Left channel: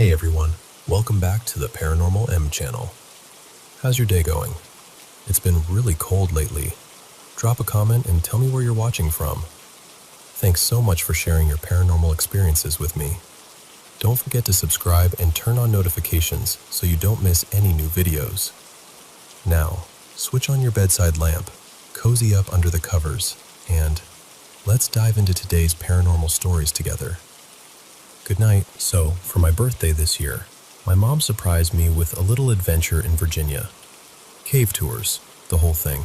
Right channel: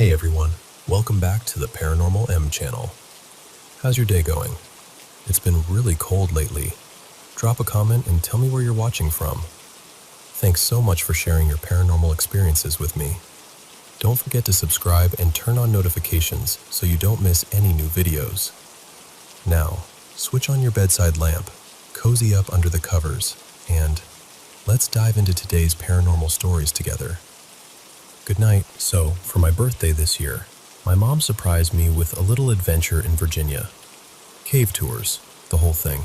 Hey everyone, welcome back to the Paranormal M channel. How's your day going? It's been really cold lately. Drop a comment and tell me where you're watching from. Thanks so much for sharing your paranormal experiences with me. Don't forget to subscribe and turn on notifications so you don't miss any new videos. Now, switch on your bedside lamp, cozy up under the covers, and let's dive into today's paranormal stories together. Good night. So, for my birthday this year, my mom surprised me with a little adventure in Virginia. Cave tours, the whole thing.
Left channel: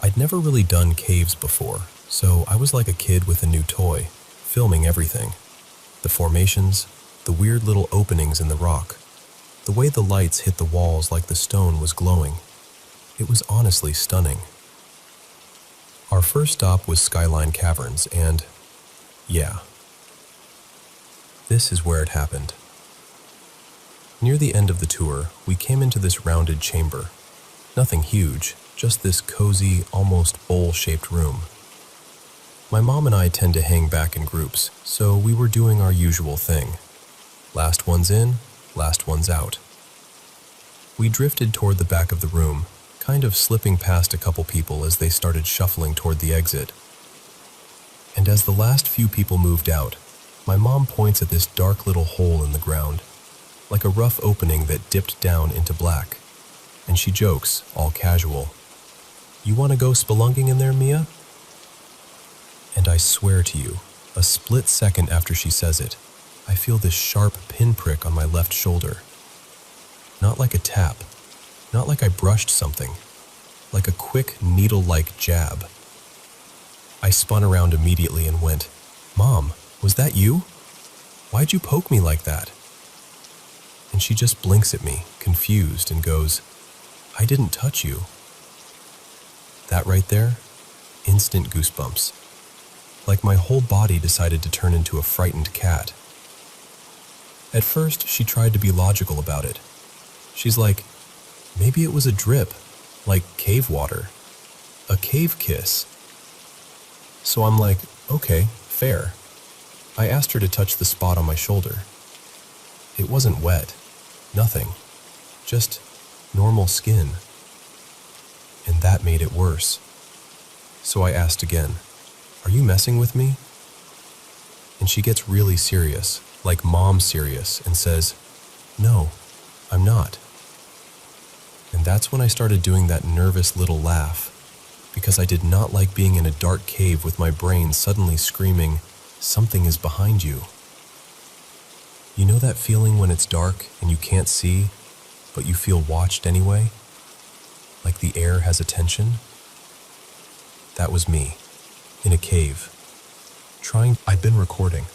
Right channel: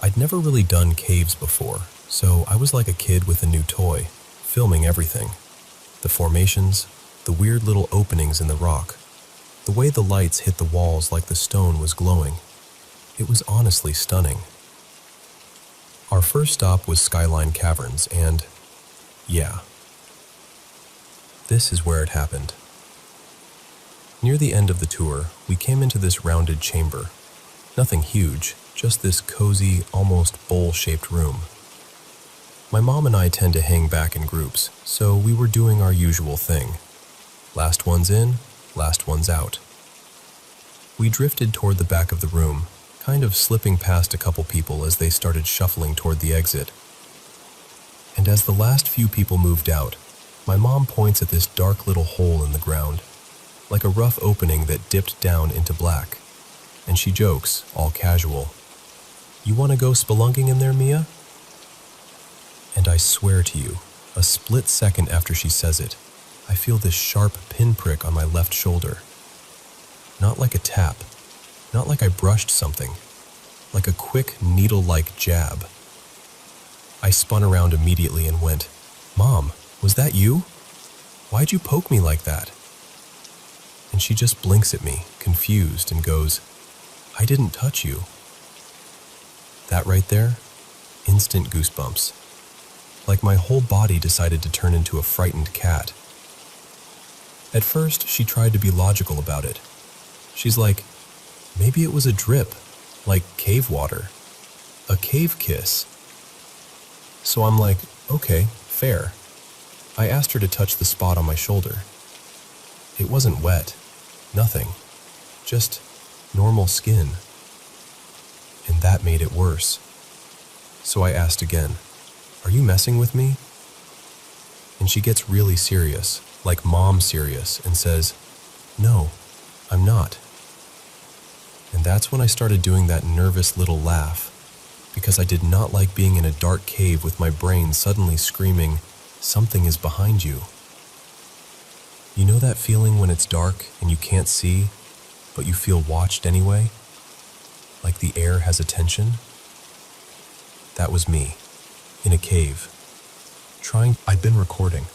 I'd never really done caves before, so I was like a kid with a new toy, filming everything. The formations, the weird little openings in the rock, the way the lights hit the walls like the stone was glowing. It was honestly stunning. Our first stop was Skyline Caverns, and yeah, this is where it happened. Near the end of the tour, we came into this rounded chamber. Nothing huge, just this cozy, almost bowl-shaped room. My mom and I tend to hang back in groups, so we were doing our usual thing. Last one's in, last one's out. We drifted toward the back of the room, kind of slipping past a couple people as they started shuffling toward the exit. And as the last few people moved out, my mom points at this dark little hole in the ground, like a rough opening that dipped down into black. And she jokes, all casual, "You want to go spelunking in there, Mia?" And I swear to you, a split second after she says it, I feel this sharp pinprick on my left shoulder. Not like a tap, not like I brushed something, like a quick needle-like jab. I spun around immediately and went, "Mom, was that you? Why'd you poke me like that?" And she just blinks at me, confused, and goes, "I didn't touch you." That right there, instant goosebumps. Like my whole body decided to turn into a frightened cat. At first, she tried to be logical about it. She's like, maybe it was a drip, like cave water, a cave kiss. So I'm like, okay, fair. I asked her to touch the spot on my shoulder. It wasn't wet, nothing, just normal skin. And that made it worse. So I asked again, "Are you messing with me?" And she gets really serious, like mom serious, and says, "No, I'm not." And that's when I started doing that nervous little laugh, because I did not like being in a dark cave with my brain suddenly screaming, "Something is behind you." You know that feeling when it's dark and you can't see, but you feel watched anyway? Like the air has attention? That was me, in a cave, I'd been recording.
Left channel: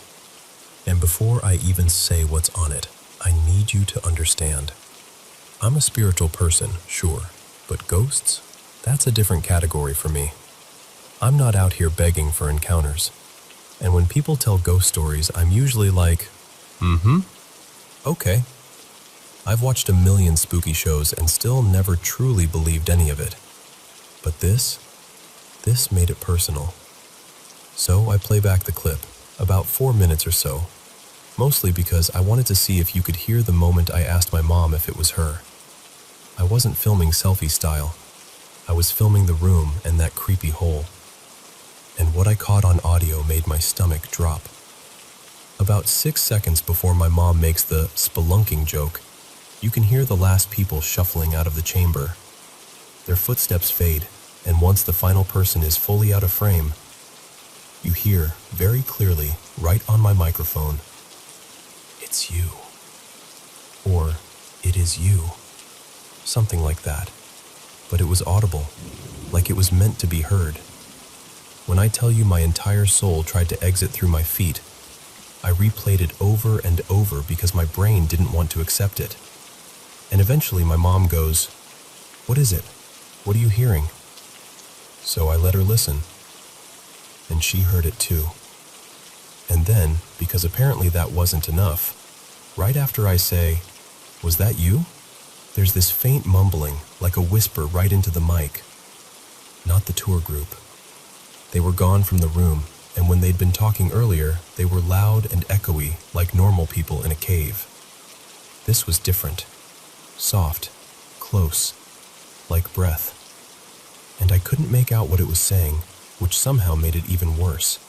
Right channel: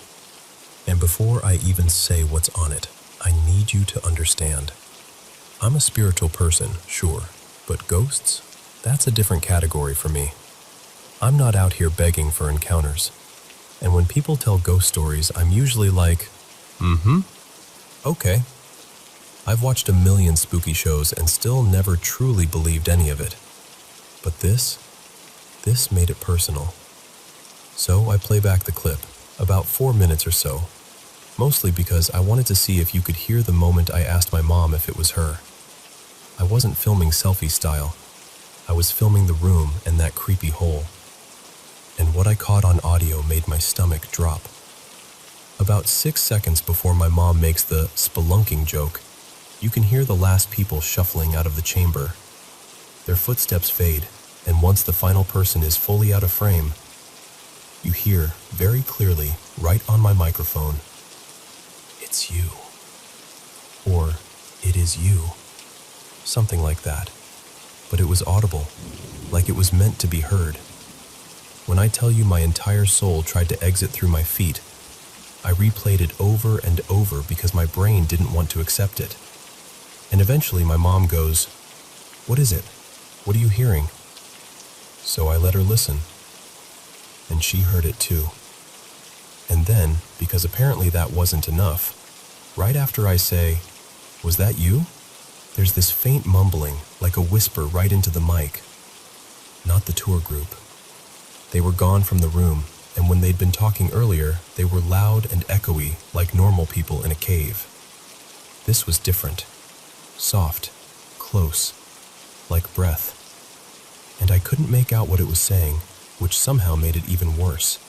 And before I even say what's on it, I need you to understand. I'm a spiritual person, sure, but ghosts? That's a different category for me. I'm not out here begging for encounters. And when people tell ghost stories, I'm usually like, okay. I've watched a million spooky shows and still never truly believed any of it. But this made it personal. So I play back the clip, about 4 minutes or so, mostly because I wanted to see if you could hear the moment I asked my mom if it was her. I wasn't filming selfie style. I was filming the room and that creepy hole. And what I caught on audio made my stomach drop. About 6 seconds before my mom makes the spelunking joke, you can hear the last people shuffling out of the chamber. Their footsteps fade, and once the final person is fully out of frame, you hear very clearly, right on my microphone, "It's you." Or, "It is you." Something like that. But it was audible, like it was meant to be heard. When I tell you my entire soul tried to exit through my feet, I replayed it over and over because my brain didn't want to accept it. And eventually my mom goes, "What is it? What are you hearing?" So I let her listen. And she heard it too. And then, because apparently that wasn't enough, right after I say, "Was that you?" there's this faint mumbling, like a whisper right into the mic. Not the tour group. They were gone from the room, and when they'd been talking earlier, they were loud and echoey like normal people in a cave. This was different. Soft, close, like breath. And I couldn't make out what it was saying, which somehow made it even worse.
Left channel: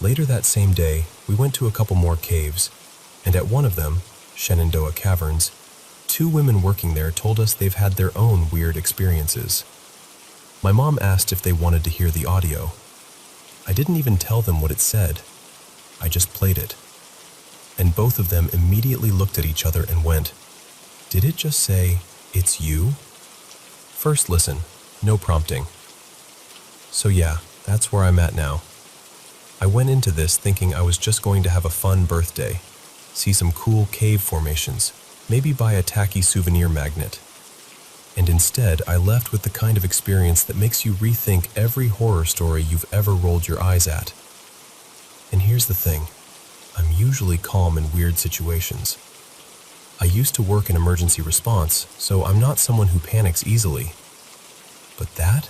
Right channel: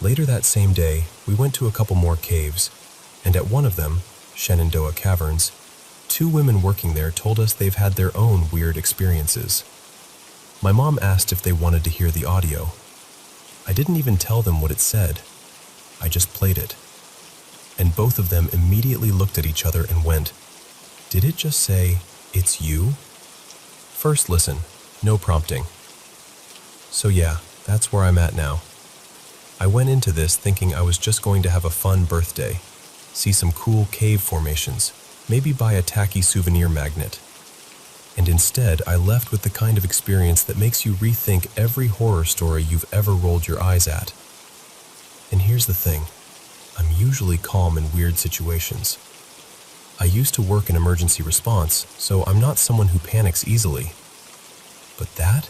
Later that same day, we went to a couple more caves, and at one of them, Shenandoah Caverns, 2 women working there told us they've had their own weird experiences. My mom asked if they wanted to hear the audio. I didn't even tell them what it said. I just played it. And both of them immediately looked at each other and went, "Did it just say, 'It's you?'" First listen, no prompting. So yeah, that's where I'm at now. I went into this thinking I was just going to have a fun birthday, see some cool cave formations, maybe buy a tacky souvenir magnet. And instead, I left with the kind of experience that makes you rethink every horror story you've ever rolled your eyes at. And here's the thing, I'm usually calm in weird situations. I used to work in emergency response, so I'm not someone who panics easily. But that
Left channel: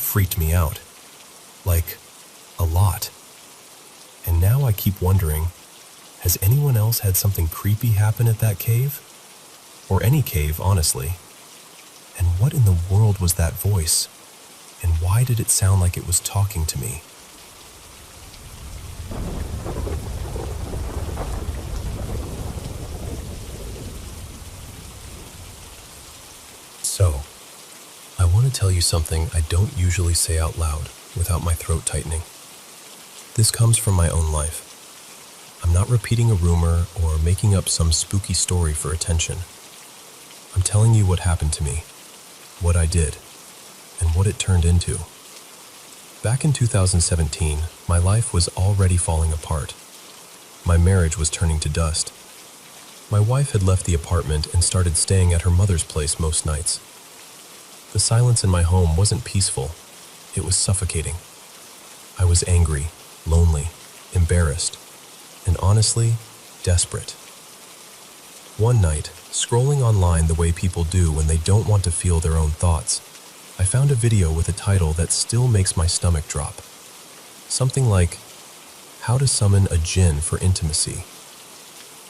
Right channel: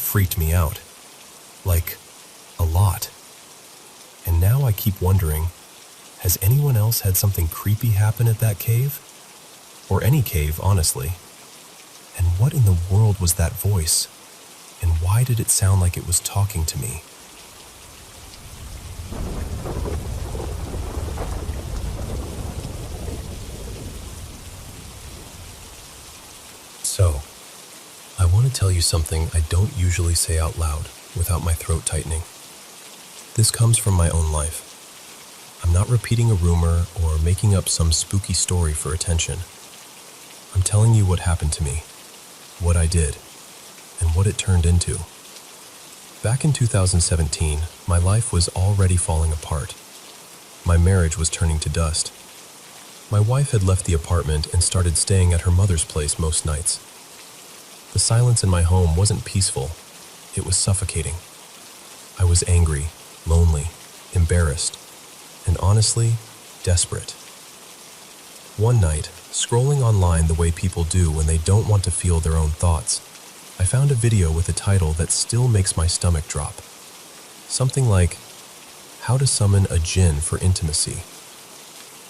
freaked me out. Like, a lot. And now I keep wondering, has anyone else had something creepy happen at that cave? Or any cave, honestly. And what in the world was that voice? And why did it sound like it was talking to me? So, I want to tell you something I don't usually say out loud without my throat tightening. This comes from my own life. I'm not repeating a rumor or making up some spooky story for attention. I'm telling you what happened to me, what I did, and what it turned into. Back in 2017, my life was already falling apart. My marriage was turning to dust. My wife had left the apartment and started staying at her mother's place most nights. The silence in my home wasn't peaceful. It was suffocating. I was angry, lonely, embarrassed, and honestly, desperate. One night, scrolling online the way people do when they don't want to feel their own thoughts, I found a video with a title that still makes my stomach drop. Something like, "How to Summon a Djinn for Intimacy."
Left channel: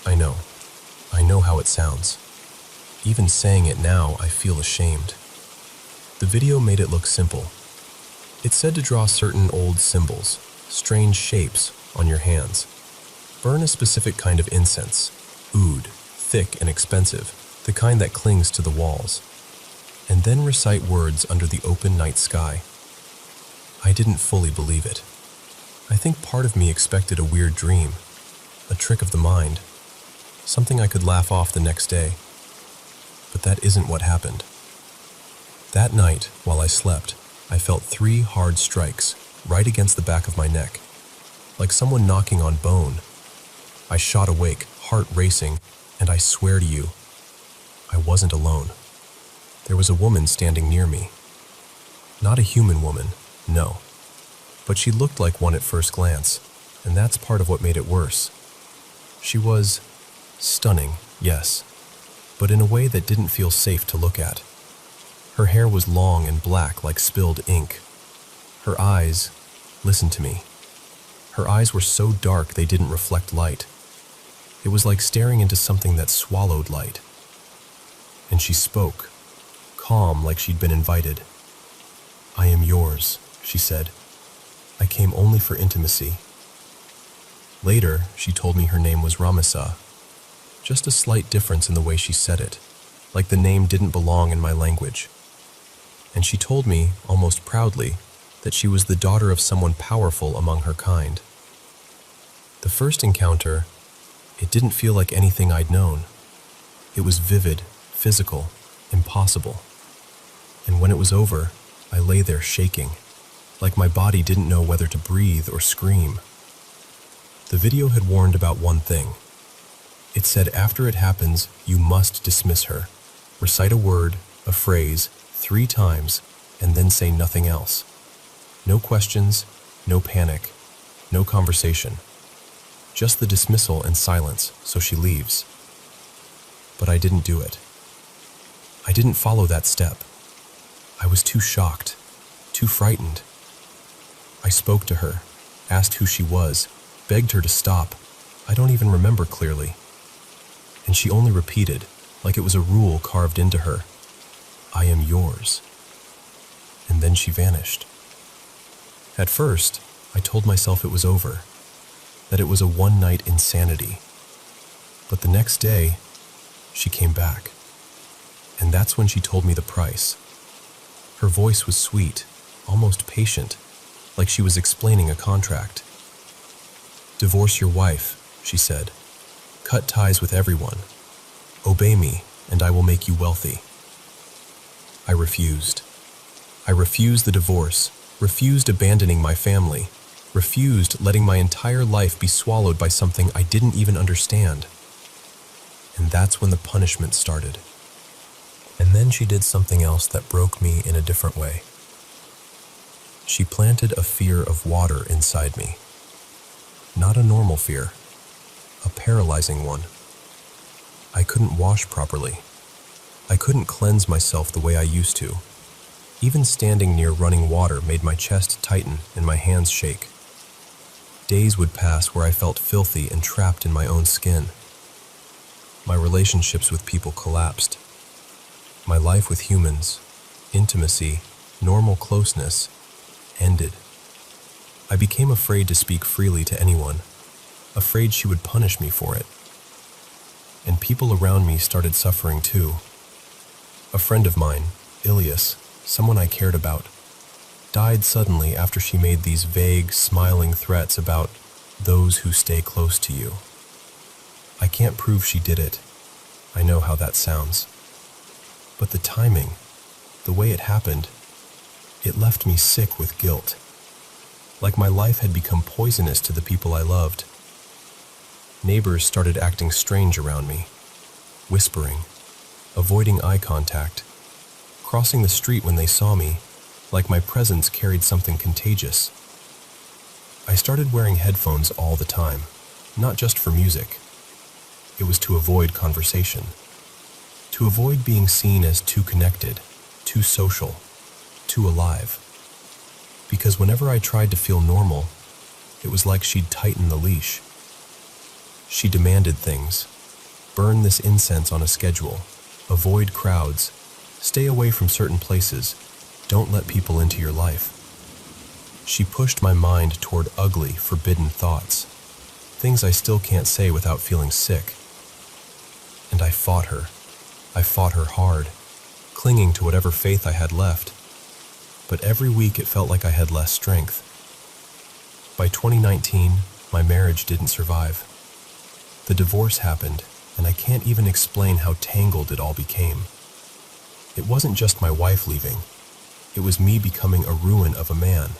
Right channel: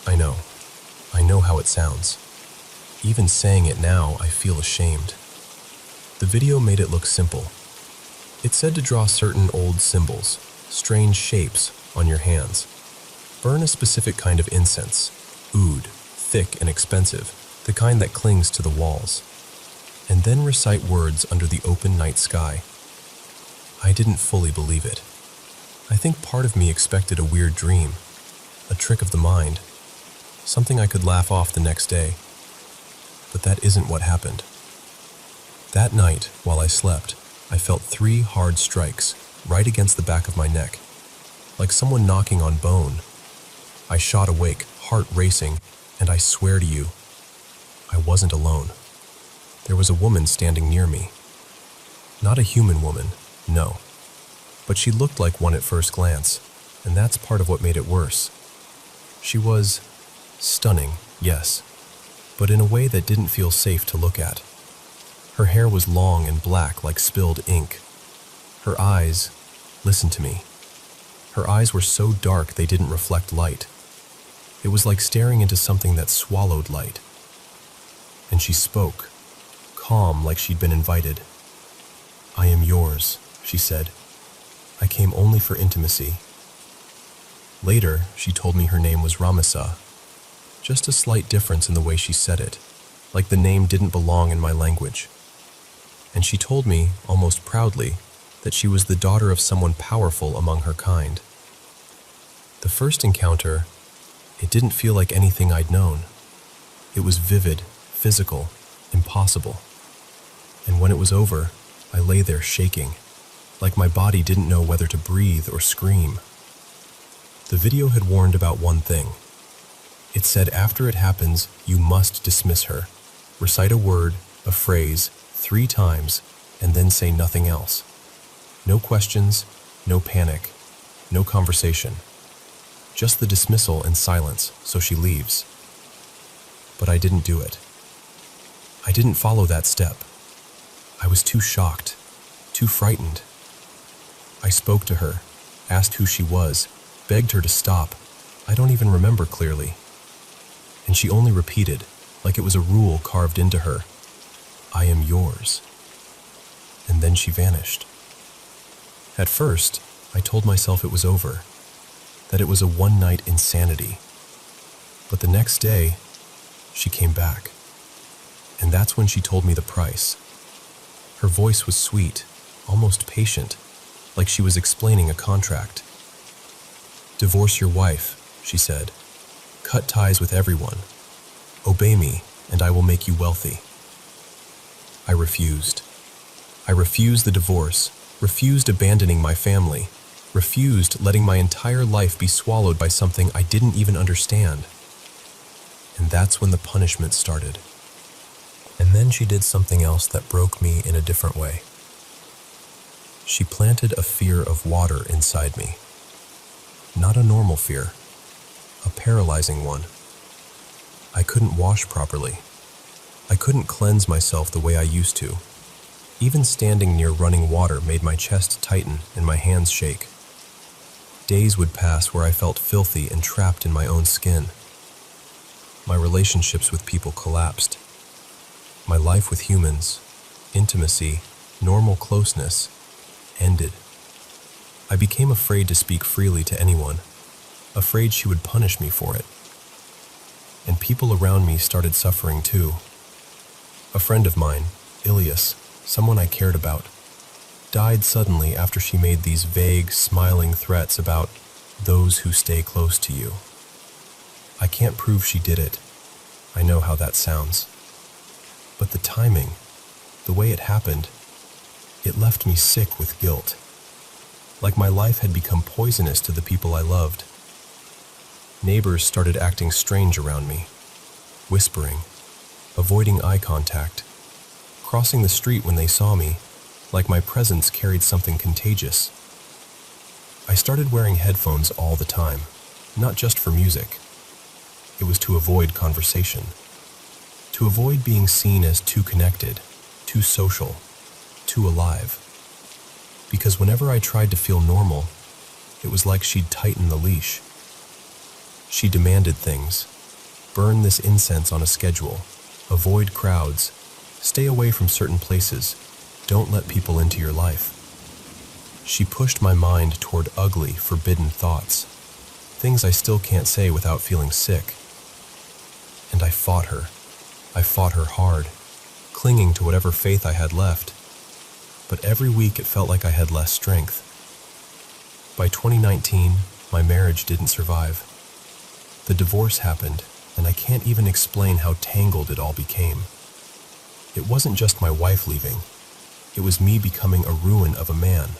I know how it sounds. Even saying it now, I feel ashamed. The video made it look simple. It said to draw certain old symbols, strange shapes, on your hands. Burn a specific kind of incense, oud, thick and expensive, the kind that clings to the walls. And then recite words under the open night sky. I didn't fully believe it. I think part of me expected a weird dream, a trick of the mind, something I could laugh off the next day. But that isn't what happened. That night, while I slept, I felt 3 hard strikes right against the back of my neck, like someone knocking on bone. I shot awake, heart racing, and I swear to you, I wasn't alone. There was a woman standing near me. Not a human woman, no. But she looked like one at first glance, and that's part of what made it worse. She was stunning, yes, but in a way that didn't feel safe to look at. Her hair was long and black like spilled ink. Her eyes, listen to me, her eyes were so dark they didn't reflect light. It was like staring into something that swallowed light. And she spoke, calm like she'd been invited. "I am yours," she said. "I came only for intimacy." Later, she told me her name was Ramisa. Just a slight difference in the way she said it, like the name didn't belong in my language. And she told me, almost proudly, that she was the daughter of someone powerful among her kind. The first encounter, it didn't feel like anything I'd known. It was vivid, physical, impossible. And when it was over, I lay there shaking, like my body didn't know whether to breathe or scream. The video had warned about one thing. It said after it happens, you must dismiss her. Recite a word, a phrase, 3 times, and then say nothing else. No questions, no panic, no conversation. Just the dismissal and silence, so she leaves. But I didn't do it. I didn't follow that step. I was too shocked, too frightened. I spoke to her, asked who she was, begged her to stop. I don't even remember clearly. and she only repeated, like it was a rule carved into her, "I am yours." And then she vanished. At first, I told myself it was over, that it was a one-night insanity. But the next day, she came back. And that's when she told me the price. Her voice was sweet, almost patient, like she was explaining a contract. "Divorce your wife," she said. "Cut ties with everyone. Obey me, and I will make you wealthy." I refused. I refused the divorce, refused abandoning my family, refused letting my entire life be swallowed by something I didn't even understand. And that's when the punishment started. And then she did something else that broke me in a different way. She planted a fear of water inside me. Not a normal fear, a paralyzing one. I couldn't wash properly. I couldn't cleanse myself the way I used to. Even standing near running water made my chest tighten and my hands shake. Days would pass where I felt filthy and trapped in my own skin. My relationships with people collapsed. My life with humans, intimacy, normal closeness, ended. I became afraid to speak freely to anyone, afraid she would punish me for it. And people around me started suffering too. A friend of mine, Ilias, someone I cared about, died suddenly after she made these vague, smiling threats about those who stay close to you. I can't prove she did it. I know how that sounds. But the timing, the way it happened, it left me sick with guilt. Like my life had become poisonous to the people I loved. Neighbors started acting strange around me, whispering, avoiding eye contact, crossing the street when they saw me, like my presence carried something contagious. I started wearing headphones all the time, not just for music. It was to avoid conversation, to avoid being seen as too connected, too social, too alive. Because whenever I tried to feel normal, it was like she'd tighten the leash. She demanded things. Burn this incense on a schedule. Avoid crowds. Stay away from certain places. Don't let people into your life. She pushed my mind toward ugly, forbidden thoughts. Things I still can't say without feeling sick. And I fought her. I fought her hard, clinging to whatever faith I had left. But every week it felt like I had less strength. By 2019, my marriage didn't survive. The divorce happened, and I can't even explain how tangled it all became. It wasn't just my wife leaving. It was me becoming a ruin of a man.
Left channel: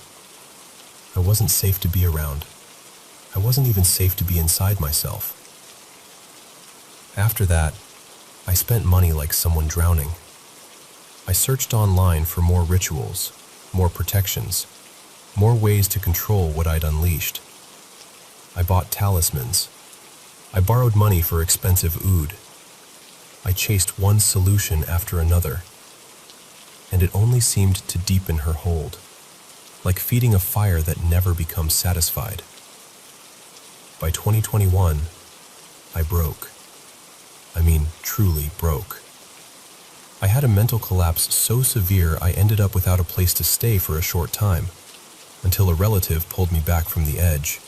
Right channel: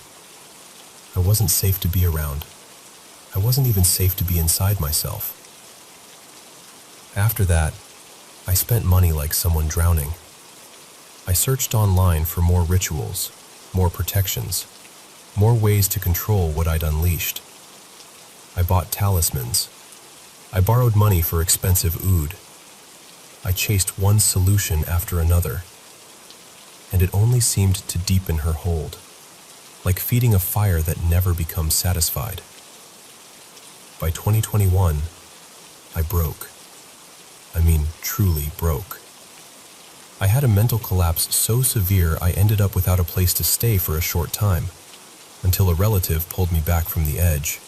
I wasn't safe to be around. I wasn't even safe to be inside myself. After that, I spent money like someone drowning. I searched online for more rituals, more protections, more ways to control what I'd unleashed. I bought talismans. I borrowed money for expensive oud. I chased one solution after another. And it only seemed to deepen her hold, like feeding a fire that never becomes satisfied. By 2021, I broke. I mean, truly broke. I had a mental collapse so severe I ended up without a place to stay for a short time, until a relative pulled me back from the edge.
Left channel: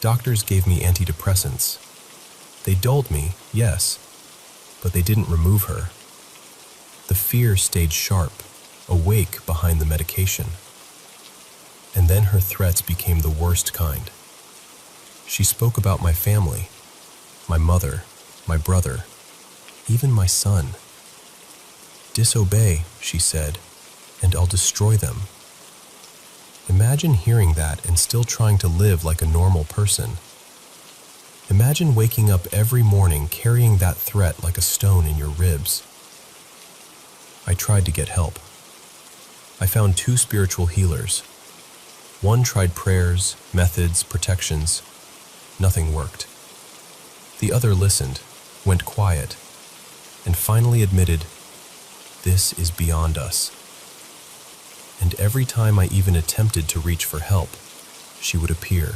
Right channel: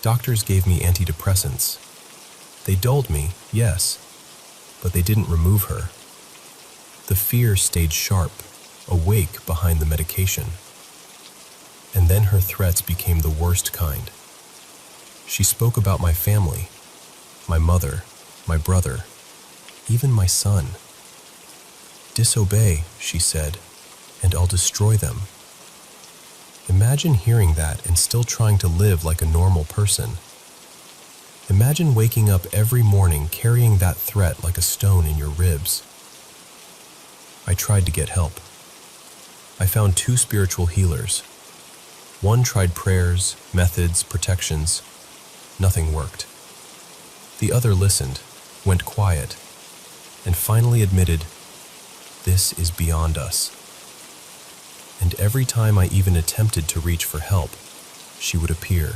Doctors gave me antidepressants. They dulled me, yes, but they didn't remove her. The fear stayed sharp, awake behind the medication. And then her threats became the worst kind. She spoke about my family, my mother, my brother, even my son. "Disobey," she said, "and I'll destroy them." Imagine hearing that and still trying to live like a normal person. Imagine waking up every morning carrying that threat like a stone in your ribs. I tried to get help. I found 2 spiritual healers. One tried prayers, methods, protections. Nothing worked. The other listened, went quiet, and finally admitted, "This is beyond us." And every time I even attempted to reach for help, she would appear,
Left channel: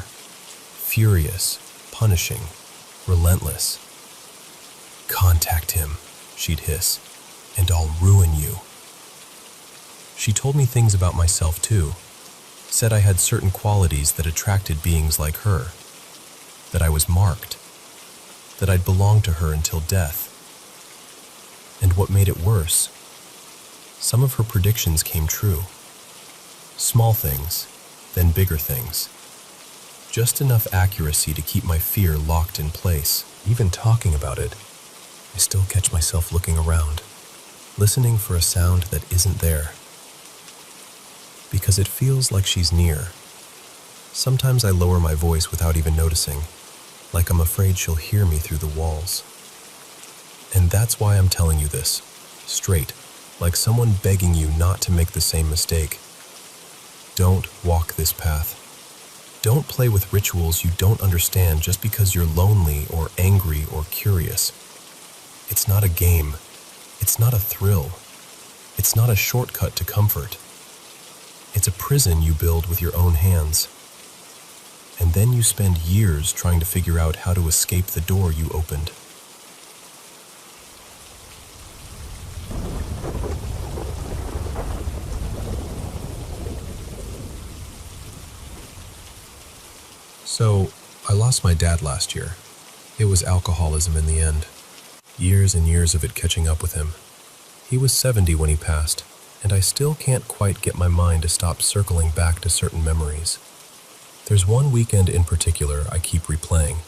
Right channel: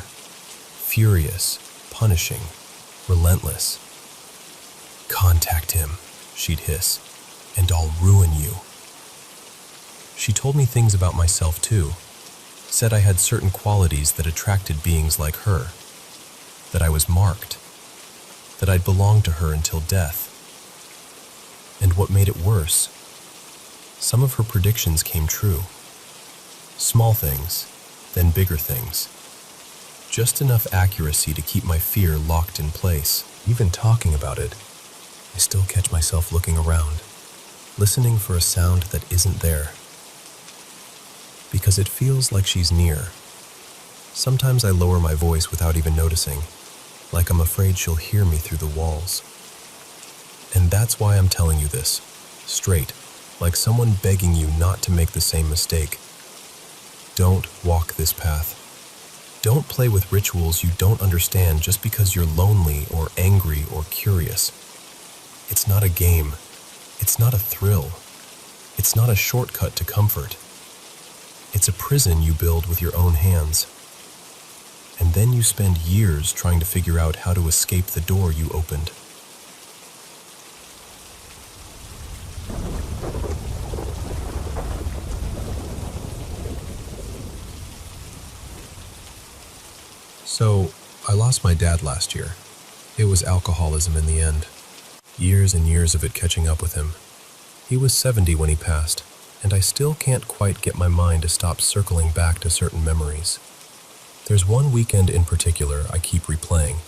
furious, punishing, relentless. "Contact him," she'd hiss, "and I'll ruin you." She told me things about myself too. Said I had certain qualities that attracted beings like her. That I was marked. That I'd belong to her until death. And what made it worse, some of her predictions came true. Small things, then bigger things. Just enough accuracy to keep my fear locked in place. Even talking about it, I still catch myself looking around, listening for a sound that isn't there. Because it feels like she's near. Sometimes I lower my voice without even noticing, like I'm afraid she'll hear me through the walls. And that's why I'm telling you this, straight, like someone begging you not to make the same mistake. Don't walk this path. Don't play with rituals you don't understand just because you're lonely or angry or curious. It's not a game. It's not a thrill. It's not a shortcut to comfort. It's a prison you build with your own hands. And then you spend years trying to figure out how to escape the door you opened. So, I lost my dad last year. It was alcoholism in the end. Years and years of it catching up with him. He was 70 when he passed, and I still can't quite get my mind to stop circling back to certain memories. There's one weekend in particular I keep replaying.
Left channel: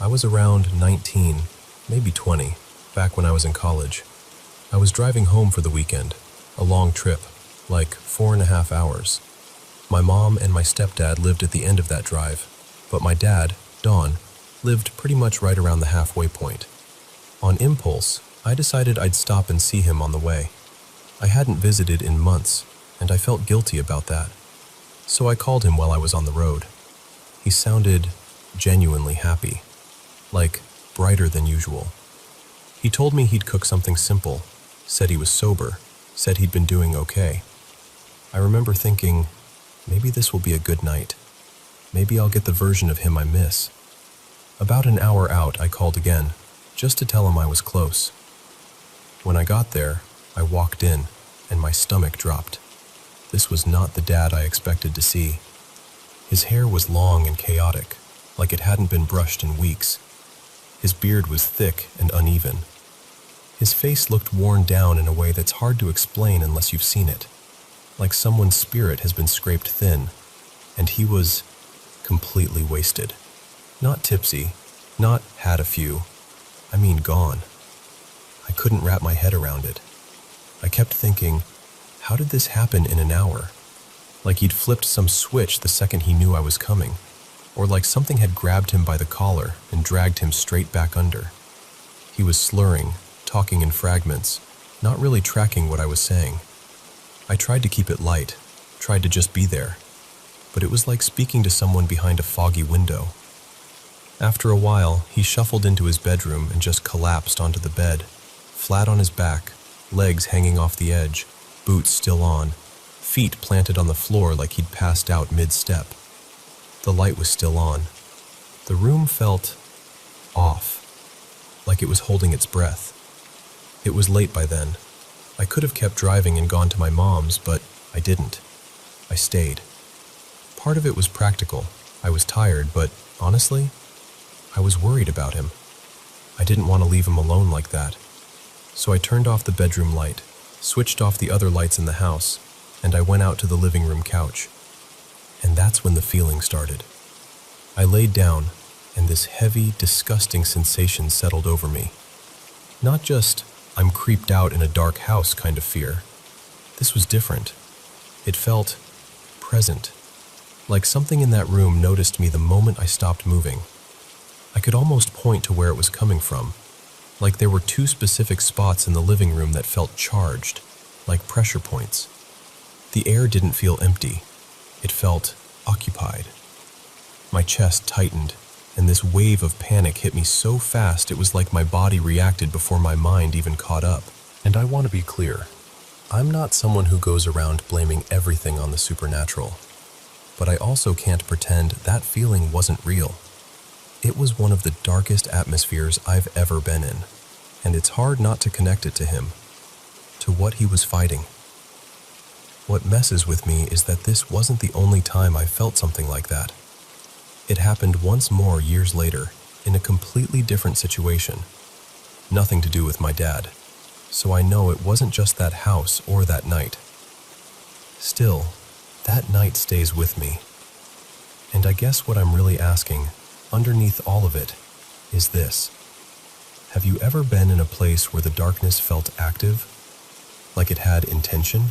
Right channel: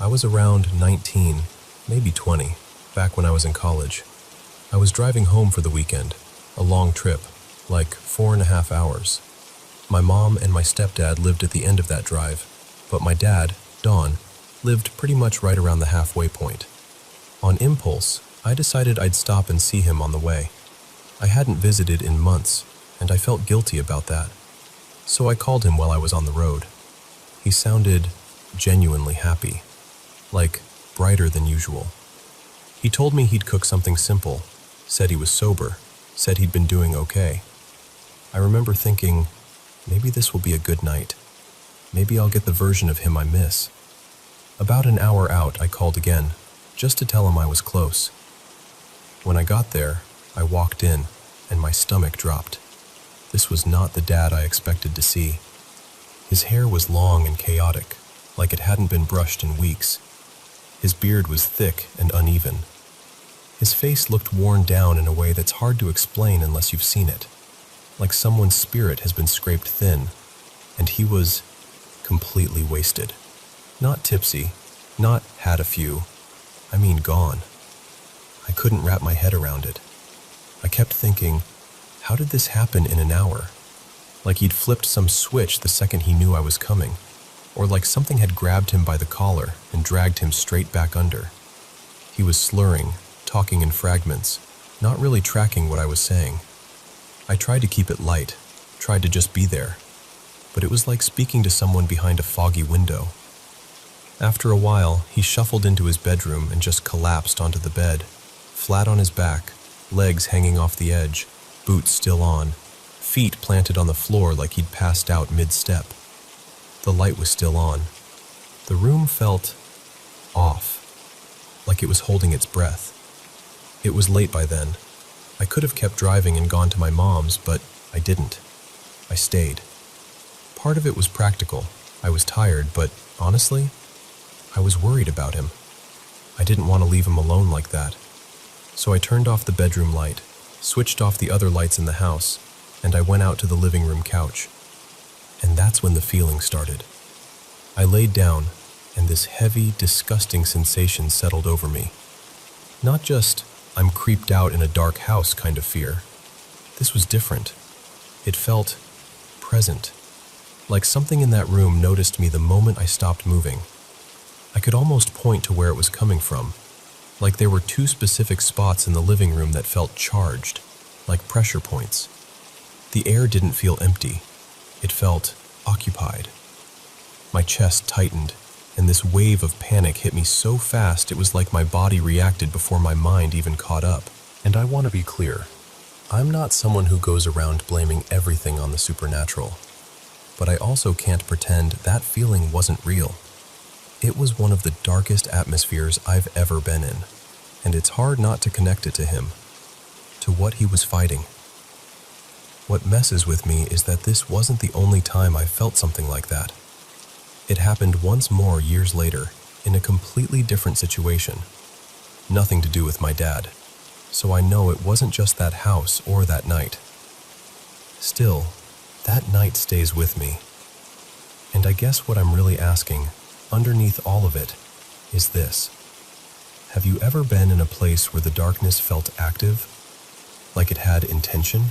I was around 19, maybe 20, back when I was in college. I was driving home for the weekend, a long trip, like 4.5 hours. My mom and my stepdad lived at the end of that drive, but my dad, Don, lived pretty much right around the halfway point. On impulse, I decided I'd stop and see him on the way. I hadn't visited in months, and I felt guilty about that. So I called him while I was on the road. He sounded genuinely happy, like brighter than usual. He told me he'd cook something simple, said he was sober, said he'd been doing okay. I remember thinking, maybe this will be a good night. Maybe I'll get the version of him I miss. About an hour out, I called again, just to tell him I was close. When I got there, I walked in, and my stomach dropped. This was not the dad I expected to see. His hair was long and chaotic, like it hadn't been brushed in weeks. His beard was thick and uneven. His face looked worn down in a way that's hard to explain unless you've seen it. Like someone's spirit has been scraped thin, and he was completely wasted. Not tipsy, not had a few. I mean gone. I couldn't wrap my head around it. I kept thinking, how did this happen in an hour? Like he'd flipped some switch the second he knew I was coming. Or like something had grabbed him by the collar and dragged him straight back under. He was slurring, talking in fragments, not really tracking what I was saying. I tried to keep it light, tried to just be there, but it was like speaking to someone behind a foggy window. After a while, he shuffled into his bedroom and just collapsed onto the bed, flat on his back, legs hanging off the edge, boots still on, feet planted on the floor like he'd passed out mid-step. The light was still on. The room felt off, like it was holding its breath. It was late by then. I could have kept driving and gone to my mom's, but I didn't. I stayed. Part of it was practical. I was tired, but honestly, I was worried about him. I didn't want to leave him alone like that. So I turned off the bedroom light, switched off the other lights in the house, and I went out to the living room couch. And that's when the feeling started. I laid down, and this heavy, disgusting sensation settled over me. Not just, I'm creeped out in a dark house kind of fear. This was different. It felt present. Like something in that room noticed me the moment I stopped moving. I could almost point to where it was coming from. Like there were two specific spots in the living room that felt charged, like pressure points. The air didn't feel empty. It felt occupied. My chest tightened, and this wave of panic hit me so fast it was like my body reacted before my mind even caught up. And I want to be clear. I'm not someone who goes around blaming everything on the supernatural. But I also can't pretend that feeling wasn't real. It was one of the darkest atmospheres I've ever been in. and it's hard not to connect it to him, to what he was fighting. What messes with me is that this wasn't the only time I felt something like that. It happened once more years later, in a completely different situation. Nothing to do with my dad, so I know it wasn't just that house or that night. Still, that night stays with me. And I guess what I'm really asking, underneath all of it, is this. Have you ever been in a place where the darkness felt active, like it had intention?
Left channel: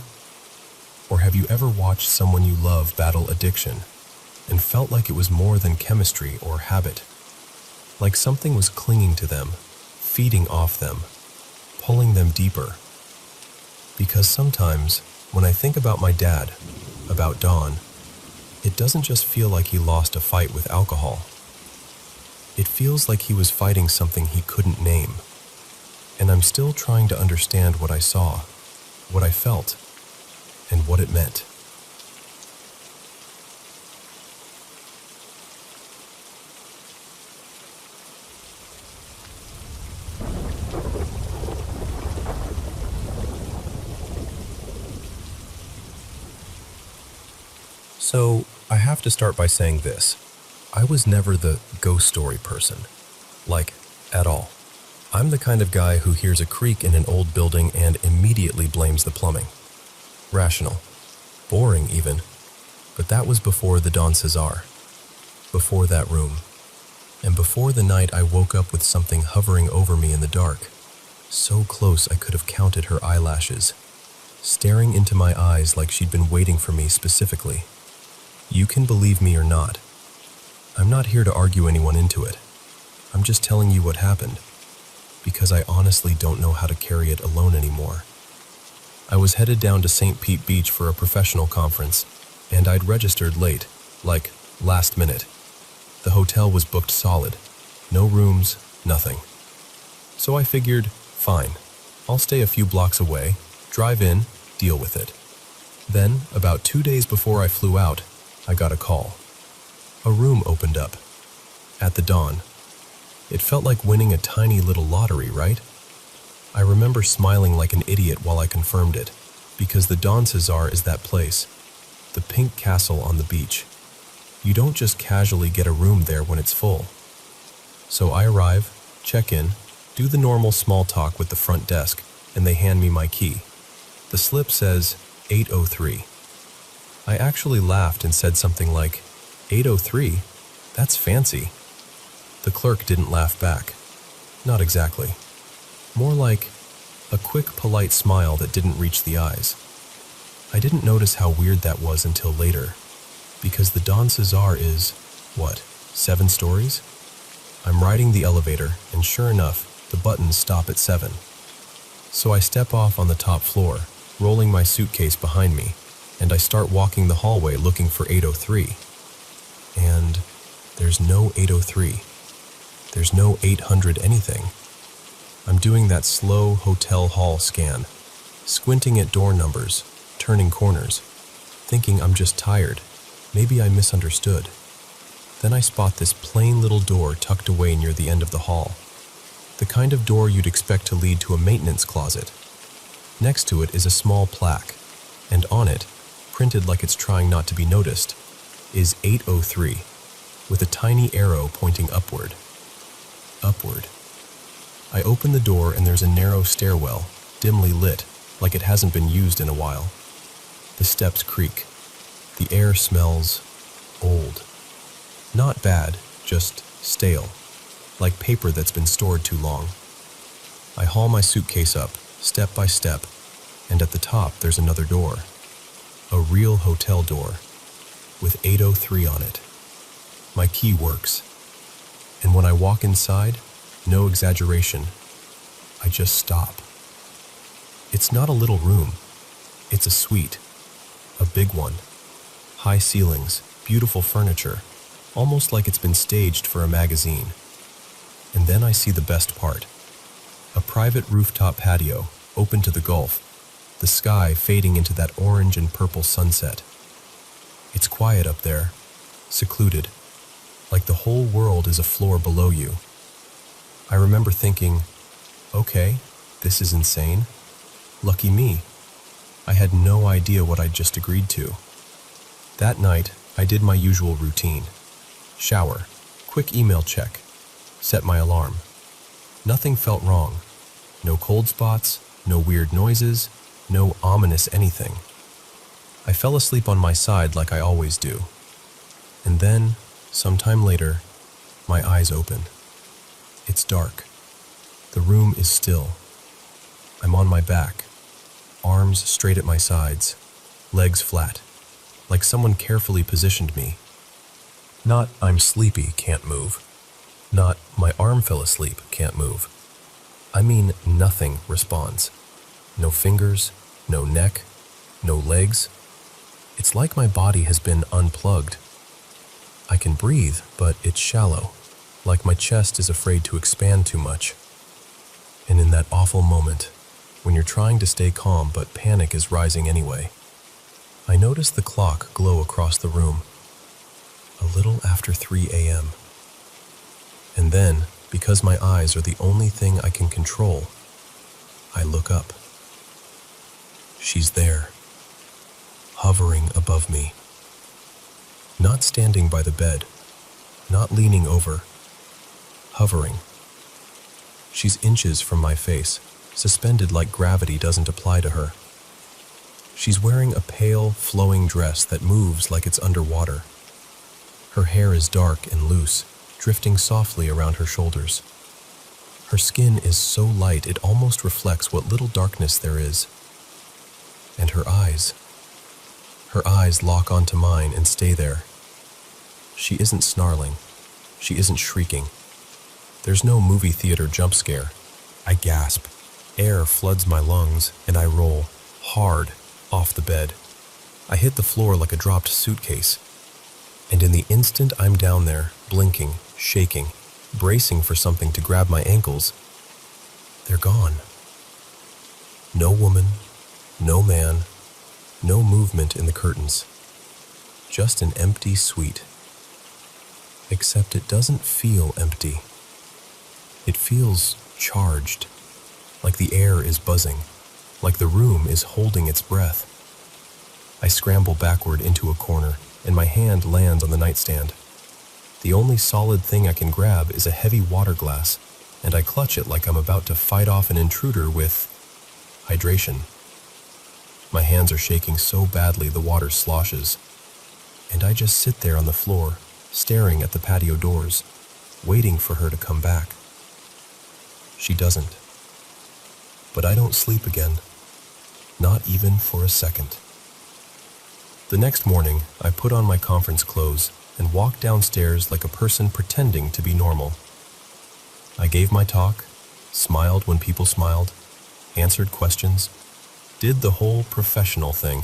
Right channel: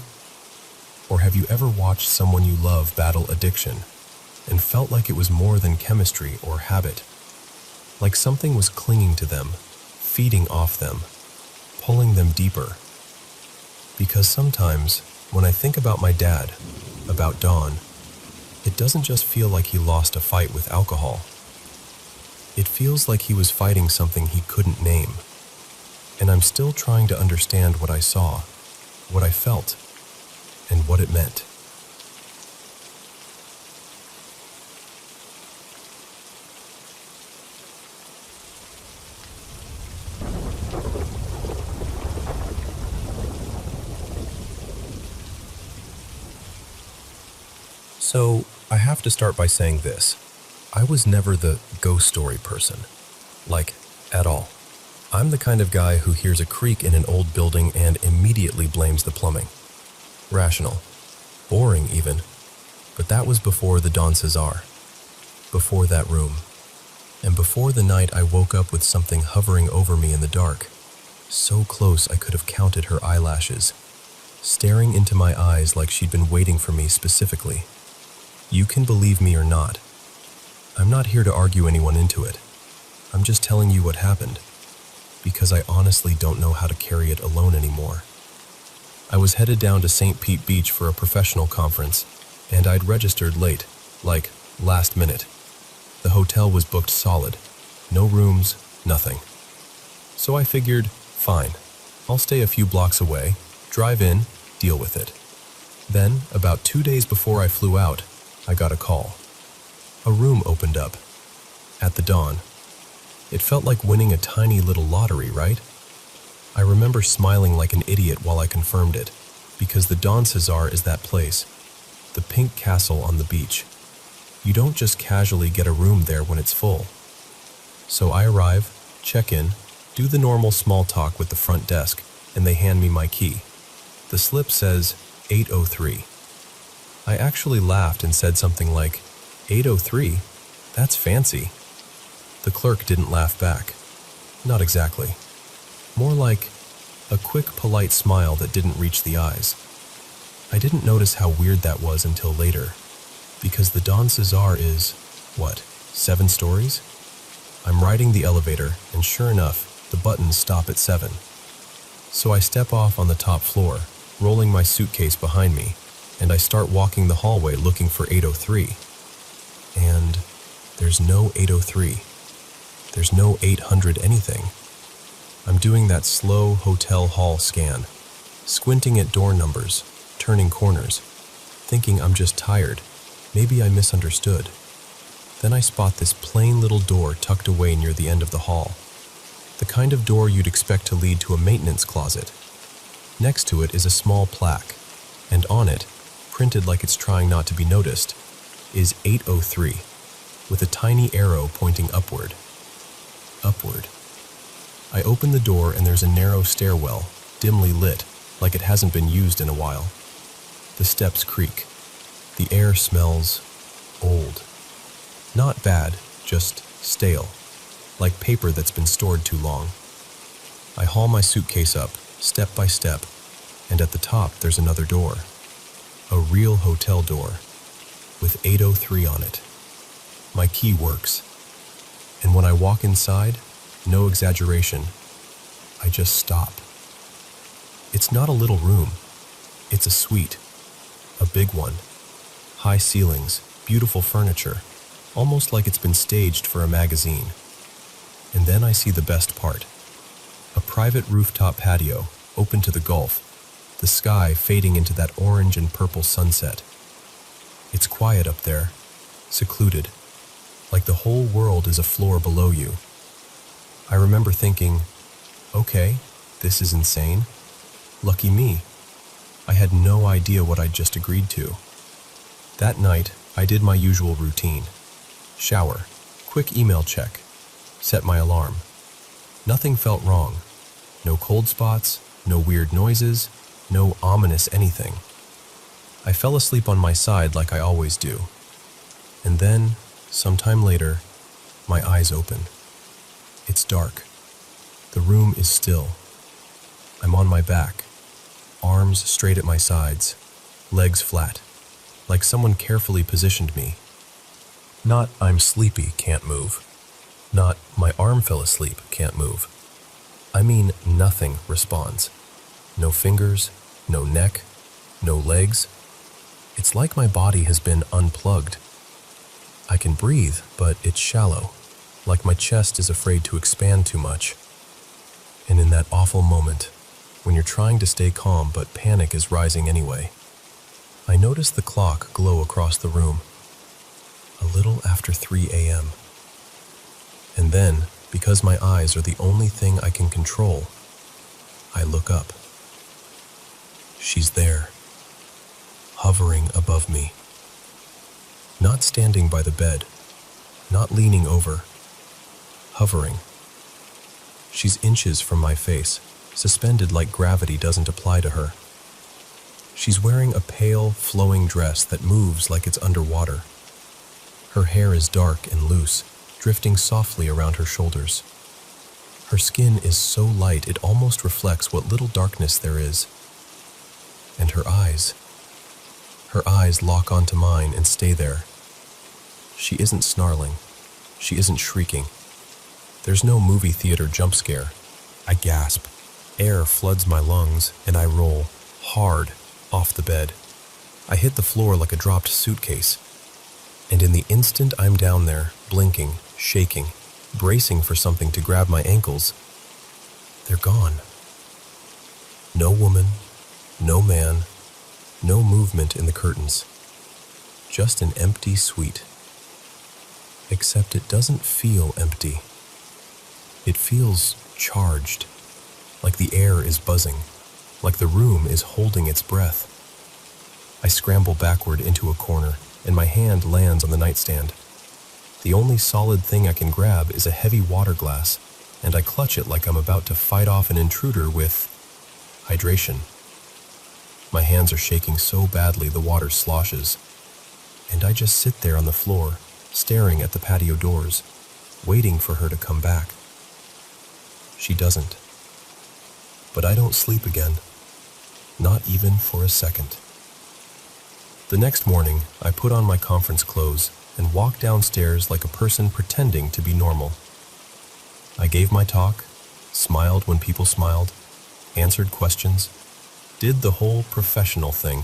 Or have you ever watched someone you love battle addiction and felt like it was more than chemistry or habit? Like something was clinging to them, feeding off them, pulling them deeper. Because sometimes, when I think about my dad, about Don, it doesn't just feel like he lost a fight with alcohol. It feels like he was fighting something he couldn't name. And I'm still trying to understand what I saw, what I felt, and what it meant. So, I have to start by saying this. I was never the ghost story person. Like, at all. I'm the kind of guy who hears a creak in an old building and immediately blames the plumbing. Rational. Boring, even. But that was before the Don Cesar. Before that room. And before the night I woke up with something hovering over me in the dark. So close I could have counted her eyelashes. Staring into my eyes like she'd been waiting for me specifically. You can believe me or not. I'm not here to argue anyone into it. I'm just telling you what happened. Because I honestly don't know how to carry it alone anymore. I was headed down to St. Pete Beach for a professional conference, and I'd registered late, like last minute. The hotel was booked solid. No rooms, nothing. So I figured, fine, I'll stay a few blocks away, drive in, deal with it. Then, about 2 days before I flew out, I got a call. A room opened up. At the Dawn. It felt like winning a tiny little lottery, right? I remember smiling like an idiot while I confirmed it, because the Don Cesar is that place. The pink castle on the beach. You don't just casually get a room there when it's full. So I arrive, check in, do the normal small talk with the front desk, and they hand me my key. The slip says 803. I actually laughed and said something like, 803? That's fancy. The clerk didn't laugh back. Not exactly. More like a quick, polite smile that didn't reach the eyes. I didn't notice how weird that was until later, because the Don Cesar is, 7 stories? I'm riding the elevator, and sure enough, the buttons stop at 7. So I step off on the top floor, rolling my suitcase behind me, and I start walking the hallway looking for 803. And there's no 803. There's no 800 anything. I'm doing that slow hotel hall scan, squinting at door numbers, turning corners, thinking I'm just tired. Maybe I misunderstood. Then I spot this plain little door tucked away near the end of the hall. The kind of door you'd expect to lead to a maintenance closet. Next to it is a small plaque, and on it, printed like it's trying not to be noticed, is 803, with a tiny arrow pointing upward. Upward. I open the door and there's a narrow stairwell, dimly lit, like it hasn't been used in a while. The steps creak. The air smells old. Not bad, just stale, like paper that's been stored too long. I haul my suitcase up, step by step, and at the top there's another door. A real hotel door, with 803 on it. My key works. And when I walk inside, no exaggeration, I just stop. It's not a little room. It's a suite. A big one. High ceilings, beautiful furniture, almost like it's been staged for a magazine. And then I see the best part. A private rooftop patio, open to the Gulf, the sky fading into that orange and purple sunset. It's quiet up there, secluded, like the whole world is a floor below you. I remember thinking, Okay, this is insane. Lucky me. I had no idea what I'd just agreed to. That night, I did my usual routine. Shower, quick email check, set my alarm. Nothing felt wrong. No cold spots, no weird noises, no ominous anything. I fell asleep on my side like I always do. And then, sometime later, my eyes open. It's dark. The room is still. I'm on my back, arms straight at my sides, legs flat, like someone carefully positioned me. Not I'm sleepy, can't move. Not my arm fell asleep, can't move. I mean nothing responds. No fingers, no neck, no legs. It's like my body has been unplugged. I can breathe, but it's shallow, like my chest is afraid to expand too much. And in that awful moment, when you're trying to stay calm but panic is rising anyway, I notice the clock glow across the room. A little after 3 a.m. And then, because my eyes are the only thing I can control, I look up. She's there, hovering above me. Not standing by the bed, not leaning over, hovering. She's inches from my face, suspended like gravity doesn't apply to her. She's wearing a pale, flowing dress that moves like it's underwater. Her hair is dark and loose, drifting softly around her shoulders. Her skin is so light it almost reflects what little darkness there is. And her eyes lock onto mine and stay there. She isn't snarling. She isn't shrieking. There's no movie theater jump scare. I gasp. Air floods my lungs, and I roll, hard, off the bed. I hit the floor like a dropped suitcase. And in the instant I'm down there, blinking, shaking, bracing for something to grab my ankles, they're gone. No woman, no man, no movement in the curtains. Just an empty suite. Except it doesn't feel empty. It feels charged, like the air is buzzing, like the room is holding its breath. I scramble backward into a corner, and my hand lands on the nightstand. The only solid thing I can grab is a heavy water glass, and I clutch it like I'm about to fight off an intruder with hydration. My hands are shaking so badly the water sloshes, and I just sit there on the floor, staring at the patio doors, waiting for her to come back. She doesn't. But I don't sleep again, not even for a second. The next morning, I put on my conference clothes and walked downstairs like a person pretending to be normal. I gave my talk, smiled when people smiled, answered questions, did the whole professional thing.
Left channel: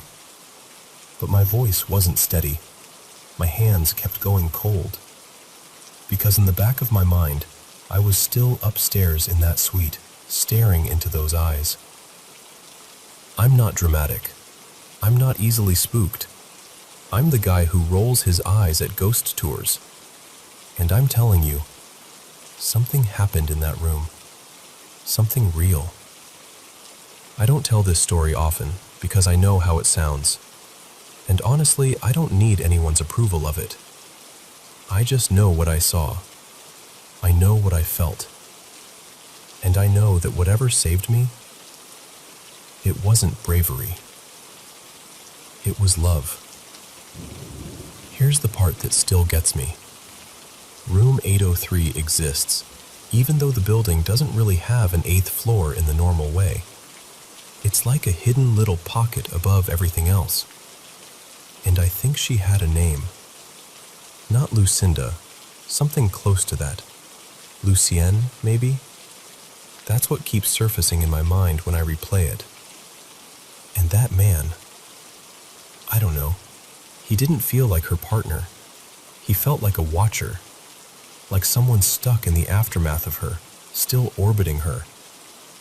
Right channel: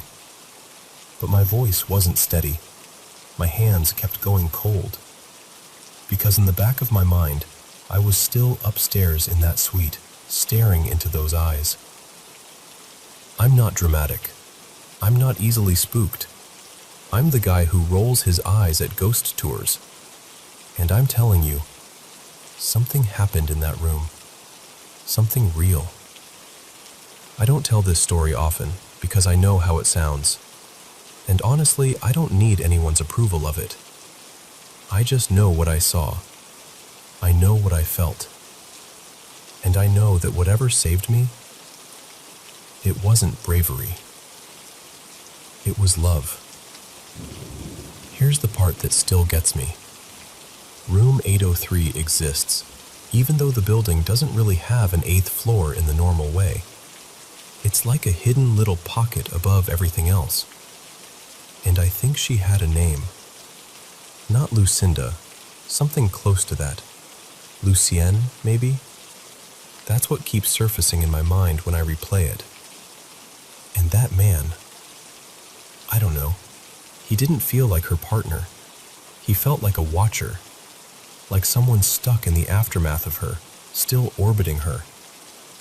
But my voice wasn't steady. My hands kept going cold. Because in the back of my mind, I was still upstairs in that suite, staring into those eyes. I'm not dramatic. I'm not easily spooked. I'm the guy who rolls his eyes at ghost tours. And I'm telling you, something happened in that room. Something real. I don't tell this story often because I know how it sounds. And honestly, I don't need anyone's approval of it. I just know what I saw. I know what I felt. And I know that whatever saved me, it wasn't bravery. It was love. Here's the part that still gets me. Room 803 exists, even though the building doesn't really have an 8th floor in the normal way. It's like a hidden little pocket above everything else. And I think she had a name. Not Lucinda, something close to that. Lucienne, maybe? That's what keeps surfacing in my mind when I replay it. And that man, I don't know, he didn't feel like her partner. He felt like a watcher, like someone stuck in the aftermath of her, still orbiting her,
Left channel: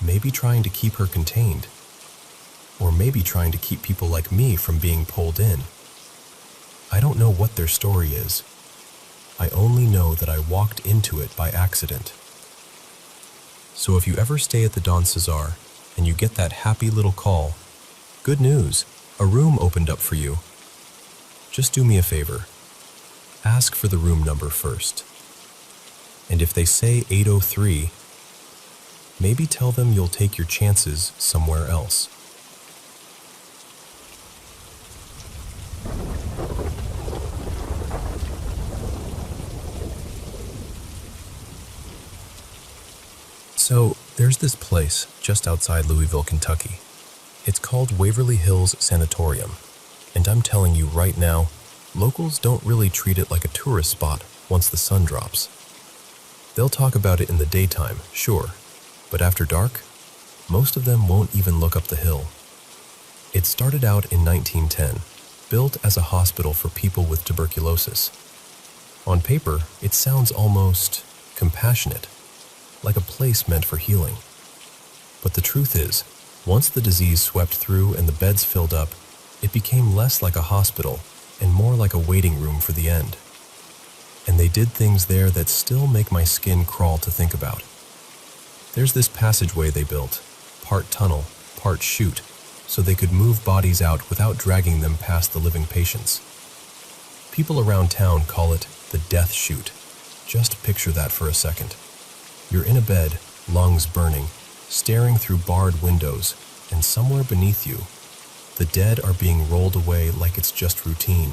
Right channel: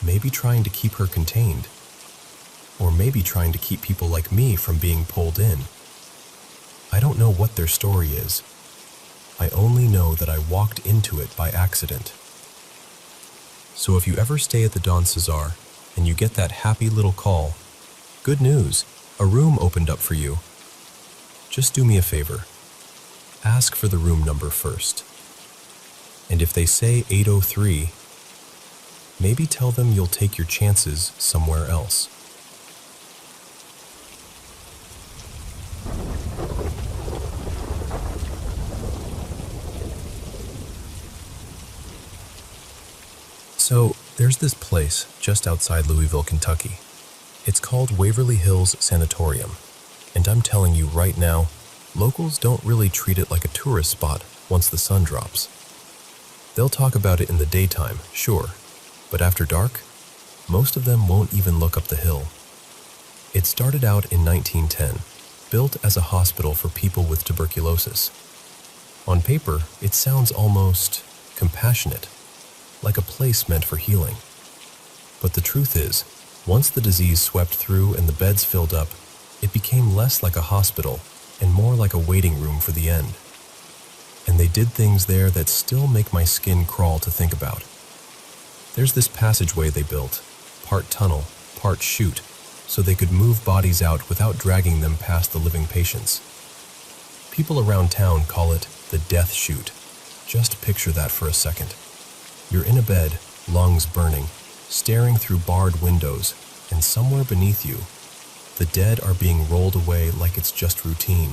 maybe trying to keep her contained, or maybe trying to keep people like me from being pulled in. I don't know what their story is. I only know that I walked into it by accident. So if you ever stay at the Don Cesar and you get that happy little call, good news, a room opened up for you. Just do me a favor. Ask for the room number first. And if they say 803, maybe tell them you'll take your chances somewhere else. So, there's this place just outside Louisville, Kentucky. It's called Waverly Hills Sanatorium. And I'm telling you right now, locals don't really treat it like a tourist spot once the sun drops. They'll talk about it in the daytime, sure, but after dark, most of them won't even look up the hill. It started out in 1910, built as a hospital for people with tuberculosis. On paper, it sounds almost compassionate, like a place meant for healing. But the truth is, once the disease swept through and the beds filled up, it became less like a hospital and more like a waiting room for the end. And they did things there that still make my skin crawl to think about. There's this passageway they built, part tunnel, part chute, so they could move bodies out without dragging them past the living patients. People around town call it the death chute. Just picture that for a second. You're in a bed, lungs burning, staring through barred windows, and somewhere beneath you, the dead are being rolled away like it's just routine.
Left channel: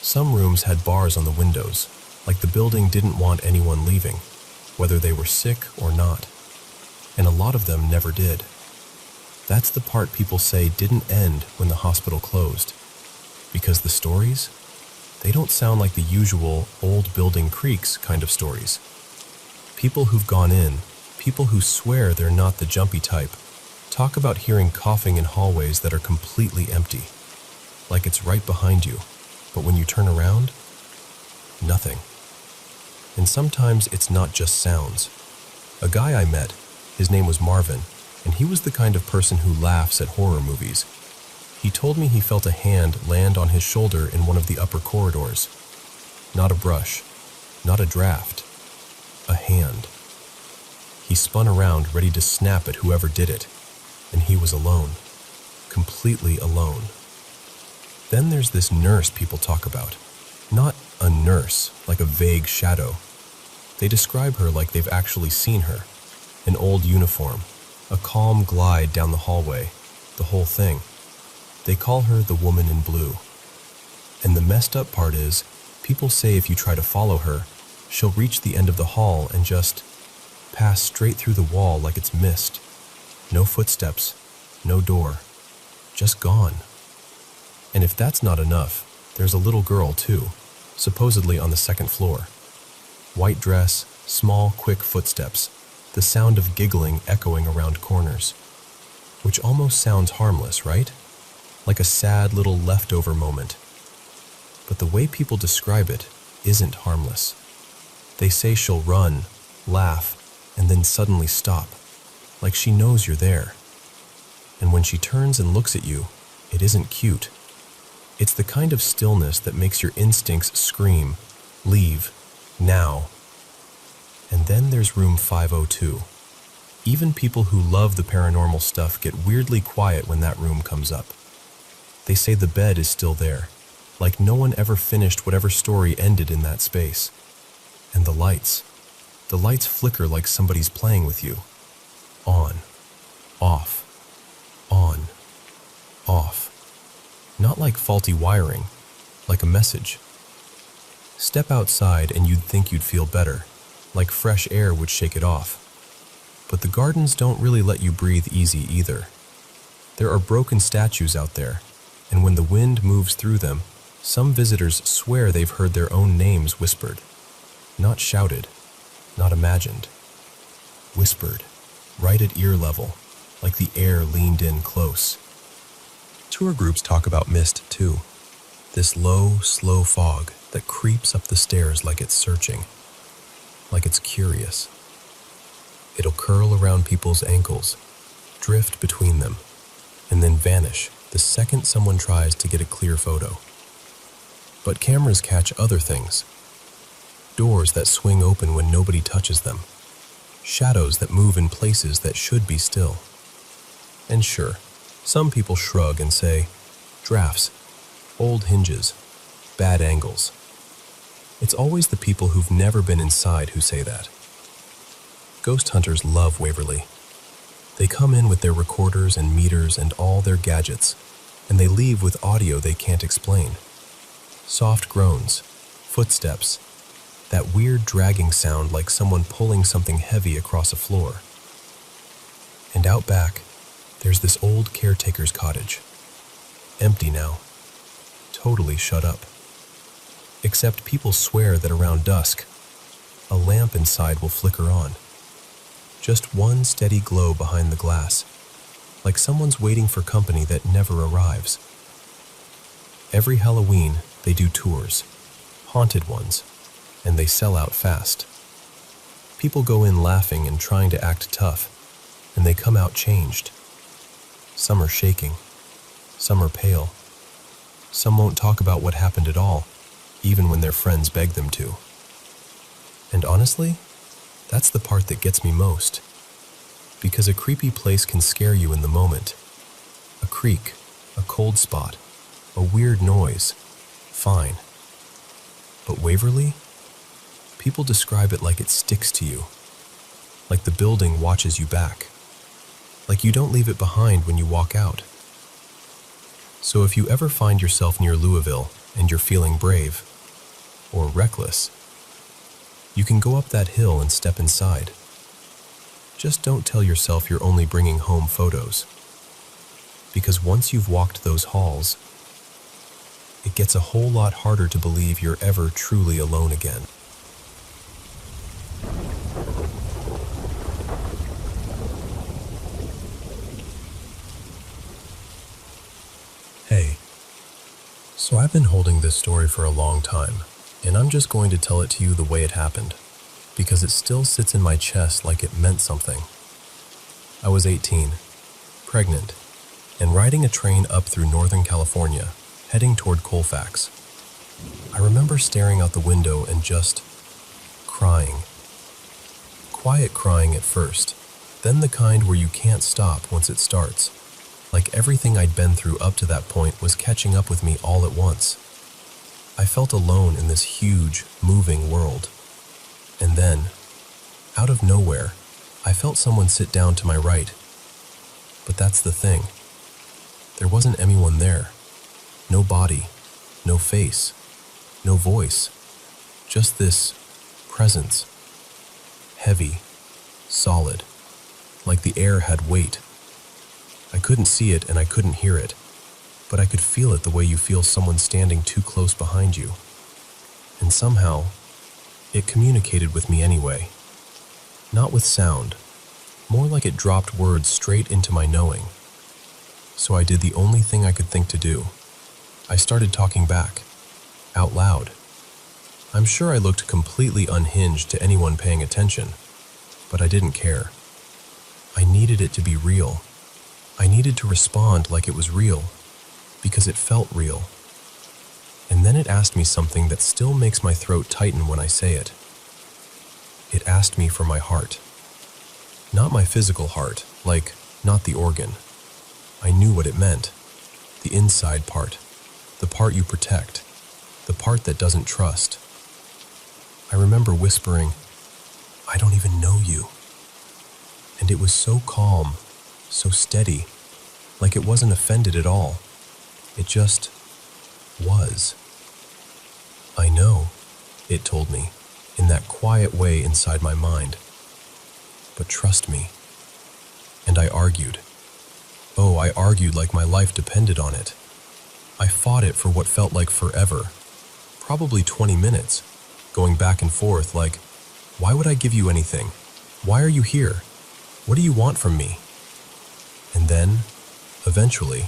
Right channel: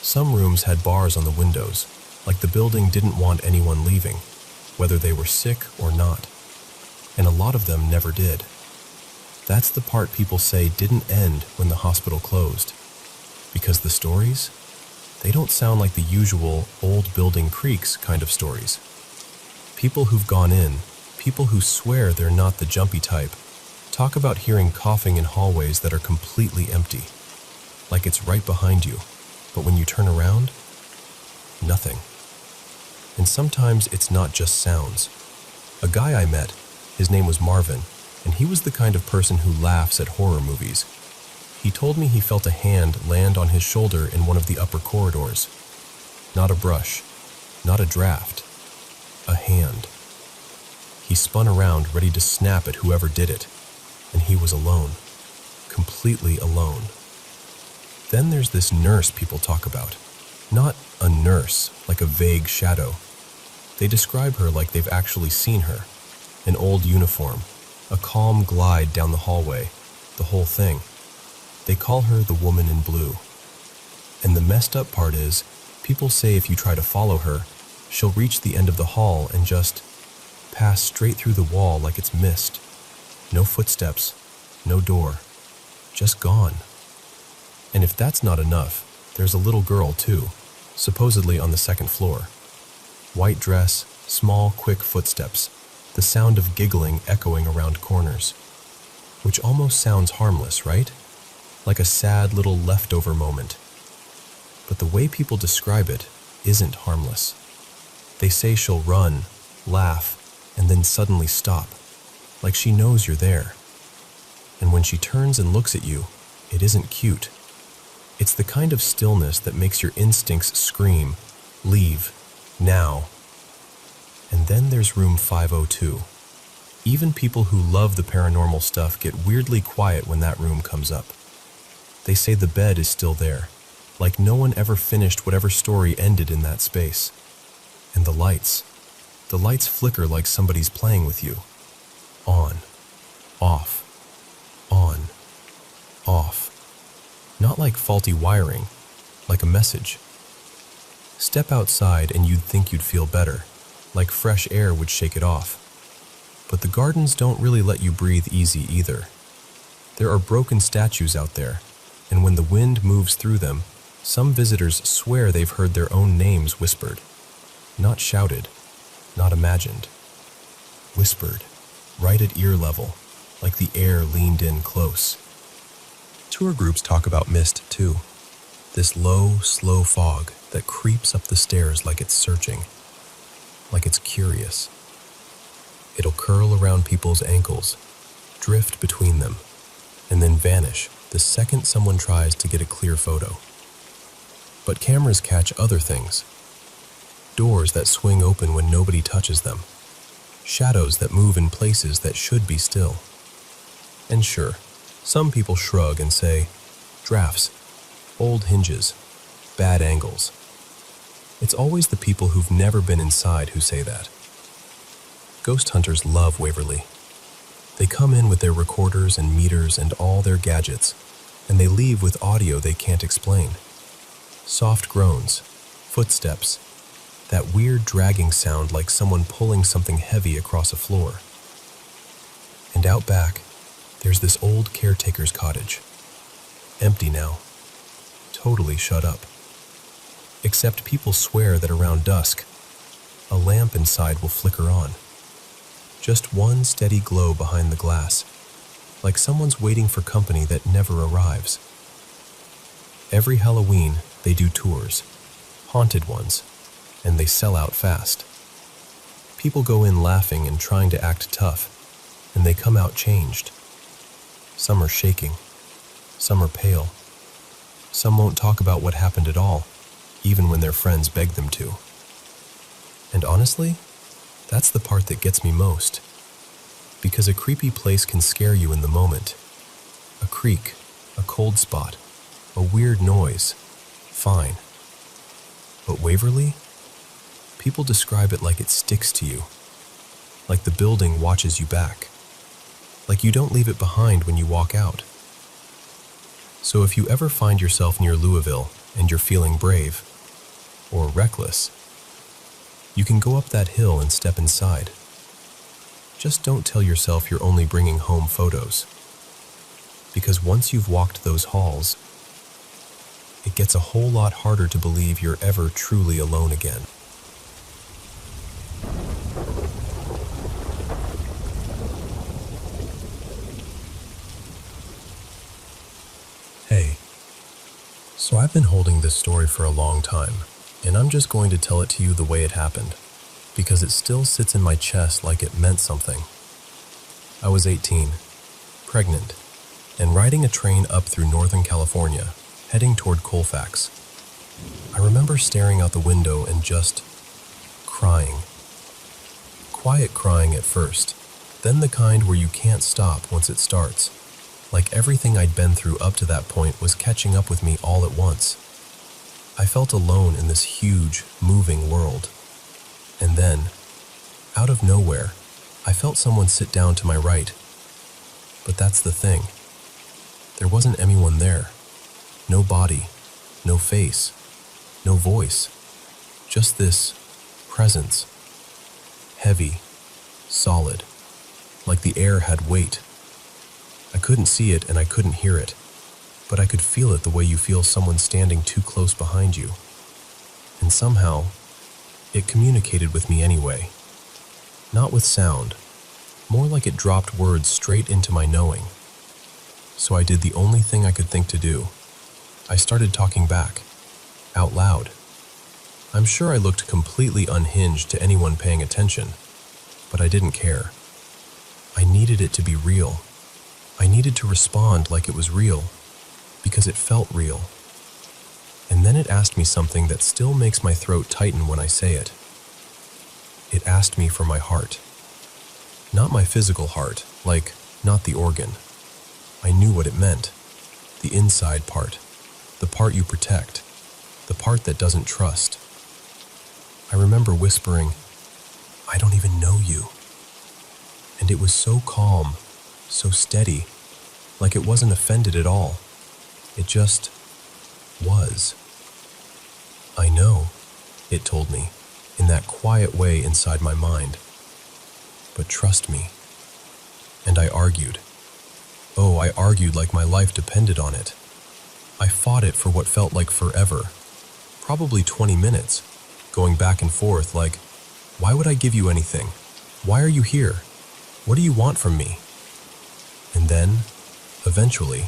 Some rooms had bars on the windows, like the building didn't want anyone leaving, whether they were sick or not. And a lot of them never did. That's the part people say didn't end when the hospital closed. Because the stories, they don't sound like the usual old building creaks kind of stories. People who've gone in, people who swear they're not the jumpy type, talk about hearing coughing in hallways that are completely empty, like it's right behind you, but when you turn around, nothing. And sometimes it's not just sounds. A guy I met, his name was Marvin, and he was the kind of person who laughs at horror movies. He told me he felt a hand land on his shoulder in one of the upper corridors. Not a brush, not a draft, a hand. He spun around, ready to snap at whoever did it, and he was alone, completely alone. Then there's this nurse people talk about. Not a nurse, like a vague shadow. They describe her like they've actually seen her. An old uniform, a calm glide down the hallway, the whole thing. They call her the woman in blue. And the messed up part is, people say if you try to follow her, she'll reach the end of the hall and just pass straight through the wall like it's mist. No footsteps, no door, just gone. And if that's not enough, there's a little girl too, supposedly on the second floor. White dress, small, quick footsteps, the sound of giggling echoing around corners. Which almost sounds harmless, right? Like a sad little leftover moment. But the way people describe it isn't harmless. They say she'll run, laugh, and then suddenly stop, like she knows you're there. And when she turns and looks at you, it isn't cute. It's the kind of stillness that makes your instincts scream, leave, now. And then there's room 502. Even people who love the paranormal stuff get weirdly quiet when that room comes up. They say the bed is still there, like no one ever finished whatever story ended in that space. And the lights flicker like somebody's playing with you. On, off, on, off. Not like faulty wiring, like a message. Step outside and you'd think you'd feel better, like fresh air would shake it off. But the gardens don't really let you breathe easy either. There are broken statues out there, and when the wind moves through them, some visitors swear they've heard their own names whispered. Not shouted, not imagined. Whispered, right at ear level, like the air leaned in close. Tour groups talk about mist too. This low, slow fog that creeps up the stairs like it's searching, like it's curious. It'll curl around people's ankles, drift between them, and then vanish the second someone tries to get a clear photo. But cameras catch other things. Doors that swing open when nobody touches them. shadows that move in places that should be still. And sure, some people shrug and say, drafts, old hinges, bad angles. It's always the people who've never been inside who say that. Ghost hunters love Waverly. They come in with their recorders and meters and all their gadgets, and they leave with audio they can't explain. Soft groans, footsteps, that weird dragging sound like someone pulling something heavy across a floor. And out back, there's this old caretaker's cottage. Empty now. Totally shut up. Except people swear that around dusk, a lamp inside will flicker on. Just one steady glow behind the glass, like someone's waiting for company that never arrives. Every Halloween, they do tours, haunted ones, and they sell out fast. People go in laughing and trying to act tough, and they come out changed. Some are shaking, some are pale. Some won't talk about what happened at all, even when their friends beg them to. And honestly, that's the part that gets me most. Because a creepy place can scare you in the moment. A creak, a cold spot, a weird noise, fine. But Waverly? People describe it like it sticks to you. Like the building watches you back. Like you don't leave it behind when you walk out. So if you ever find yourself near Louisville and you're feeling brave, or reckless, you can go up that hill and step inside. Just don't tell yourself you're only bringing home photos. Because once you've walked those halls, it gets a whole lot harder to believe you're ever truly alone again. Hey, so I've been holding this story for a long time, and I'm just going to tell it to you the way it happened, because it still sits in my chest like it meant something. I was 18, pregnant, and riding a train up through Northern California, heading toward Colfax. I remember staring out the window and just crying. Quiet crying at first, then the kind where you can't stop once it starts. Like everything I'd been through up to that point was catching up with me all at once. I felt alone in this huge, moving world. And then, out of nowhere, I felt someone sit down to my right. But that's the thing. There wasn't anyone there. No body, no face, no voice. Just this presence. Heavy, solid, like the air had weight. I couldn't see it and I couldn't hear it, but I could feel it the way you feel someone standing too close behind you. And somehow, it communicated with me anyway. Not with sound, more like it dropped words straight into my knowing. So I did the only thing I could think to do. I started talking back, out loud. I'm sure I looked completely unhinged to anyone paying attention, but I didn't care. I needed it to be real. I needed to respond like it was real, because it felt real. And then it asked me something that still makes my throat tighten when I say it. It asked me for my heart. Not my physical heart, like, not the organ. I knew what it meant. The inside part. The part you protect. The part that doesn't trust. I remember whispering, "I don't even know you." And it was so calm, so steady, like it wasn't offended at all. It just was. "I know," it told me, in that quiet way inside my mind. "But trust me." And I argued. Oh, I argued like my life depended on it. I fought it for what felt like forever, probably 20 minutes, going back and forth like, why would I give you anything? Why are you here? What do you want from me? And then, eventually,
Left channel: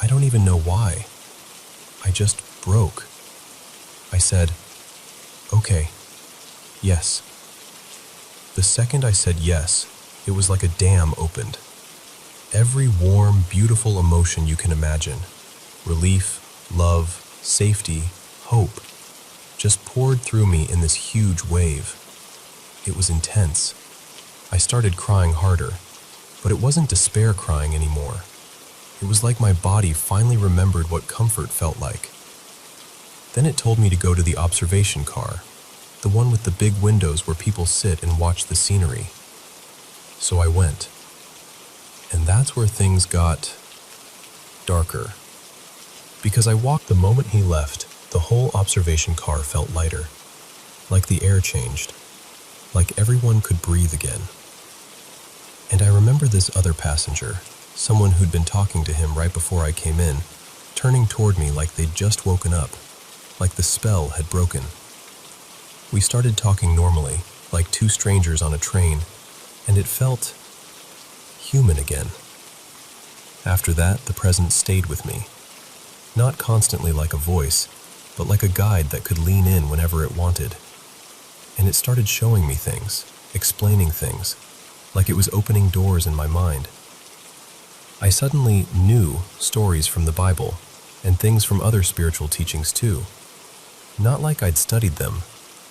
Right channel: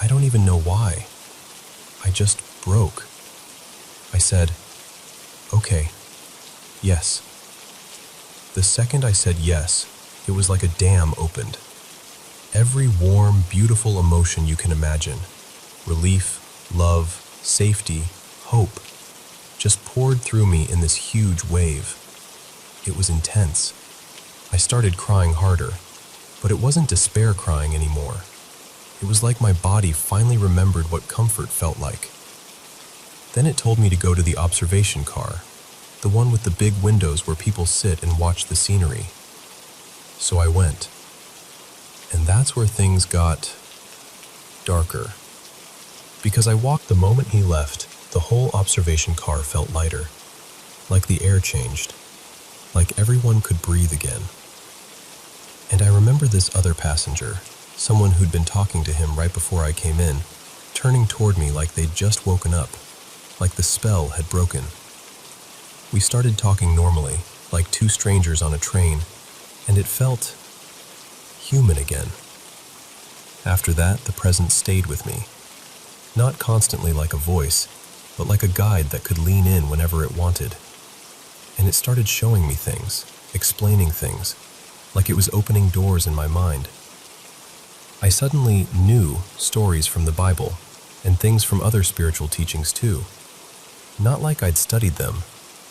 I don't even know why. I just broke. I said, "Okay, yes." The second I said yes, it was like a dam opened. Every warm, beautiful emotion you can imagine, relief, love, safety, hope, just poured through me in this huge wave. It was intense. I started crying harder, but it wasn't despair crying anymore. It was like my body finally remembered what comfort felt like. Then it told me to go to the observation car, the one with the big windows where people sit and watch the scenery. So I went. And that's where things got darker. Because I walked the moment he left, the whole observation car felt lighter. Like the air changed. Like everyone could breathe again. And I remember this other passenger, someone who'd been talking to him right before I came in, turning toward me like they'd just woken up, like the spell had broken. We started talking normally, like two strangers on a train, and it felt human again. After that, the presence stayed with me. Not constantly like a voice, but like a guide that could lean in whenever it wanted. And it started showing me things, explaining things, like it was opening doors in my mind. I suddenly knew stories from the Bible, and things from other spiritual teachings too. Not like I'd studied them,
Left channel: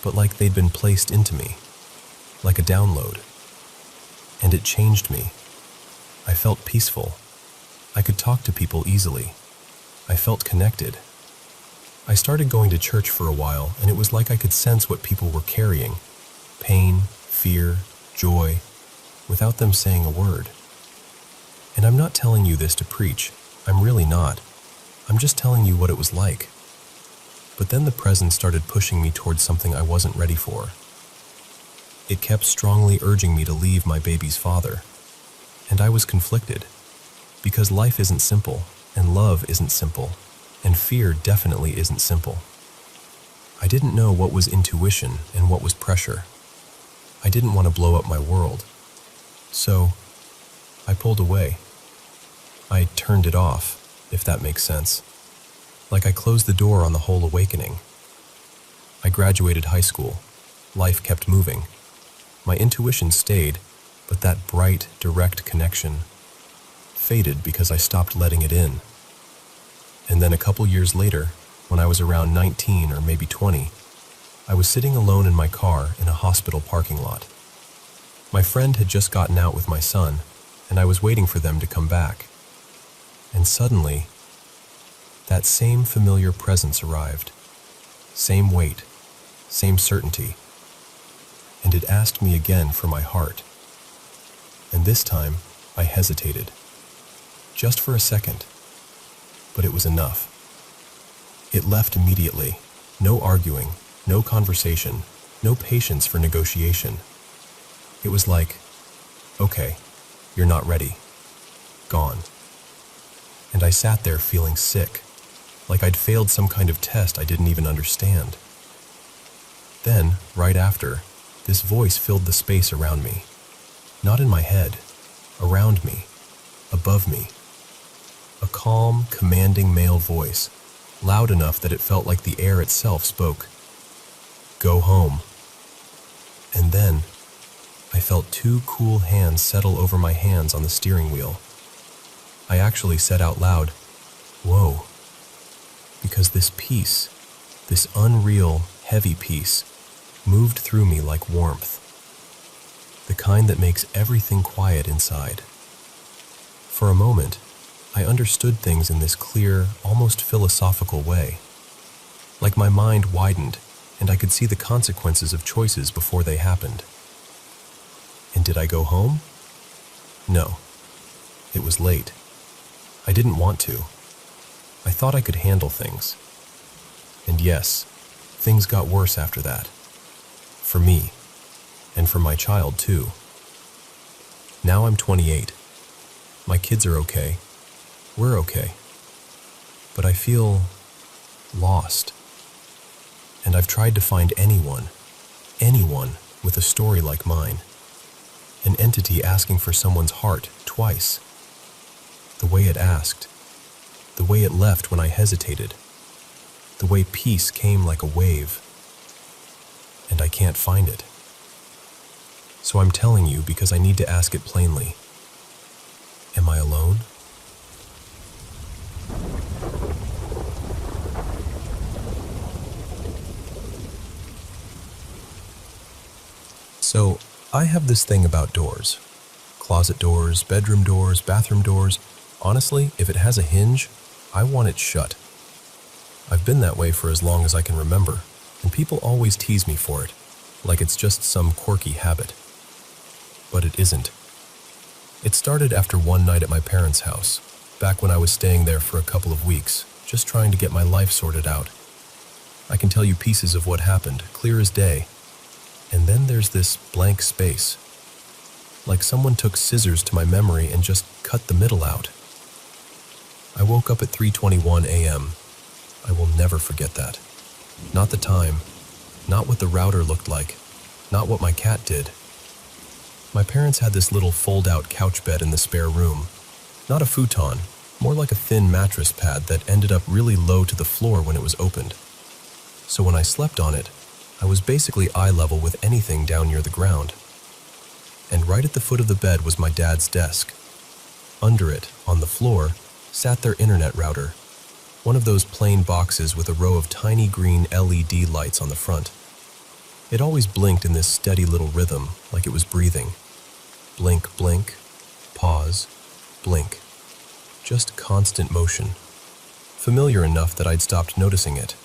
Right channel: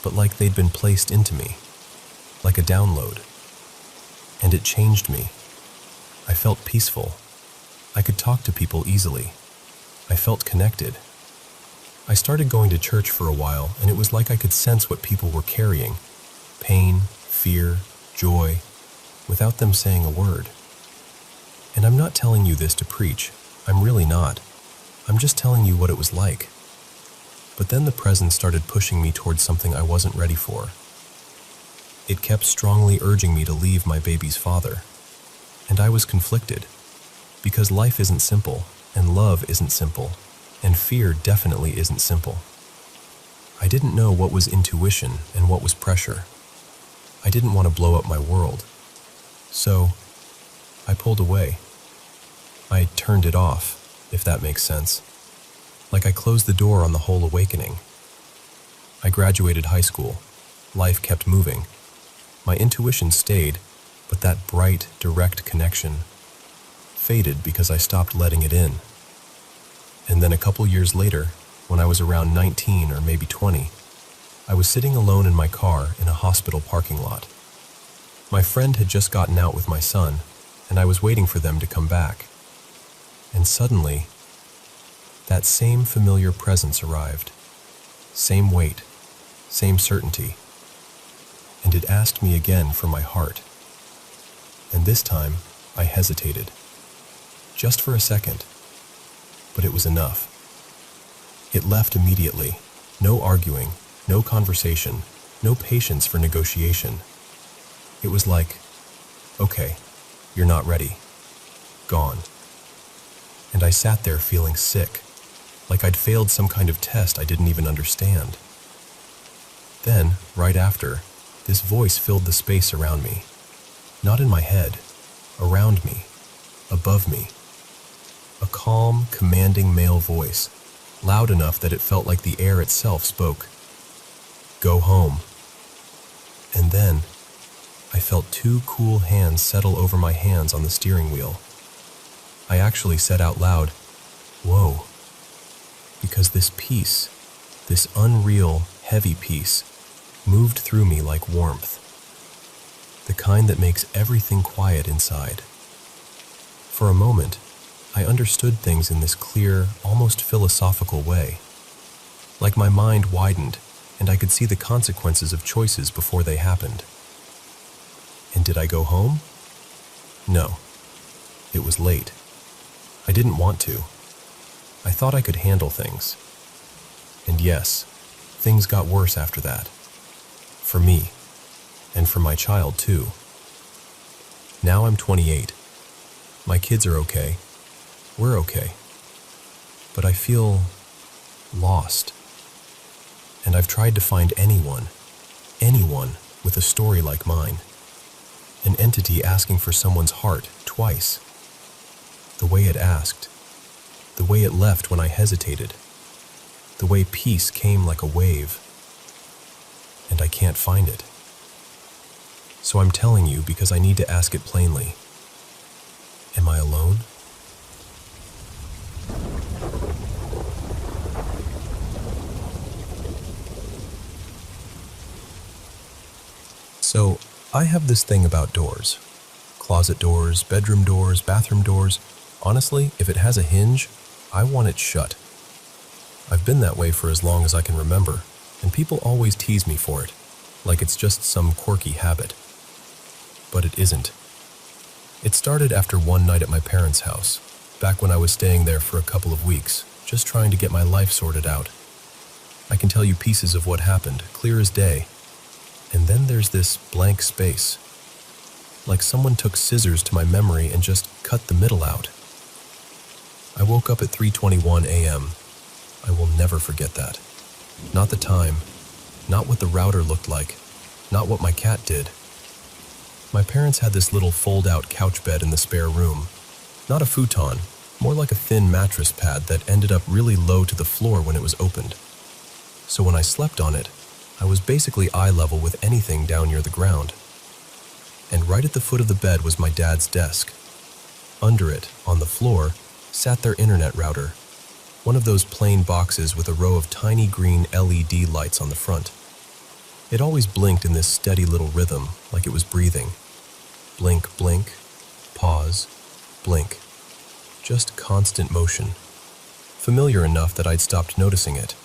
but like they'd been placed into me, like a download. And it changed me. I felt peaceful. I could talk to people easily. I felt connected. I started going to church for a while, and it was like I could sense what people were carrying. Pain, fear, joy, without them saying a word. And I'm not telling you this to preach. I'm really not. I'm just telling you what it was like. But then the presence started pushing me towards something I wasn't ready for. It kept strongly urging me to leave my baby's father. And I was conflicted. Because life isn't simple, and love isn't simple, and fear definitely isn't simple. I didn't know what was intuition and what was pressure. I didn't want to blow up my world. So, I pulled away. I turned it off, if that makes sense. Like I closed the door on the whole awakening. I graduated high school. Life kept moving. My intuition stayed, but that bright, direct connection faded because I stopped letting it in. And then a couple years later, when I was around 19 or maybe 20, I was sitting alone in my car in a hospital parking lot. My friend had just gotten out with my son, and I was waiting for them to come back. And suddenly, that same familiar presence arrived. Same weight, same certainty. And it asked me again for my heart. And this time, I hesitated. Just for a second. But it was enough. It left immediately. No arguing, no conversation, no patience for negotiation. It was like, okay, you're not ready. Gone. And I sat there feeling sick, like I'd failed some kind of test I didn't even understand. Then, right after, this voice filled the space around me. Not in my head, around me, above me. A calm, commanding male voice, loud enough that it felt like the air itself spoke. Go home. And then, I felt two cool hands settle over my hands on the steering wheel. I actually said out loud, whoa, because this peace, this unreal, heavy peace, moved through me like warmth. The kind that makes everything quiet inside. For a moment, I understood things in this clear, almost philosophical way. Like my mind widened, and I could see the consequences of choices before they happened. And did I go home? No. It was late. I didn't want to. I thought I could handle things. And yes, things got worse after that. For me. And for my child, too. Now I'm 28. My kids are okay. We're okay. But I feel lost. And I've tried to find anyone with a story like mine. An entity asking for someone's heart twice. The way it asked. The way it left when I hesitated. The way peace came like a wave. And I can't find it. So I'm telling you because I need to ask it plainly. Am I alone? So, I have this thing about doors. Closet doors, bedroom doors, bathroom doors. Honestly, if it has a hinge, I want it shut. I've been that way for as long as I can remember, and people always tease me for it, like it's just some quirky habit. But it isn't. It started after one night at my parents' house, back when I was staying there for a couple of weeks, just trying to get my life sorted out. I can tell you pieces of what happened, clear as day. And then there's this blank space. Like someone took scissors to my memory and just cut the middle out. I woke up at 3:21 a.m. I will never forget that. Not the time, not what the router looked like, not what my cat did. My parents had this little fold-out couch bed in the spare room. Not a futon, more like a thin mattress pad that ended up really low to the floor when it was opened. So when I slept on it, I was basically eye level with anything down near the ground. And right at the foot of the bed was my dad's desk. Under it, on the floor, sat their internet router, one of those plain boxes with a row of tiny green LED lights on the front. It always blinked in this steady little rhythm, like it was breathing. Blink, blink, pause, blink. Just constant motion. Familiar enough that I'd stopped noticing it.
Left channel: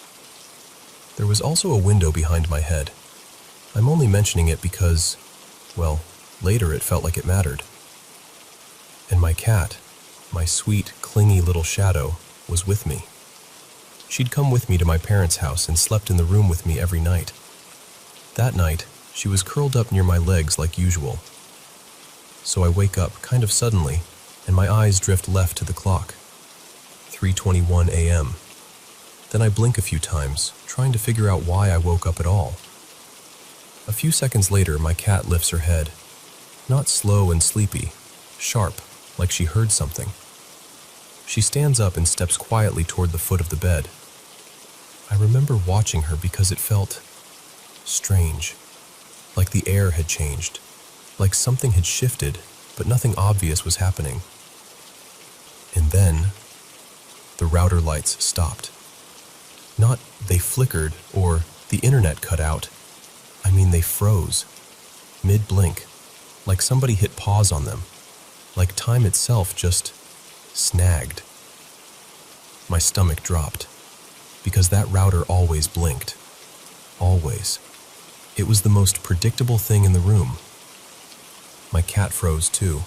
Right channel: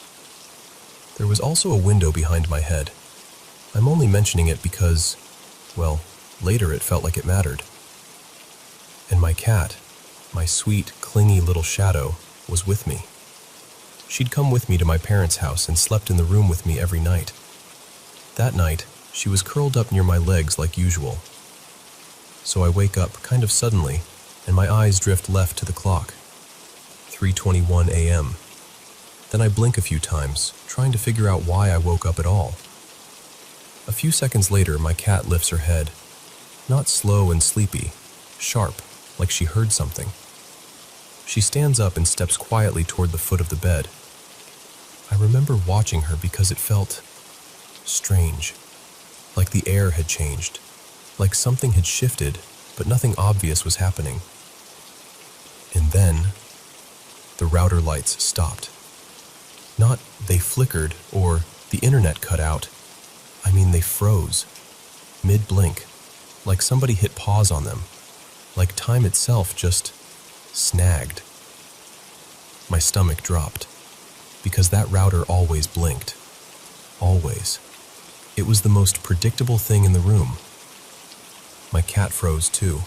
There was also a window behind my head. I'm only mentioning it because, well, later it felt like it mattered. And my cat, my sweet, clingy little shadow, was with me. She'd come with me to my parents' house and slept in the room with me every night. That night, she was curled up near my legs like usual. So I wake up kind of suddenly, and my eyes drift left to the clock. 3:21 a.m. Then I blink a few times, trying to figure out why I woke up at all. A few seconds later, my cat lifts her head. Not slow and sleepy, sharp, like she heard something. She stands up and steps quietly toward the foot of the bed. I remember watching her because it felt strange, like the air had changed, like something had shifted, but nothing obvious was happening. And then, the router lights stopped. Not they flickered or the internet cut out. I mean, they froze, mid-blink, like somebody hit pause on them, like time itself just snagged. My stomach dropped, because that router always blinked. Always. It was the most predictable thing in the room. My cat froze too.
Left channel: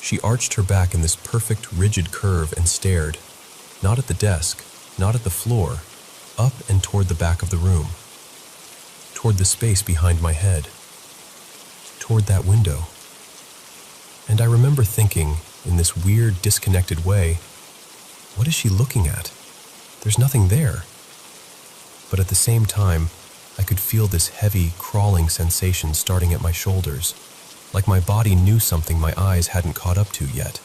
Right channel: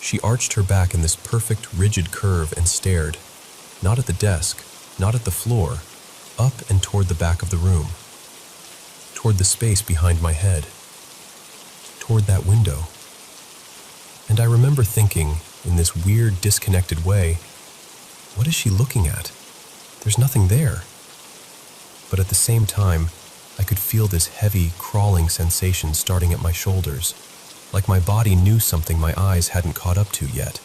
She arched her back in this perfect, rigid curve and stared, not at the desk, not at the floor, up and toward the back of the room, toward the space behind my head, toward that window. And I remember thinking, in this weird, disconnected way, what is she looking at? There's nothing there. But at the same time, I could feel this heavy, crawling sensation starting at my shoulders, like my body knew something my eyes hadn't caught up to yet.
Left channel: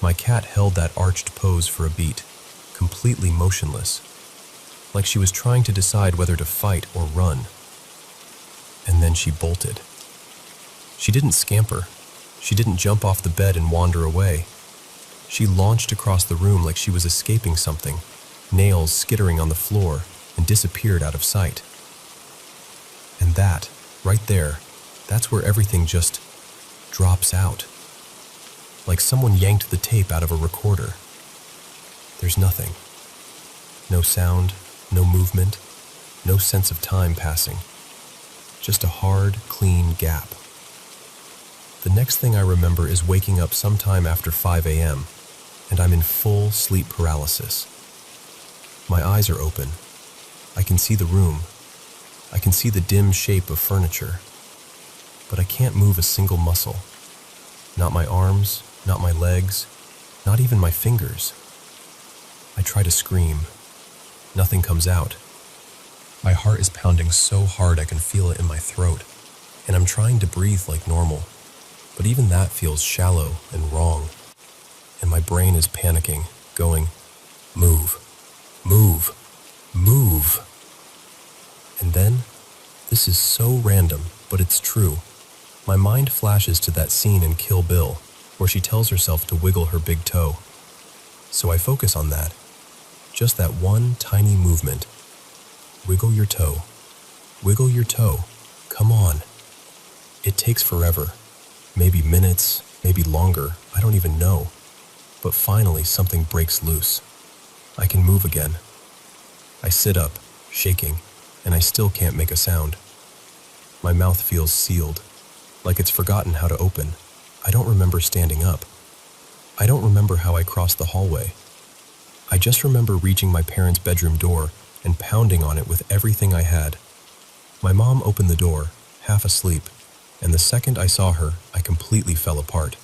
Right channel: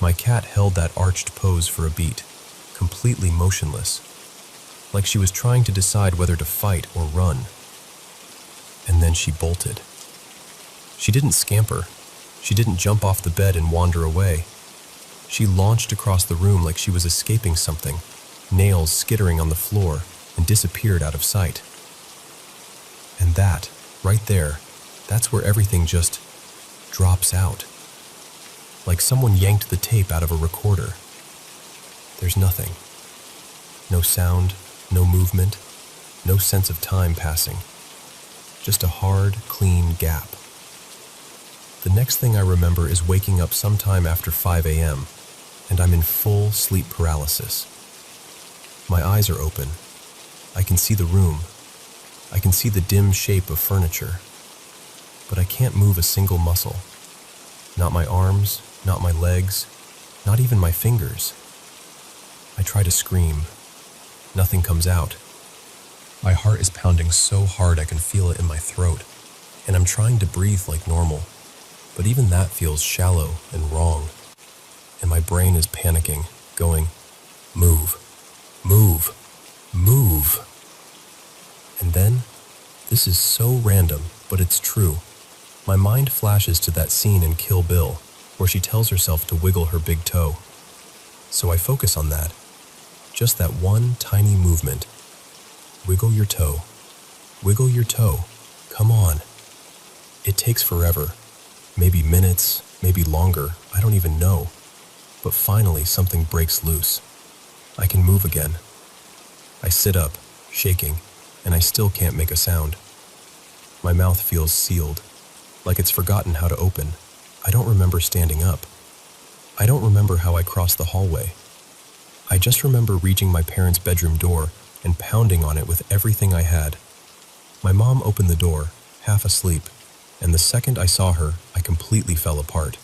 My cat held that arched pose for a beat, completely motionless, like she was trying to decide whether to fight or run. And then she bolted. She didn't scamper. She didn't jump off the bed and wander away. She launched across the room like she was escaping something, nails skittering on the floor, and disappeared out of sight. And that, right there, that's where everything just drops out. Like someone yanked the tape out of a recorder. There's nothing. No sound, no movement, no sense of time passing. Just a hard, clean gap. The next thing I remember is waking up sometime after 5 a.m., and I'm in full sleep paralysis. My eyes are open. I can see the room. I can see the dim shape of furniture. But I can't move a single muscle. Not my arms, not my legs, not even my fingers. I try to scream. Nothing comes out. My heart is pounding so hard I can feel it in my throat, and I'm trying to breathe like normal. But even that feels shallow and wrong. And my brain is panicking, going, move, move, move. And then, this is so random, but it's true. My mind flashes to that scene in Kill Bill, where she tells herself to wiggle her big toe. So I focus on that. Just that one tiny movement. Wiggle your toe. Wiggle your toe. come on. It takes forever. Maybe minutes, maybe longer, I don't even know. But finally something breaks loose. I can move again. I sit up, shaking, and I still can't make a sound. My mouth feels sealed, like it's forgotten how to open. I don't remember standing up. I don't remember how I crossed the hallway. I just remember reaching my parents' bedroom door and pounding on it with everything I had. My mom opened the door, half asleep, and the second I saw her, I completely fell apart.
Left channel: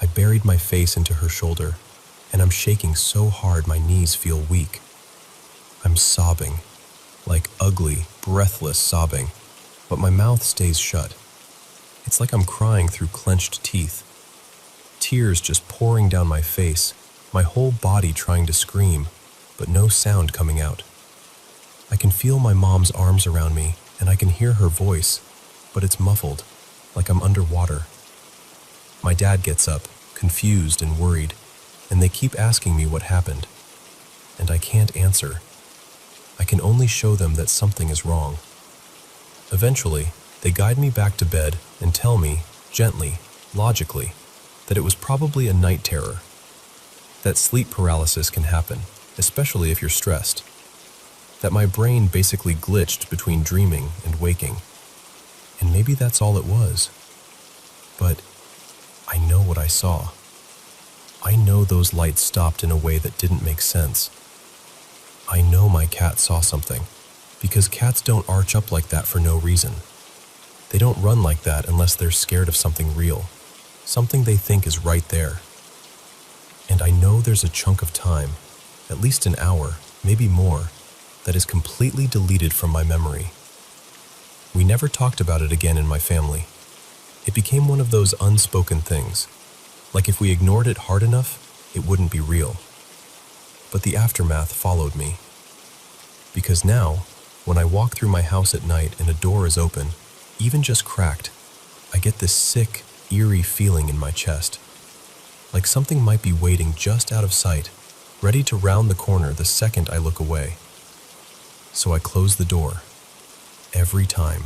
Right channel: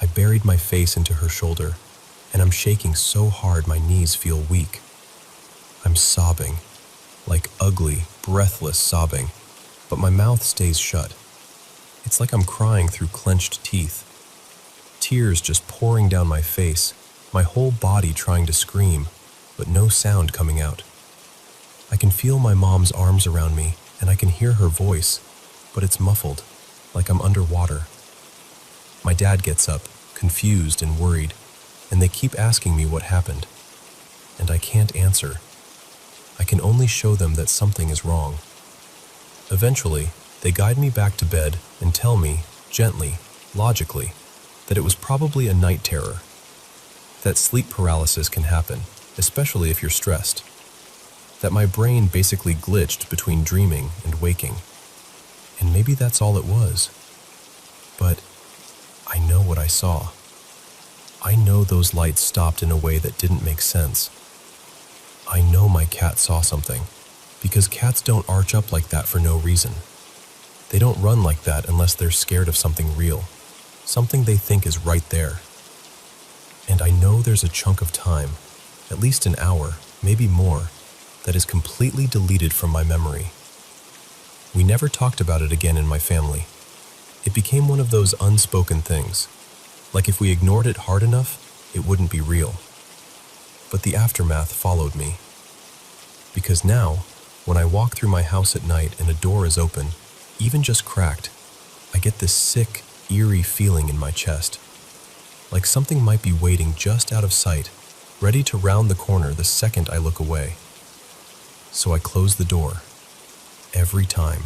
I buried my face into her shoulder, and I'm shaking so hard my knees feel weak. I'm sobbing, like ugly, breathless sobbing, but my mouth stays shut. It's like I'm crying through clenched teeth. Tears just pouring down my face, my whole body trying to scream, but no sound coming out. I can feel my mom's arms around me, and I can hear her voice, but it's muffled, like I'm underwater. My dad gets up, confused and worried, and they keep asking me what happened. And I can't answer. I can only show them that something is wrong. Eventually, they guide me back to bed and tell me, gently, logically, that it was probably a night terror. That sleep paralysis can happen, especially if you're stressed. That my brain basically glitched between dreaming and waking. And maybe that's all it was. But I know what I saw. I know those lights stopped in a way that didn't make sense. I know my cat saw something, because cats don't arch up like that for no reason. They don't run like that unless they're scared of something real, something they think is right there. And I know there's a chunk of time, at least an hour, maybe more, that is completely deleted from my memory. We never talked about it again in my family. It became one of those unspoken things, like if we ignored it hard enough, it wouldn't be real. But the aftermath followed me. Because now, when I walk through my house at night and a door is open, even just cracked, I get this sick, eerie feeling in my chest. Like something might be waiting just out of sight, ready to round the corner the second I look away. So I close the door. Every time.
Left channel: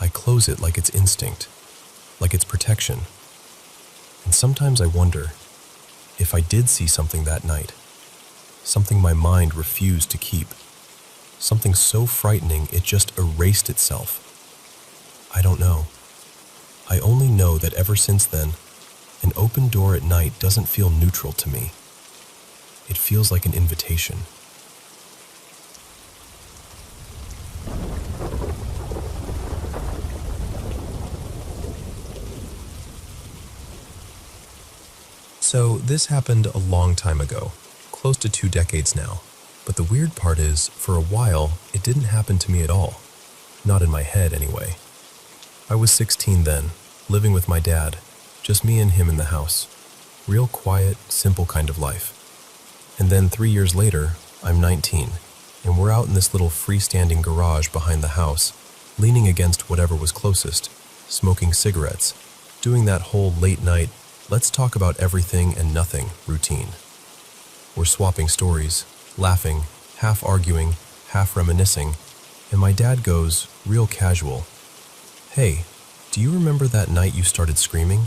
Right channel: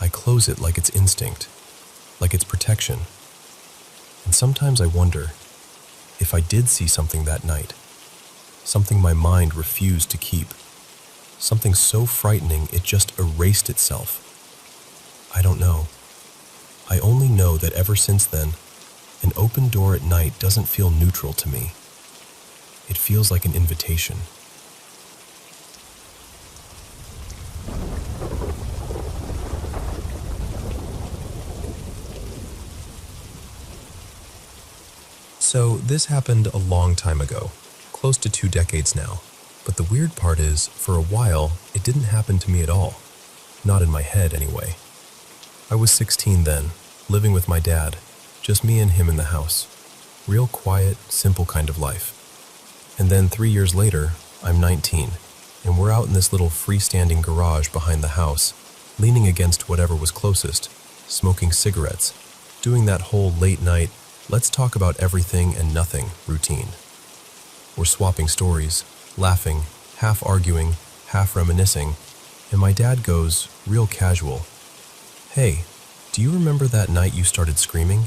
I close it like it's instinct, like it's protection. And sometimes I wonder if I did see something that night, something my mind refused to keep, something so frightening it just erased itself. I don't know. I only know that ever since then, an open door at night doesn't feel neutral to me. It feels like an invitation. So this happened a long time ago, close to 2 decades now. But the weird part is, for a while, it didn't happen to me at all. Not in my head, anyway. I was 16 then, living with my dad, just me and him in the house. Real quiet, simple kind of life. And then 3 years later, I'm 19, and we're out in this little freestanding garage behind the house, leaning against whatever was closest, smoking cigarettes, doing that whole late night, let's talk about everything and nothing routine. We're swapping stories, laughing, half arguing, half reminiscing, and my dad goes, real casual, "Hey, do you remember that night you started screaming?"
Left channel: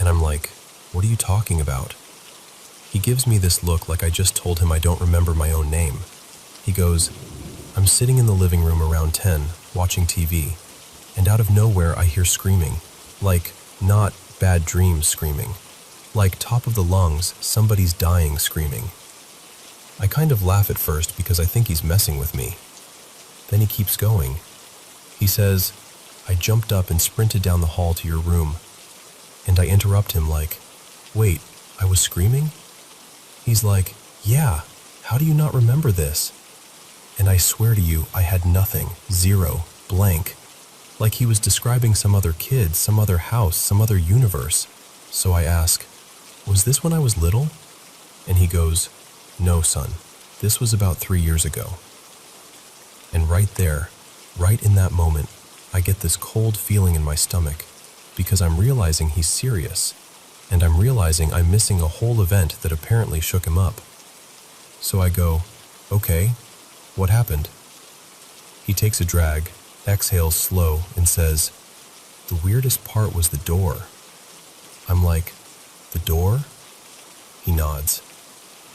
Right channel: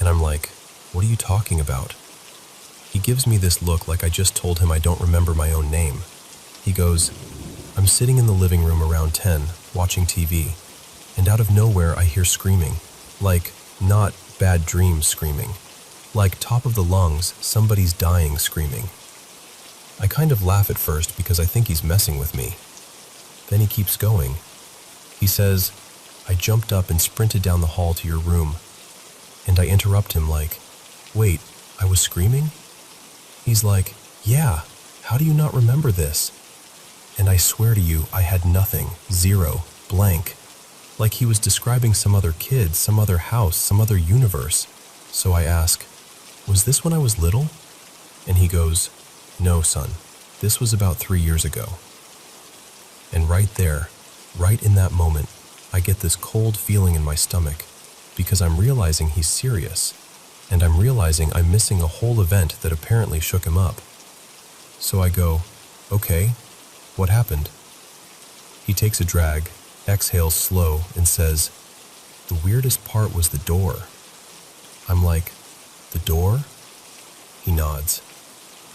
And I'm like, "What are you talking about?" He gives me this look like I just told him I don't remember my own name. He goes, "I'm sitting in the living room around 10, watching TV, and out of nowhere I hear screaming, like, not bad dreams screaming, like top of the lungs, somebody's dying screaming." I kind of laugh at first because I think he's messing with me. Then he keeps going. He says, "I jumped up and sprinted down the hall to your room." And I interrupt him like, "Wait, I was screaming?" He's like, "Yeah, how do you not remember this?" And I swear to you, I had nothing, zero, blank. Like he was describing some other kid, some other house, some other universe. So I ask, "Was this when I was little?" And he goes, "No, son, this was about 3 years ago." And right there, right in that moment, I get this cold feeling in my stomach because I'm realizing he's serious, and I'm realizing I'm missing a whole event that apparently shook him up. So I go, "Okay, what happened?" He takes a drag, exhales slow, and says, "The weirdest part was the door." I'm like, "The door?" He nods.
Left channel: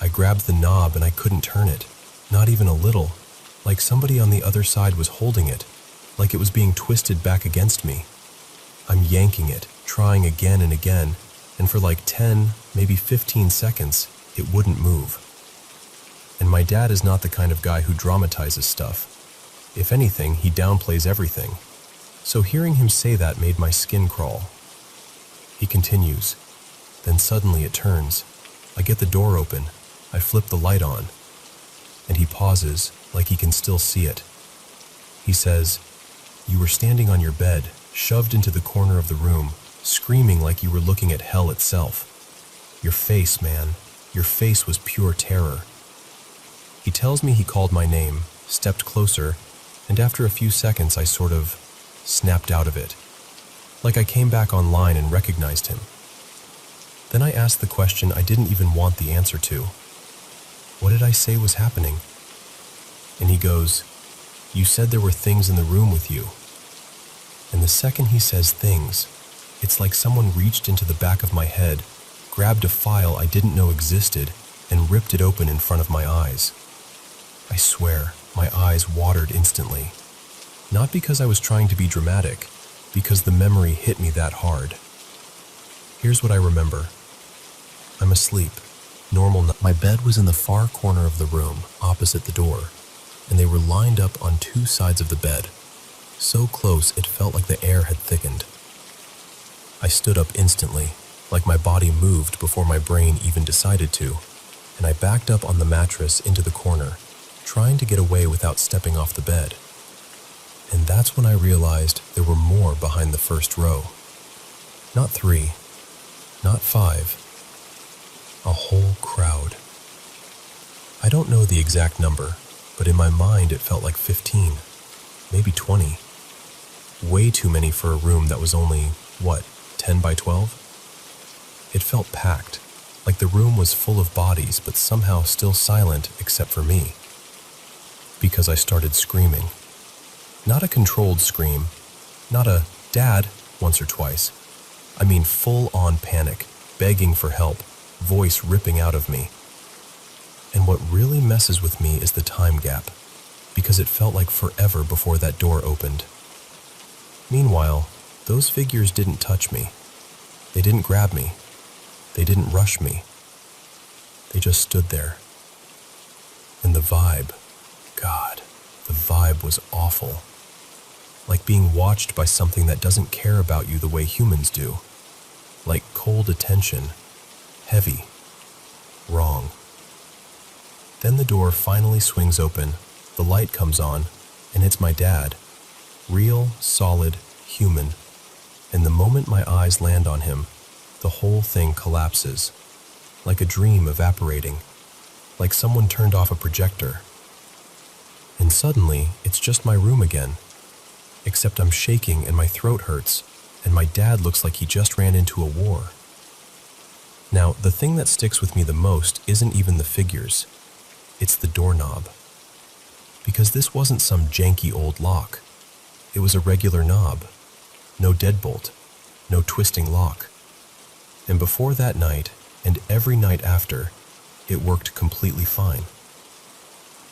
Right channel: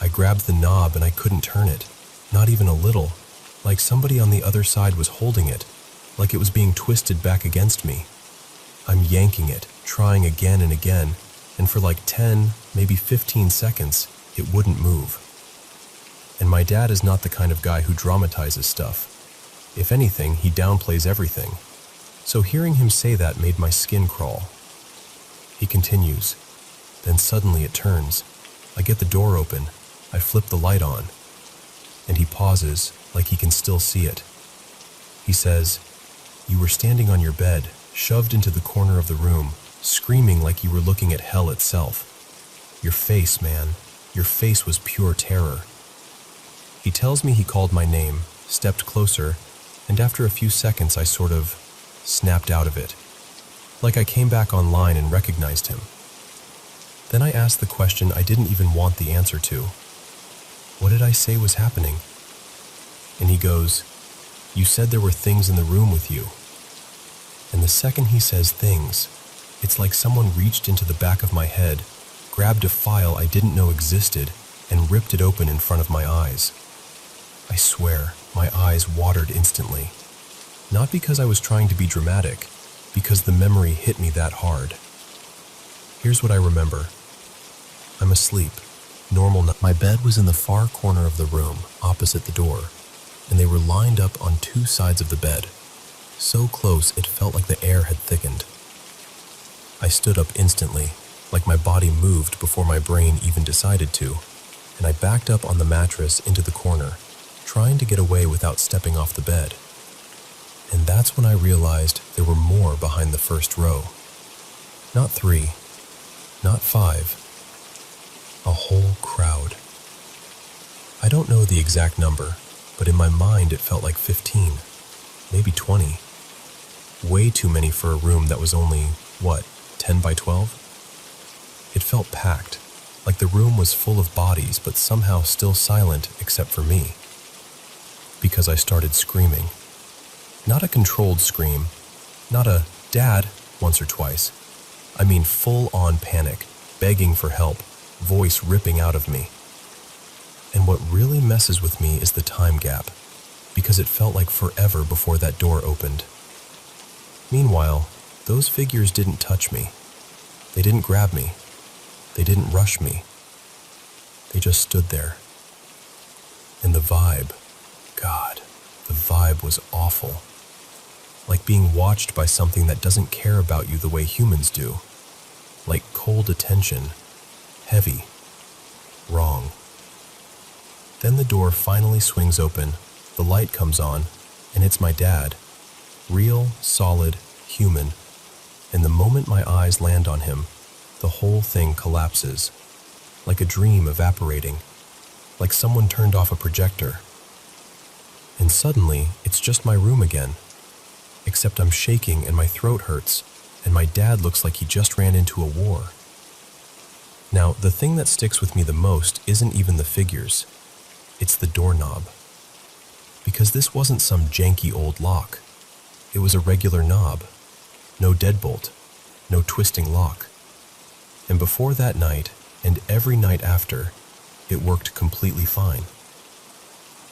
I grabbed the knob and I couldn't turn it, not even a little, like somebody on the other side was holding it, like it was being twisted back against me. I'm yanking it, trying again and again, and for like 10, maybe 15 seconds, it wouldn't move. And my dad is not the kind of guy who dramatizes stuff. If anything, he downplays everything. So hearing him say that made my skin crawl. He continues. Then suddenly it turns. I get the door open. I flip the light on. And he pauses, like he can still see it. He says, "You were standing on your bed, shoved into the corner of the room, screaming like you were looking at hell itself. Your face, man, your face was pure terror." He tells me he called my name, stepped closer, and after a few seconds I sort of snapped out of it. Like I came back online and recognized him. Then I asked the question I didn't even want the answer to. What did I say was happening? And he goes, "You said there were things in the room with you." And the second he says things, it's like someone reached into the back of my head, grabbed a file I didn't know existed, and ripped it open in front of my eyes. I swear, my eyes watered instantly. Not because I was trying to be dramatic, because the memory hit me that hard. Here's what I remember. I'm asleep. Normal. My bed was in the far corner of the room, opposite the door, and they were lined up on two sides of the bed, so close it felt like the air had thickened. I stood up instantly, like my body moved before my brain even decided to, and I backed up on the mattress into the corner, trying to get away without stepping off the bed. And that's when I realized there were more behind the first row. Not 3, not 5, a whole crowd. I don't know the exact number, but in my mind it felt like 15, maybe 20. Way too many for a room that was only, 10 by 12? It felt packed, like the room was full of bodies but somehow still silent except for me. Because I started screaming. Not a controlled scream, not a "Dad" once or twice. I mean full-on panic, begging for help, voice ripping out of me. And what really messes with me is the time gap, because it felt like forever before that door opened. Meanwhile, those figures didn't touch me. They didn't grab me. They didn't rush me. They just stood there. And the vibe, God, the vibe was awful. Like being watched by something that doesn't care about you the way humans do. Like cold attention, heavy, wrong. Then the door finally swings open, the light comes on, and it's my dad. Real, solid, human. And the moment my eyes land on him, the whole thing collapses. Like a dream evaporating. Like someone turned off a projector. And suddenly, it's just my room again. Except I'm shaking and my throat hurts, and my dad looks like he just ran into a war. Now, the thing that sticks with me the most isn't even the figures. It's the doorknob. Because this wasn't some janky old lock. It was a regular knob. No deadbolt. No twisting lock. And before that night, and every night after, it worked completely fine.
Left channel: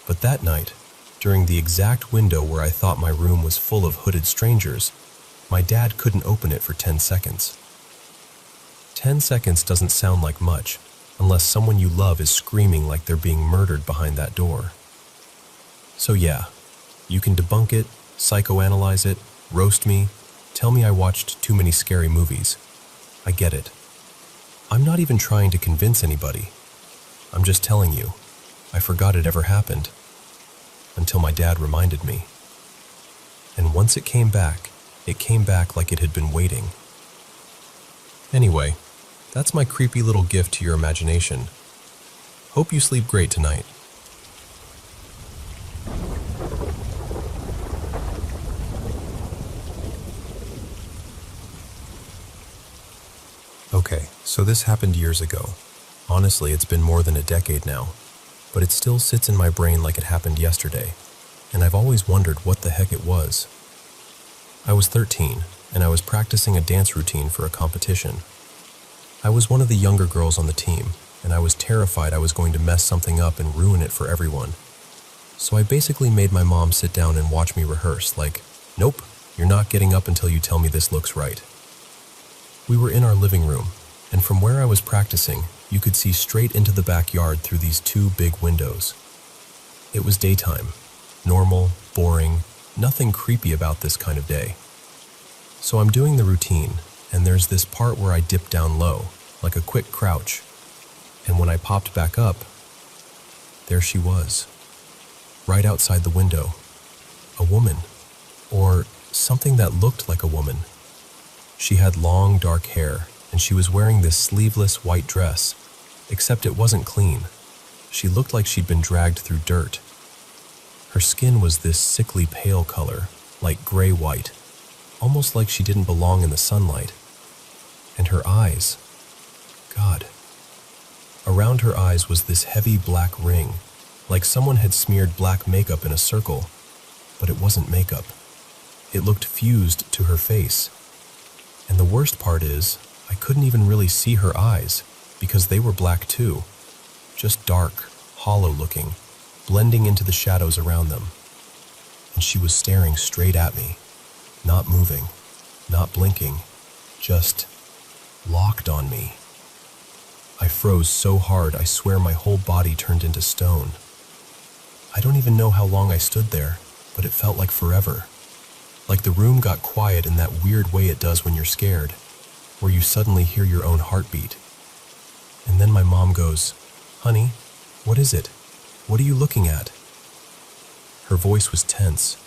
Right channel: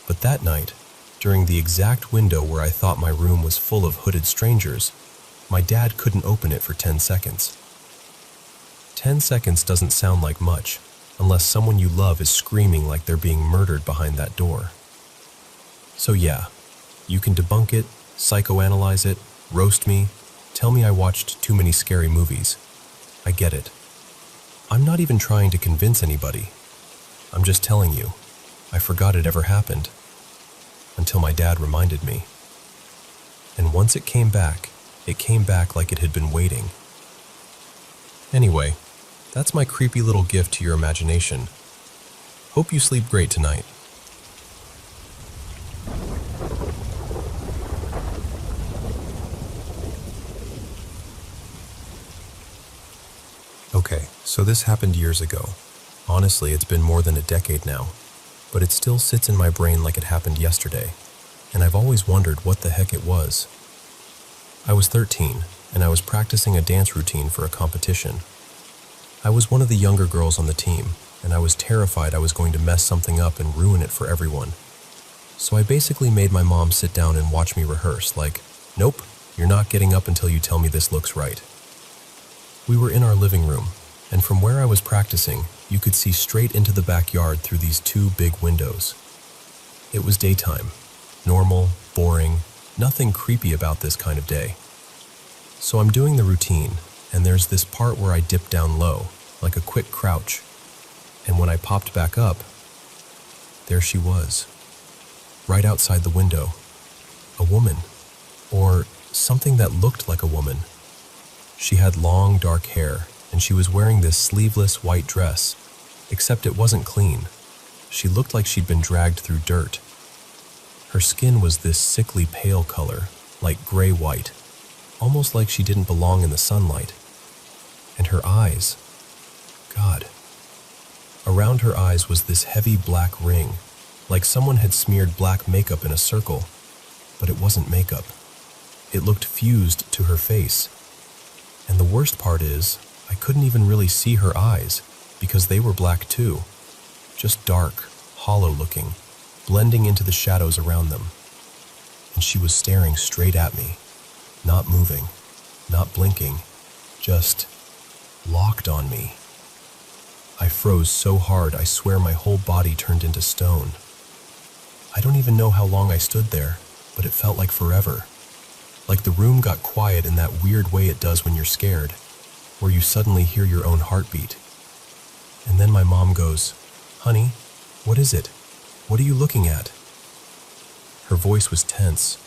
But that night, during the exact window where I thought my room was full of hooded strangers, my dad couldn't open it for 10 seconds. 10 seconds doesn't sound like much, unless someone you love is screaming like they're being murdered behind that door. So yeah, you can debunk it, psychoanalyze it, roast me, tell me I watched too many scary movies. I get it. I'm not even trying to convince anybody. I'm just telling you, I forgot it ever happened. Until my dad reminded me. And once it came back like it had been waiting. Anyway, that's my creepy little gift to your imagination. Hope you sleep great tonight. Okay, so this happened years ago. Honestly, it's been more than a decade now. But it still sits in my brain like it happened yesterday, and I've always wondered what the heck it was. I was 13, and I was practicing a dance routine for a competition. I was one of the younger girls on the team, and I was terrified I was going to mess something up and ruin it for everyone. So I basically made my mom sit down and watch me rehearse, like, "Nope, you're not getting up until you tell me this looks right." We were in our living room, and from where I was practicing, you could see straight into the backyard through these two big windows. It was daytime, normal, boring, nothing creepy about this kind of day. So I'm doing the routine, and there's this part where I dip down low, like a quick crouch, and when I popped back up, there she was, right outside the window. A woman, or something that looked like a woman. She had long, dark hair, and she was wearing this sleeveless white dress, except it wasn't clean. She looked like she'd been dragged through dirt. Her skin was this sickly pale color, like gray-white, almost like she didn't belong in the sunlight. And her eyes, God. Around her eyes was this heavy black ring, like someone had smeared black makeup in a circle, but it wasn't makeup. It looked fused to her face. And the worst part is, I couldn't even really see her eyes, because they were black too, just dark, hollow looking, blending into the shadows around them. And she was staring straight at me, not moving, not blinking, just locked on me. I froze so hard I swear my whole body turned into stone. I don't even know how long I stood there, but it felt like forever. Like the room got quiet in that weird way it does when you're scared, where you suddenly hear your own heartbeat. And then my mom goes, "Honey, what is it? What are you looking at?" Her voice was tense,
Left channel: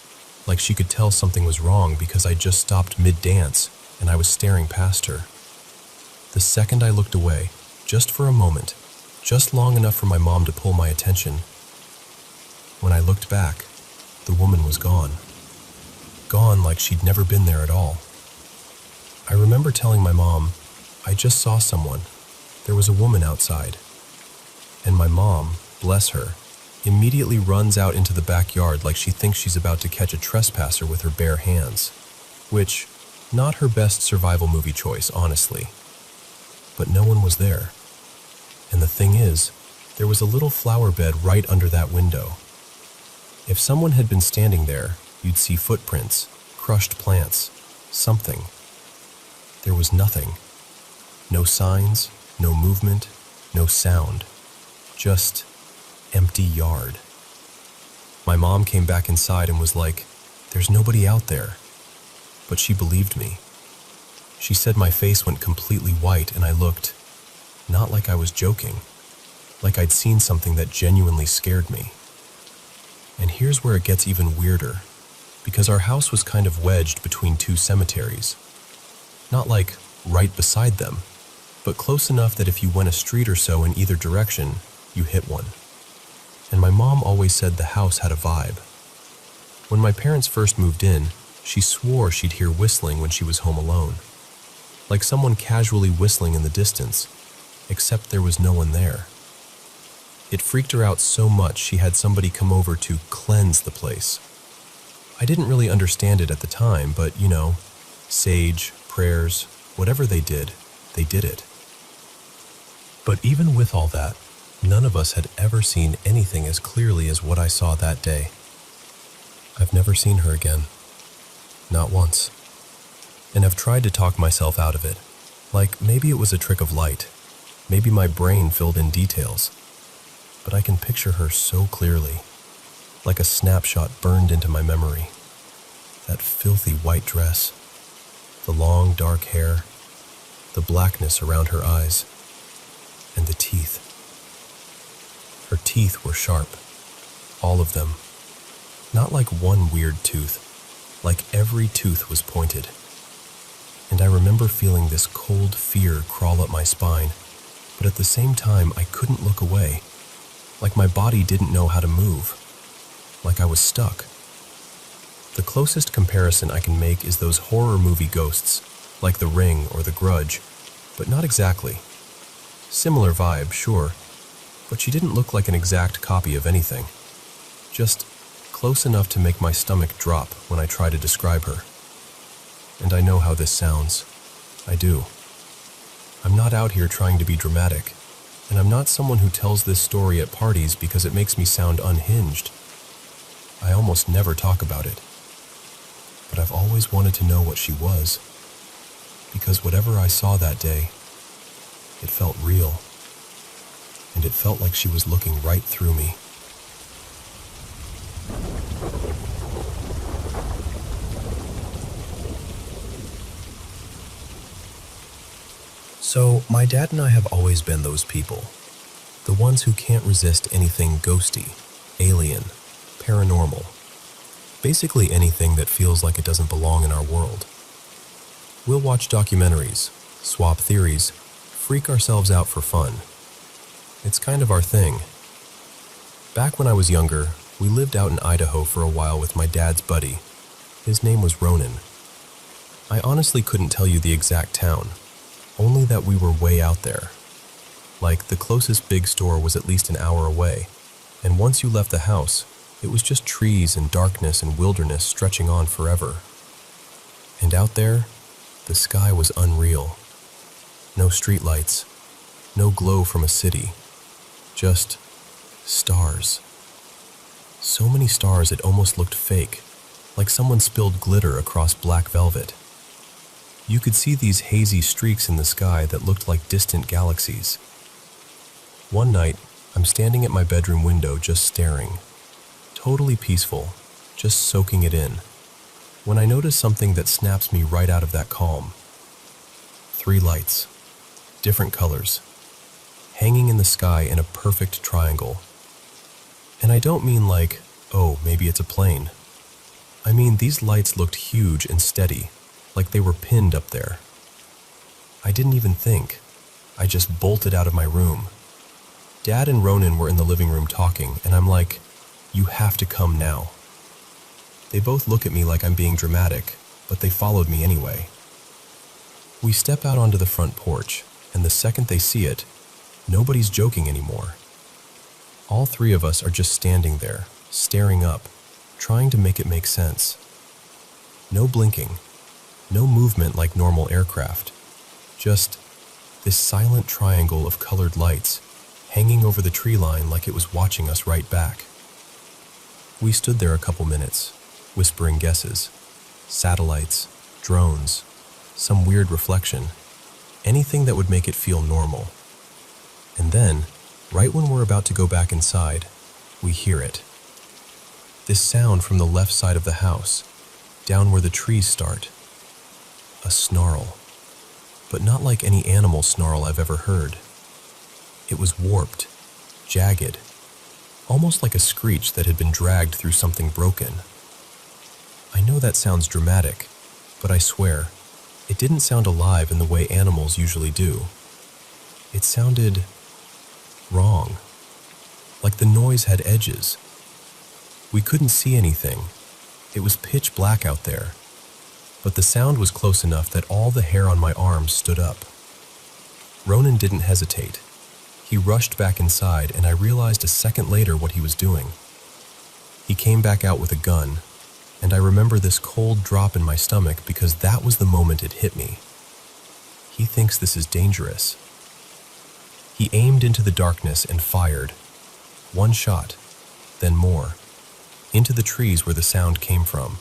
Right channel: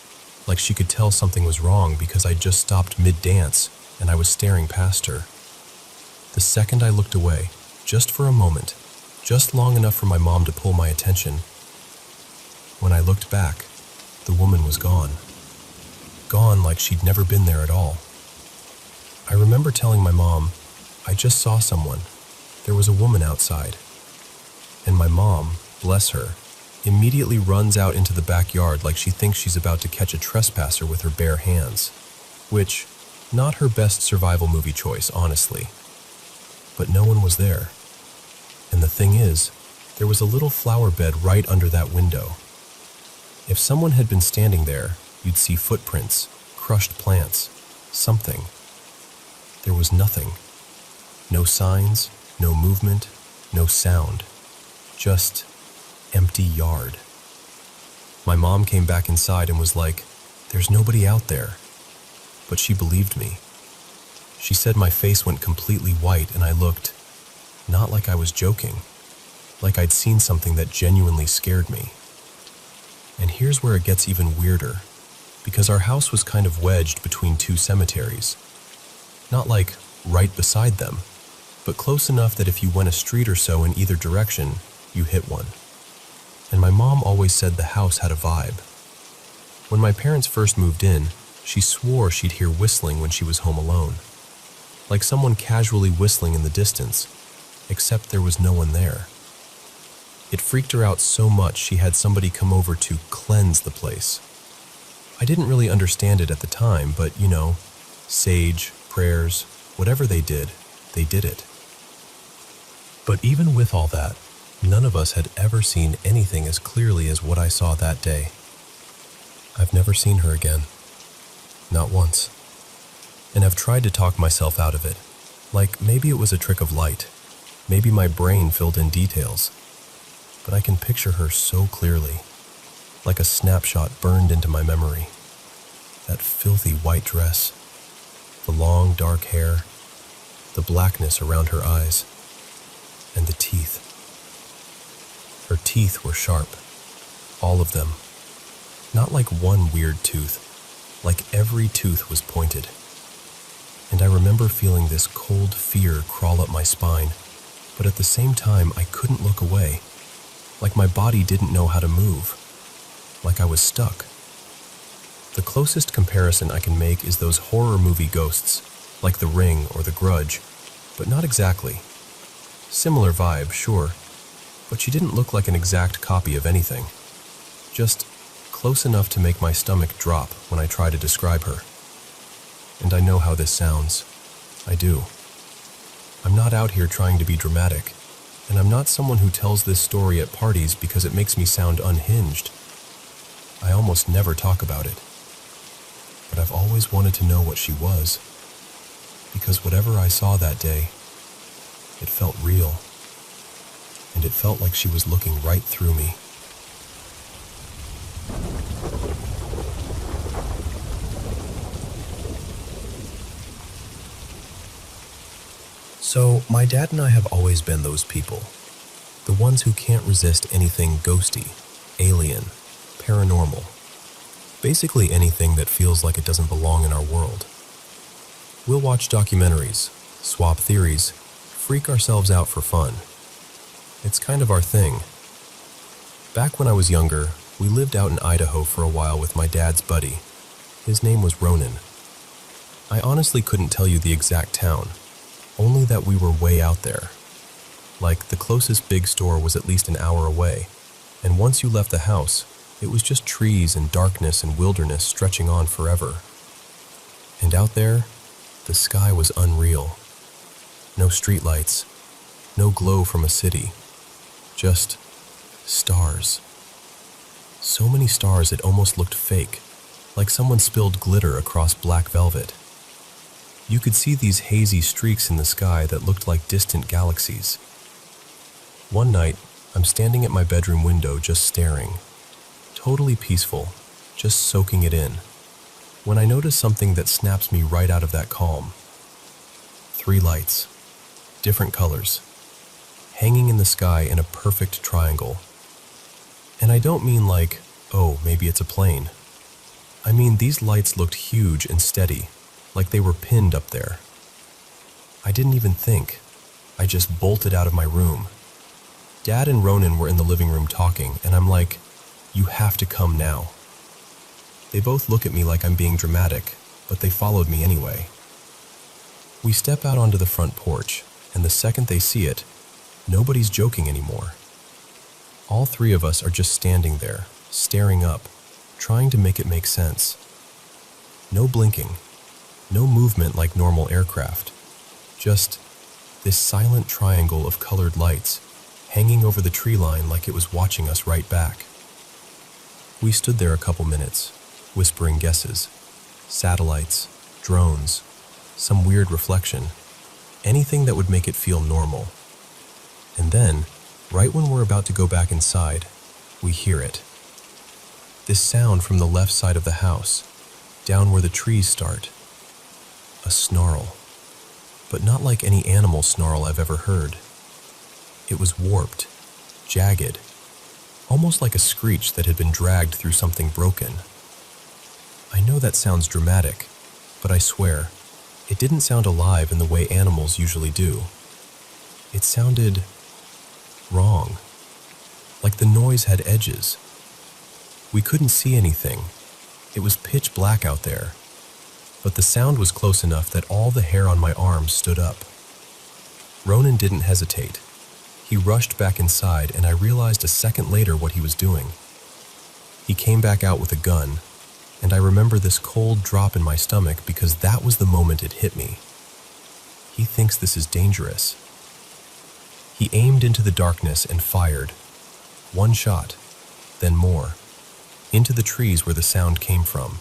like she could tell something was wrong because I just stopped mid-dance and I was staring past her. The second I looked away, just for a moment, just long enough for my mom to pull my attention. When I looked back, the woman was gone. Gone like she'd never been there at all. I remember telling my mom, "I just saw someone. There was a woman outside." And my mom, bless her, immediately runs out into the backyard like she thinks she's about to catch a trespasser with her bare hands. Which, not her best survival movie choice, honestly. But no one was there. And the thing is, there was a little flower bed right under that window. If someone had been standing there, you'd see footprints, crushed plants, something. There was nothing. No signs, no movement, no sound. Just empty yard. My mom came back inside and was like, "There's nobody out there." But she believed me. She said my face went completely white and I looked, not like I was joking, like I'd seen something that genuinely scared me. And here's where it gets even weirder, because our house was kind of wedged between two cemeteries. Not like right beside them, but close enough that if you went a street or so in either direction, you hit one. And my mom always said the house had a vibe. When my parents first moved in, she swore she'd hear whistling when she was home alone. Like someone casually whistling in the distance, except there was no one there. It freaked her out so much she had somebody come over to cleanse the place. I didn't really understand it at the time, but sage, prayers, whatever they did it. But even with all that, none of us had ever seen anything as clearly as what I saw that day. I've never seen her again. Not once. And I've tried to talk myself out of it. Like maybe it was a trick of light. Maybe my brain filled in details. But I can picture her so clearly, like a snapshot burned into my memory. That filthy white dress, the long dark hair, the blackness around her eyes, and the teeth. Her teeth were sharp, all of them. Not like one weird tooth, like every tooth was pointed. And I remember feeling this cold fear crawl up my spine, but at the same time I couldn't look away. Like my body didn't know how to move. Like I was stuck. The closest comparison I can make is those horror movie ghosts, like The Ring or The Grudge, but not exactly. Similar vibe, sure, but she didn't look like an exact copy of anything. Just close enough to make my stomach drop when I try to describe her. And I know how this sounds. I do. I'm not out here trying to be dramatic, and I'm not someone who tells this story at parties because it makes me sound unhinged. I almost never talk about it. But I've always wanted to know what she was, because whatever I saw that day, it felt real, and it felt like she was looking right through me. So, my dad and I have always been those people. The ones who can't resist anything ghosty, alien, paranormal. Basically anything that feels like it doesn't belong in our world. We'll watch documentaries, swap theories, freak ourselves out for fun. It's kind of our thing. Back when I was younger, we lived out in Idaho for a while with my dad's buddy. His name was Ronan. I honestly couldn't tell you the exact town, only that we were way out there. Like, the closest big store was at least an hour away, and once you left the house, it was just trees and darkness and wilderness stretching on forever. And out there, the sky was unreal. No streetlights, no glow from a city, just stars. So many stars it almost looked fake, like someone spilled glitter across black velvet. You could see these hazy streaks in the sky that looked like distant galaxies. One night, I'm standing at my bedroom window just staring. Totally peaceful, just soaking it in, when I notice something that snaps me right out of that calm. 3 lights, different colors, hanging in the sky in a perfect triangle. And I don't mean like, oh, maybe it's a plane. I mean, these lights looked huge and steady, like they were pinned up there. I didn't even think. I just bolted out of my room. Dad and Ronan were in the living room talking, and I'm like, you have to come now. They both look at me like I'm being dramatic, but they followed me anyway. We step out onto the front porch, and the second they see it, nobody's joking anymore. All 3 of us are just standing there, staring up, trying to make it make sense. No blinking, no movement like normal aircraft, just this silent triangle of colored lights hanging over the tree line like it was watching us right back. We stood there a couple minutes, whispering guesses, satellites, drones, some weird reflection, anything that would make it feel normal. And then, right when we're about to go back inside, we hear it. This sound from the left side of the house, down where the trees start. A snarl, but not like any animal snarl I've ever heard. It was warped, jagged, almost like a screech that had been dragged through something broken. I know that sounds dramatic, but I swear, it didn't sound alive in the way animals usually do. It sounded wrong, like the noise had edges. We couldn't see anything. It was pitch black out there, but the sound was close enough that all the hair on my arms stood up. Ronan didn't hesitate. He rushed back inside, and I realized a second later what he was doing. He came back out with a gun, and I remember this cold drop in my stomach because that was the moment it hit me. He thinks this is dangerous. He aimed into the darkness and fired. 1 shot, then more, into the trees where the sound came from.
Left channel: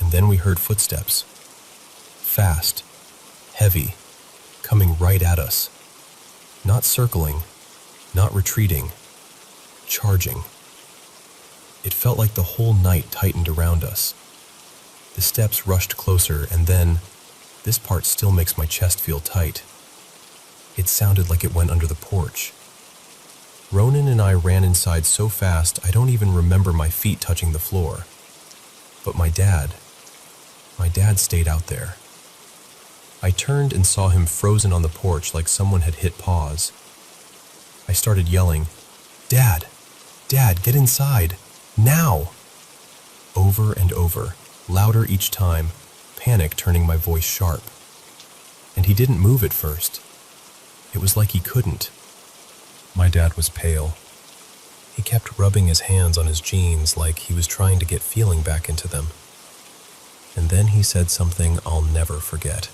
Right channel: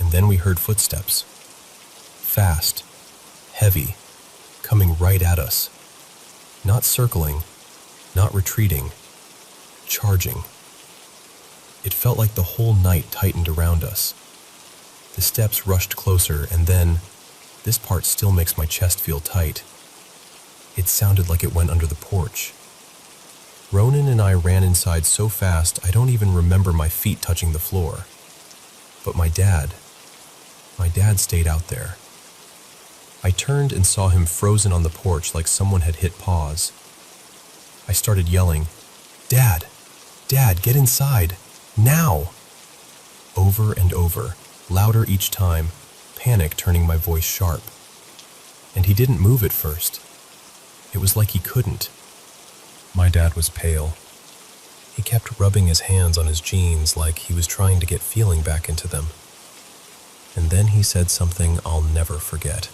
And then we heard footsteps. Fast, heavy, coming right at us. Not circling, not retreating, charging. It felt like the whole night tightened around us. The steps rushed closer, and then, this part still makes my chest feel tight. It sounded like it went under the porch. Ronan and I ran inside so fast I don't even remember my feet touching the floor. But my dad stayed out there. I turned and saw him frozen on the porch like someone had hit pause. I started yelling, "Dad! Dad, get inside! Now!" Over and over, louder each time, panic turning my voice sharp. And he didn't move at first. It was like he couldn't. My dad was pale. He kept rubbing his hands on his jeans like he was trying to get feeling back into them. And then he said something I'll never forget.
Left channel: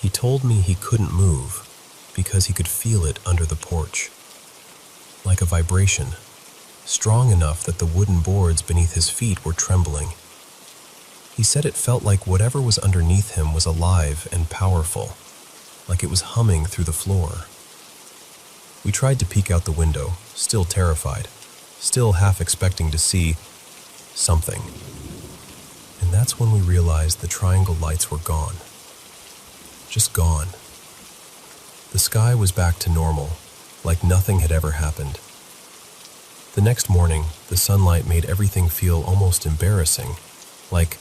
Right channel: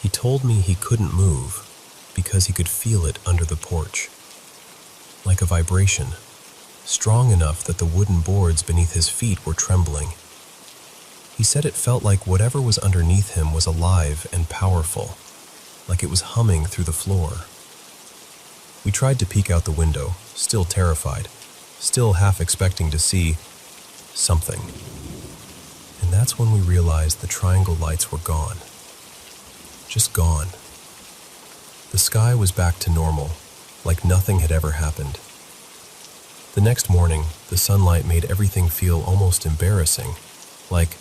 He told me he couldn't move because he could feel it under the porch. Like a vibration, strong enough that the wooden boards beneath his feet were trembling. He said it felt like whatever was underneath him was alive and powerful, like it was humming through the floor. We tried to peek out the window, still terrified, still half expecting to see something. And that's when we realized the triangle lights were gone. Just gone. The sky was back to normal, like nothing had ever happened. The next morning, the sunlight made everything feel almost embarrassing, like,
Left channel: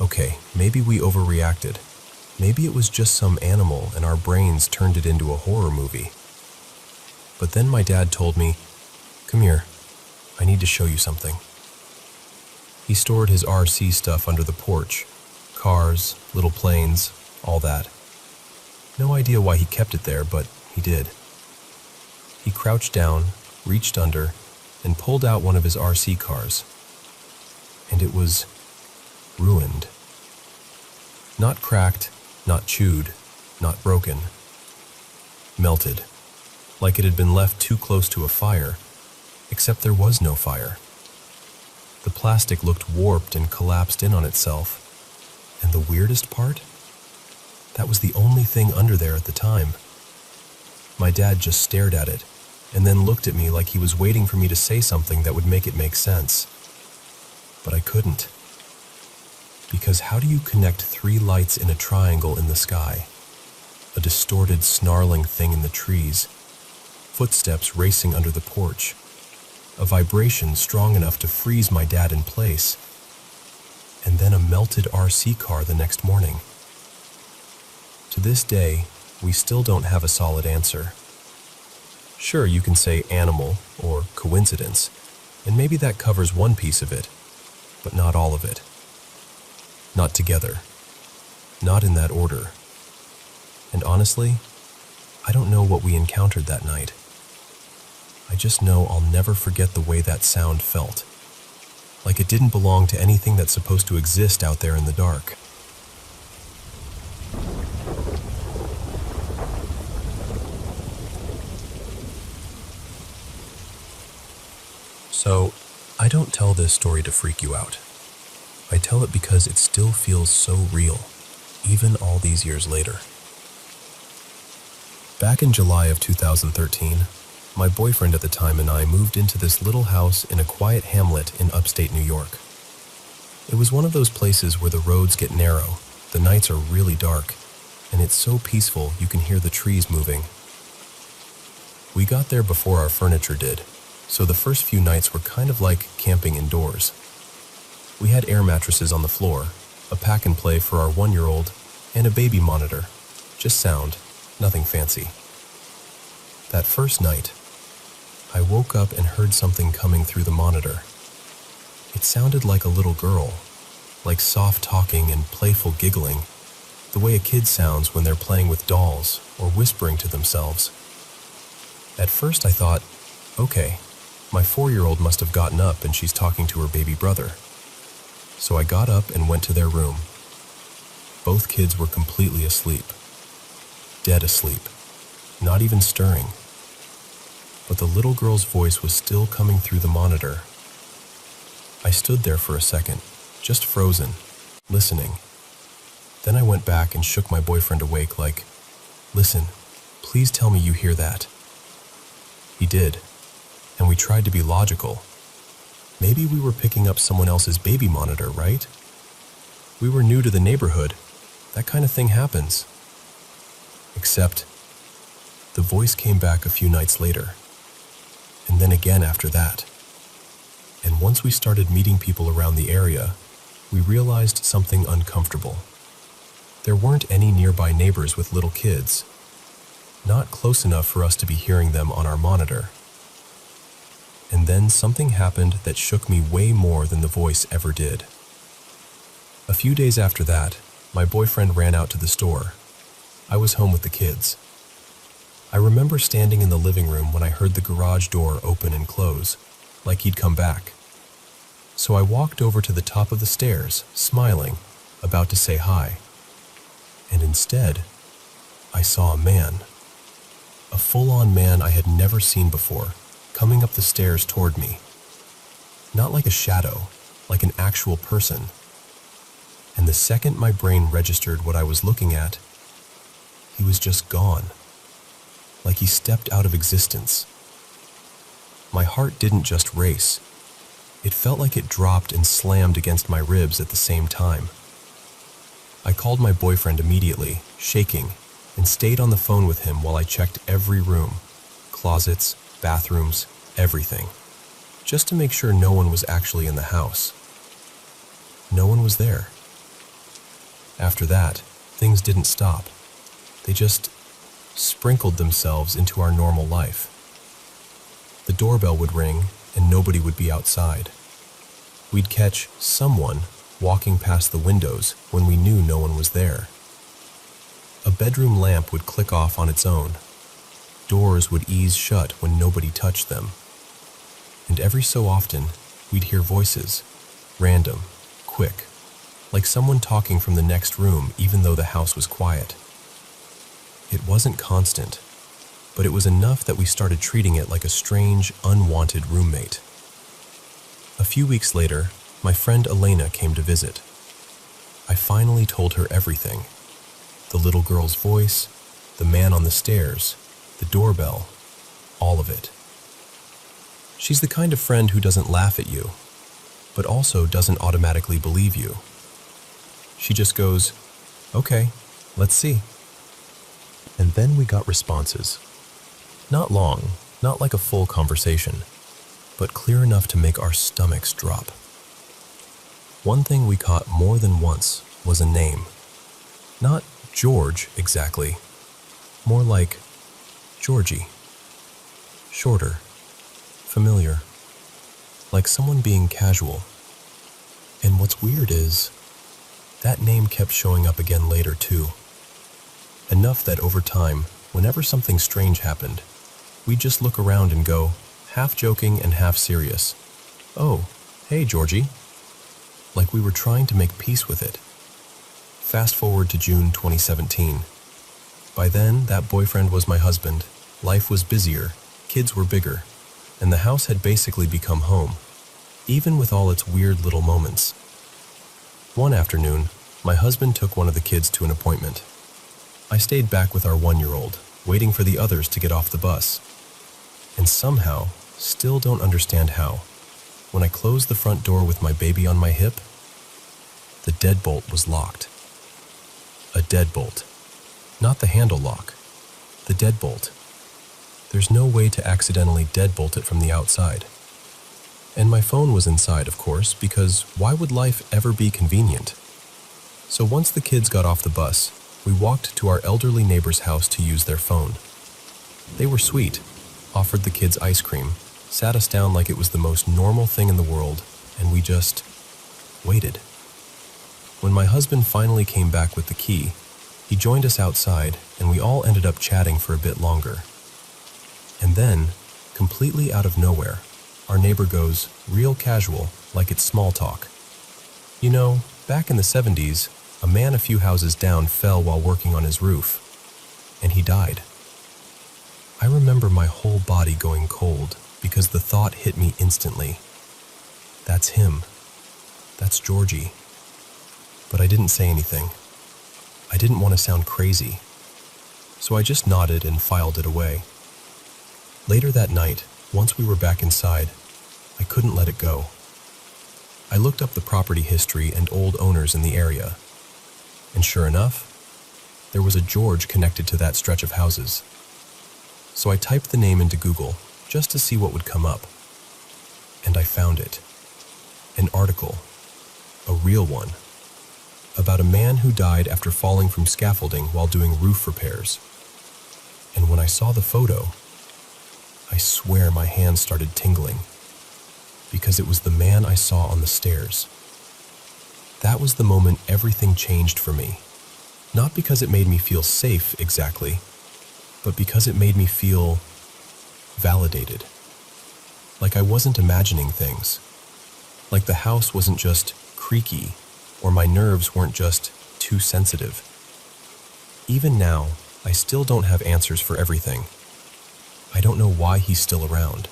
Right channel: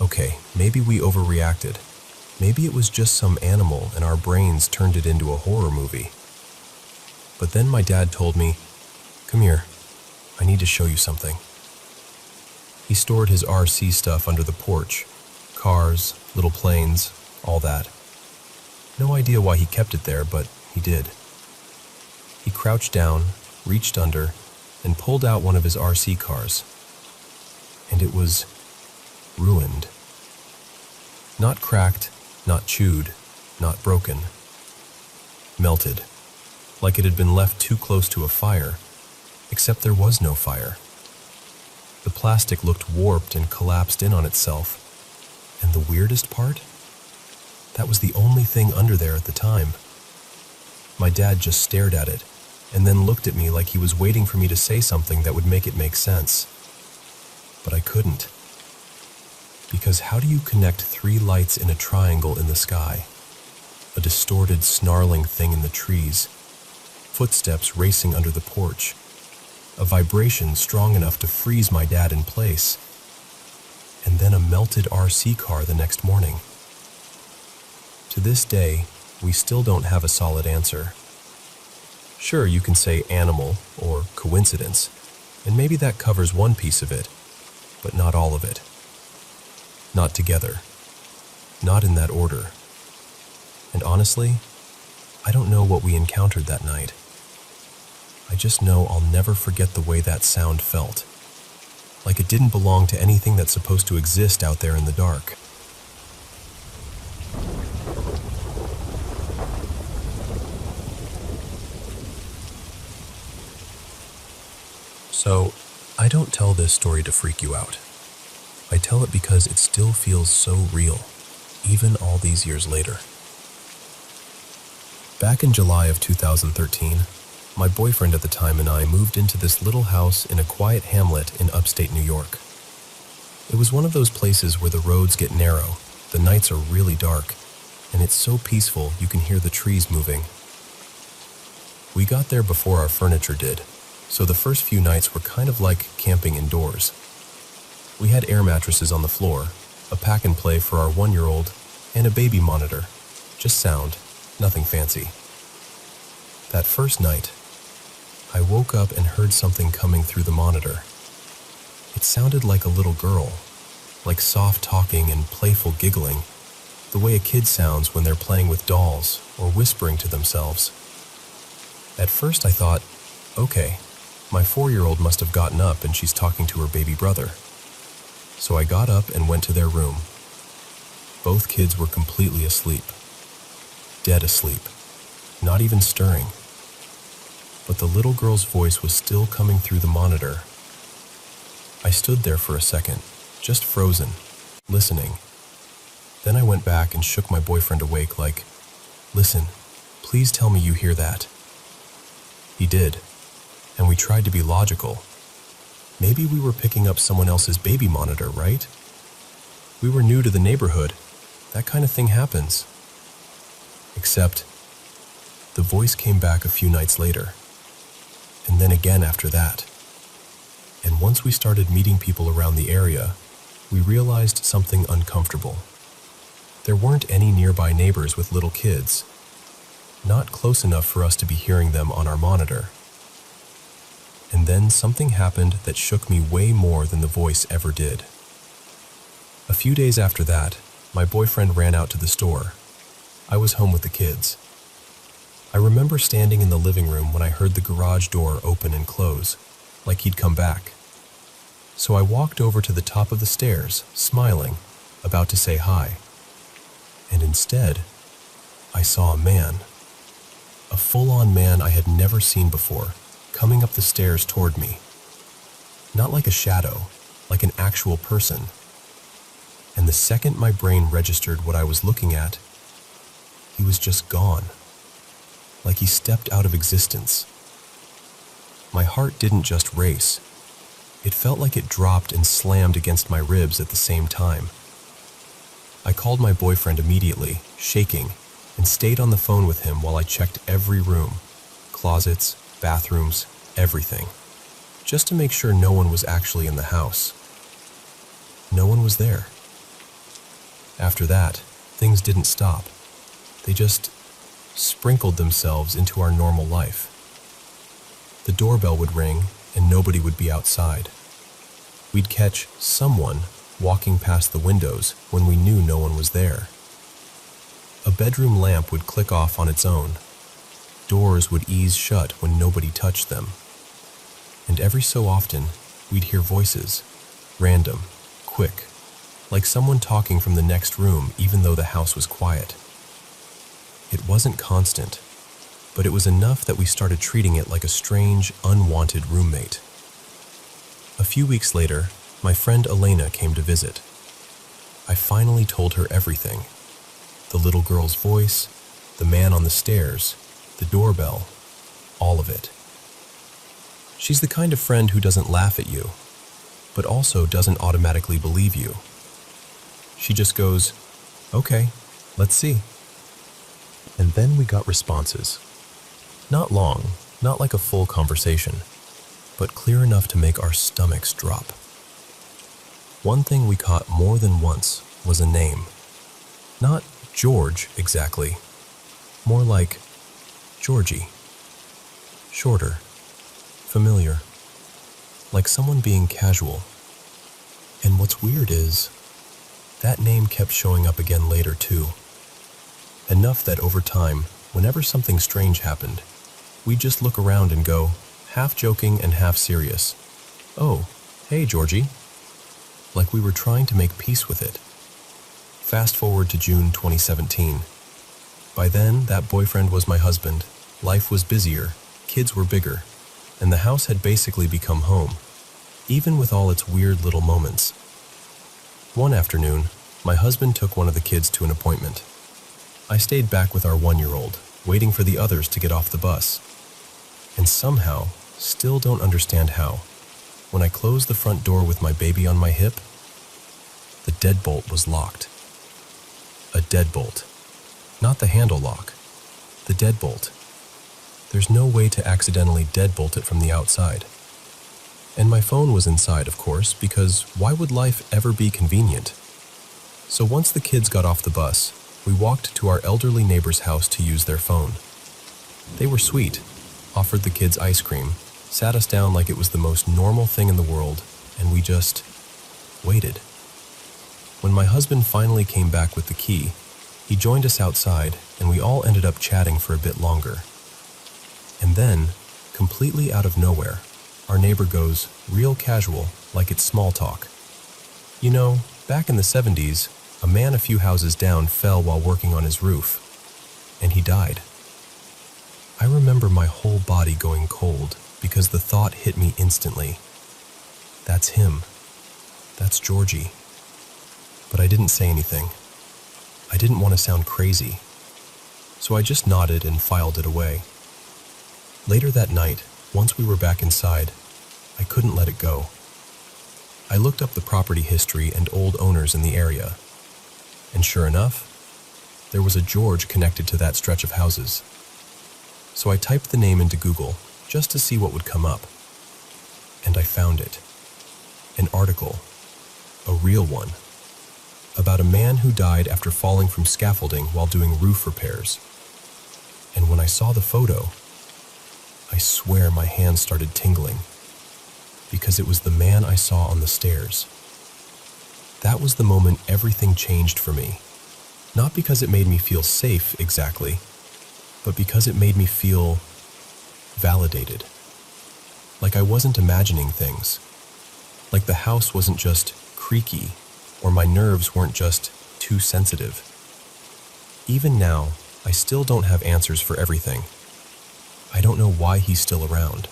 okay, maybe we overreacted. Maybe it was just some animal and our brains turned it into a horror movie. But then my dad told me, "Come here, I need to show you something." He stored his RC stuff under the porch. Cars, little planes, all that. No idea why he kept it there, but he did. He crouched down, reached under, and pulled out one of his RC cars. And it was ruined. Not cracked, not chewed, not broken. Melted. Like it had been left too close to a fire, except there was no fire. The plastic looked warped and collapsed in on itself. And the weirdest part? That was the only thing under there at the time. My dad just stared at it, and then looked at me like he was waiting for me to say something that would make it make sense. But I couldn't. Because how do you connect 3 lights in a triangle in the sky? A distorted, snarling thing in the trees. Footsteps racing under the porch. A vibration strong enough to freeze my dad in place. And then a melted RC car the next morning. To this day, we still don't have a solid answer. Sure, you can say animal or coincidence, and maybe that covers one piece of it, but not all of it. Not together. Not in that order. And honestly, I don't know what we encountered that night. I just know I'll never forget the way that sound felt. Like it didn't belong to anything that's supposed to exist out there in the dark. So, I don't tell this story to freak you out. I tell it because it still feels so real, even all these years later. Back in July of 2013, my boyfriend at the time and I moved into this little house in a quiet hamlet in upstate New York. It was one of those places where the roads get narrow, the nights are really dark, and it's so peaceful you can hear the trees moving. We got there before our furniture did, so the first few nights were kind of like camping indoors. We had air mattresses on the floor, a pack and play for our 1-year-old, and a baby monitor. Just sound, nothing fancy. That first night, I woke up and heard something coming through the monitor. It sounded like a little girl, like soft talking and playful giggling, the way a kid sounds when they're playing with dolls or whispering to themselves. At first I thought, okay, my 4-year-old must have gotten up and she's talking to her baby brother. So I got up and went to their room. Both kids were completely asleep. Dead asleep. Not even stirring. But the little girl's voice was still coming through the monitor. I stood there for a second, just frozen, listening. Then I went back and shook my boyfriend awake like, "Listen, please tell me you hear that." He did, and we tried to be logical. Maybe we were picking up someone else's baby monitor, right? We were new to the neighborhood. That kind of thing happens. Except, the voice came back a few nights later, and then again after that. And once we started meeting people around the area, we realized something uncomfortable. There weren't any nearby neighbors with little kids, not close enough for us to be hearing them on our monitor. And then something happened that shook me way more than the voice ever did. A few days after that, my boyfriend ran out to the store. I was home with the kids. I remember standing in the living room when I heard the garage door open and close, like he'd come back. So I walked over to the top of the stairs, smiling, about to say hi. And instead, I saw a man. A full-on man I had never seen before, coming up the stairs toward me. Not like a shadow, like an actual person. And the second my brain registered what I was looking at, he was just gone. Like he stepped out of existence. My heart didn't just race. It felt like it dropped and slammed against my ribs at the same time. I called my boyfriend immediately, shaking, and stayed on the phone with him while I checked every room, closets, bathrooms, everything, just to make sure no one was actually in the house. No one was there. After that, things didn't stop. They just sprinkled themselves into our normal life. The doorbell would ring and nobody would be outside. We'd catch someone walking past the windows when we knew no one was there. A bedroom lamp would click off on its own. Doors would ease shut when nobody touched them. And every so often, we'd hear voices, random, quick, like someone talking from the next room even though the house was quiet. It wasn't constant, but it was enough that we started treating it like a strange, unwanted roommate. A few weeks later, my friend Elena came to visit. I finally told her everything. The little girl's voice, the man on the stairs, the doorbell, all of it. She's the kind of friend who doesn't laugh at you, but also doesn't automatically believe you. She just goes, "Okay, let's see." And then we got responses. Not long, not like a full conversation, but clear enough to make our stomachs drop. One thing we caught more than once was a name. Not George exactly, more like Georgie. Shorter, familiar, like someone being casual. And what's weird is, that name kept showing up again later too. Enough that over time, whenever something strange happened, we'd just look around and go, half joking and half serious, "Oh, hey Georgie," like we were trying to make peace with it. Fast forward to June 2017. By then, that boyfriend was my husband, life was busier, kids were bigger, and the house had basically become home, even with all its weird little moments. One afternoon, my husband took one of the kids to an appointment. I stayed back with our 1-year-old, waiting for the others to get off the bus. And somehow, still don't understand how, when I closed the front door with my baby on my hip, the deadbolt was locked. A deadbolt. Not the handle lock. The deadbolt. There's no way to accidentally deadbolt it from the outside. And my phone was inside, of course, because why would life ever be convenient? So once the kids got off the bus, we walked to our elderly neighbor's house to use their phone. They were sweet, offered the kids ice cream, sat us down like it was the most normal thing in the world, and we just waited. When my husband finally came back with the key, he joined us outside, and we all ended up chatting for a bit longer. And then, completely out of nowhere, our neighbor goes real casual, like it's small talk. "You know, back in the 70s, a man a few houses down fell while working on his roof, and he died." I remember my whole body going cold because the thought hit me instantly. That's him. That's Georgie. But I didn't say anything. I didn't want to sound crazy, so I just nodded and filed it away. Later that night, once we were back inside, I couldn't let it go. I looked up the property history and old owners in the area, and sure enough, there was a George connected to that stretch of houses. So I typed the name into Google just to see what would come up. And I found it. An article, a real one, about a man who died after falling from scaffolding while doing roof repairs. And when I saw the photo, I swear my hands started tingling, because it was the man I saw on the stairs. That was the moment everything changed for me. Not because it made me feel safe exactly, but because it made me feel validated. Like I wasn't imagining things. Like the house wasn't just creaky, or my nerves weren't just too sensitive. Even now, I still don't have answers for everything. I don't know why he's still around.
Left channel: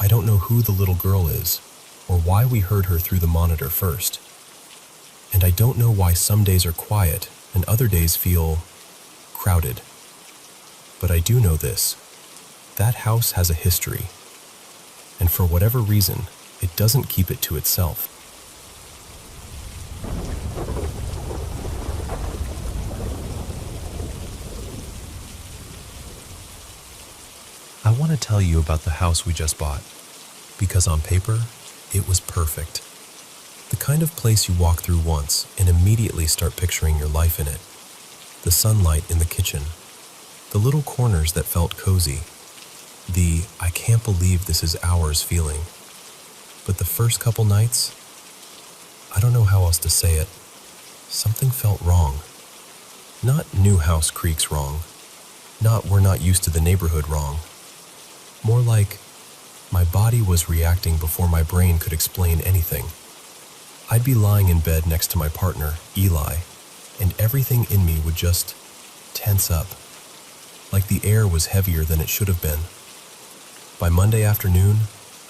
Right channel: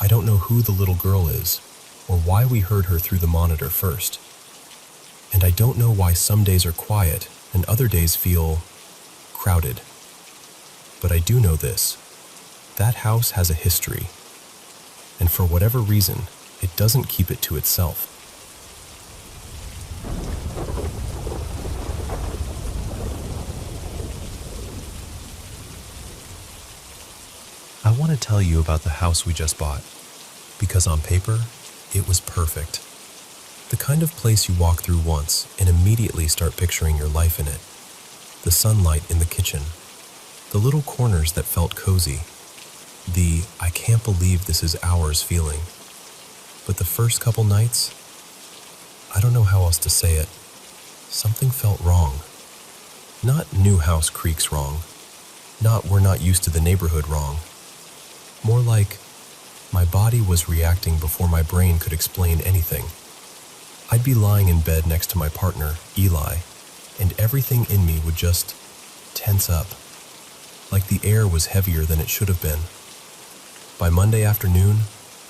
I don't know who the little girl is, or why we heard her through the monitor first. And I don't know why some days are quiet and other days feel crowded. But I do know this. That house has a history. And for whatever reason, it doesn't keep it to itself. I want to tell you about the house we just bought, because on paper, it was perfect. The kind of place you walk through once and immediately start picturing your life in it. The sunlight in the kitchen, the little corners that felt cozy, the "I can't believe this is ours" feeling. But the first couple nights, I don't know how else to say it, something felt wrong. Not new house creaks wrong, not we're not used to the neighborhood wrong. More like my body was reacting before my brain could explain anything. I'd be lying in bed next to my partner, Eli, and everything in me would just tense up, like the air was heavier than it should have been. By Monday afternoon,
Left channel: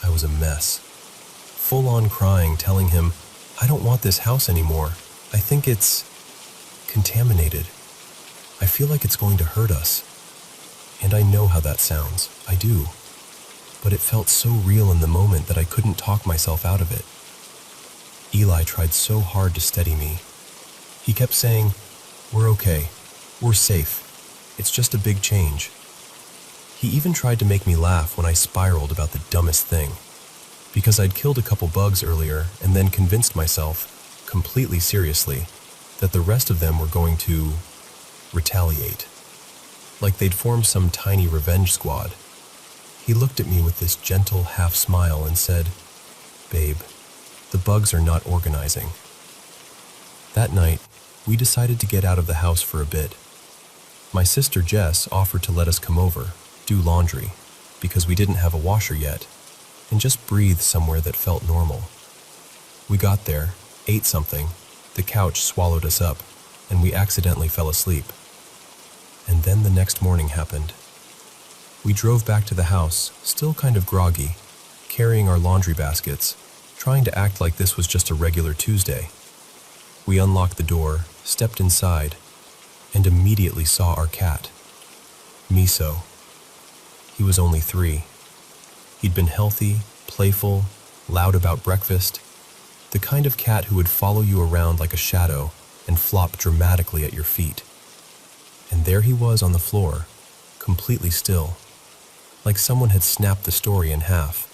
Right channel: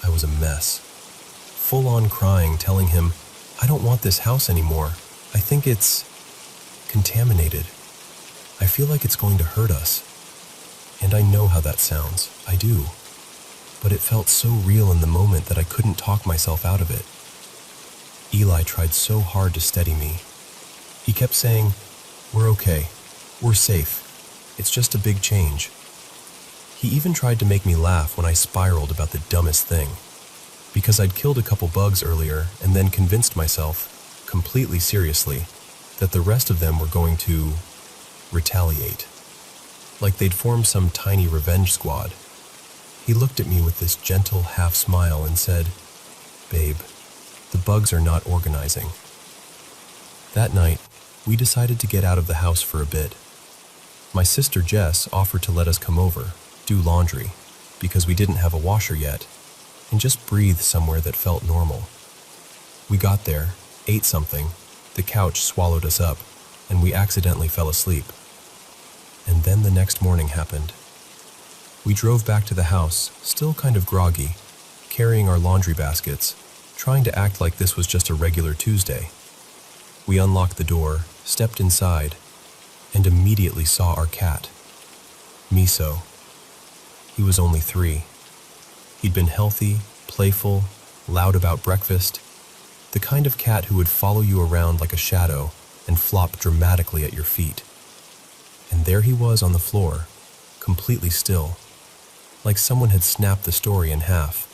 I was a mess. Full on crying, telling him, I don't want this house anymore. I think it's contaminated. I feel like it's going to hurt us. And I know how that sounds. I do. But it felt so real in the moment that I couldn't talk myself out of it. Eli tried so hard to steady me. He kept saying, we're okay. We're safe. It's just a big change. He even tried to make me laugh when I spiraled about the dumbest thing. Because I'd killed a couple bugs earlier and then convinced myself, completely seriously, that the rest of them were going to retaliate. Like they'd formed some tiny revenge squad. He looked at me with this gentle half smile and said, Babe, the bugs are not organizing. That night, we decided to get out of the house for a bit. My sister Jess offered to let us come over, do laundry, because we didn't have a washer yet, and just breathe somewhere that felt normal. We got there, ate something, the couch swallowed us up, and we accidentally fell asleep. And then the next morning happened. We drove back to the house, still kind of groggy, carrying our laundry baskets, trying to act like this was just a regular Tuesday. We unlocked the door, stepped inside, and immediately saw our cat, Miso. He was only 3. He'd been healthy, playful, loud about breakfast, the kind of cat who would follow you around like a shadow and flop dramatically at your feet. And there he was on the floor, completely still, like someone had snapped the story in half.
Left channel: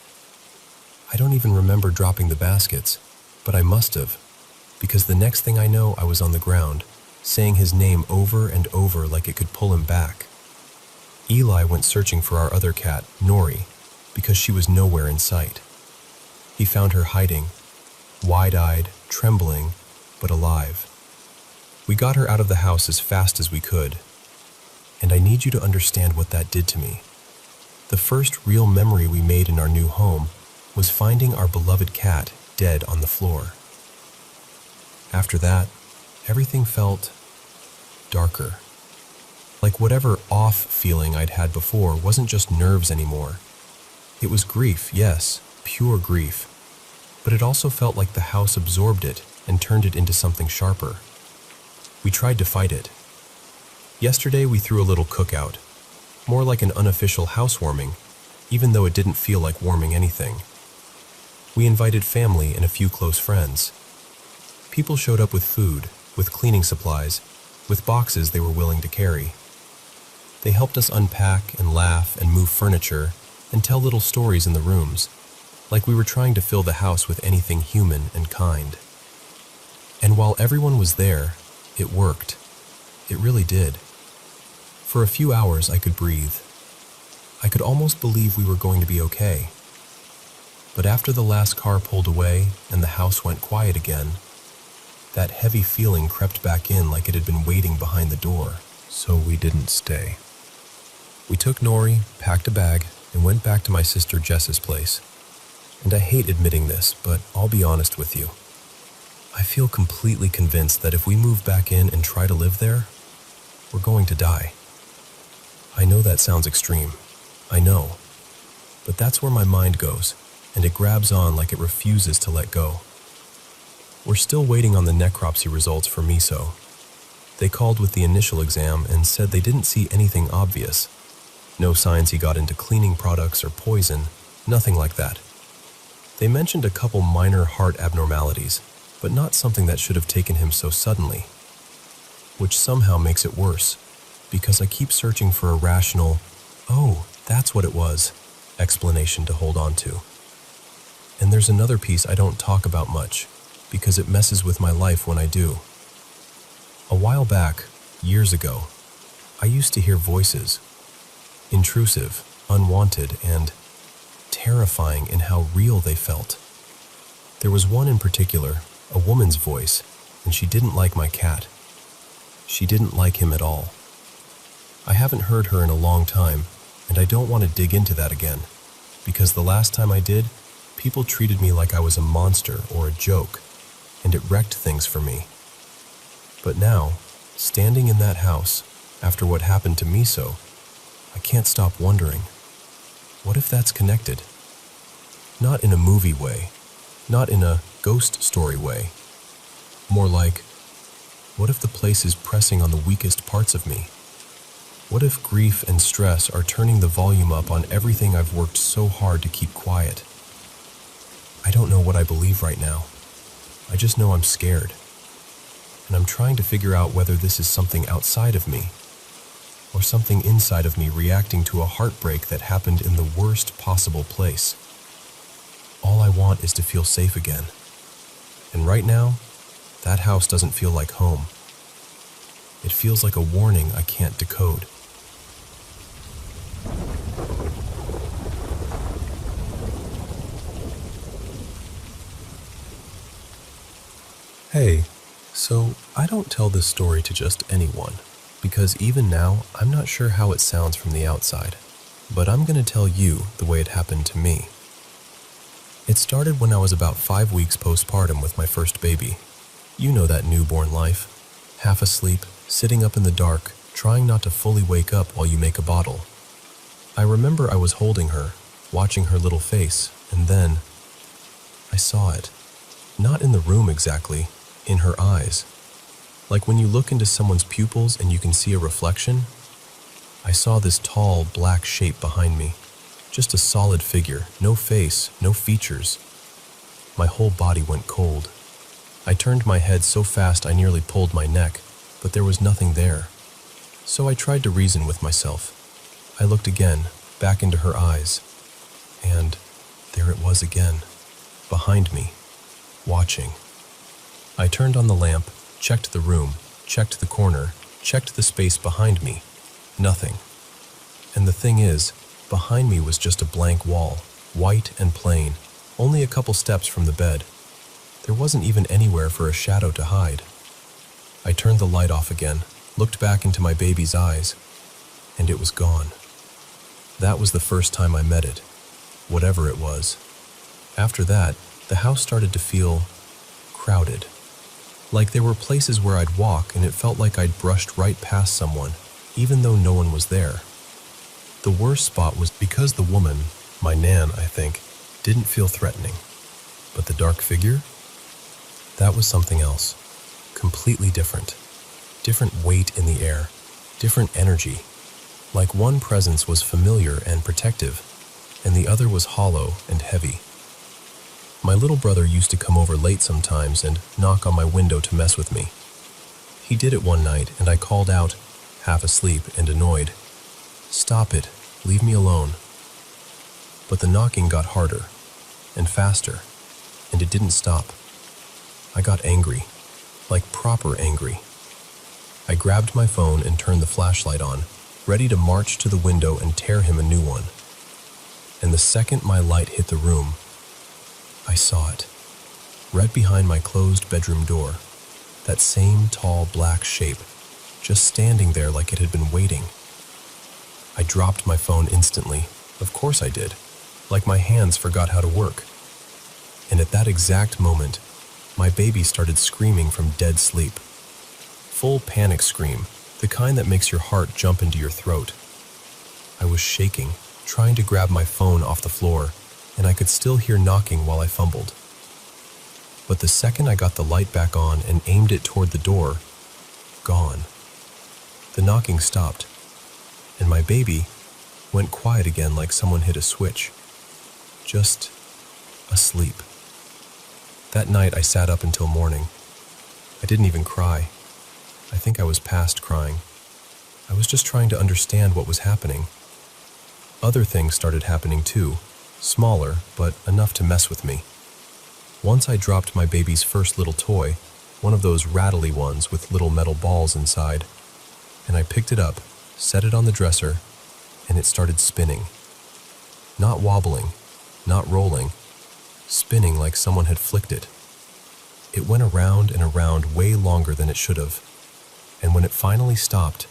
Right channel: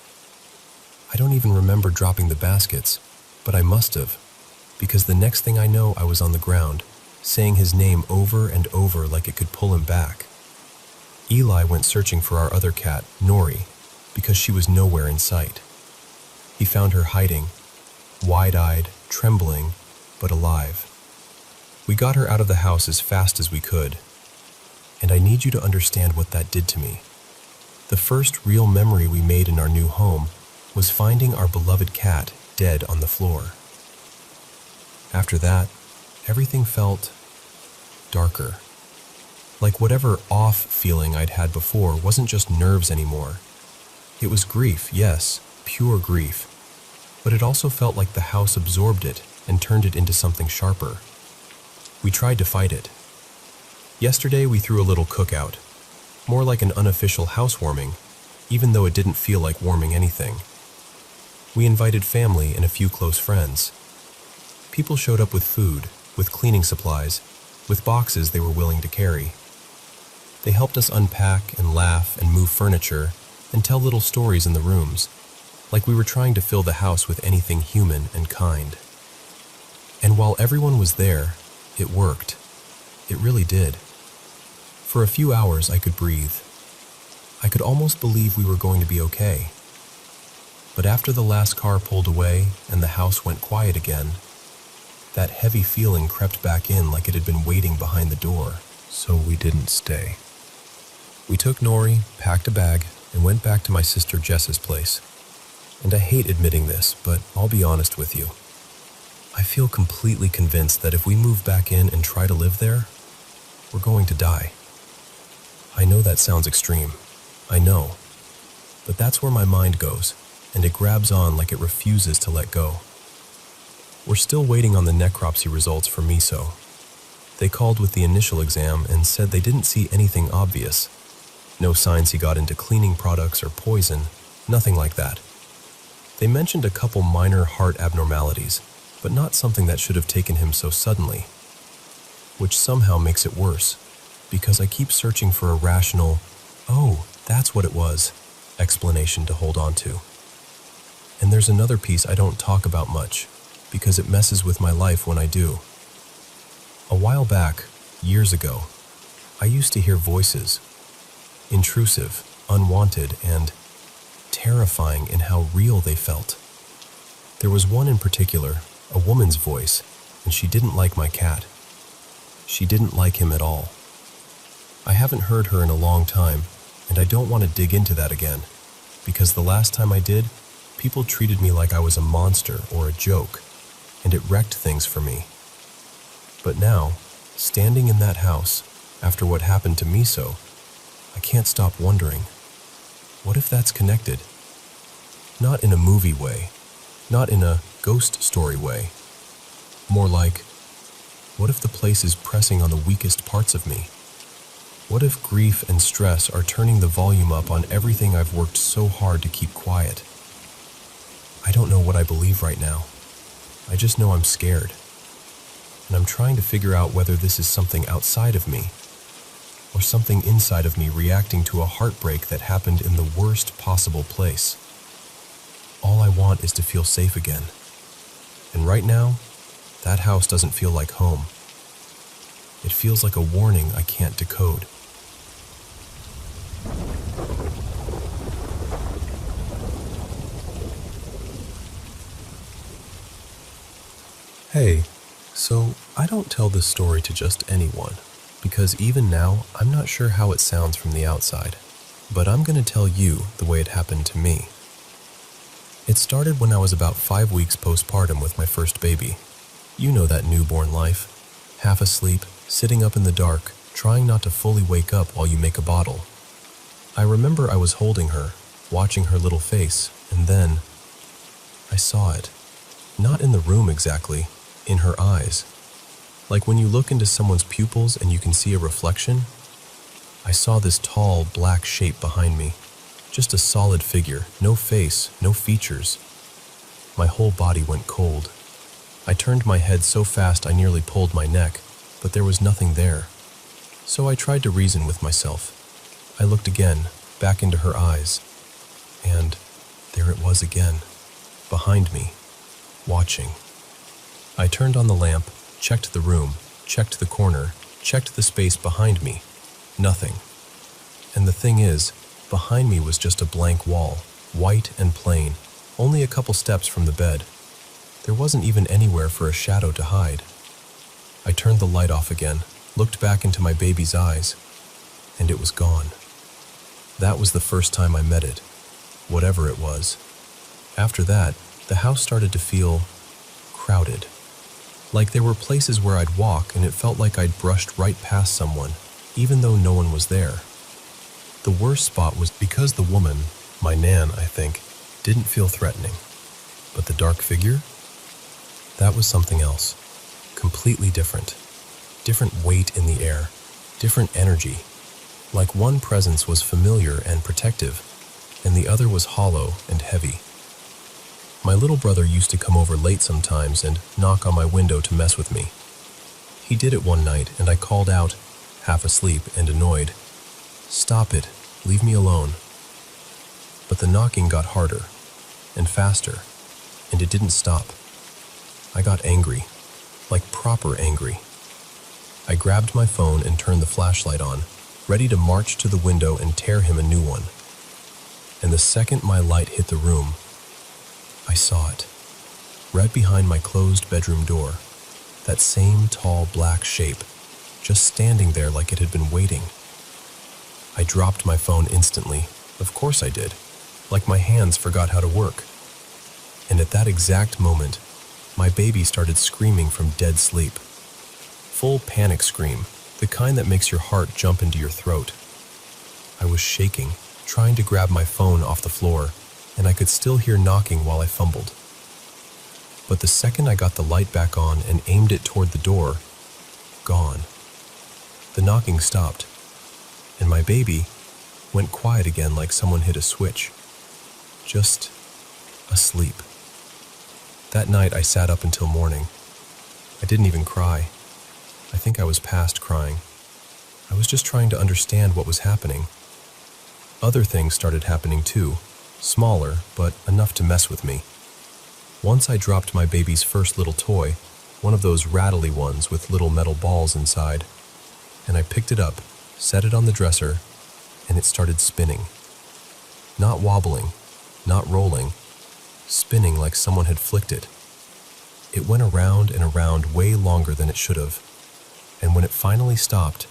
I don't even remember dropping the baskets, but I must have, because the next thing I know I was on the ground, saying his name over and over like it could pull him back. Eli went searching for our other cat, Nori, because she was nowhere in sight. He found her hiding, wide-eyed, trembling, but alive. We got her out of the house as fast as we could, and I need you to understand what that did to me. The first real memory we made in our new home was finding our beloved cat dead on the floor. After that, everything felt darker. Like whatever off feeling I'd had before wasn't just nerves anymore. It was grief, yes, pure grief. But it also felt like the house absorbed it and turned it into something sharper. We tried to fight it. Yesterday we threw a little cookout, more like an unofficial housewarming, even though it didn't feel like warming anything. We invited family and a few close friends. People showed up with food, with cleaning supplies, with boxes they were willing to carry. They helped us unpack and laugh and move furniture and tell little stories in the rooms, like we were trying to fill the house with anything human and kind. And while everyone was there, it worked. It really did. For a few hours I could breathe. I could almost believe we were going to be okay. But after the last car pulled away and the house went quiet again, that heavy feeling crept back in like it had been waiting behind the door, so we didn't stay. We took Nori, packed a bag, and went back to my sister Jess's place. And I hate admitting this, but I'll be honest with you. I feel completely convinced that if we move back in and try to live there, we're going to die. I know that sounds extreme. I know. But that's where my mind goes, and it grabs on like it refuses to let go. We're still waiting on the necropsy results for Miso. They called with the initial exam and said they didn't see anything obvious. No signs he got into cleaning products or poison, nothing like that. They mentioned a couple minor heart abnormalities, but not something that should have taken him so suddenly. Which somehow makes it worse, because I keep searching for a rational, "Oh, that's what it was," explanation to hold on to. And there's another piece I don't talk about much, because it messes with my life when I do. A while back, years ago, I used to hear voices. Intrusive, unwanted, and terrifying in how real they felt. There was one in particular, a woman's voice, and she didn't like my cat. She didn't like him at all. I haven't heard her in a long time, and I don't want to dig into that again, because the last time I did, people treated me like I was a monster or a joke, and it wrecked things for me. But now, standing in that house, after what happened to Miso, I can't stop wondering, what if that's connected? Not in a movie way, not in a ghost story way. More like, what if the place is pressing on the weakest parts of me? What if grief and stress are turning the volume up on everything I've worked so hard to keep quiet? I don't know what I believe right now. I just know I'm scared. And I'm trying to figure out whether this is something outside of me, or something inside of me reacting to a heartbreak that happened in the worst possible place. All I want is to feel safe again. And right now, that house doesn't feel like home. It feels like a warning I can't decode. Hey, so I don't tell this story to just anyone, because even now, I'm not sure how it sounds from the outside, but I'm going to tell you the way it happened to me. It started when I was about 5 weeks postpartum with my first baby. You know that newborn life. Half asleep, sitting up in the dark, trying not to fully wake up while you make a bottle. I remember I was holding her, watching her little face, and then I saw it. Not in the room exactly, in her eyes. Like when you look into someone's pupils and you can see a reflection. I saw this tall, black shape behind me. Just a solid figure, no face, no features. My whole body went cold. I turned my head so fast I nearly pulled my neck, but there was nothing there. So I tried to reason with myself. I looked again, back into her eyes, and there it was again, behind me, watching. I turned on the lamp, checked the room, checked the corner, checked the space behind me. Nothing. And the thing is, behind me was just a blank wall, white and plain, only a couple steps from the bed. There wasn't even anywhere for a shadow to hide. I turned the light off again, looked back into my baby's eyes, and it was gone. That was the first time I met it, whatever it was. After that, the house started to feel crowded. Like there were places where I'd walk and it felt like I'd brushed right past someone, even though no one was there. The worst spot was because the woman, my Nan, I think, didn't feel threatening. But the dark figure? That was something else. Completely different. Different weight in the air. Different energy. Like one presence was familiar and protective, and the other was hollow and heavy. My little brother used to come over late sometimes and knock on my window to mess with me. He did it one night, and I called out, half asleep and annoyed, "Stop it, leave me alone." But the knocking got harder and faster, and it didn't stop. I got angry, like proper angry. I grabbed my phone and turned the flashlight on, ready to march to the window and tear him a new one. And the second my light hit the room, I saw it, right behind my closed bedroom door, that same tall black shape, just standing there like it had been waiting. I dropped my phone instantly. Of course I did. Like my hands forgot how to work. And at that exact moment, my baby started screaming from dead sleep. Full panic scream, the kind that makes your heart jump into your throat. I was shaking, trying to grab my phone off the floor, and I could still hear knocking while I fumbled. But the second I got the light back on and aimed it toward the door, gone. The knocking stopped, and my baby went quiet again like someone hit a switch. Just asleep. That night I sat up until morning. I didn't even cry. I think I was past crying. I was just trying to understand what was happening. Other things started happening too, smaller, but enough to mess with me. Once I dropped my baby's first little toy, one of those rattly ones with little metal balls inside, and I picked it up, set it on the dresser, and it started spinning. Not wobbling, not rolling, spinning like someone had flicked it. It went around and around way longer than it should have, and when it finally stopped,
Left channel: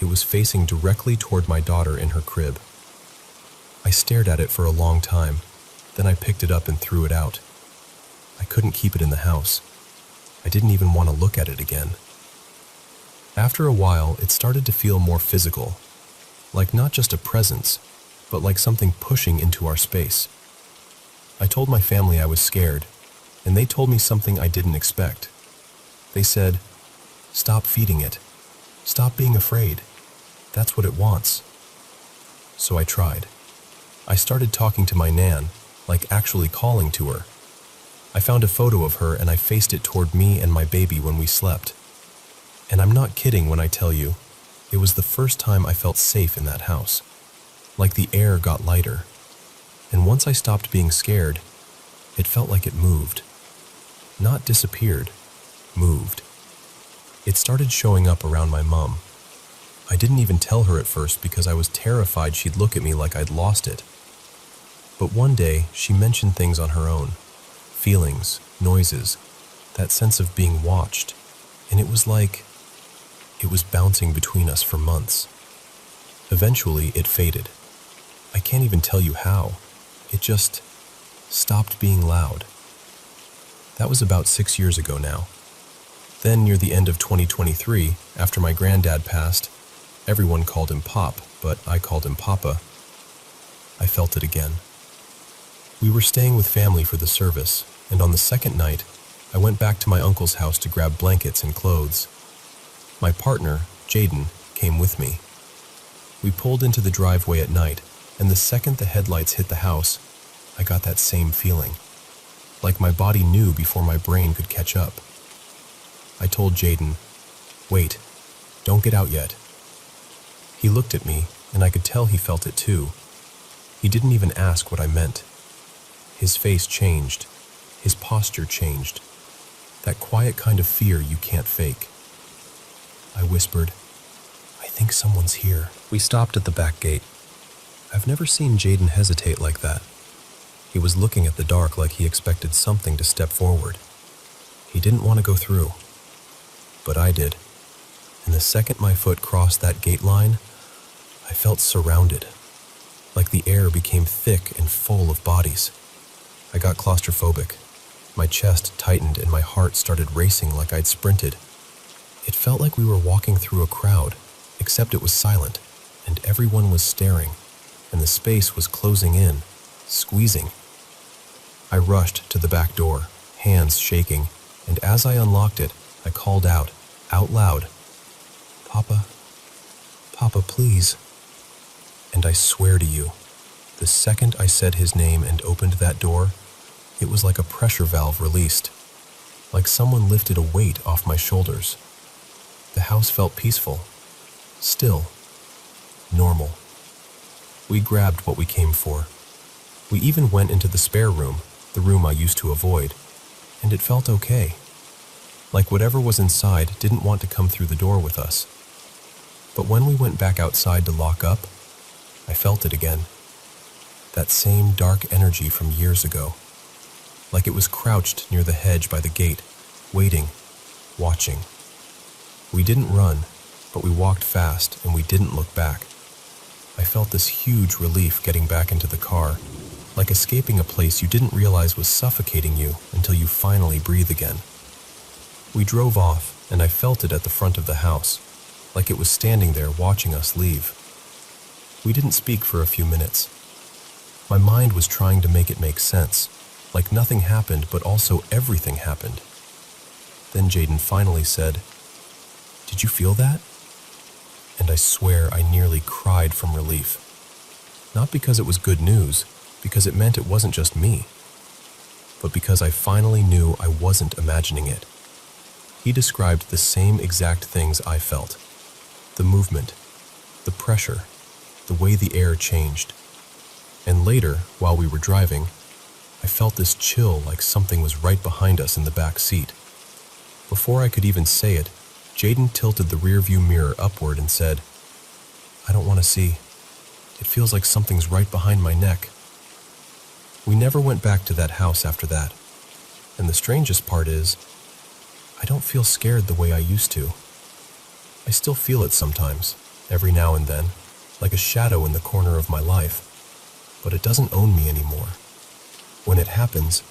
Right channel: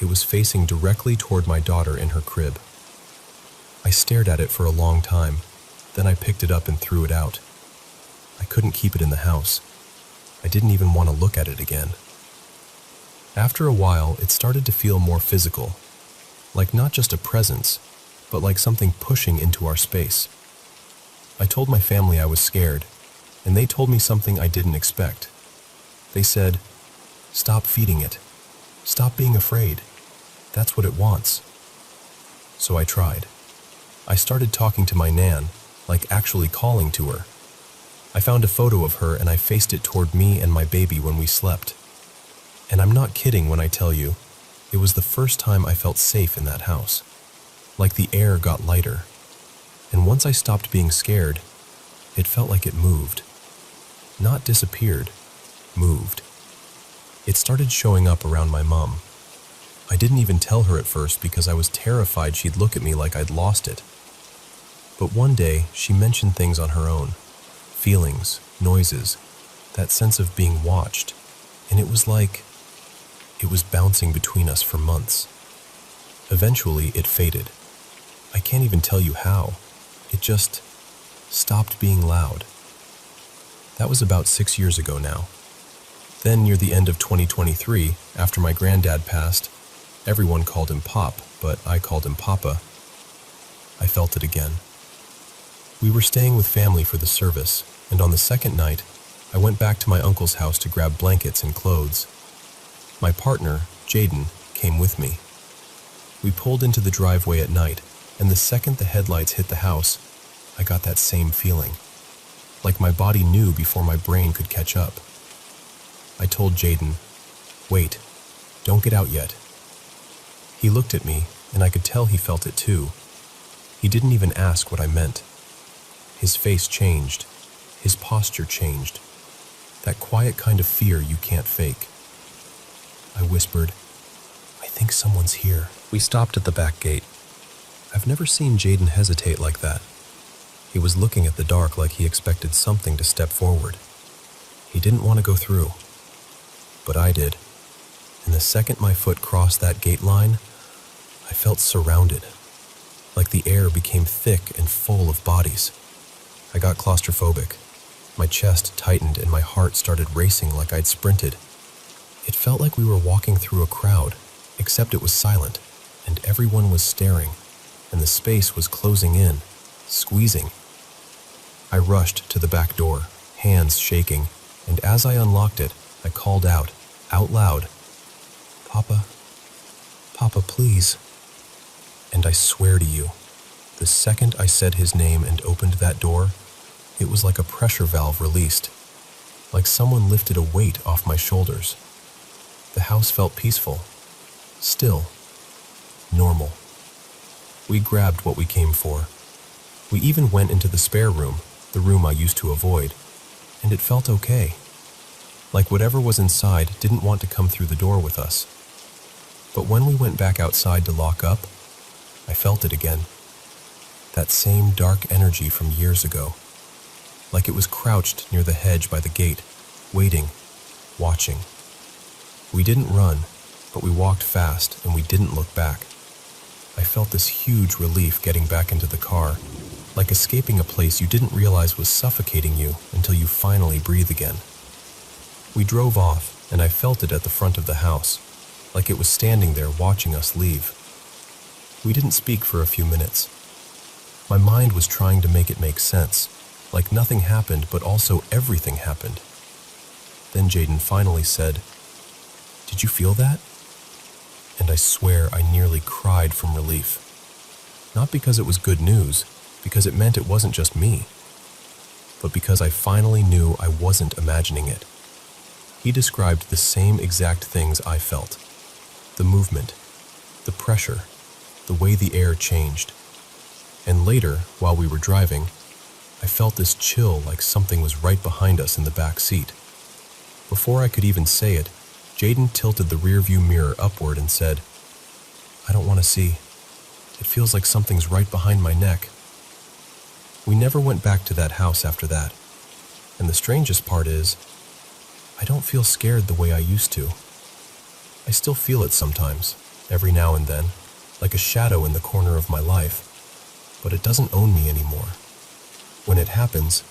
it was facing directly toward my daughter in her crib. I stared at it for a long time, then I picked it up and threw it out. I couldn't keep it in the house. I didn't even want to look at it again. After a while, it started to feel more physical, like not just a presence, but like something pushing into our space. I told my family I was scared, and they told me something I didn't expect. They said, "Stop feeding it. Stop being afraid. That's what it wants." So I tried. I started talking to my nan, like actually calling to her. I found a photo of her and I faced it toward me and my baby when we slept. And I'm not kidding when I tell you, it was the first time I felt safe in that house. Like the air got lighter. And once I stopped being scared, it felt like it moved. Not disappeared, moved. It started showing up around my mom. I didn't even tell her at first because I was terrified she'd look at me like I'd lost it. But one day, she mentioned things on her own. Feelings, noises, that sense of being watched. And it was like it was bouncing between us for months. Eventually, it faded. I can't even tell you how. It just stopped being loud. That was about 6 years ago now. Then, near the end of 2023, after my granddad passed, everyone called him Pop, but I called him Papa. I felt it again. We were staying with family for the service, and on the second night, I went back to my uncle's house to grab blankets and clothes. My partner, Jaden, came with me. We pulled into the driveway at night, and the second the headlights hit the house, I got that same feeling. Like my body knew before my brain could catch up. I told Jaden, "Wait, don't get out yet." He looked at me, and I could tell he felt it too. He didn't even ask what I meant. His face changed. His posture changed. That quiet kind of fear you can't fake. I whispered, "I think someone's here." We stopped at the back gate. I've never seen Jaden hesitate like that. He was looking at the dark like he expected something to step forward. He didn't want to go through. But I did. And the second my foot crossed that gate line, I felt surrounded. Like the air became thick and full of bodies. I got claustrophobic. My chest tightened and my heart started racing like I'd sprinted. It felt like we were walking through a crowd, except it was silent, and everyone was staring, and the space was closing in, squeezing. I rushed to the back door, hands shaking, and as I unlocked it, I called out loud, "Papa, Papa, please." And I swear to you, the second I said his name and opened that door, it was like a pressure valve released, like someone lifted a weight off my shoulders. The house felt peaceful, still, normal. We grabbed what we came for. We even went into the spare room, the room I used to avoid, and it felt okay. Like whatever was inside didn't want to come through the door with us. But when we went back outside to lock up, I felt it again. That same dark energy from years ago. Like it was crouched near the hedge by the gate, waiting, watching. We didn't run, but we walked fast and we didn't look back. I felt this huge relief getting back into the car, like escaping a place you didn't realize was suffocating you until you finally breathe again. We drove off, and I felt it at the front of the house, like it was standing there watching us leave. We didn't speak for a few minutes. My mind was trying to make it make sense, like nothing happened, but also everything happened. Then Jaden finally said, "Did you feel that?" And I swear I nearly cried from relief. Not because it was good news, because it meant it wasn't just me, but because I finally knew I wasn't imagining it. He described the same exact things I felt. The movement, the pressure, the way the air changed. And later, while we were driving, I felt this chill like something was right behind us in the back seat. Before I could even say it, Jaden tilted the rearview mirror upward and said, "I don't want to see. It feels like something's right behind my neck." We never went back to that house after that. And the strangest part is, I don't feel scared the way I used to. I still feel it sometimes, every now and then, like a shadow in the corner of my life. But it doesn't own me anymore. When it happens,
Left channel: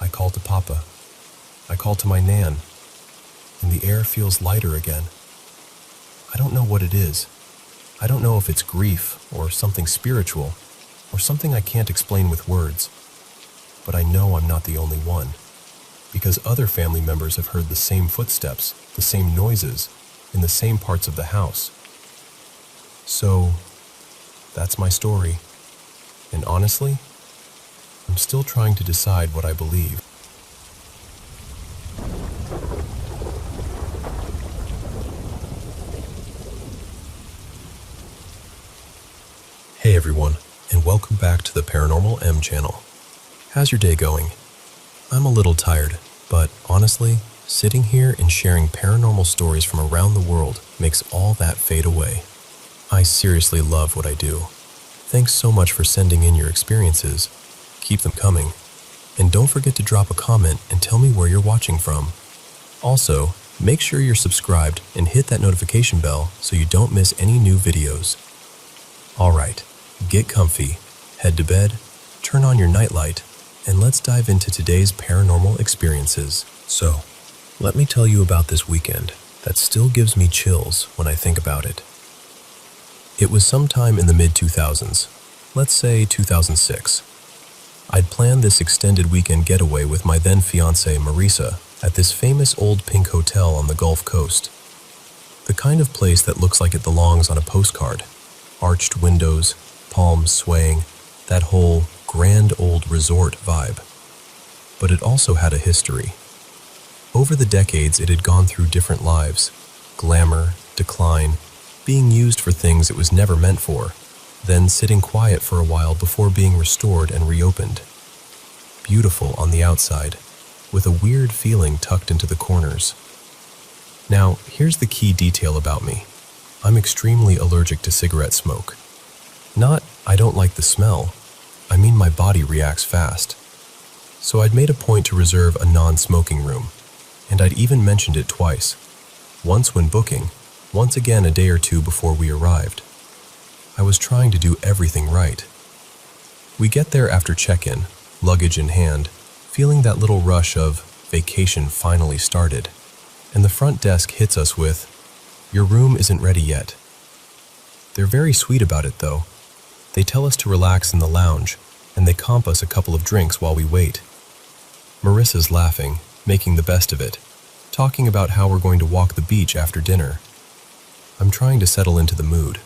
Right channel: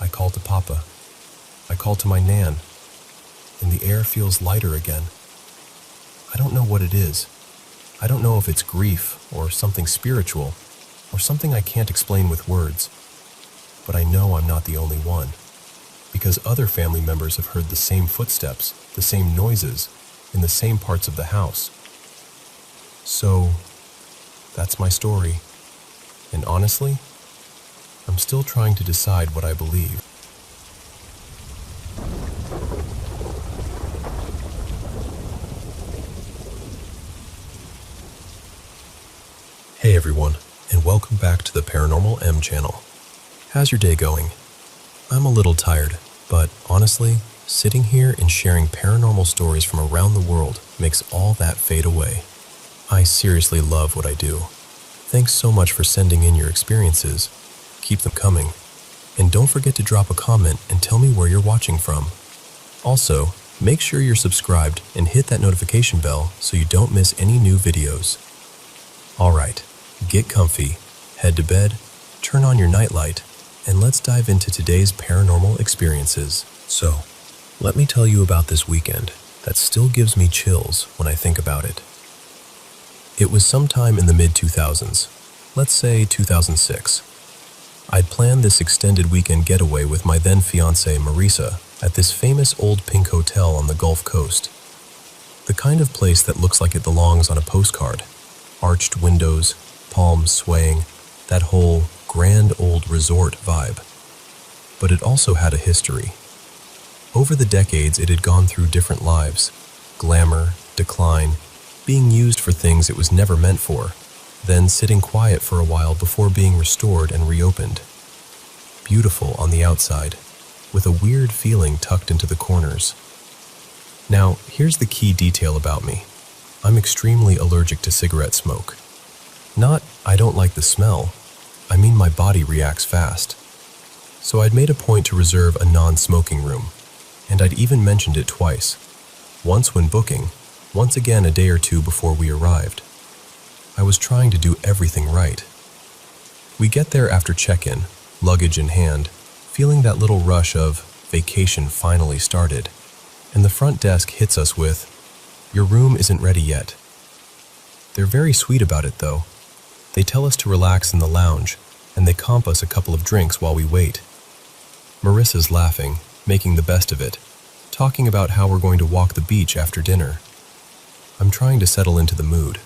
I call to Papa. I call to my Nan. And the air feels lighter again. I don't know what it is. I don't know if it's grief or something spiritual or something I can't explain with words. But I know I'm not the only one, because other family members have heard the same footsteps, the same noises, in the same parts of the house. So, that's my story. And honestly, I'm still trying to decide what I believe. Hey everyone, and welcome back to the Paranormal M channel. How's your day going? I'm a little tired, but honestly, sitting here and sharing paranormal stories from around the world makes all that fade away. I seriously love what I do. Thanks so much for sending in your experiences. Keep them coming. And don't forget to drop a comment and tell me where you're watching from. Also, make sure you're subscribed and hit that notification bell so you don't miss any new videos. Alright, get comfy, head to bed, turn on your nightlight, and let's dive into today's paranormal experiences. So, let me tell you about this weekend that still gives me chills when I think about it. It was sometime in the mid-2000s, let's say 2006. I'd planned this extended weekend getaway with my then-fiancée Marisa at this famous old pink hotel on the Gulf Coast. The kind of place that looks like it belongs on a postcard. Arched windows, palms swaying, that whole grand old resort vibe. But it also had a history. Over the decades, it had gone through different lives. Glamour, decline, being used for things it was never meant for, then sitting quiet for a while before being restored and reopened. Beautiful on the outside, with a weird feeling tucked into the corners. Now, here's the key detail about me. I'm extremely allergic to cigarette smoke. Not, I don't like the smell. I mean my body reacts fast. So I'd made a point to reserve a non-smoking room, and I'd even mentioned it twice. Once when booking, once again a day or two before we arrived. I was trying to do everything right. We get there after check-in, luggage in hand, feeling that little rush of vacation finally started, and the front desk hits us with, "Your room isn't ready yet." They're very sweet about it though. They tell us to relax in the lounge, and they comp us a couple of drinks while we wait. Marissa's laughing, making the best of it, talking about how we're going to walk the beach after dinner. I'm trying to settle into the mood.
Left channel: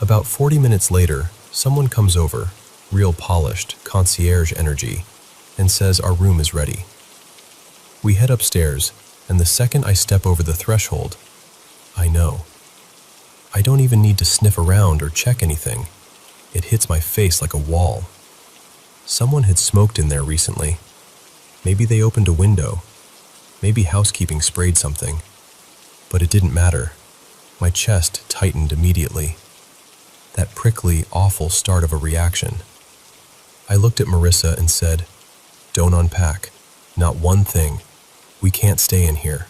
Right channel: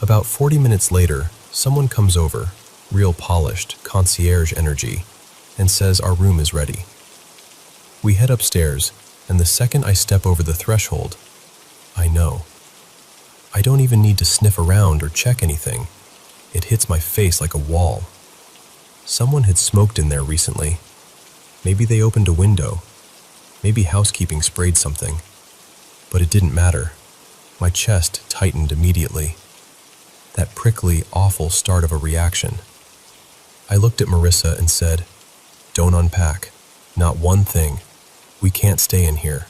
About 40 minutes later, someone comes over, real polished, concierge energy, and says our room is ready. We head upstairs, and the second I step over the threshold, I know. I don't even need to sniff around or check anything. It hits my face like a wall. Someone had smoked in there recently. Maybe they opened a window. Maybe housekeeping sprayed something. But it didn't matter. My chest tightened immediately. That prickly, awful start of a reaction. I looked at Marissa and said, "Don't unpack. Not one thing. We can't stay in here."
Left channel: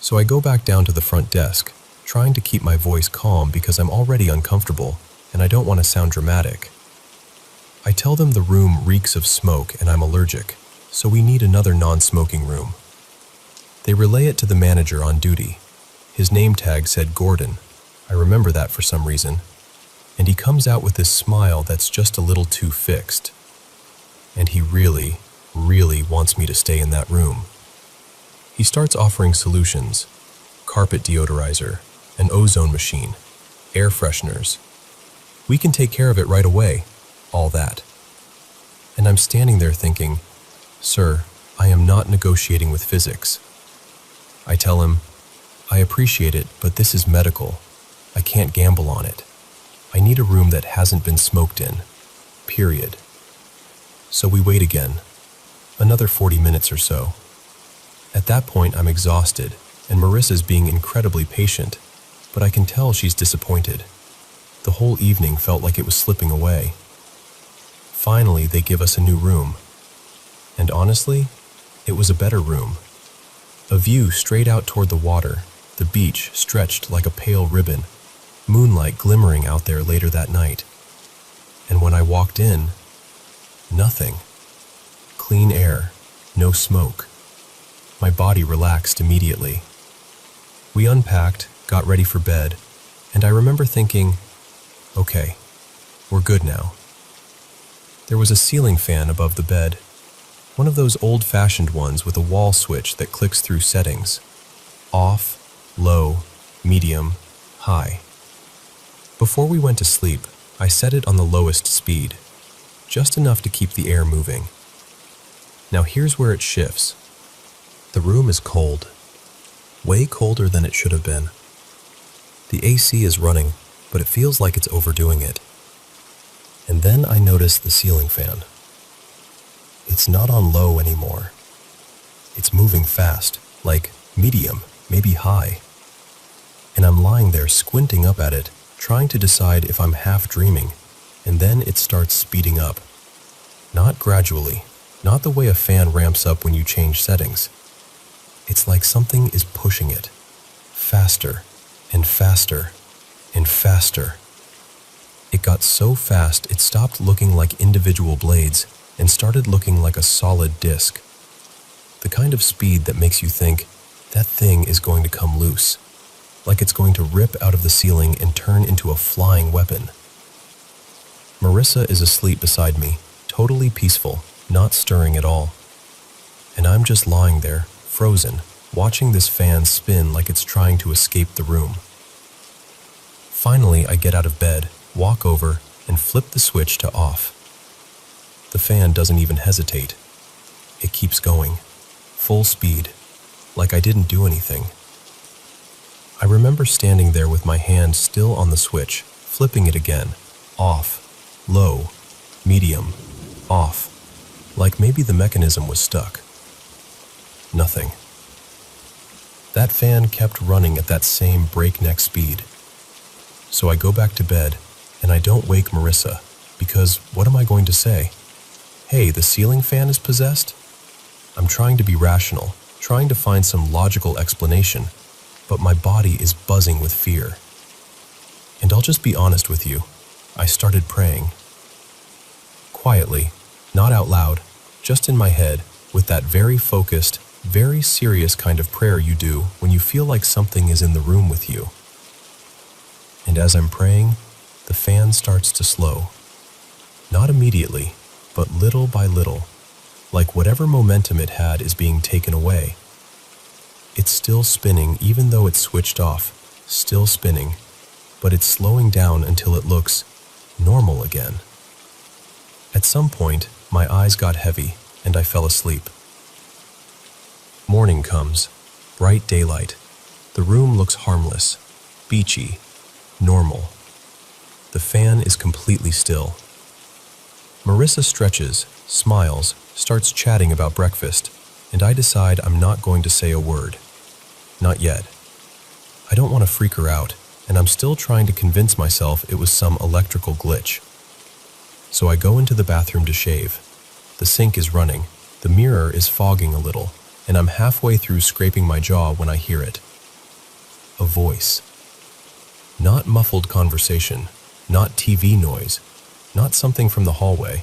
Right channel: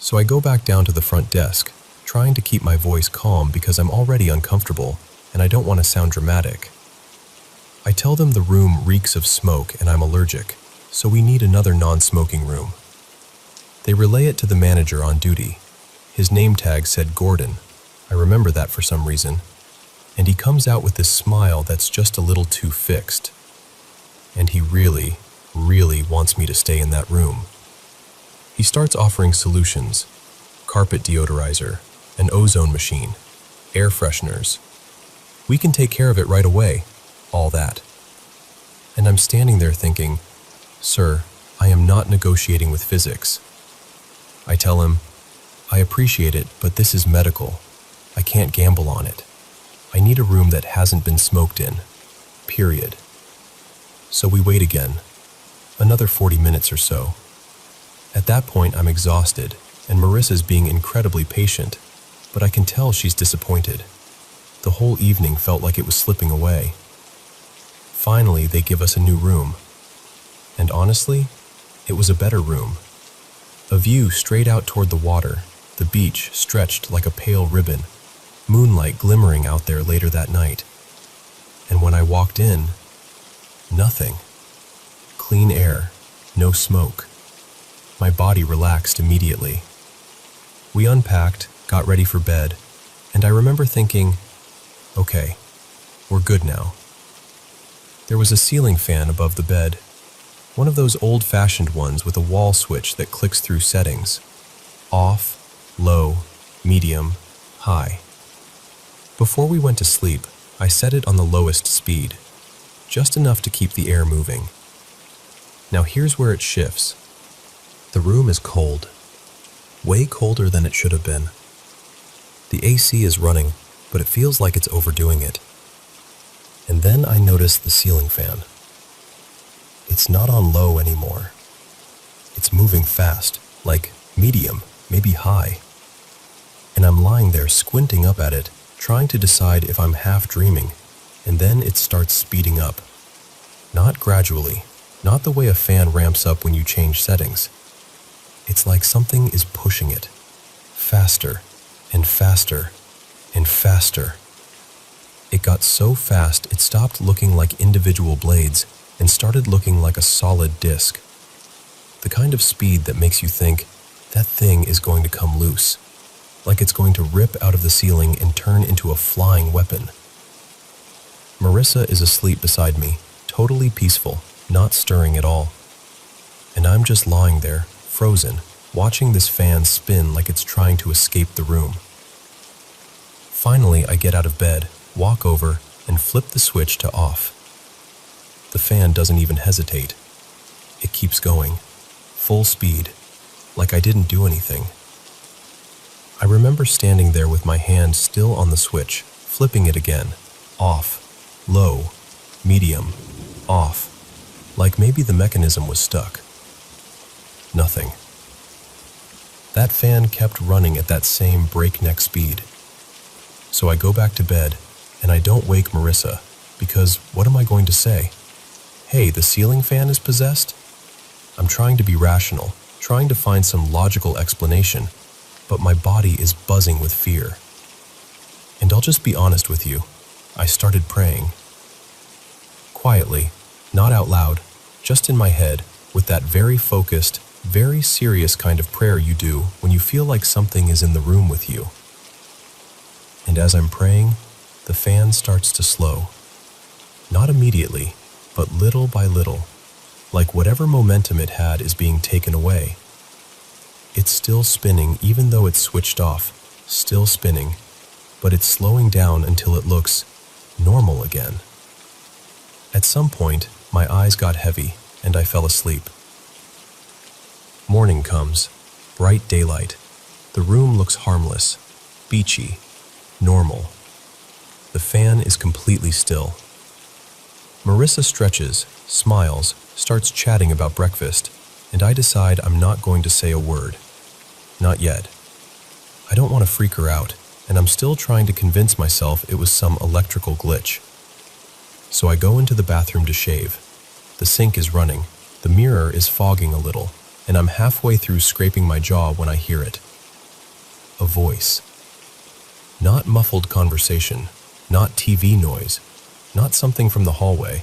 So I go back down to the front desk, trying to keep my voice calm because I'm already uncomfortable and I don't want to sound dramatic. I tell them the room reeks of smoke and I'm allergic, so we need another non-smoking room. They relay it to the manager on duty. His name tag said Gordon. I remember that for some reason. And he comes out with this smile that's just a little too fixed. And he really, really wants me to stay in that room. He starts offering solutions: carpet deodorizer, an ozone machine, air fresheners. We can take care of it right away, all that. And I'm standing there thinking, "Sir, I am not negotiating with physics." I tell him, "I appreciate it, but this is medical. I can't gamble on it. I need a room that hasn't been smoked in, period." So we wait again, another 40 minutes or so. At that point, I'm exhausted, and Marissa's being incredibly patient, but I can tell she's disappointed. The whole evening felt like it was slipping away. Finally, they give us a new room. And honestly, it was a better room. A view straight out toward the water, the beach stretched like a pale ribbon, moonlight glimmering out there later that night. And when I walked in, nothing. Clean air, no smoke. My body relaxed immediately. We unpacked, got ready for bed, and I remember thinking, okay, we're good now. There was a ceiling fan above the bed, one of those old-fashioned ones with a wall switch that clicks through settings: off, low, medium, high. Before we went to sleep, I set it on the lowest speed, just enough to keep the air moving. Now here's where it shifts. The room is cold, way colder than it should have been. The AC is running, but it feels like it's overdoing it. And then I notice the ceiling fan. It's not on low anymore. It's moving fast, like medium, maybe high. And I'm lying there squinting up at it, trying to decide if I'm half dreaming, and then it starts speeding up. Not gradually, not the way a fan ramps up when you change settings. It's like something is pushing it, faster and faster and faster. It got so fast it stopped looking like individual blades and started looking like a solid disc. The kind of speed that makes you think, that thing is going to come loose, like it's going to rip out of the ceiling and turn into a flying weapon. Marissa is asleep beside me, totally peaceful, not stirring at all. And I'm just lying there, frozen, watching this fan spin like it's trying to escape the room. Finally, I get out of bed, walk over, and flip the switch to off. The fan doesn't even hesitate. It keeps going, full speed, like I didn't do anything. I remember standing there with my hand still on the switch, flipping it again, off, low, medium, off, like maybe the mechanism was stuck. Nothing. That fan kept running at that same breakneck speed. So I go back to bed, and I don't wake Marissa, because what am I going to say? Hey, the ceiling fan is possessed? I'm trying to be rational, trying to find some logical explanation, but my body is buzzing with fear. And I'll just be honest with you, I started praying. Quietly, not out loud, just in my head, with that very focused, very serious kind of prayer you do when you feel like something is in the room with you. And as I'm praying, the fan starts to slow. Not immediately, but little by little, like whatever momentum it had is being taken away. It's still spinning even though it's switched off, still spinning, but it's slowing down until it looks normal again. At some point, my eyes got heavy and I fell asleep. Morning comes, bright daylight. The room looks harmless, beachy, normal. The fan is completely still. Marissa stretches, smiles, starts chatting about breakfast, and I decide I'm not going to say a word. Not yet. I don't want to freak her out, and I'm still trying to convince myself it was some electrical glitch. So I go into the bathroom to shave. The sink is running, the mirror is fogging a little, and I'm halfway through scraping my jaw when I hear it. A voice. Not muffled conversation, not TV noise, not something from the hallway.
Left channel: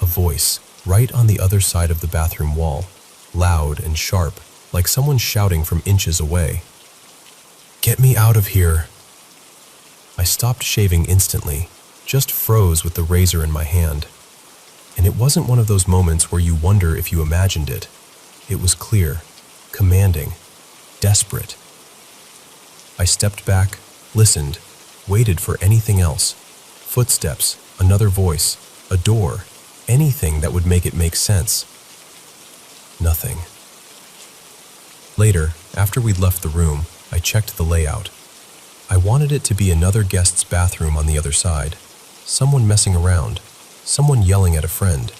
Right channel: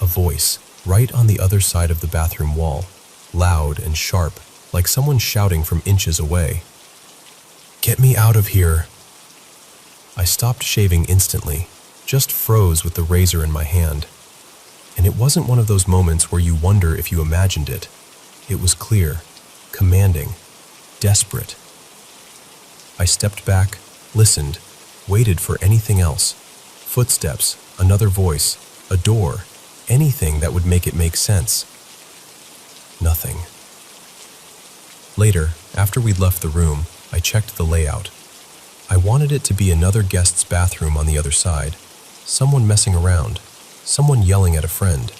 A voice, right on the other side of the bathroom wall, loud and sharp, like someone shouting from inches away. "Get me out of here!" I stopped shaving instantly, just froze with the razor in my hand. And it wasn't one of those moments where you wonder if you imagined it. It was clear, commanding, desperate. I stepped back, listened, waited for anything else. Footsteps, another voice, a door, anything that would make it make sense. Nothing. Later, after we'd left the room, I checked the layout. I wanted it to be another guest's bathroom on the other side, someone messing around, someone yelling at a friend.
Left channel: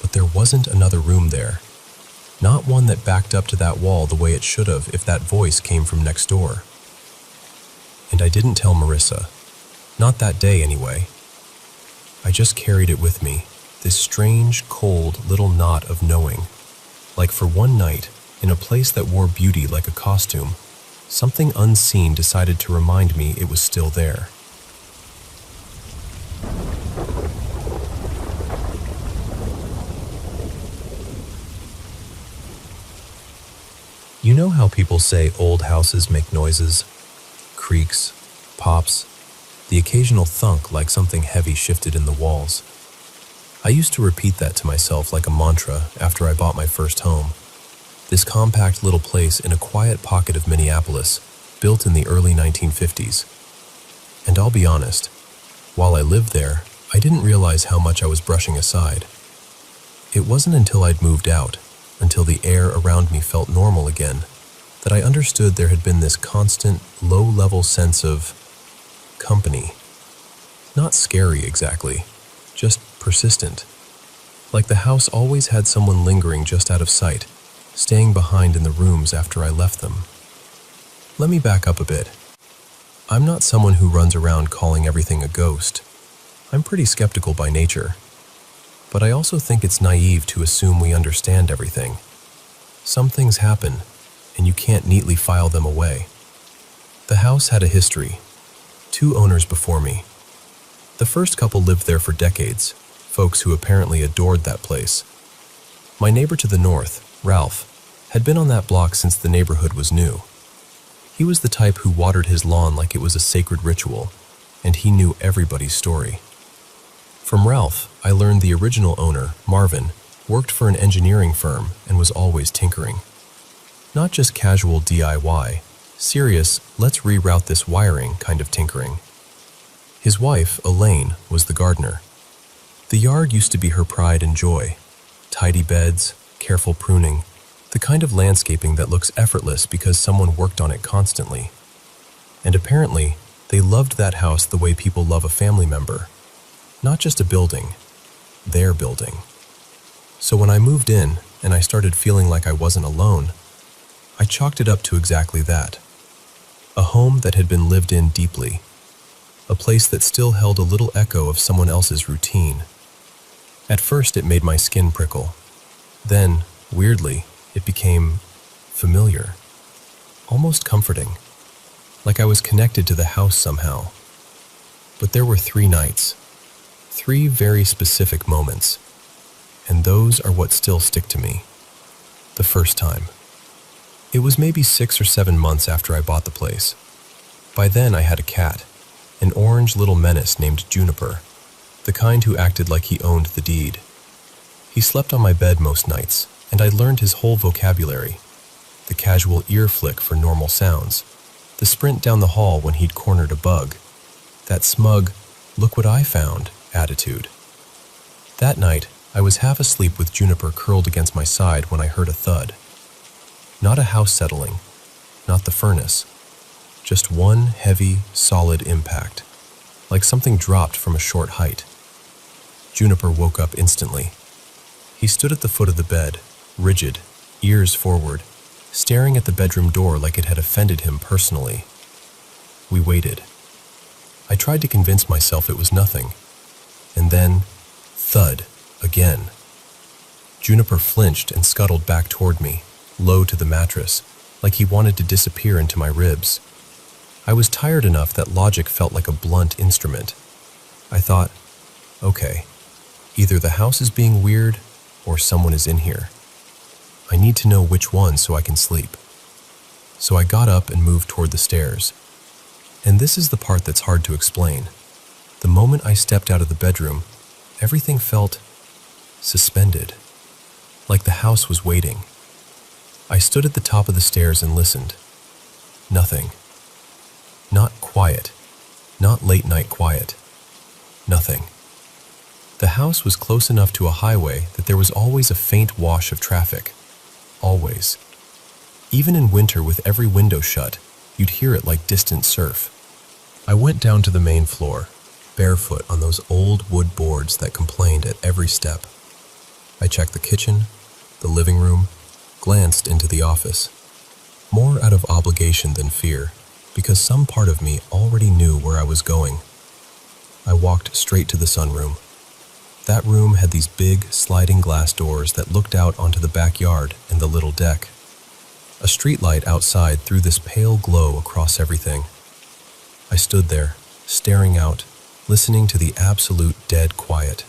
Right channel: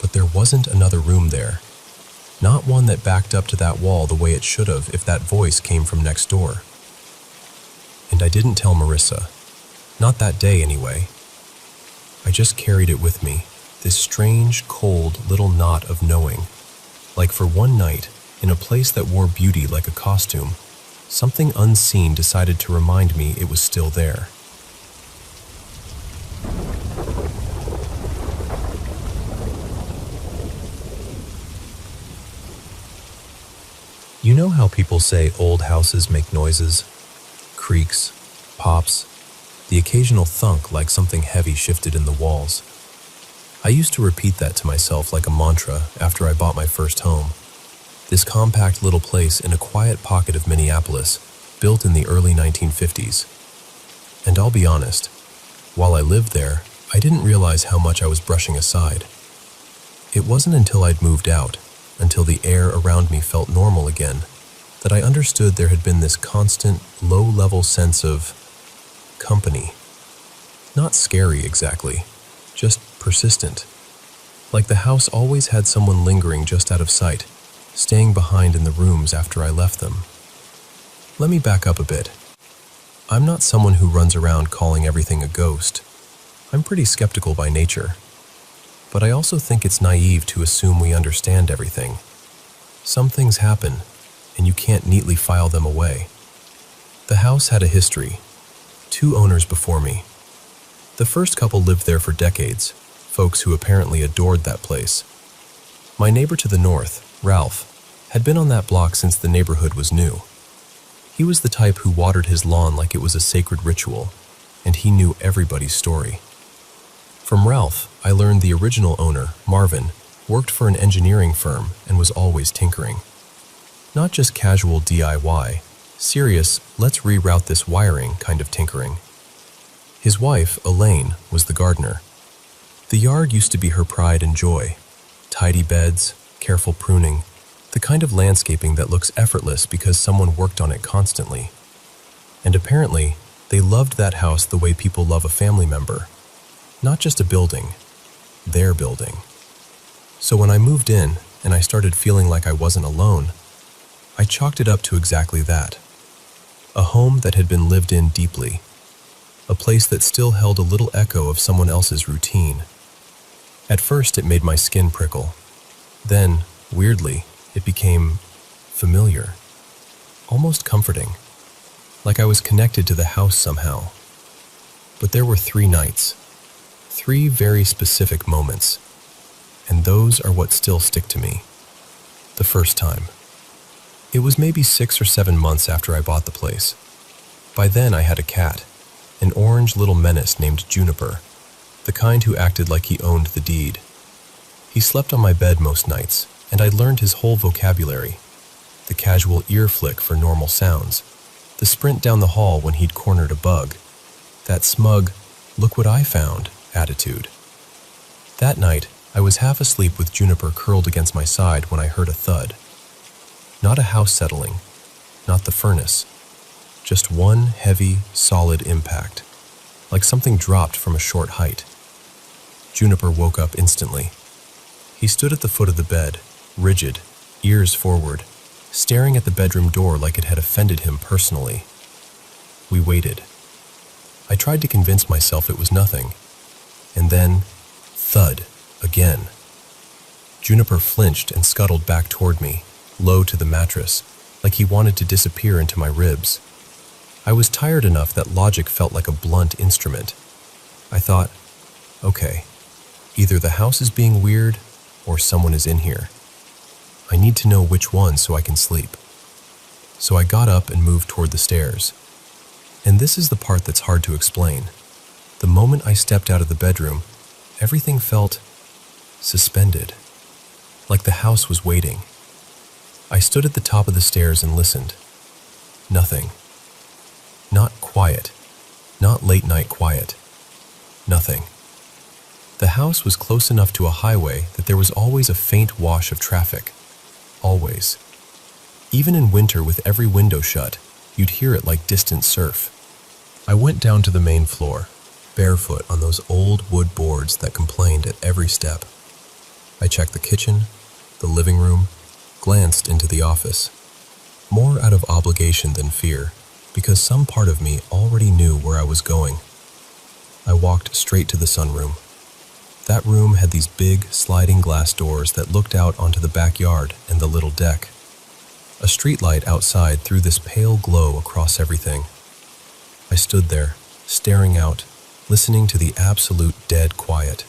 But there wasn't another room there. Not one that backed up to that wall the way it should have if that voice came from next door. And I didn't tell Marissa. Not that day, anyway. I just carried it with me, this strange, cold little knot of knowing. Like for one night, in a place that wore beauty like a costume, something unseen decided to remind me it was still there. You know how people say old houses make noises? Creaks, pops, the occasional thunk like something heavy shifted in the walls. I used to repeat that to myself like a mantra after I bought my first home. This compact little place in a quiet pocket of Minneapolis, built in the early 1950s. And I'll be honest, while I lived there, I didn't realize how much I was brushing aside. It wasn't until I'd moved out, until the air around me felt normal again, that I understood there had been this constant, low-level sense of company. Not scary exactly, just persistent. Like the house always had someone lingering just out of sight, staying behind in the rooms after I left them. Let me back up a bit. I'm not someone who runs around calling everything a ghost. I'm pretty skeptical by nature. But I also think it's naive to assume we understand everything. Some things happen, and you can't neatly file them away. The house had a history. 2 owners before me. The first couple lived there for decades, folks who apparently adored that place. My neighbor to the north, Ralph, had been on that block since the neighborhood was new. He was the type who watered his lawn like it was a sacred ritual, and he knew everybody's story. From Ralph, I learned the original owner, Marvin, worked for an engineering firm and was always tinkering. Not just casual DIY, serious, let's reroute this wiring kind of tinkering. His wife, Elaine, was the gardener. The yard used to be her pride and joy. Tidy beds, careful pruning, the kind of landscaping that looks effortless because someone worked on it constantly. And apparently, they loved that house the way people love a family member. Not just a building, their building. So when I moved in and I started feeling like I wasn't alone, I chalked it up to exactly that. A home that had been lived in deeply. A place that still held a little echo of someone else's routine. At first it made my skin prickle. Then, weirdly, it became familiar. Almost comforting. Like I was connected to the house somehow. But there were 3 nights. 3 very specific moments. And those are what still stick to me. The first time. It was maybe 6 or 7 months after I bought the place. By then I had a cat, an orange little menace named Juniper, the kind who acted like he owned the deed. He slept on my bed most nights, and I'd learned his whole vocabulary. The casual ear flick for normal sounds, the sprint down the hall when he'd cornered a bug, that smug, look what I found attitude. That night, I was half asleep with Juniper curled against my side when I heard a thud. Not a house settling, not the furnace, just one heavy, solid impact, like something dropped from a short height. Juniper woke up instantly. He stood at the foot of the bed, rigid, ears forward, staring at the bedroom door like it had offended him personally. We waited. I tried to convince myself it was nothing. And then, thud, again. Juniper flinched and scuttled back toward me, low to the mattress, like he wanted to disappear into my ribs. I was tired enough that logic felt like a blunt instrument. I thought, okay, either the house is being weird or someone is in here. I need to know which one so I can sleep. So I got up and moved toward the stairs. And this is the part that's hard to explain. The moment I stepped out of the bedroom, everything felt suspended, like the house was waiting. I stood at the top of the stairs and listened. Nothing. Not quiet. Not late-night quiet. Nothing. The house was close enough to a highway that there was always a faint wash of traffic. Always. Even in winter with every window shut, you'd hear it like distant surf. I went down to the main floor, barefoot on those old wood boards that complained at every step. I checked the kitchen, the living room, glanced into the office. More out of obligation than fear, because some part of me already knew where I was going. I walked straight to the sunroom. That room had these big, sliding glass doors that looked out onto the backyard and the little deck. A streetlight outside threw this pale glow across everything. I stood there, staring out, listening to the absolute dead quiet.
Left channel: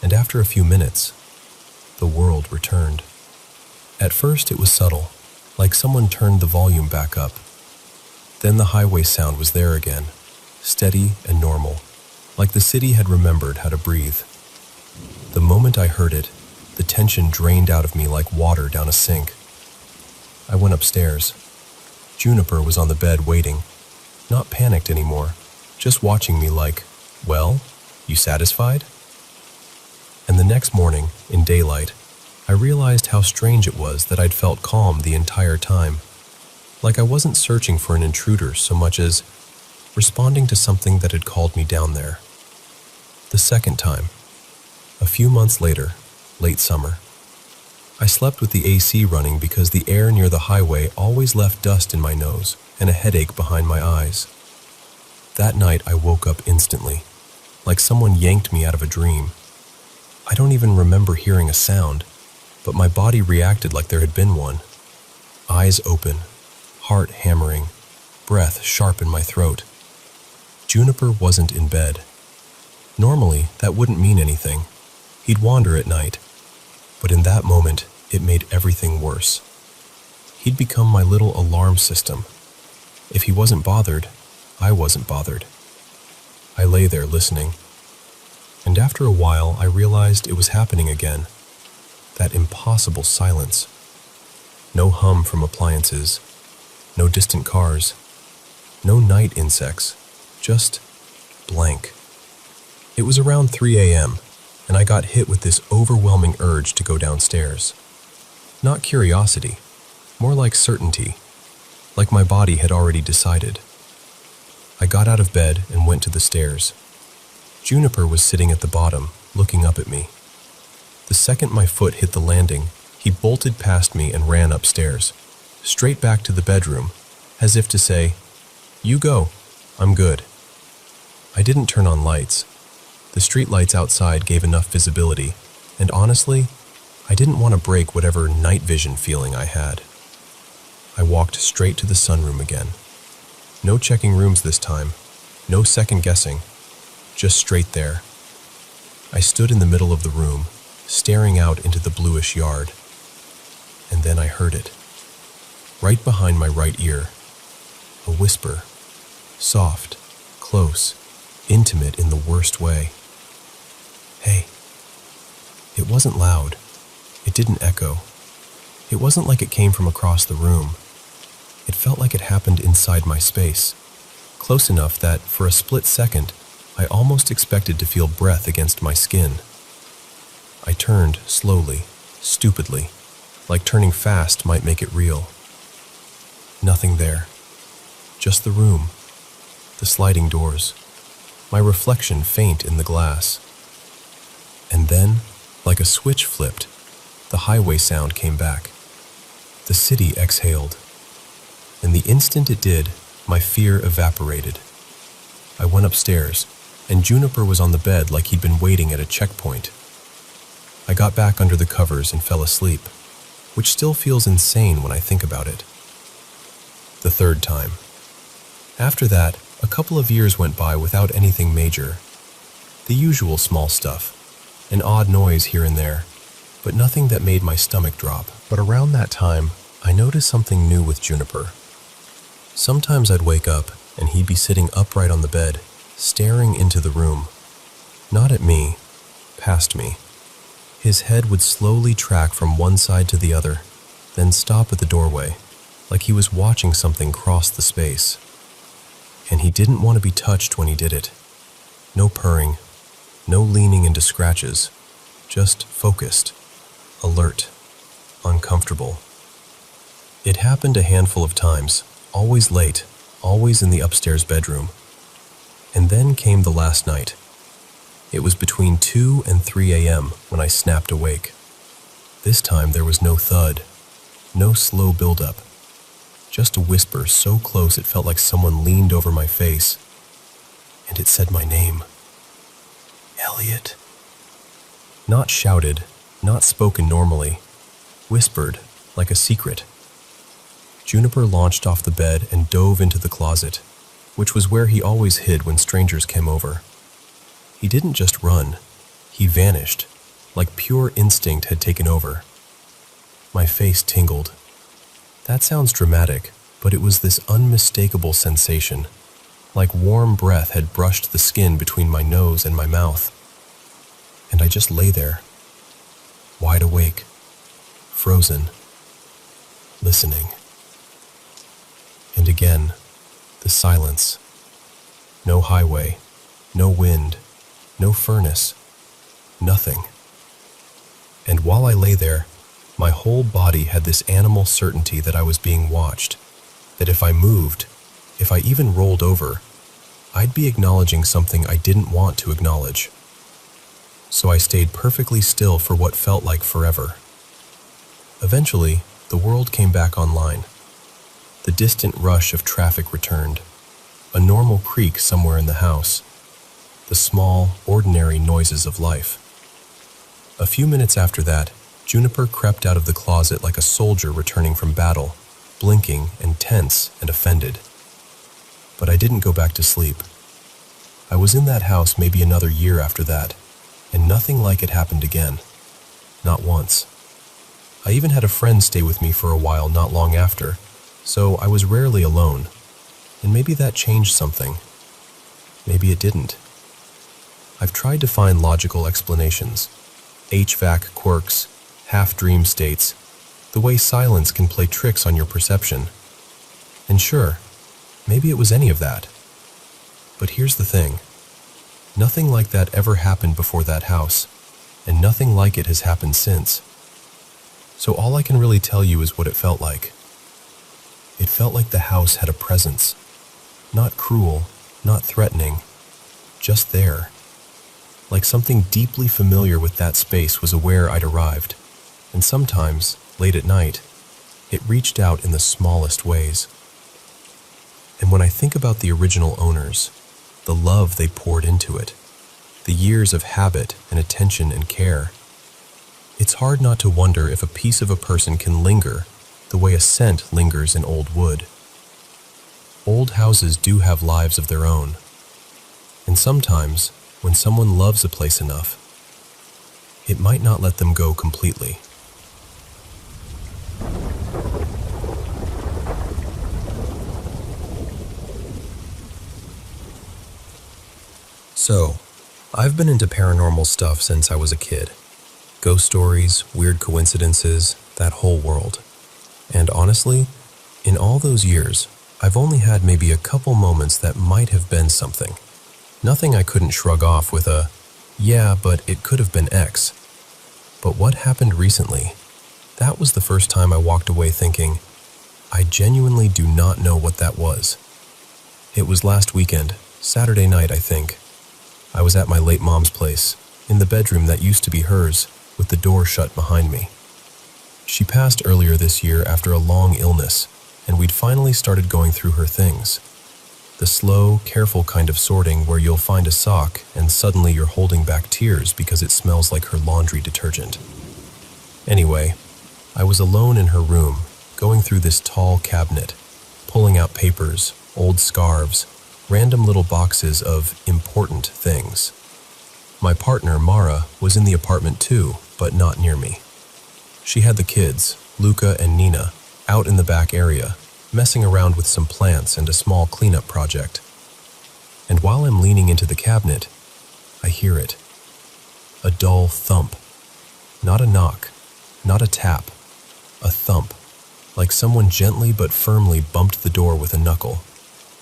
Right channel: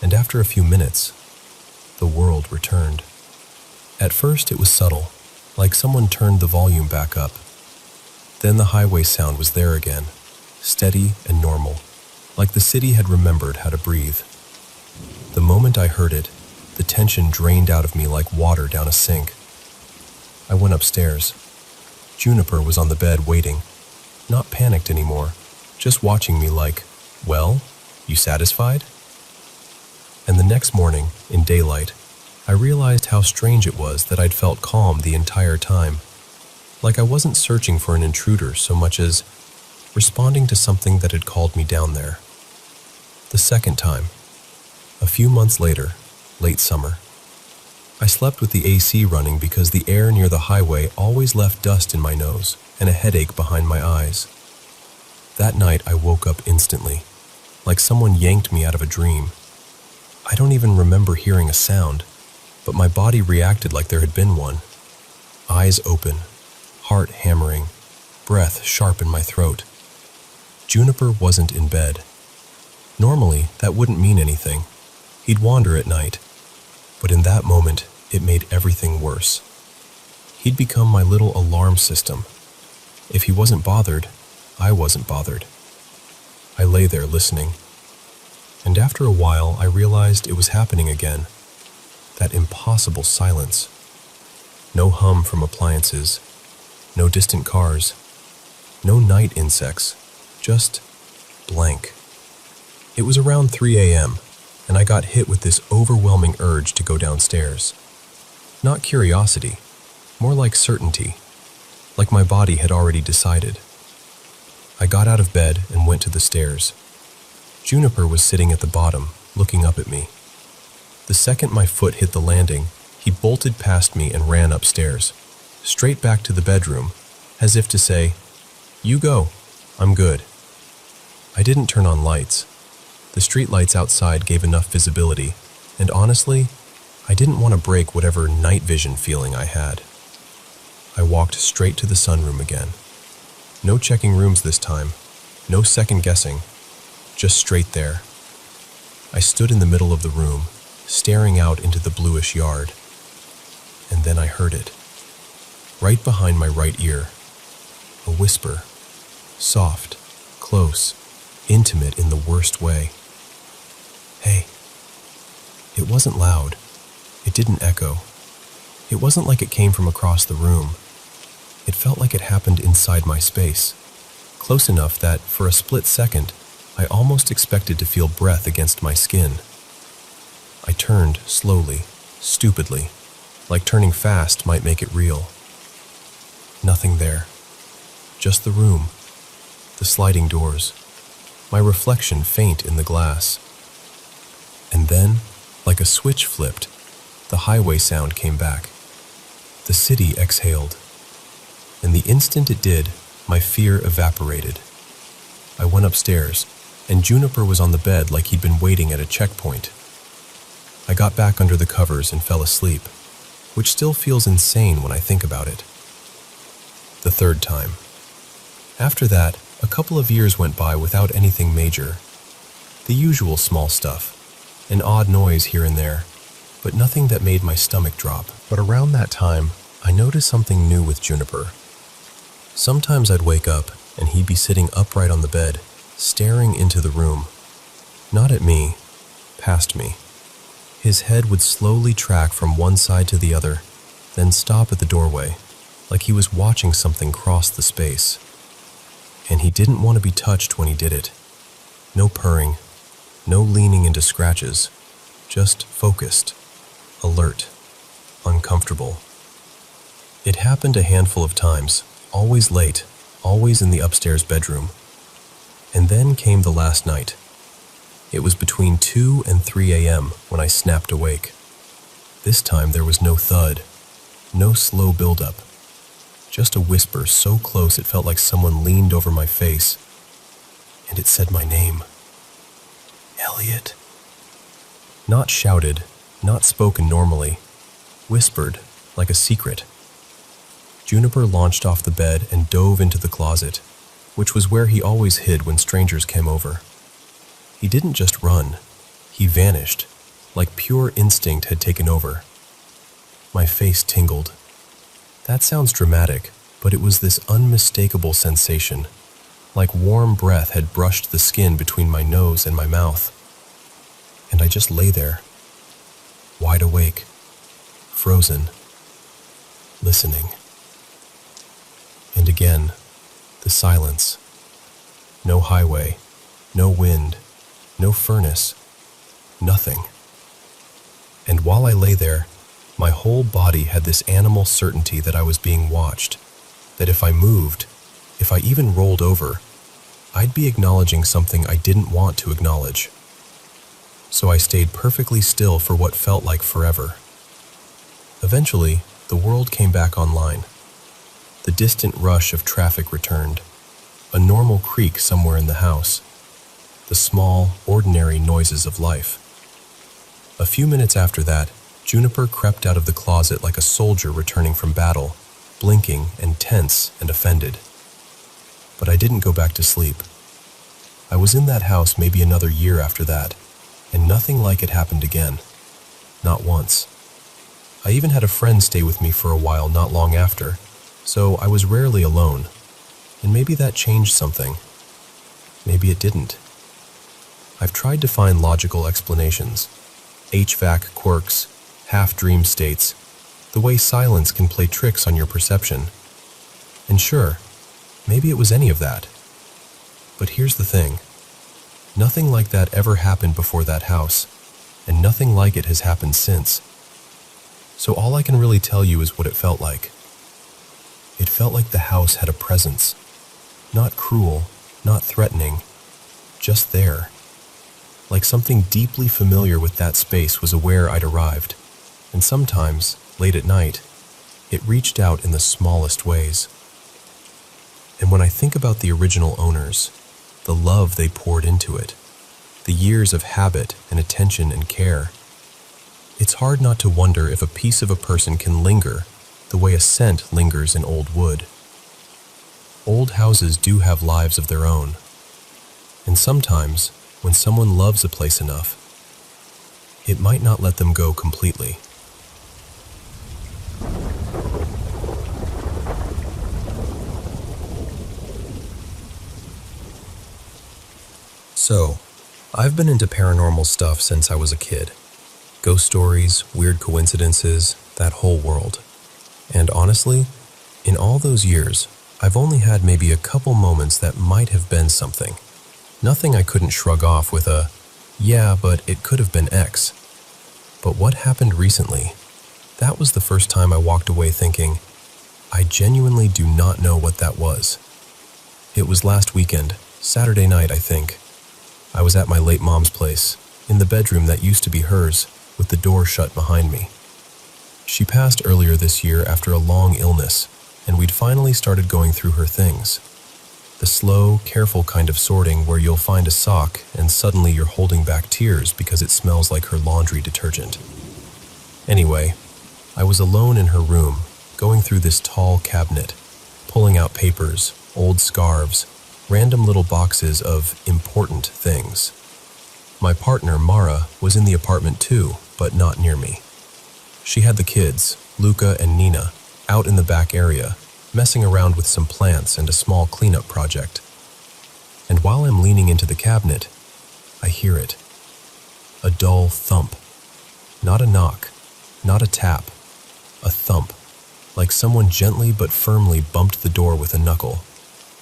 And after a few minutes, the world returned. At first it was subtle, like someone turned the volume back up. Then the highway sound was there again, steady and normal, like the city had remembered how to breathe. The moment I heard it, the tension drained out of me like water down a sink. I went upstairs. Juniper was on the bed waiting, not panicked anymore, just watching me like, well, you satisfied? And the next morning, in daylight, I realized how strange it was that I'd felt calm the entire time. Like I wasn't searching for an intruder so much as responding to something that had called me down there. The second time, a few months later, late summer, I slept with the AC running because the air near the highway always left dust in my nose and a headache behind my eyes. That night I woke up instantly, like someone yanked me out of a dream. I don't even remember hearing a sound, but my body reacted like there had been one. Eyes open, heart hammering, breath sharp in my throat. Juniper wasn't in bed. Normally, that wouldn't mean anything. He'd wander at night. But in that moment, it made everything worse. He'd become my little alarm system. If he wasn't bothered, I wasn't bothered. I lay there listening. And after a while, I realized it was happening again. That impossible silence. No hum from appliances. No distant cars. No night insects. Just blank. It was around 3 a.m., and I got hit with this overwhelming urge to go downstairs. Not curiosity, more like certainty, like my body had already decided. I got out of bed and went to the stairs. Juniper was sitting at the bottom, looking up at me. The second my foot hit the landing, he bolted past me and ran upstairs, straight back to the bedroom, as if to say, "You go, I'm good." I didn't turn on lights. The streetlights outside gave enough visibility, and honestly, I didn't want to break whatever night vision feeling I had. I walked straight to the sunroom again. No checking rooms this time, no second guessing, just straight there. I stood in the middle of the room, staring out into the bluish yard. And then I heard it. Right behind my right ear. A whisper. Soft, close, intimate in the worst way. Hey. It wasn't loud. It didn't echo. It wasn't like it came from across the room. It felt like it happened inside my space, close enough that, for a split second, I almost expected to feel breath against my skin. I turned slowly, stupidly, like turning fast might make it real. Nothing there. Just the room, the sliding doors, my reflection faint in the glass. And then, like a switch flipped, the highway sound came back. The city exhaled. And the instant it did, my fear evaporated. I went upstairs, and Juniper was on the bed like he'd been waiting at a checkpoint. I got back under the covers and fell asleep, which still feels insane when I think about it. The third time. After that, a couple of years went by without anything major, The usual small stuff. An odd noise here and there, but nothing that made my stomach drop. But around that time, I noticed something new with Juniper. Sometimes I'd wake up, and he'd be sitting upright on the bed, staring into the room. Not at me, past me. His head would slowly track from one side to the other, then stop at the doorway, like he was watching something cross the space. And he didn't want to be touched when he did it. No purring, no leaning into scratches, just focused, alert, uncomfortable. It happened a handful of times, always late, always in the upstairs bedroom. And then came the last night. It was between 2 and 3 a.m. when I snapped awake. This time there was no thud, no slow buildup, just a whisper so close it felt like someone leaned over my face, and it said my name. Elliot. Not shouted, not spoken normally, whispered like a secret. Juniper launched off the bed and dove into the closet, which was where he always hid when strangers came over. He didn't just run, he vanished, like pure instinct had taken over. My face tingled. That sounds dramatic, but it was this unmistakable sensation, like warm breath had brushed the skin between my nose and my mouth. And I just lay there, wide awake, frozen, listening. And again, the silence. No highway, no wind, no furnace, nothing. And while I lay there, my whole body had this animal certainty that I was being watched, that if I moved, if I even rolled over, I'd be acknowledging something I didn't want to acknowledge. So I stayed perfectly still for what felt like forever. Eventually, the world came back online. The distant rush of traffic returned, a normal creak somewhere in the house, the small, ordinary noises of life. A few minutes after that, Juniper crept out of the closet like a soldier returning from battle, blinking and tense and offended. But I didn't go back to sleep. I was in that house maybe another year after that, and nothing like it happened again. Not once. I even had a friend stay with me for a while not long after, so I was rarely alone. And maybe that changed something. Maybe it didn't. I've tried to find logical explanations. HVAC quirks, half-dream states, the way silence can play tricks on your perception. And sure, maybe it was any of that. But here's the thing. Nothing like that ever happened before that house, and nothing like it has happened since. So all I can really tell you is what it felt like. It felt like the house had a presence. Not cruel, not threatening, just there. Like something deeply familiar with that space was aware I'd arrived. And sometimes, late at night, it reached out in the smallest ways. And when I think about the original owners, the love they poured into it, the years of habit and attention and care, it's hard not to wonder if a piece of a person can linger the way a scent lingers in old wood. Old houses do have lives of their own, and sometimes, when someone loves a place enough, it might not let them go completely. So, I've been into paranormal stuff since I was a kid. Ghost stories, weird coincidences, that whole world. And honestly, in all those years, I've only had maybe a couple moments that might have been something. Nothing I couldn't shrug off with a, yeah, but it could have been X. But what happened recently? That was the first time I walked away thinking, I genuinely do not know what that was. It was last weekend, Saturday night, I think. I was at my late mom's place, in the bedroom that used to be hers, with the door shut behind me. She passed earlier this year after a long illness, and we'd finally started going through her things. The slow, careful kind of sorting where you'll find a sock and suddenly you're holding back tears because it smells like her laundry detergent. Anyway, I was alone in her room, going through this tall cabinet, pulling out papers, old scarves, random little boxes of important things. My partner, Mara, was in the apartment too, but not near me. She had the kids, Luca and Nina, out in the back area, messing around with some plants and a small cleanup project. And while I'm leaning into the cabinet, I hear it. A dull thump. Not a knock, not a tap. A thump, like someone gently but firmly bumped the door with a knuckle,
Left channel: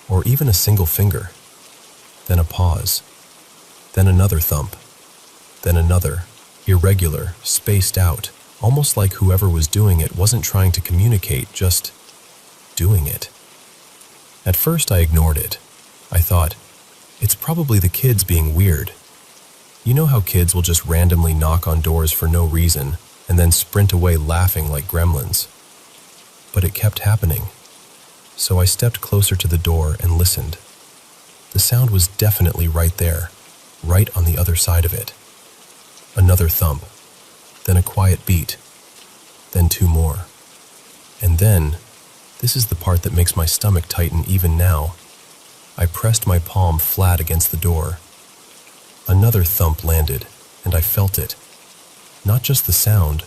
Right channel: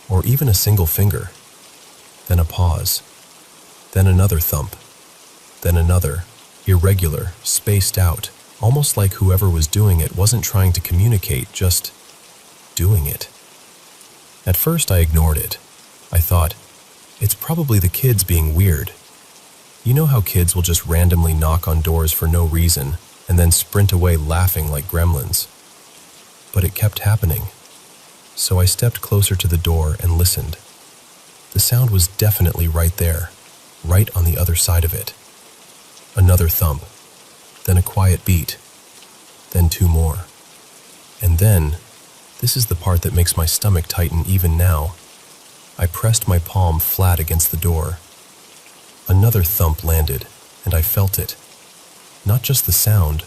or even a single finger. Then a pause. Then another thump. Then another, irregular, spaced out, almost like whoever was doing it wasn't trying to communicate, just doing it. At first I ignored it. I thought, it's probably the kids being weird. You know how kids will just randomly knock on doors for no reason and then sprint away laughing like gremlins? But it kept happening. So I stepped closer to the door and listened. The sound was definitely right there, right on the other side of it. Another thump, then a quiet beat, then two more. And then, this is the part that makes my stomach tighten even now, I pressed my palm flat against the door. Another thump landed, and I felt it. Not just the sound,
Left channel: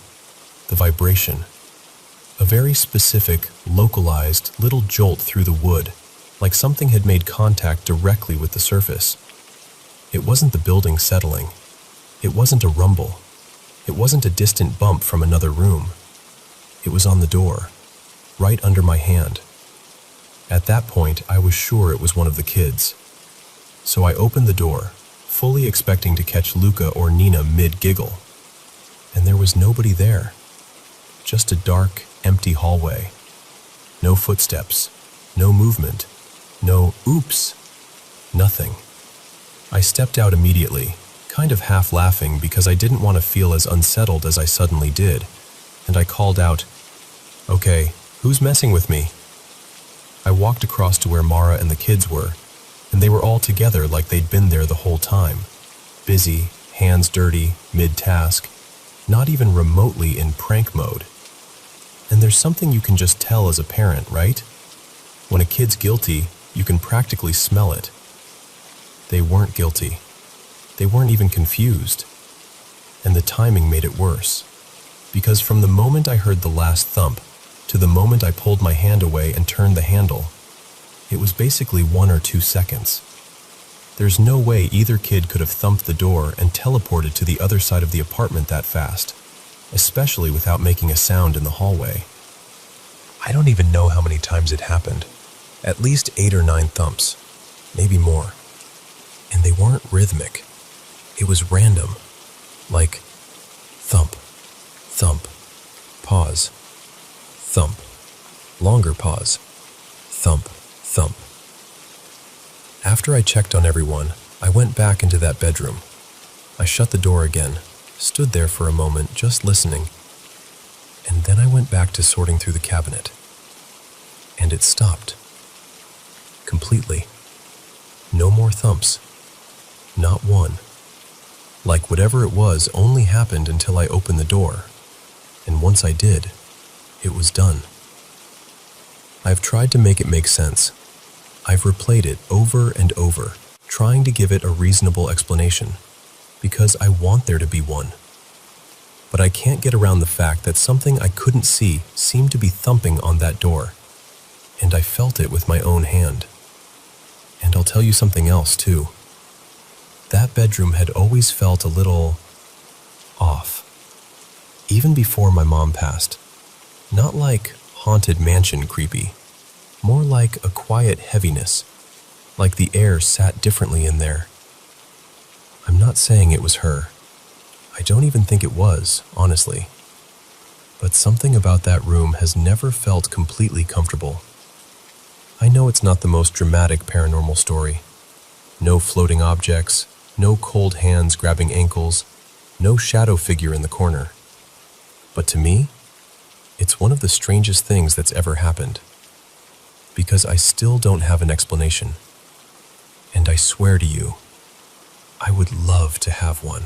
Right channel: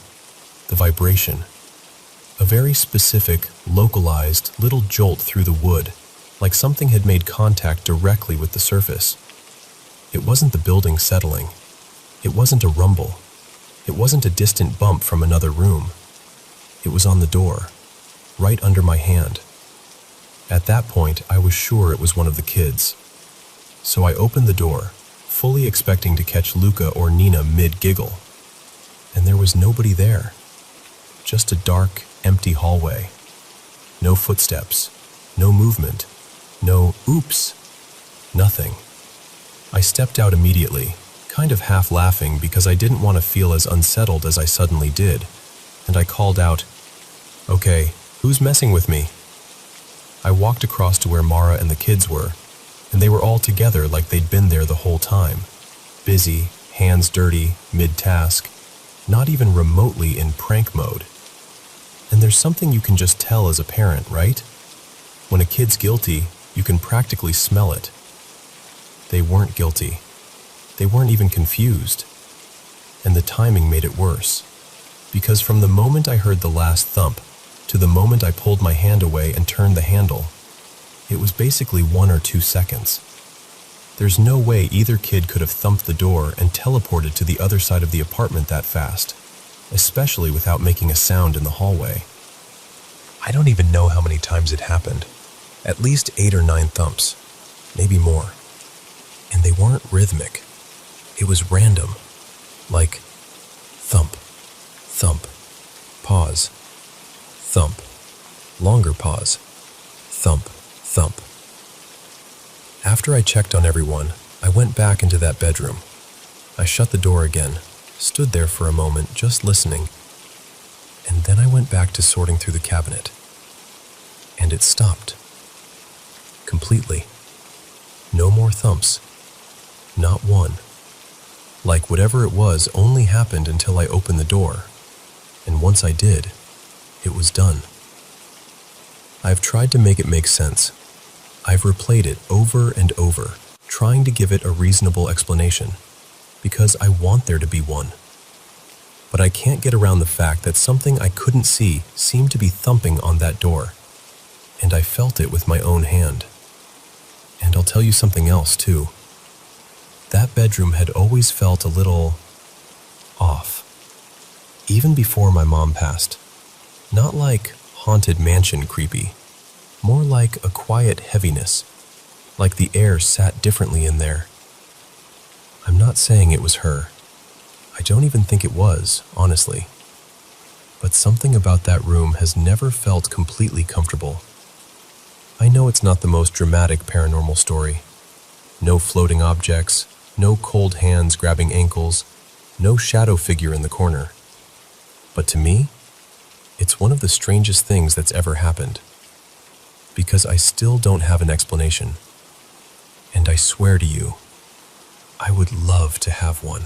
the vibration. A very specific, localized little jolt through the wood, like something had made contact directly with the surface. It wasn't the building settling. It wasn't a rumble. It wasn't a distant bump from another room. It was on the door, right under my hand. At that point, I was sure it was one of the kids. So I opened the door, fully expecting to catch Luca or Nina mid-giggle. And there was nobody there. Just a dark, empty hallway. No footsteps, no movement, no oops, nothing. I stepped out immediately, kind of half laughing because I didn't want to feel as unsettled as I suddenly did, and I called out, "Okay, who's messing with me?" I walked across to where Mara and the kids were, and they were all together like they'd been there the whole time. Busy, hands dirty, mid-task, not even remotely in prank mode. And there's something you can just tell as a parent, right? When a kid's guilty, you can practically smell it. They weren't guilty. They weren't even confused. And the timing made it worse. Because from the moment I heard the last thump to the moment I pulled my hand away and turned the handle, it was basically 1 or 2 seconds. There's no way either kid could have thumped the door and teleported to the other side of the apartment that fast, especially without making a sound in the hallway. I don't even know how many times it happened. At least 8 or 9 thumps, maybe more. And they weren't rhythmic. It was random. Like thump, thump, pause, thump, longer pause, thump, thump. After I checked on everyone, I went back into that bedroom. I shut the door again, stood there for a moment just listening, and then I went back to sorting through the cabinet. And it stopped. Completely. No more thumps. Not one. Like whatever it was only happened until I opened the door, and once I did, it was done. I've tried to make it make sense. I've replayed it over and over, trying to give it a reasonable explanation, because I want there to be one. But I can't get around the fact that something I couldn't see seemed to be thumping on that door, and I felt it with my own hand. And I'll tell you something else, too. That bedroom had always felt a little off, even before my mom passed. Not like haunted mansion creepy, more like a quiet heaviness, like the air sat differently in there. I'm not saying it was her. I don't even think it was, honestly. But something about that room has never felt completely comfortable. I know it's not the most dramatic paranormal story. No floating objects, no cold hands grabbing ankles, no shadow figure in the corner. But to me, it's one of the strangest things that's ever happened. Because I still don't have an explanation. And I swear to you, I would love to have one.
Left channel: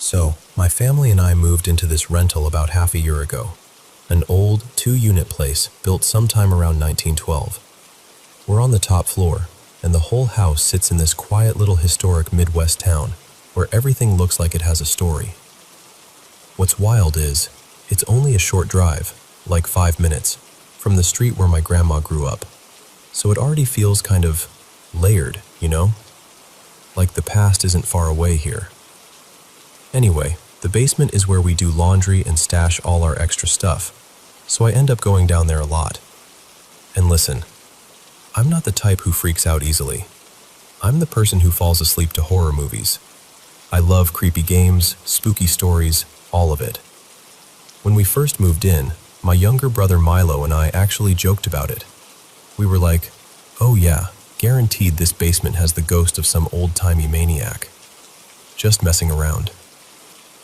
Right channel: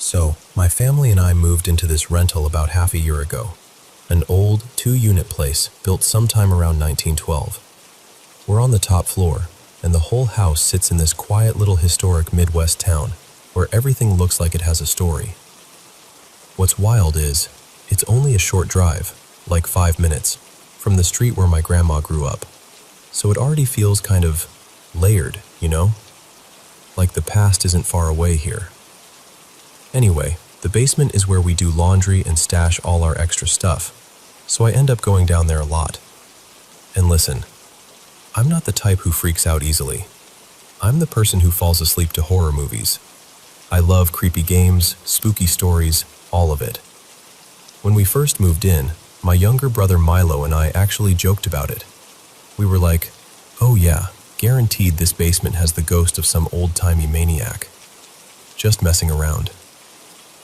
So, my family and I moved into this rental about half a year ago. an old 2-unit place built sometime around 1912. We're on the top floor, and the whole house sits in this quiet little historic Midwest town where everything looks like it has a story. What's wild is, it's only a short drive, like 5 minutes, from the street where my grandma grew up. So it already feels kind of layered, you know? Like the past isn't far away here. Anyway, the basement is where we do laundry and stash all our extra stuff, so I end up going down there a lot. And listen, I'm not the type who freaks out easily. I'm the person who falls asleep to horror movies. I love creepy games, spooky stories, all of it. When we first moved in, my younger brother Milo and I actually joked about it. We were like, oh yeah, guaranteed this basement has the ghost of some old-timey maniac. Just messing around.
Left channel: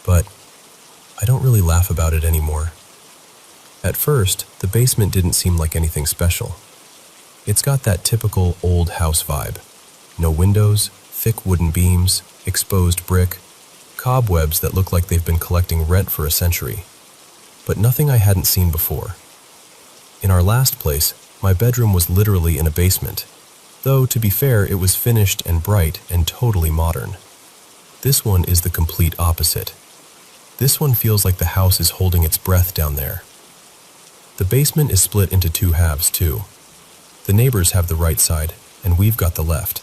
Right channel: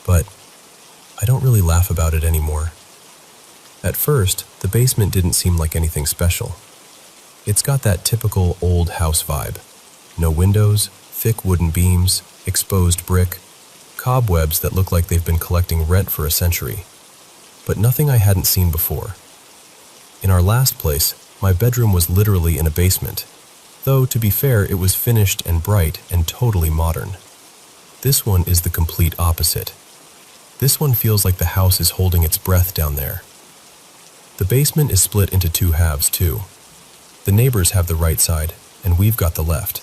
But I don't really laugh about it anymore. At first, the basement didn't seem like anything special. It's got that typical old house vibe. No windows, thick wooden beams, exposed brick, cobwebs that look like they've been collecting rent for a century. But nothing I hadn't seen before. In our last place, my bedroom was literally in a basement, though to be fair, it was finished and bright and totally modern. This one is the complete opposite. This one feels like the house is holding its breath down there. The basement is split into 2 halves too. The neighbors have the right side, and we've got the left.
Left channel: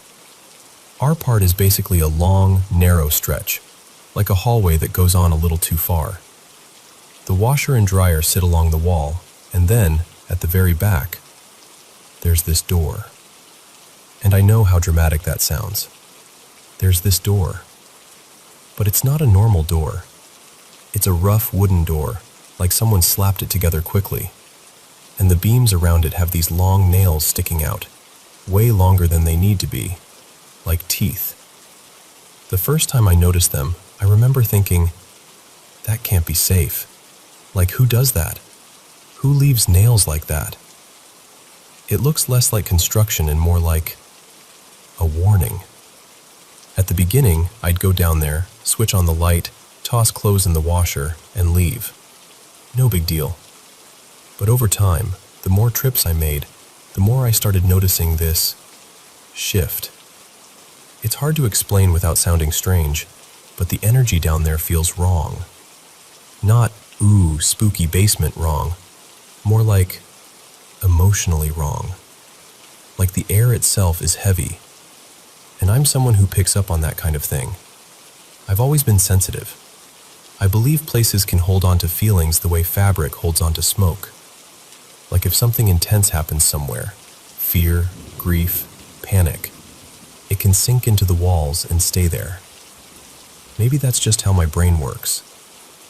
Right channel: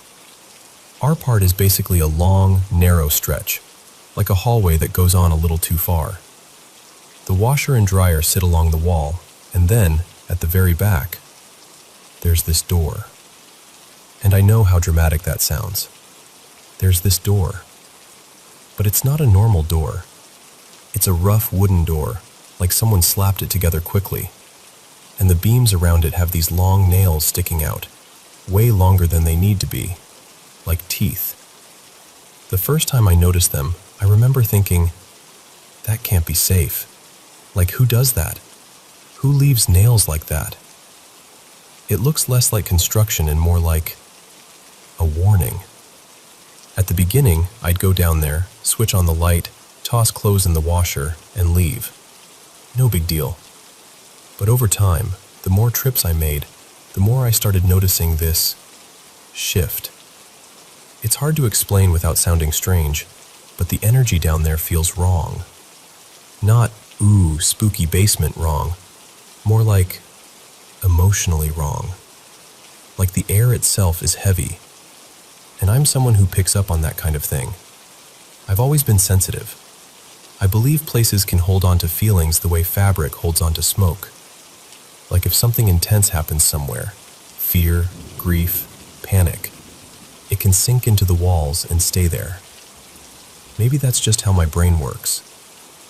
Our part is basically a long, narrow stretch, like a hallway that goes on a little too far. The washer and dryer sit along the wall, and then, at the very back, there's this door. And I know how dramatic that sounds. There's this door. But it's not a normal door. It's a rough wooden door, like someone slapped it together quickly. And the beams around it have these long nails sticking out, way longer than they need to be, like teeth. The first time I noticed them, I remember thinking, that can't be safe. Like, who does that? Who leaves nails like that? It looks less like construction and more like a warning. At the beginning, I'd go down there, switch on the light, toss clothes in the washer, and leave. No big deal. But over time, the more trips I made, the more I started noticing this shift. It's hard to explain without sounding strange, but the energy down there feels wrong. Not, ooh, spooky basement wrong. More like emotionally wrong. Like the air itself is heavy. And I'm someone who picks up on that kind of thing. I've always been sensitive. I believe places can hold on to feelings the way fabric holds on to smoke. Like if something intense happens somewhere, fear, grief, panic, it can sink into the walls and stay there. Maybe that's just how my brain works.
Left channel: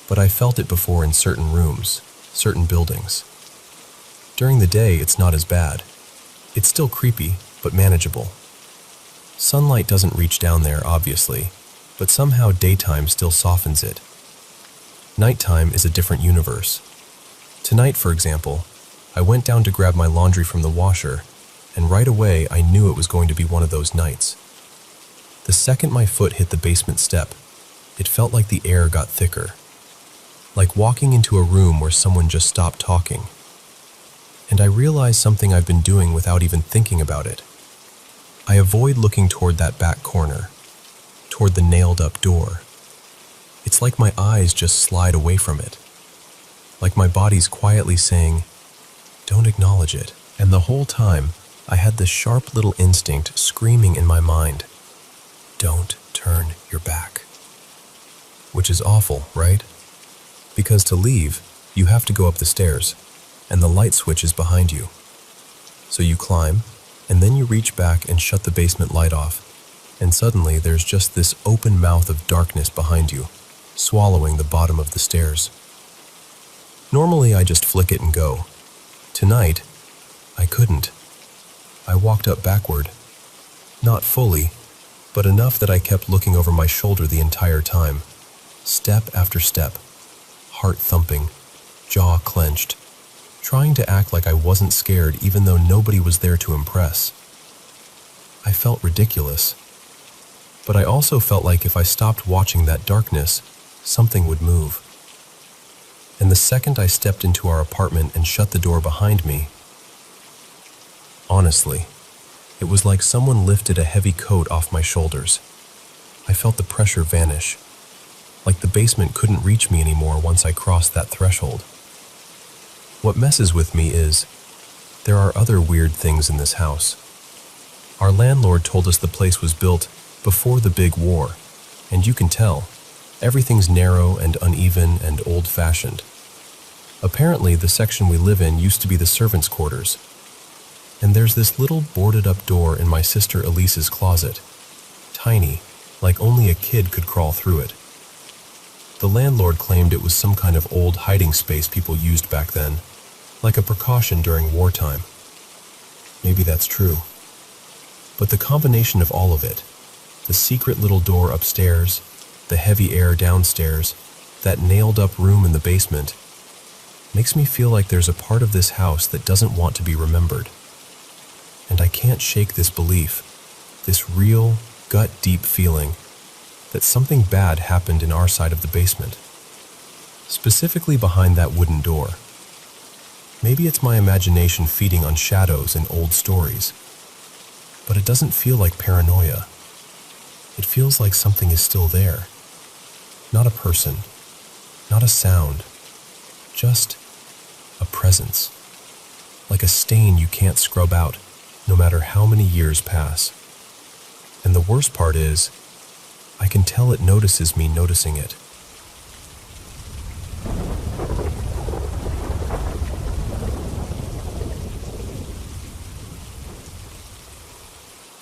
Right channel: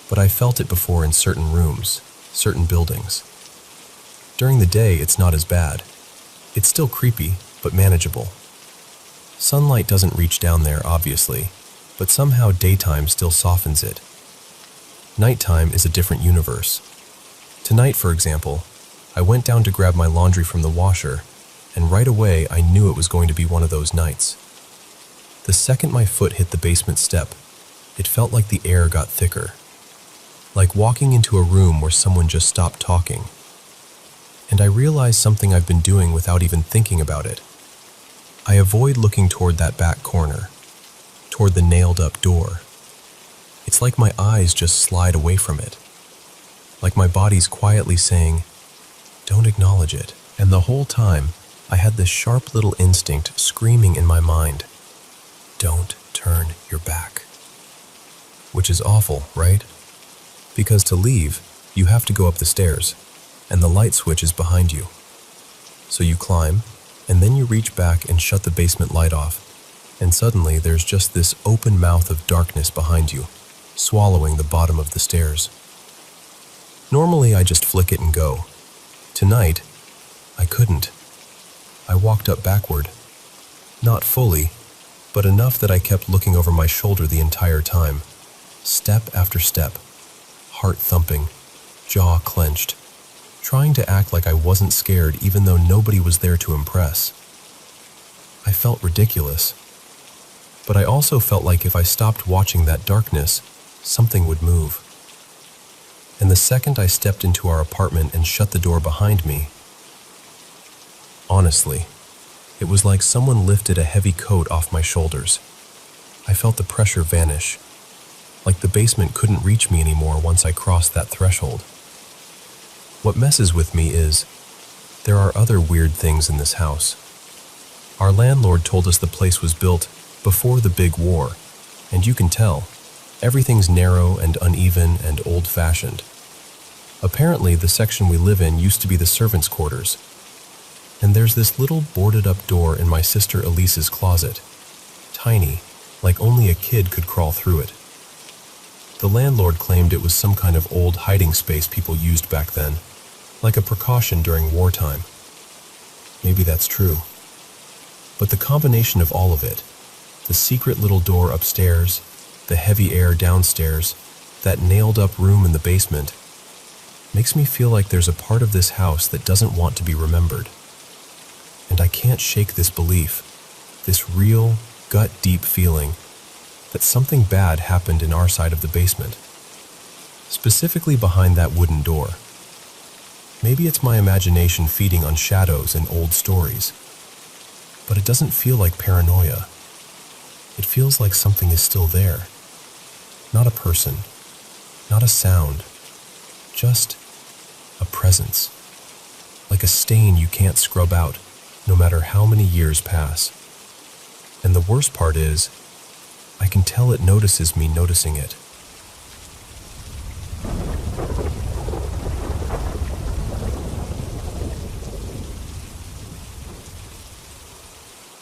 But I felt it before in certain rooms, certain buildings. During the day, it's not as bad. It's still creepy, but manageable. Sunlight doesn't reach down there, obviously, but somehow daytime still softens it. Nighttime is a different universe. Tonight, for example, I went down to grab my laundry from the washer, and right away I knew it was going to be one of those nights. The second my foot hit the basement step, it felt like the air got thicker. Like walking into a room where someone just stopped talking. And I realized something I've been doing without even thinking about it. I avoid looking toward that back corner, toward the nailed-up door. It's like my eyes just slide away from it. Like my body's quietly saying, don't acknowledge it. And the whole time, I had this sharp little instinct screaming in my mind, don't turn your back. Which is awful, right? Because to leave, you have to go up the stairs, and the light switch is behind you. So you climb, and then you reach back and shut the basement light off, and suddenly there's just this open mouth of darkness behind you, swallowing the bottom of the stairs. Normally I just flick it and go. Tonight, I couldn't. I walked up backward. Not fully, but enough that I kept looking over my shoulder the entire time. Step after step, heart thumping, jaw clenched, trying to act like I wasn't scared even though nobody was there to impress. I felt ridiculous, but I also felt like if I stopped watching that darkness, something would move. and the second I stepped into our apartment and shut the door behind me, honestly, it was like someone lifted a heavy coat off my shoulders. I felt the pressure vanish, like the basement couldn't reach me anymore once I crossed that threshold. What messes with me is, there are other weird things in this house. Our landlord told us the place was built before the big war, and you can tell, everything's narrow and uneven and old-fashioned. Apparently, the section we live in used to be the servants' quarters, and there's this little boarded-up door in my sister Elise's closet, tiny, like only a kid could crawl through it. The landlord claimed it was some kind of old hiding space people used back then, like a precaution during wartime. Maybe that's true. But the combination of all of it, the secret little door upstairs, the heavy air downstairs, that nailed-up room in the basement, makes me feel like there's a part of this house that doesn't want to be remembered. And I can't shake this belief, this real, gut-deep feeling that something bad happened in our side of the basement, specifically behind that wooden door. Maybe it's my imagination feeding on shadows and old stories, but it doesn't feel like paranoia. It feels like something is still there. Not a person, not a sound, just a presence, like a stain you can't scrub out, no matter how many years pass. And the worst part is, I can tell it notices me noticing it.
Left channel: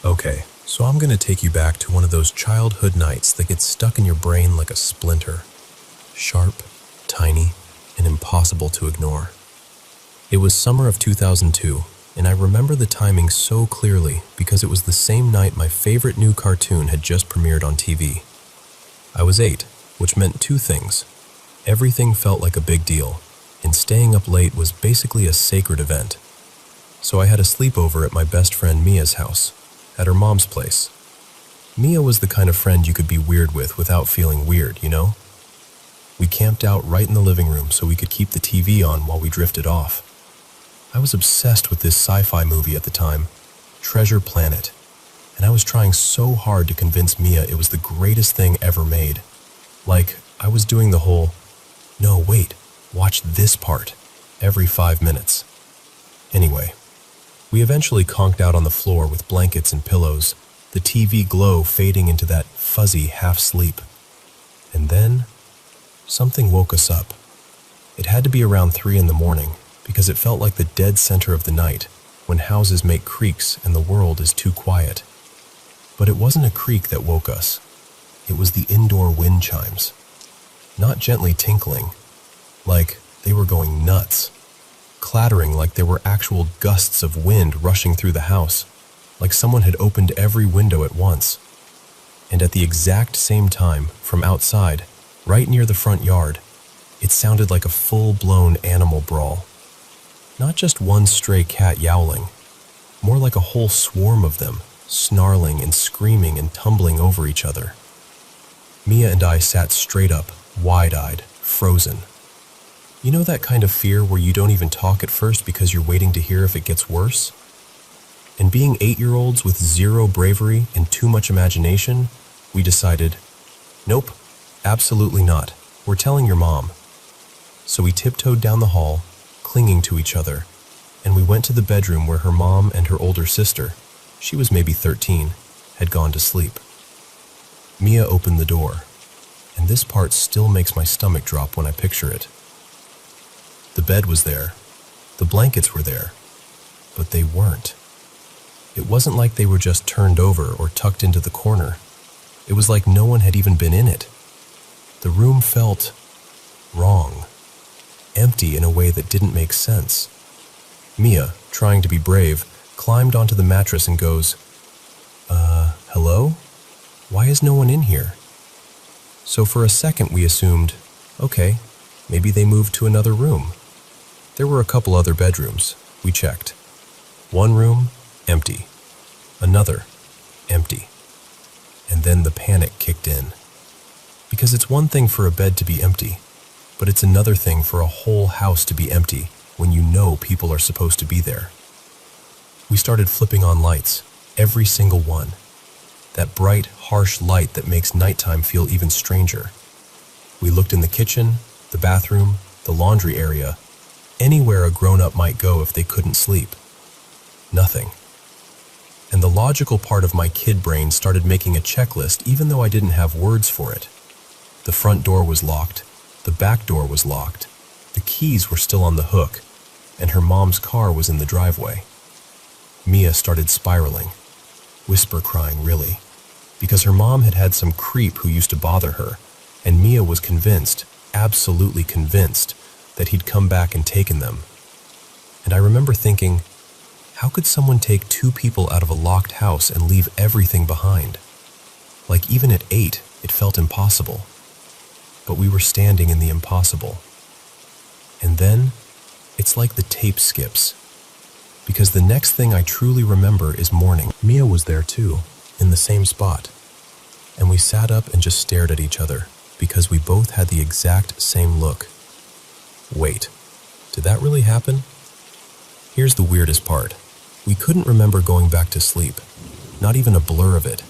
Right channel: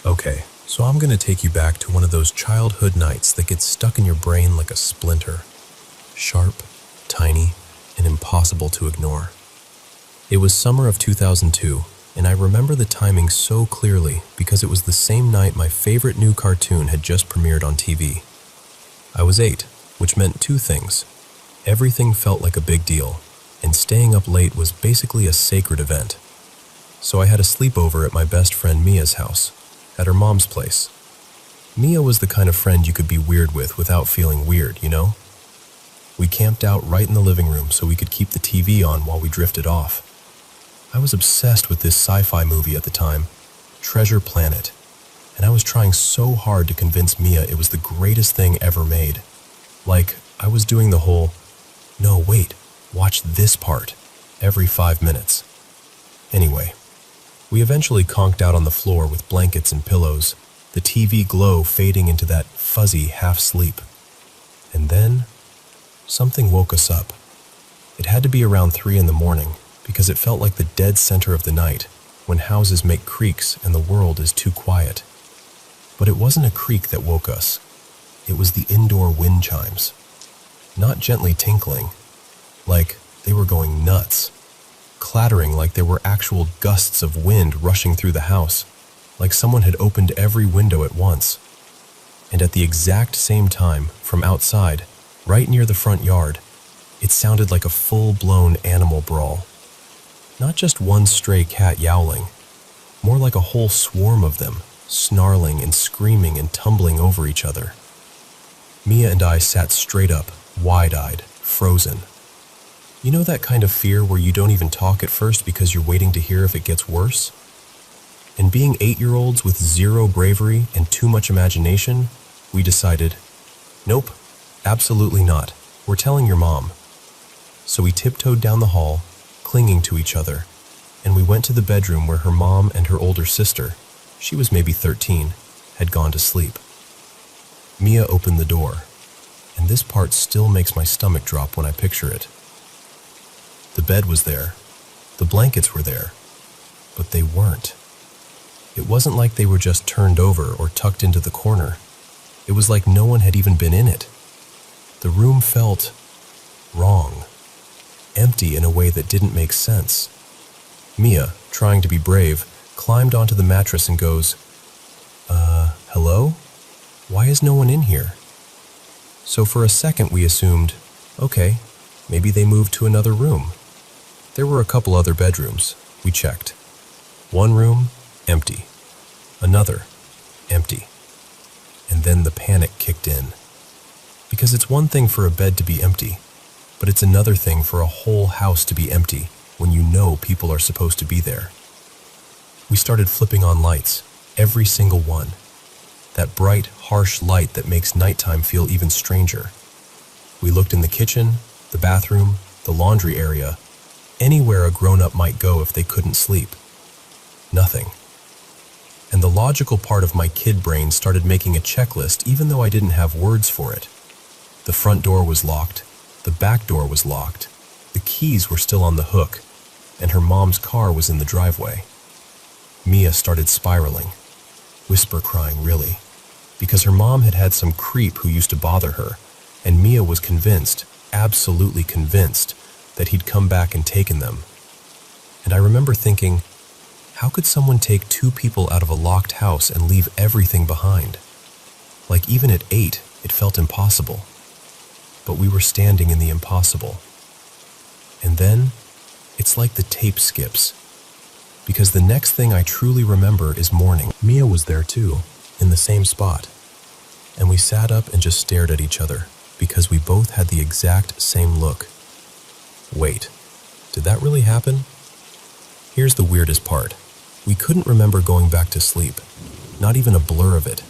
Okay, so I'm going to take you back to one of those childhood nights that gets stuck in your brain like a splinter. Sharp, tiny, and impossible to ignore. It was summer of 2002, and I remember the timing so clearly because it was the same night my favorite new cartoon had just premiered on TV. I was 8, which meant two things. Everything felt like a big deal, and staying up late was basically a sacred event. So I had a sleepover at my best friend Mia's house, at her mom's place. Mia was the kind of friend you could be weird with without feeling weird, you know? We camped out right in the living room so we could keep the TV on while we drifted off. I was obsessed with this sci-fi movie at the time, Treasure Planet, and I was trying so hard to convince Mia it was the greatest thing ever made. Like, I was doing the whole, no, wait, watch this part, every 5 minutes. Anyway, we eventually conked out on the floor with blankets and pillows, the TV glow fading into that fuzzy half-sleep. And then, something woke us up. It had to be around 3 a.m, because it felt like the dead center of the night, when houses make creaks and the world is too quiet. But it wasn't a creak that woke us. It was the indoor wind chimes. Not gently tinkling, like they were going nuts. Clattering like there were actual gusts of wind rushing through the house, like someone had opened every window at once. And at the exact same time, from outside, right near the front yard, it sounded like a full-blown animal brawl. Not just one stray cat yowling, more like a whole swarm of them, snarling and screaming and tumbling over each other. Mia and I sat straight up, wide-eyed, frozen. You know that kind of fear where you don't even talk at first because you're waiting to hear if it gets worse? And being 8-year-olds with zero bravery and too much imagination, we decided, nope, absolutely not. We're telling your mom. So we tiptoed down the hall, clinging to each other, and we went to the bedroom where her mom and her older sister, she was maybe 13, had gone to sleep. Mia opened the door, and this part still makes my stomach drop when I picture it. The bed was there, the blankets were there, but they weren't. It wasn't like they were just turned over or tucked into the corner. It was like no one had even been in it. The room felt wrong, empty in a way that didn't make sense. Mia, trying to be brave, climbed onto the mattress and goes, hello? Why is no one in here? So for a second we assumed, okay, maybe they moved to another room. There were a couple other bedrooms. We checked. One room, empty. Another, empty. And then the panic kicked in. Because it's one thing for a bed to be empty. But it's another thing for a whole house to be empty when you know people are supposed to be there. We started flipping on lights, every single one. That bright, harsh light that makes nighttime feel even stranger. We looked in the kitchen, the bathroom, the laundry area, anywhere a grown-up might go if they couldn't sleep. Nothing. And the logical part of my kid brain started making a checklist even though I didn't have words for it. The front door was locked, the back door was locked, the keys were still on the hook, and her mom's car was in the driveway. Mia started spiraling, whisper crying really, because her mom had had some creep who used to bother her, and Mia was convinced, absolutely convinced, that he'd come back and taken them. And I remember thinking, how could someone take two people out of a locked house and leave everything behind? Like even at 8, it felt impossible. But we were standing in the impossible. And then, it's like the tape skips. Because the next thing I truly remember is morning. Mia was there too, in the same spot. And we sat up and just stared at each other, because we both had the exact same look. Wait, did that really happen? Here's the weirdest part. We couldn't remember going back to sleep, not even a blur of it.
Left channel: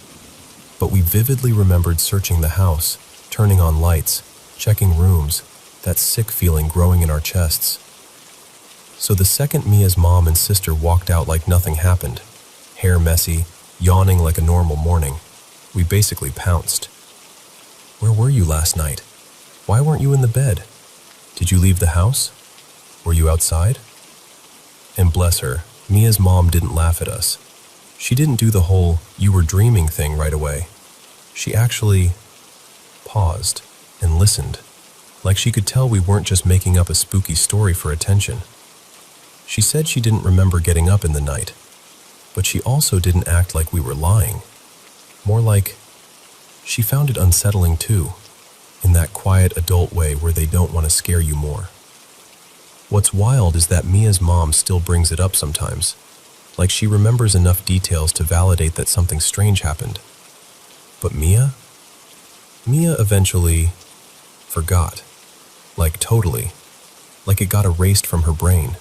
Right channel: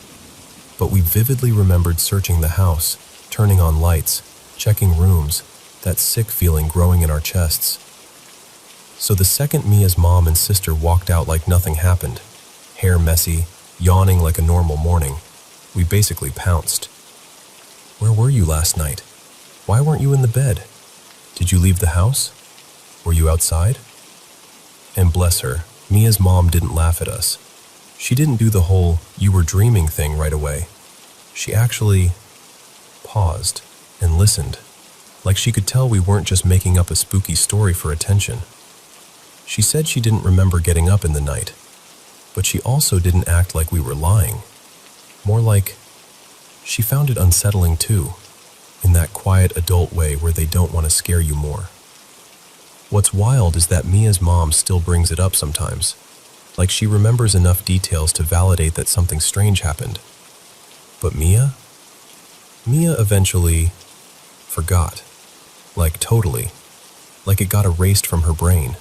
But we vividly remembered searching the house, turning on lights, checking rooms, that sick feeling growing in our chests. So the second Mia's mom and sister walked out like nothing happened, hair messy, yawning like a normal morning, we basically pounced. Where were you last night? Why weren't you in the bed? Did you leave the house? Were you outside? And bless her, Mia's mom didn't laugh at us. She didn't do the whole "you were dreaming" thing right away. She actually paused and listened, like she could tell we weren't just making up a spooky story for attention. She said she didn't remember getting up in the night, but she also didn't act like we were lying. More like she found it unsettling too, in that quiet adult way where they don't want to scare you more. What's wild is that Mia's mom still brings it up sometimes, like she remembers enough details to validate that something strange happened. But Mia eventually forgot. Like totally. Like it got erased from her brain.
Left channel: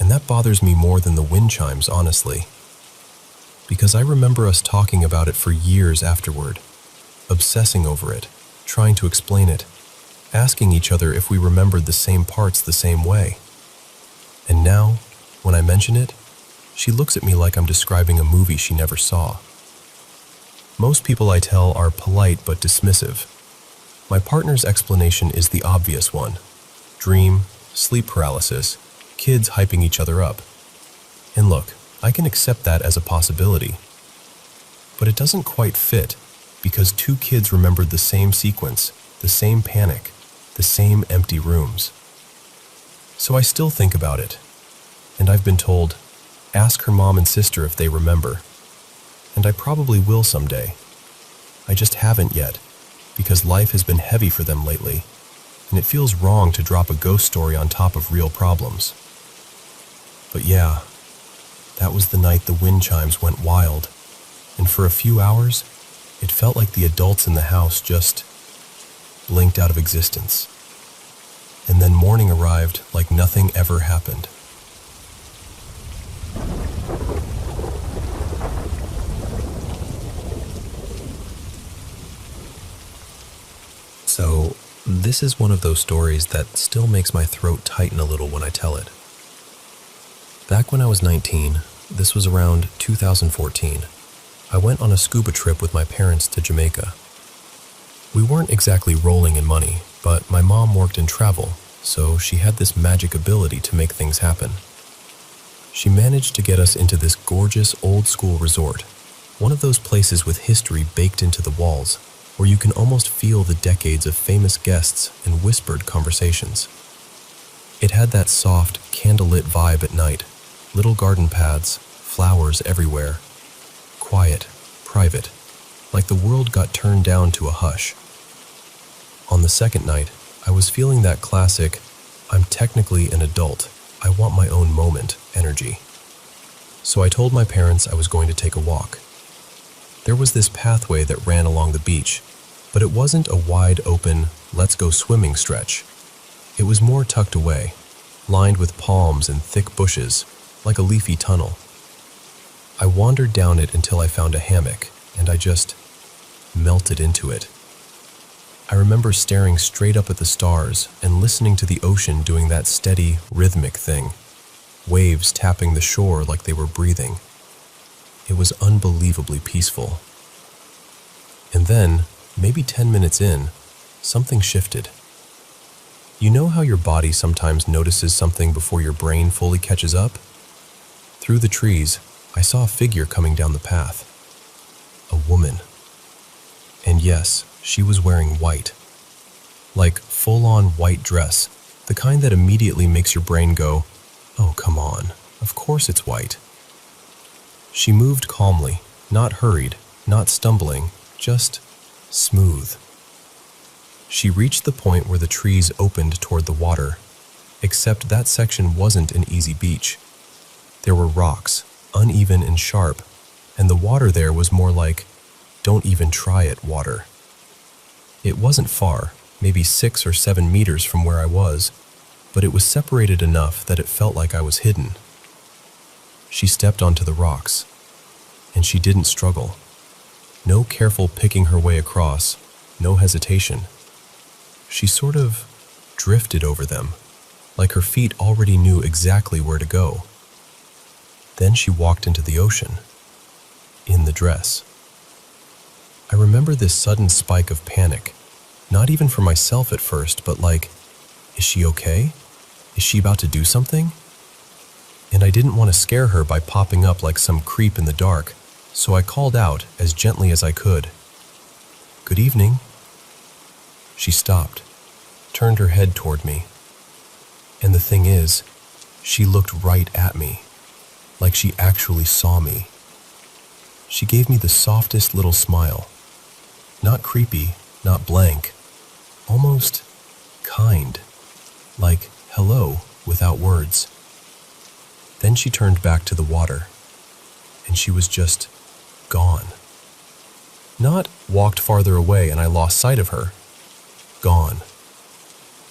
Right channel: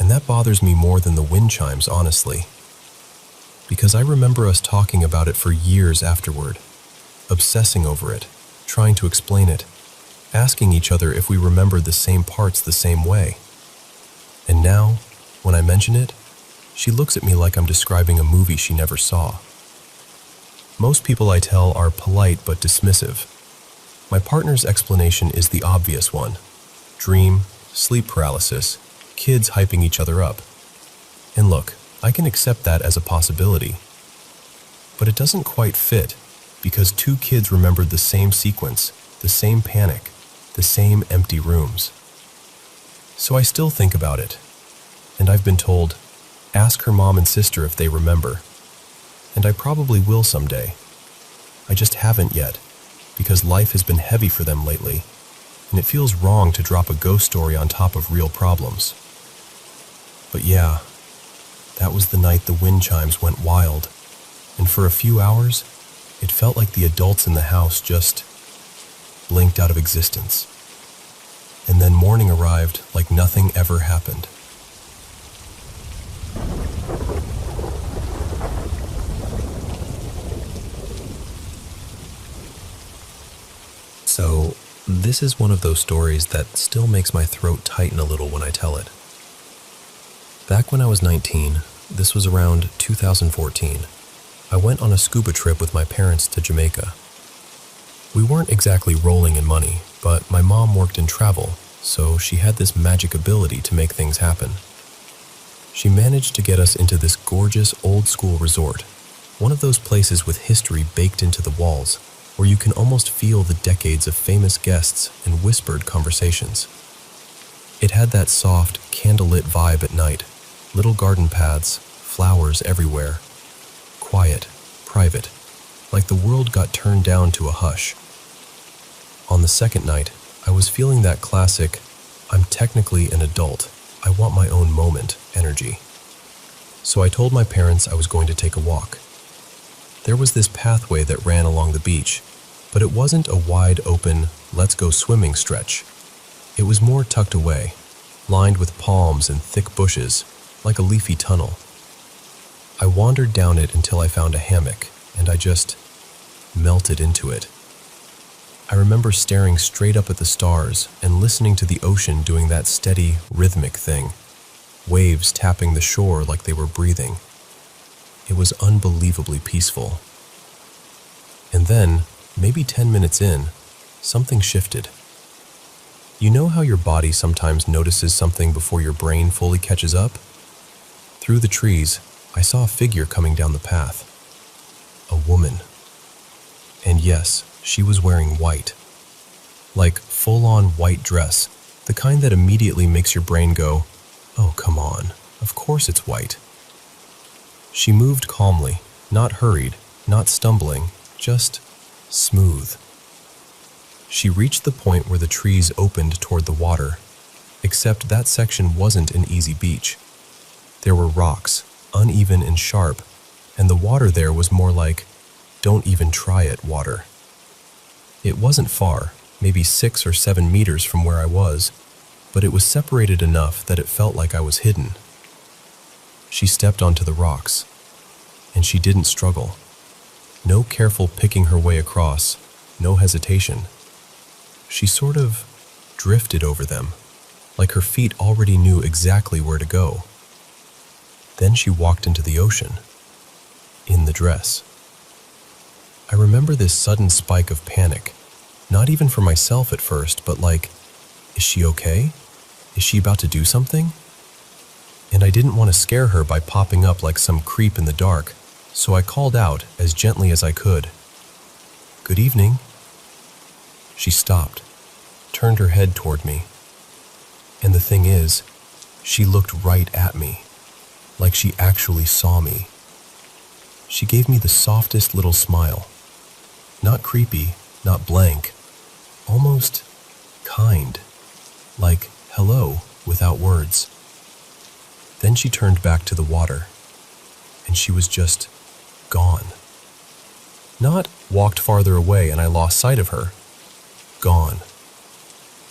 And that bothers me more than the wind chimes, honestly. Because I remember us talking about it for years afterward, obsessing over it, trying to explain it, asking each other if we remembered the same parts the same way. And now, when I mention it, she looks at me like I'm describing a movie she never saw. Most people I tell are polite but dismissive. My partner's explanation is the obvious one. Dream, sleep paralysis, kids hyping each other up. And look, I can accept that as a possibility. But it doesn't quite fit, because two kids remembered the same sequence, the same panic, the same empty rooms. So I still think about it, and I've been told, ask her mom and sister if they remember. And I probably will someday. I just haven't yet, because life has been heavy for them lately, and it feels wrong to drop a ghost story on top of real problems. But yeah, that was the night the wind chimes went wild, and for a few hours, it felt like the adults in the house just blinked out of existence. And then morning arrived like nothing ever happened. So, this is one of those stories that still makes my throat tighten a little when I tell it. Back when I was 19, this was around 2014, I went on a scuba trip with my parents to Jamaica. We weren't exactly rolling in money, but my mom worked in travel, so she had this magic ability to make things happen. She managed to get us into this gorgeous old-school resort, one of those places with history baked into the walls, where you can almost feel the decades of famous guests in whispered conversations. It had that soft, candlelit vibe at night, little garden paths, flowers everywhere. Quiet, private, like the world got turned down to a hush. On the second night, I was feeling that classic, I'm technically an adult, I want my own moment energy. So I told my parents I was going to take a walk. There was this pathway that ran along the beach, but it wasn't a wide open, let's go swimming stretch. It was more tucked away, lined with palms and thick bushes, like a leafy tunnel. I wandered down it until I found a hammock, and I just melted into it. I remember staring straight up at the stars and listening to the ocean doing that steady, rhythmic thing, waves tapping the shore like they were breathing. It was unbelievably peaceful. And then, maybe 10 minutes in, something shifted. You know how your body sometimes notices something before your brain fully catches up? Through the trees, I saw a figure coming down the path. A woman. And yes, she was wearing white. Like full-on white dress, the kind that immediately makes your brain go, "Oh, come on, of course it's white." She moved calmly, not hurried, not stumbling, just smooth. She reached the point where the trees opened toward the water, except that section wasn't an easy beach. There were rocks, uneven and sharp, and the water there was more like, "Don't even try it" water. It wasn't far, maybe 6 or 7 meters from where I was, but it was separated enough that it felt like I was hidden. She stepped onto the rocks, and she didn't struggle. No careful picking her way across, no hesitation. She sort of drifted over them, like her feet already knew exactly where to go. Then she walked into the ocean, in the dress. I remember this sudden spike of panic, not even for myself at first, but like, is she okay? Is she about to do something? And I didn't want to scare her by popping up like some creep in the dark, so I called out as gently as I could, "Good evening." She stopped, turned her head toward me. And the thing is, she looked right at me, like she actually saw me. She gave me the softest little smile. Not creepy, not blank, almost kind, like hello without words. Then she turned back to the water, and she was just gone. Not walked farther away and I lost sight of her. Gone.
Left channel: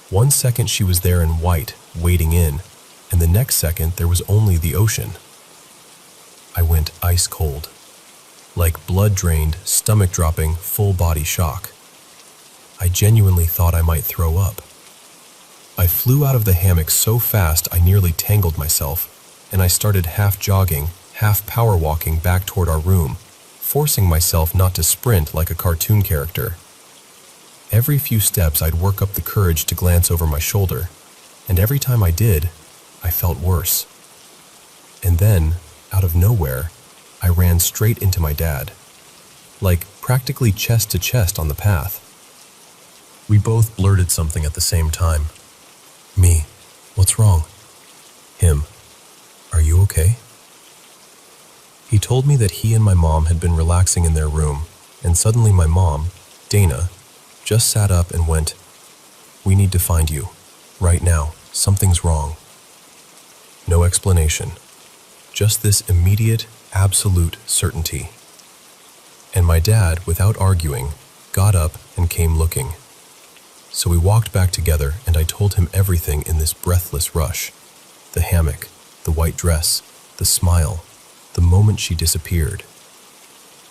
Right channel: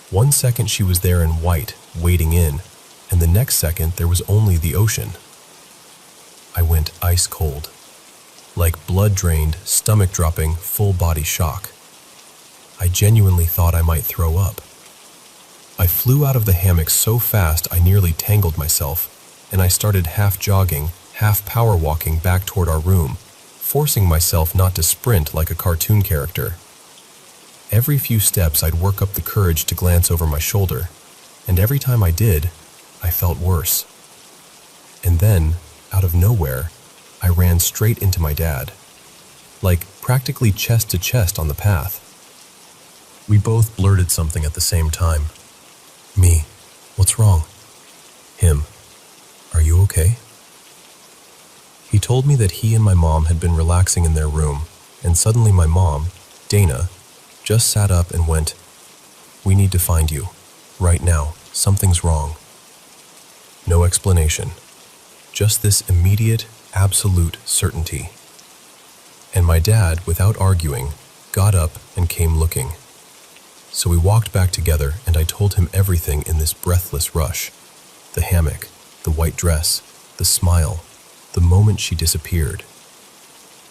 1 second she was there in white, wading in, and the next second there was only the ocean. I went ice cold. Like blood-drained, stomach-dropping, full-body shock. I genuinely thought I might throw up. I flew out of the hammock so fast I nearly tangled myself, and I started half jogging, half power walking back toward our room, forcing myself not to sprint like a cartoon character. Every few steps I'd work up the courage to glance over my shoulder, and every time I did, I felt worse. And then, out of nowhere, I ran straight into my dad, like practically chest to chest on the path. We both blurted something at the same time. Me, "What's wrong?" Him, "Are you okay?" He told me that he and my mom had been relaxing in their room, and suddenly my mom, Dana, just sat up and went, "We need to find you. Right now, something's wrong." No explanation. Just this immediate, absolute certainty. And my dad, without arguing, got up and came looking. So we walked back together and I told him everything in this breathless rush. The hammock, the white dress, the smile, the moment she disappeared.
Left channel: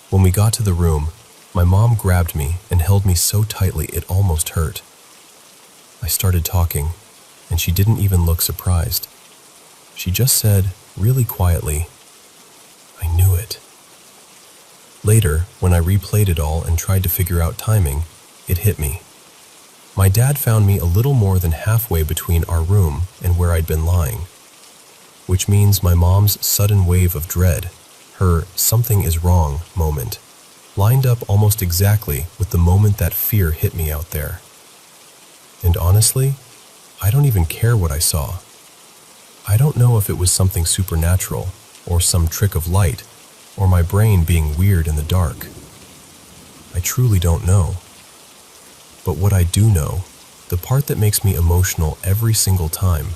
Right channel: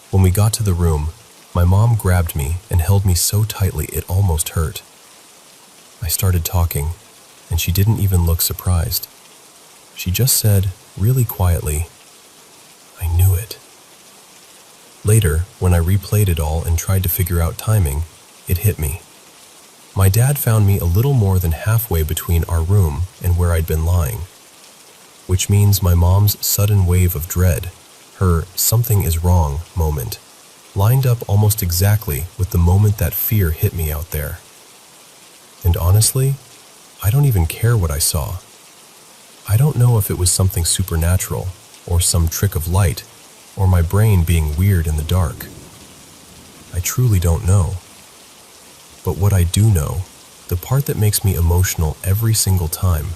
When we got to the room, my mom grabbed me and held me so tightly it almost hurt. I started talking, and she didn't even look surprised. She just said, really quietly, "I knew it." Later, when I replayed it all and tried to figure out timing, it hit me. My dad found me a little more than halfway between our room and where I'd been lying, which means my mom's sudden wave of dread, her "something is wrong" moment, lined up almost exactly with the moment that fear hit me out there. And honestly, I don't even care what I saw. I don't know if it was something supernatural, or some trick of light, or my brain being weird in the dark. I truly don't know. But what I do know, the part that makes me emotional every single time,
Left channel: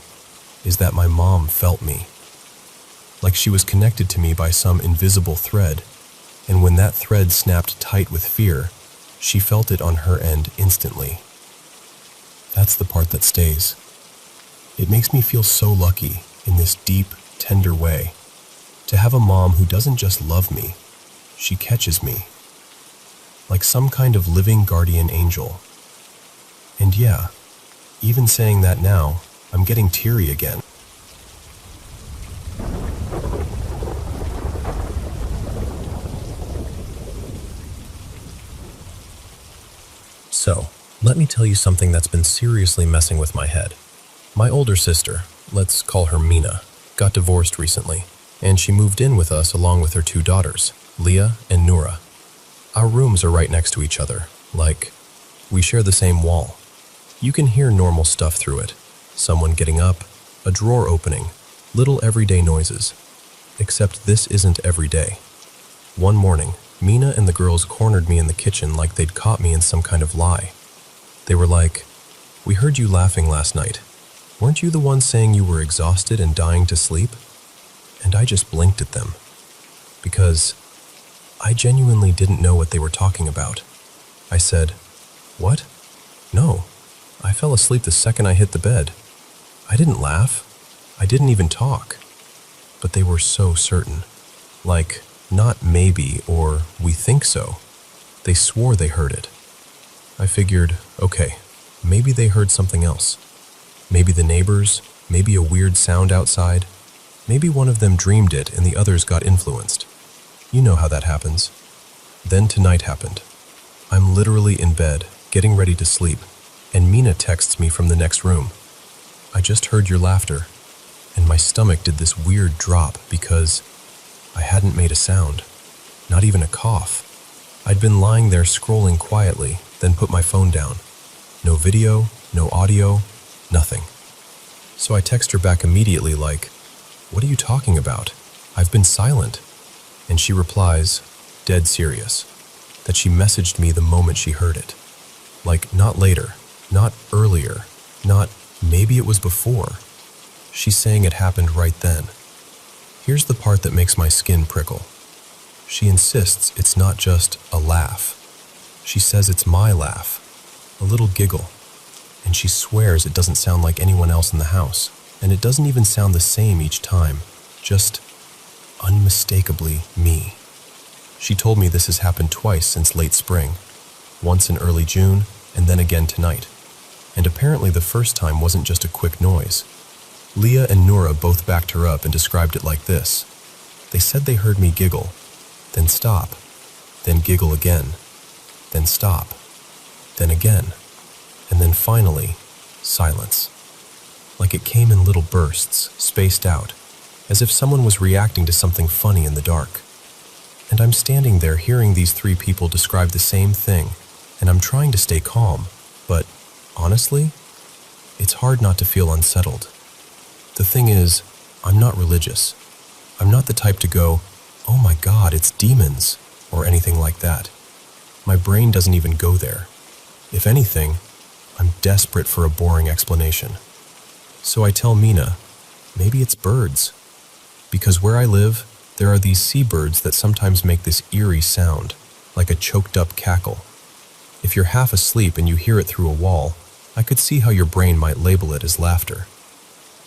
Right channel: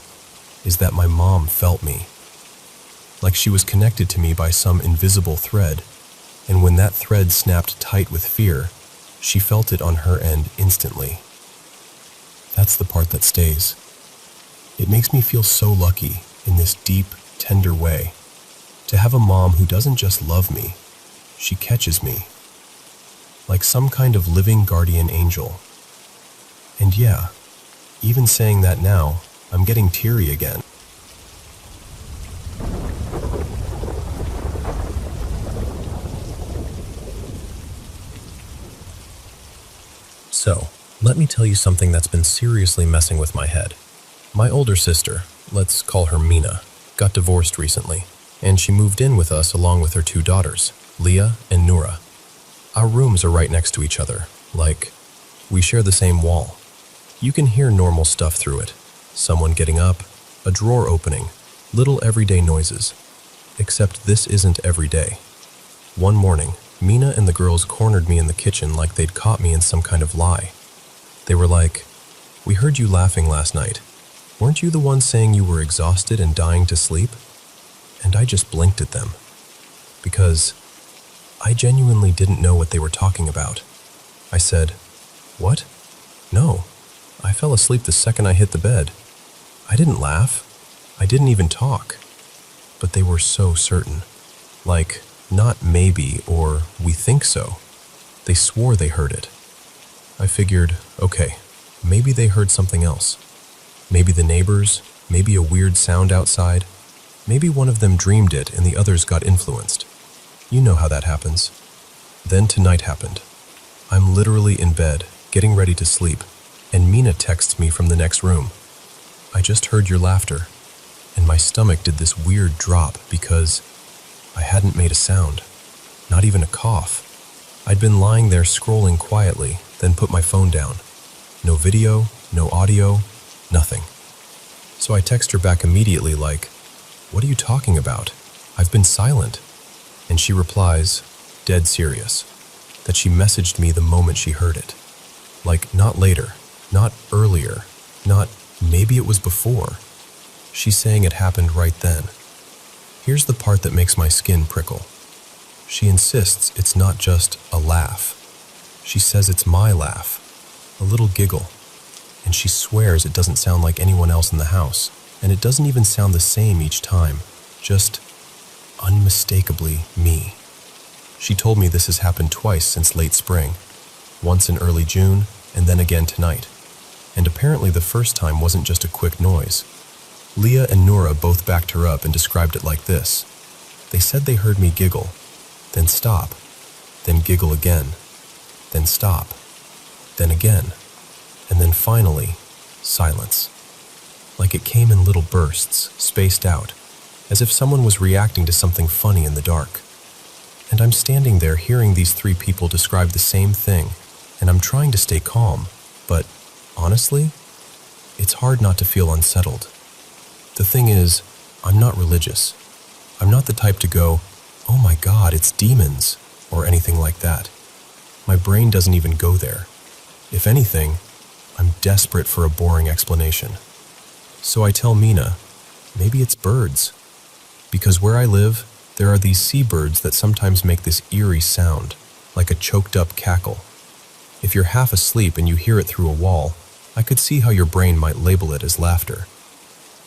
is that my mom felt me. Like she was connected to me by some invisible thread, and when that thread snapped tight with fear, she felt it on her end instantly. That's the part that stays. It makes me feel so lucky in this deep, tender way to have a mom who doesn't just love me, she catches me. Like some kind of living guardian angel. And yeah, even saying that now, I'm getting teary again. So, let me tell you something that's been seriously messing with my head. My older sister, let's call her Mina, got divorced recently, and she moved in with us along with her 2 daughters, Leah and Noura. Our rooms are right next to each other, like, we share the same wall. You can hear normal stuff through it. Someone getting up, a drawer opening, little everyday noises. Except this isn't every day. One morning, Mina and the girls cornered me in the kitchen like they'd caught me in some kind of lie. They were like, "We heard you laughing last night. Weren't you the one saying you were exhausted and dying to sleep?" And I just blinked at them. Because I genuinely didn't know what they were talking about. I said, "What? No, I fell asleep the second I hit the bed. I didn't laugh. I didn't even talk." But they were so certain. Like, not maybe or we think so. They swore they heard it. I figured, okay, maybe they heard something else. Maybe the neighbors, maybe a weird sound outside. Maybe one of them dreamed it and the others got influenced. You know how that happens. Then tonight happened. I'm literally in bed, getting ready to sleep, and Mina texts me from the next room. "I just heard your laughter," and my stomach did this weird drop because I hadn't made a sound, not even a cough. I'd been lying there scrolling quietly, then put my phone down. No video, no audio, nothing. So I text her back immediately like, "What are you talking about? I've been silent." And she replies, dead serious, that she messaged me the moment she heard it. Like, not later, not earlier, not maybe it was before. She's saying it happened right then. Here's the part that makes my skin prickle. She insists it's not just a laugh. She says it's my laugh, a little giggle, and she swears it doesn't sound like anyone else in the house, and it doesn't even sound the same each time, just unmistakably me. She told me this has happened twice since late spring, once in early June, and then again tonight. And apparently the first time wasn't just a quick noise. Leah and Noura both backed her up and described it like this. They said they heard me giggle, then stop, then giggle again, then stop, then again, and then finally, silence. Like it came in little bursts, spaced out, as if someone was reacting to something funny in the dark. And I'm standing there hearing these 3 people describe the same thing, and I'm trying to stay calm, but honestly, it's hard not to feel unsettled. The thing is, I'm not religious. I'm not the type to go, "Oh my God, it's demons," or anything like that. My brain doesn't even go there. If anything, I'm desperate for a boring explanation. So I tell Mina, maybe it's birds. Because where I live, there are these seabirds that sometimes make this eerie sound, like a choked up cackle. If you're half asleep and you hear it through a wall, I could see how your brain might label it as laughter.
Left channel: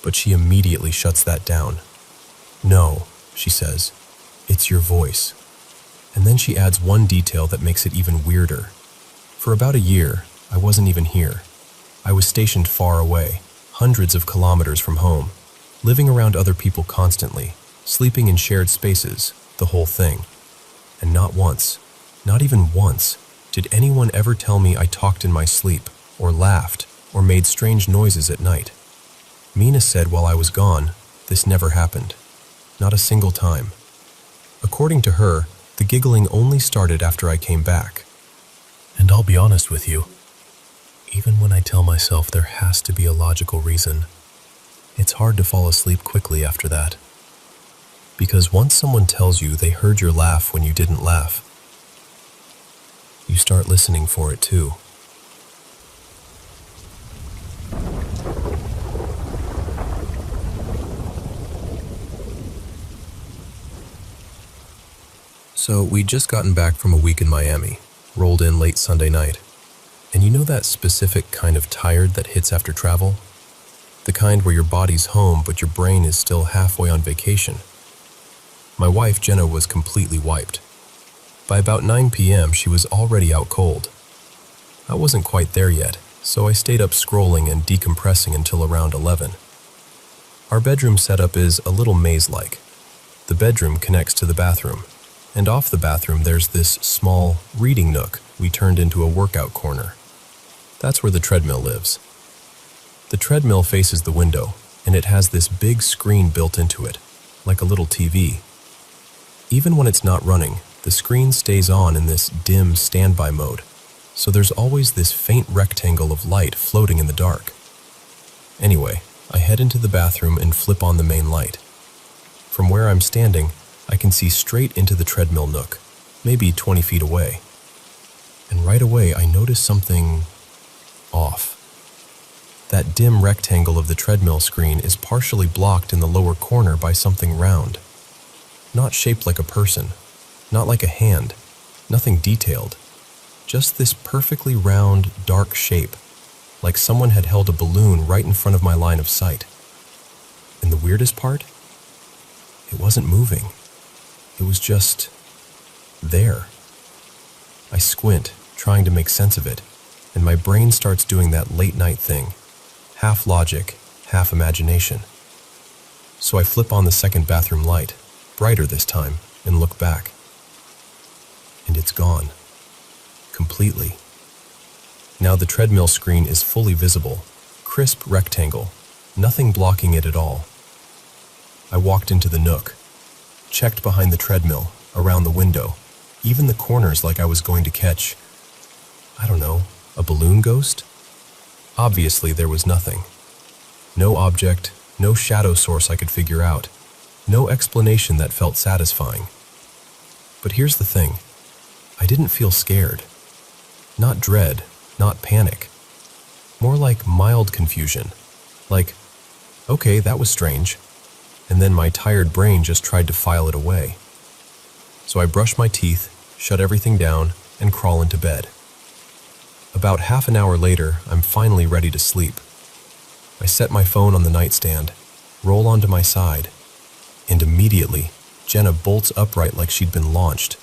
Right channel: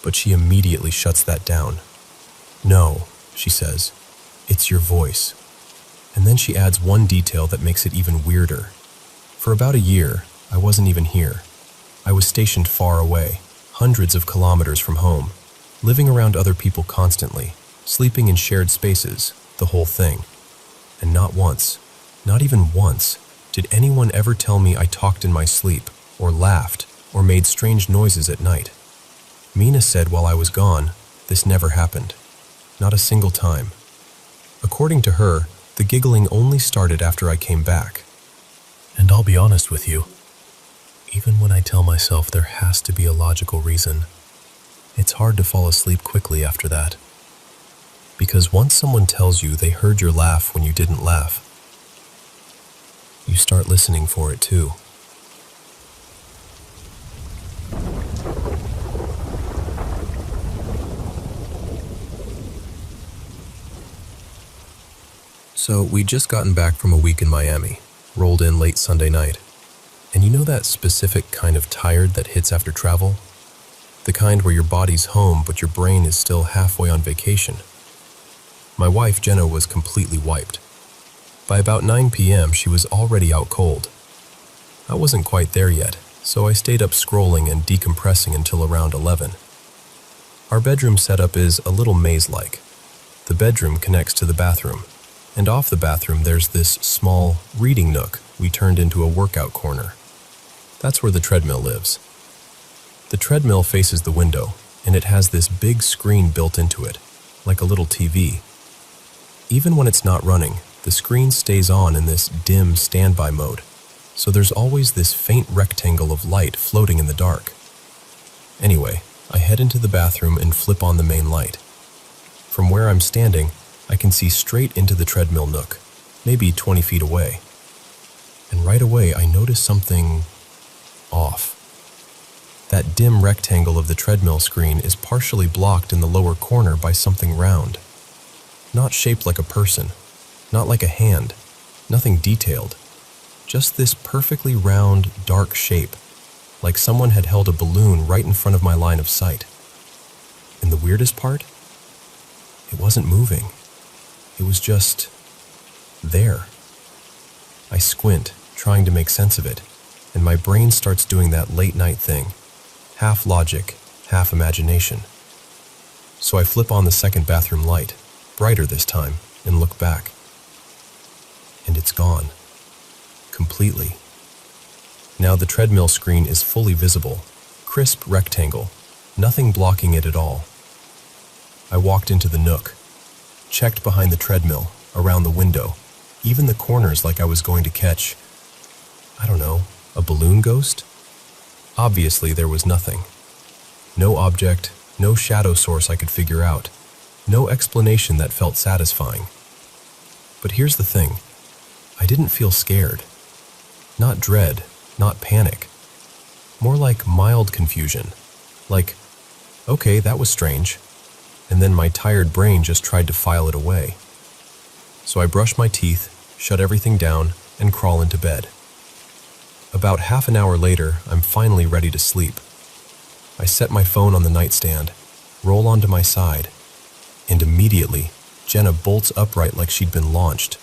But she immediately shuts that down. "No," she says, "it's your voice." And then she adds one detail that makes it even weirder. For about a year, I wasn't even here. I was stationed far away, hundreds of kilometers from home, living around other people constantly, sleeping in shared spaces, the whole thing. And not once, not even once, did anyone ever tell me I talked in my sleep, or laughed, or made strange noises at night. Mina said while I was gone, this never happened. Not a single time. According to her, the giggling only started after I came back. And I'll be honest with you, even when I tell myself there has to be a logical reason, it's hard to fall asleep quickly after that. Because once someone tells you they heard your laugh when you didn't laugh, you start listening for it too. So we'd just gotten back from a week in Miami, rolled in late Sunday night. And you know that specific kind of tired that hits after travel? The kind where your body's home but your brain is still halfway on vacation. My wife, Jenna, was completely wiped. By about 9 p.m., she was already out cold. I wasn't quite there yet, so I stayed up scrolling and decompressing until around 11. Our bedroom setup is a little maze-like. The bedroom connects to the bathroom, and off the bathroom there's this small reading nook we turned into a workout corner. That's where the treadmill lives. The treadmill faces the window, and it has this big screen built into it, like a little TV. Even when it's not running, the screen stays on in this dim standby mode, so there's always this faint rectangle of light floating in the dark. Anyway, I head into the bathroom and flip on the main light. From where I'm standing, I can see straight into the treadmill nook, maybe 20 feet away. And right away, I notice something off. That dim rectangle of the treadmill screen is partially blocked in the lower corner by something round. Not shaped like a person, not like a hand, nothing detailed. Just this perfectly round, dark shape, like someone had held a balloon right in front of my line of sight. And the weirdest part? It wasn't moving. It was just there. I squint, trying to make sense of it, and my brain starts doing that late night thing, half logic, half imagination. So I flip on the second bathroom light, brighter this time, and look back. And it's gone. Completely. Now the treadmill screen is fully visible, crisp rectangle, nothing blocking it at all. I walked into the nook, checked behind the treadmill, around the window, even the corners like I was going to catch, I don't know, a balloon ghost? Obviously there was nothing. No object, no shadow source I could figure out, no explanation that felt satisfying. But here's the thing. I didn't feel scared. Not dread, not panic. More like mild confusion. Like, okay, that was strange. And then my tired brain just tried to file it away. So I brush my teeth, shut everything down, and crawl into bed. About half an hour later, I'm finally ready to sleep. I set my phone on the nightstand, roll onto my side, and immediately, Jenna bolts upright like she'd been launched.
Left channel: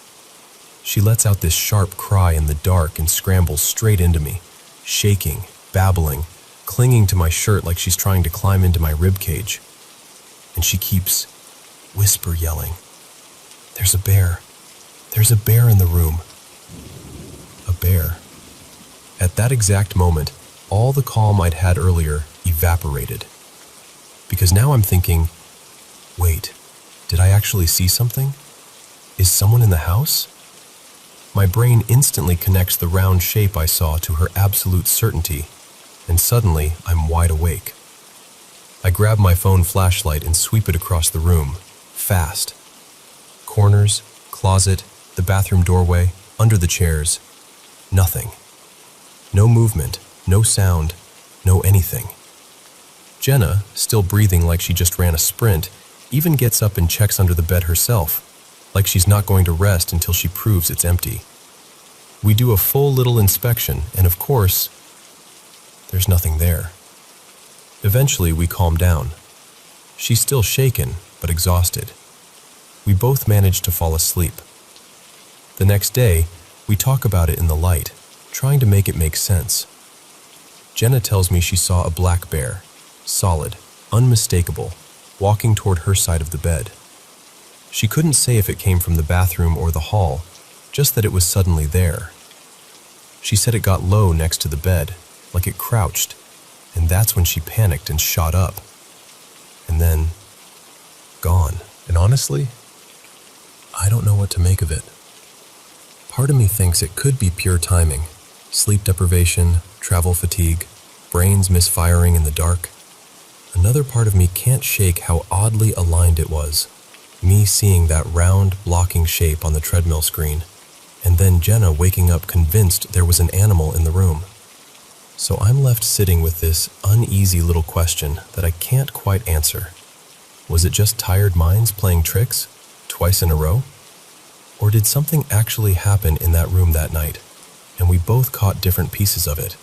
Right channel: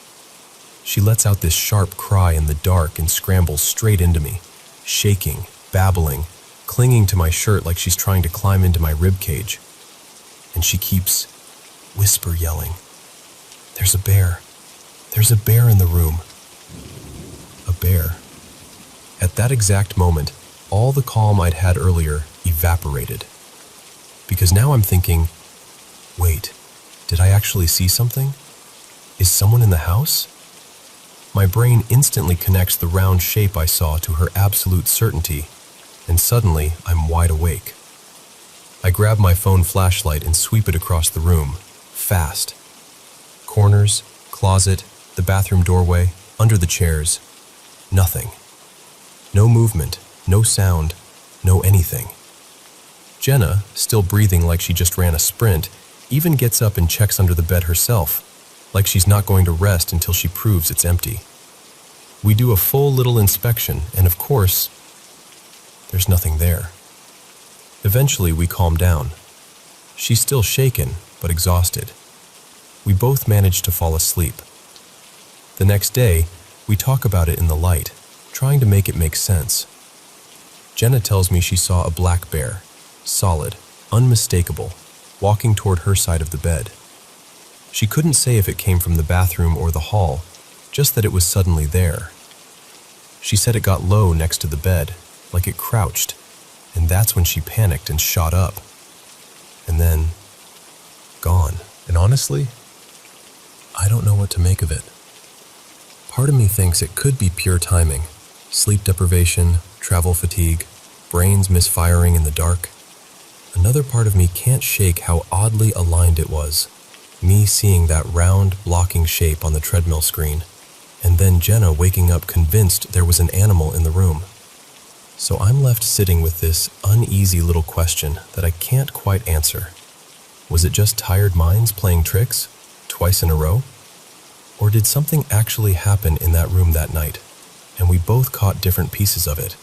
She lets out this sharp cry in the dark and scrambles straight into me, shaking, babbling, clinging to my shirt like she's trying to climb into my ribcage. And she keeps whisper yelling, "There's a bear. There's a bear in the room." A bear. At that exact moment, all the calm I'd had earlier evaporated. Because now I'm thinking, wait, did I actually see something? Is someone in the house? My brain instantly connects the round shape I saw to her absolute certainty, and suddenly I'm wide awake. I grab my phone flashlight and sweep it across the room, fast. Corners, closet, the bathroom doorway, under the chairs. Nothing. No movement, no sound, no anything. Jenna, still breathing like she just ran a sprint, even gets up and checks under the bed herself, like she's not going to rest until she proves it's empty. We do a full little inspection, and of course, there's nothing there. Eventually, we calm down. She's still shaken, but exhausted. We both manage to fall asleep. The next day, we talk about it in the light, trying to make it make sense. Jenna tells me she saw a black bear, solid, unmistakable, walking toward her side of the bed. She couldn't say if it came from the bathroom or the hall, just that it was suddenly there. She said it got low next to the bed, like it crouched, and that's when she panicked and shot up. And then, gone. And honestly, I don't know what to make of it. Part of me thinks it could be pure timing. Sleep deprivation, travel fatigue, brains misfiring in the dark. Another part of me can't shake how oddly aligned it was. Me seeing that round, blocking shape on the treadmill screen, and then Jenna waking up convinced there was an animal in the room. So I'm left sitting with this uneasy little question that I can't quite answer. Was it just tired minds playing tricks, twice in a row? Or did something actually happen in that room that night, and we both caught different pieces of it?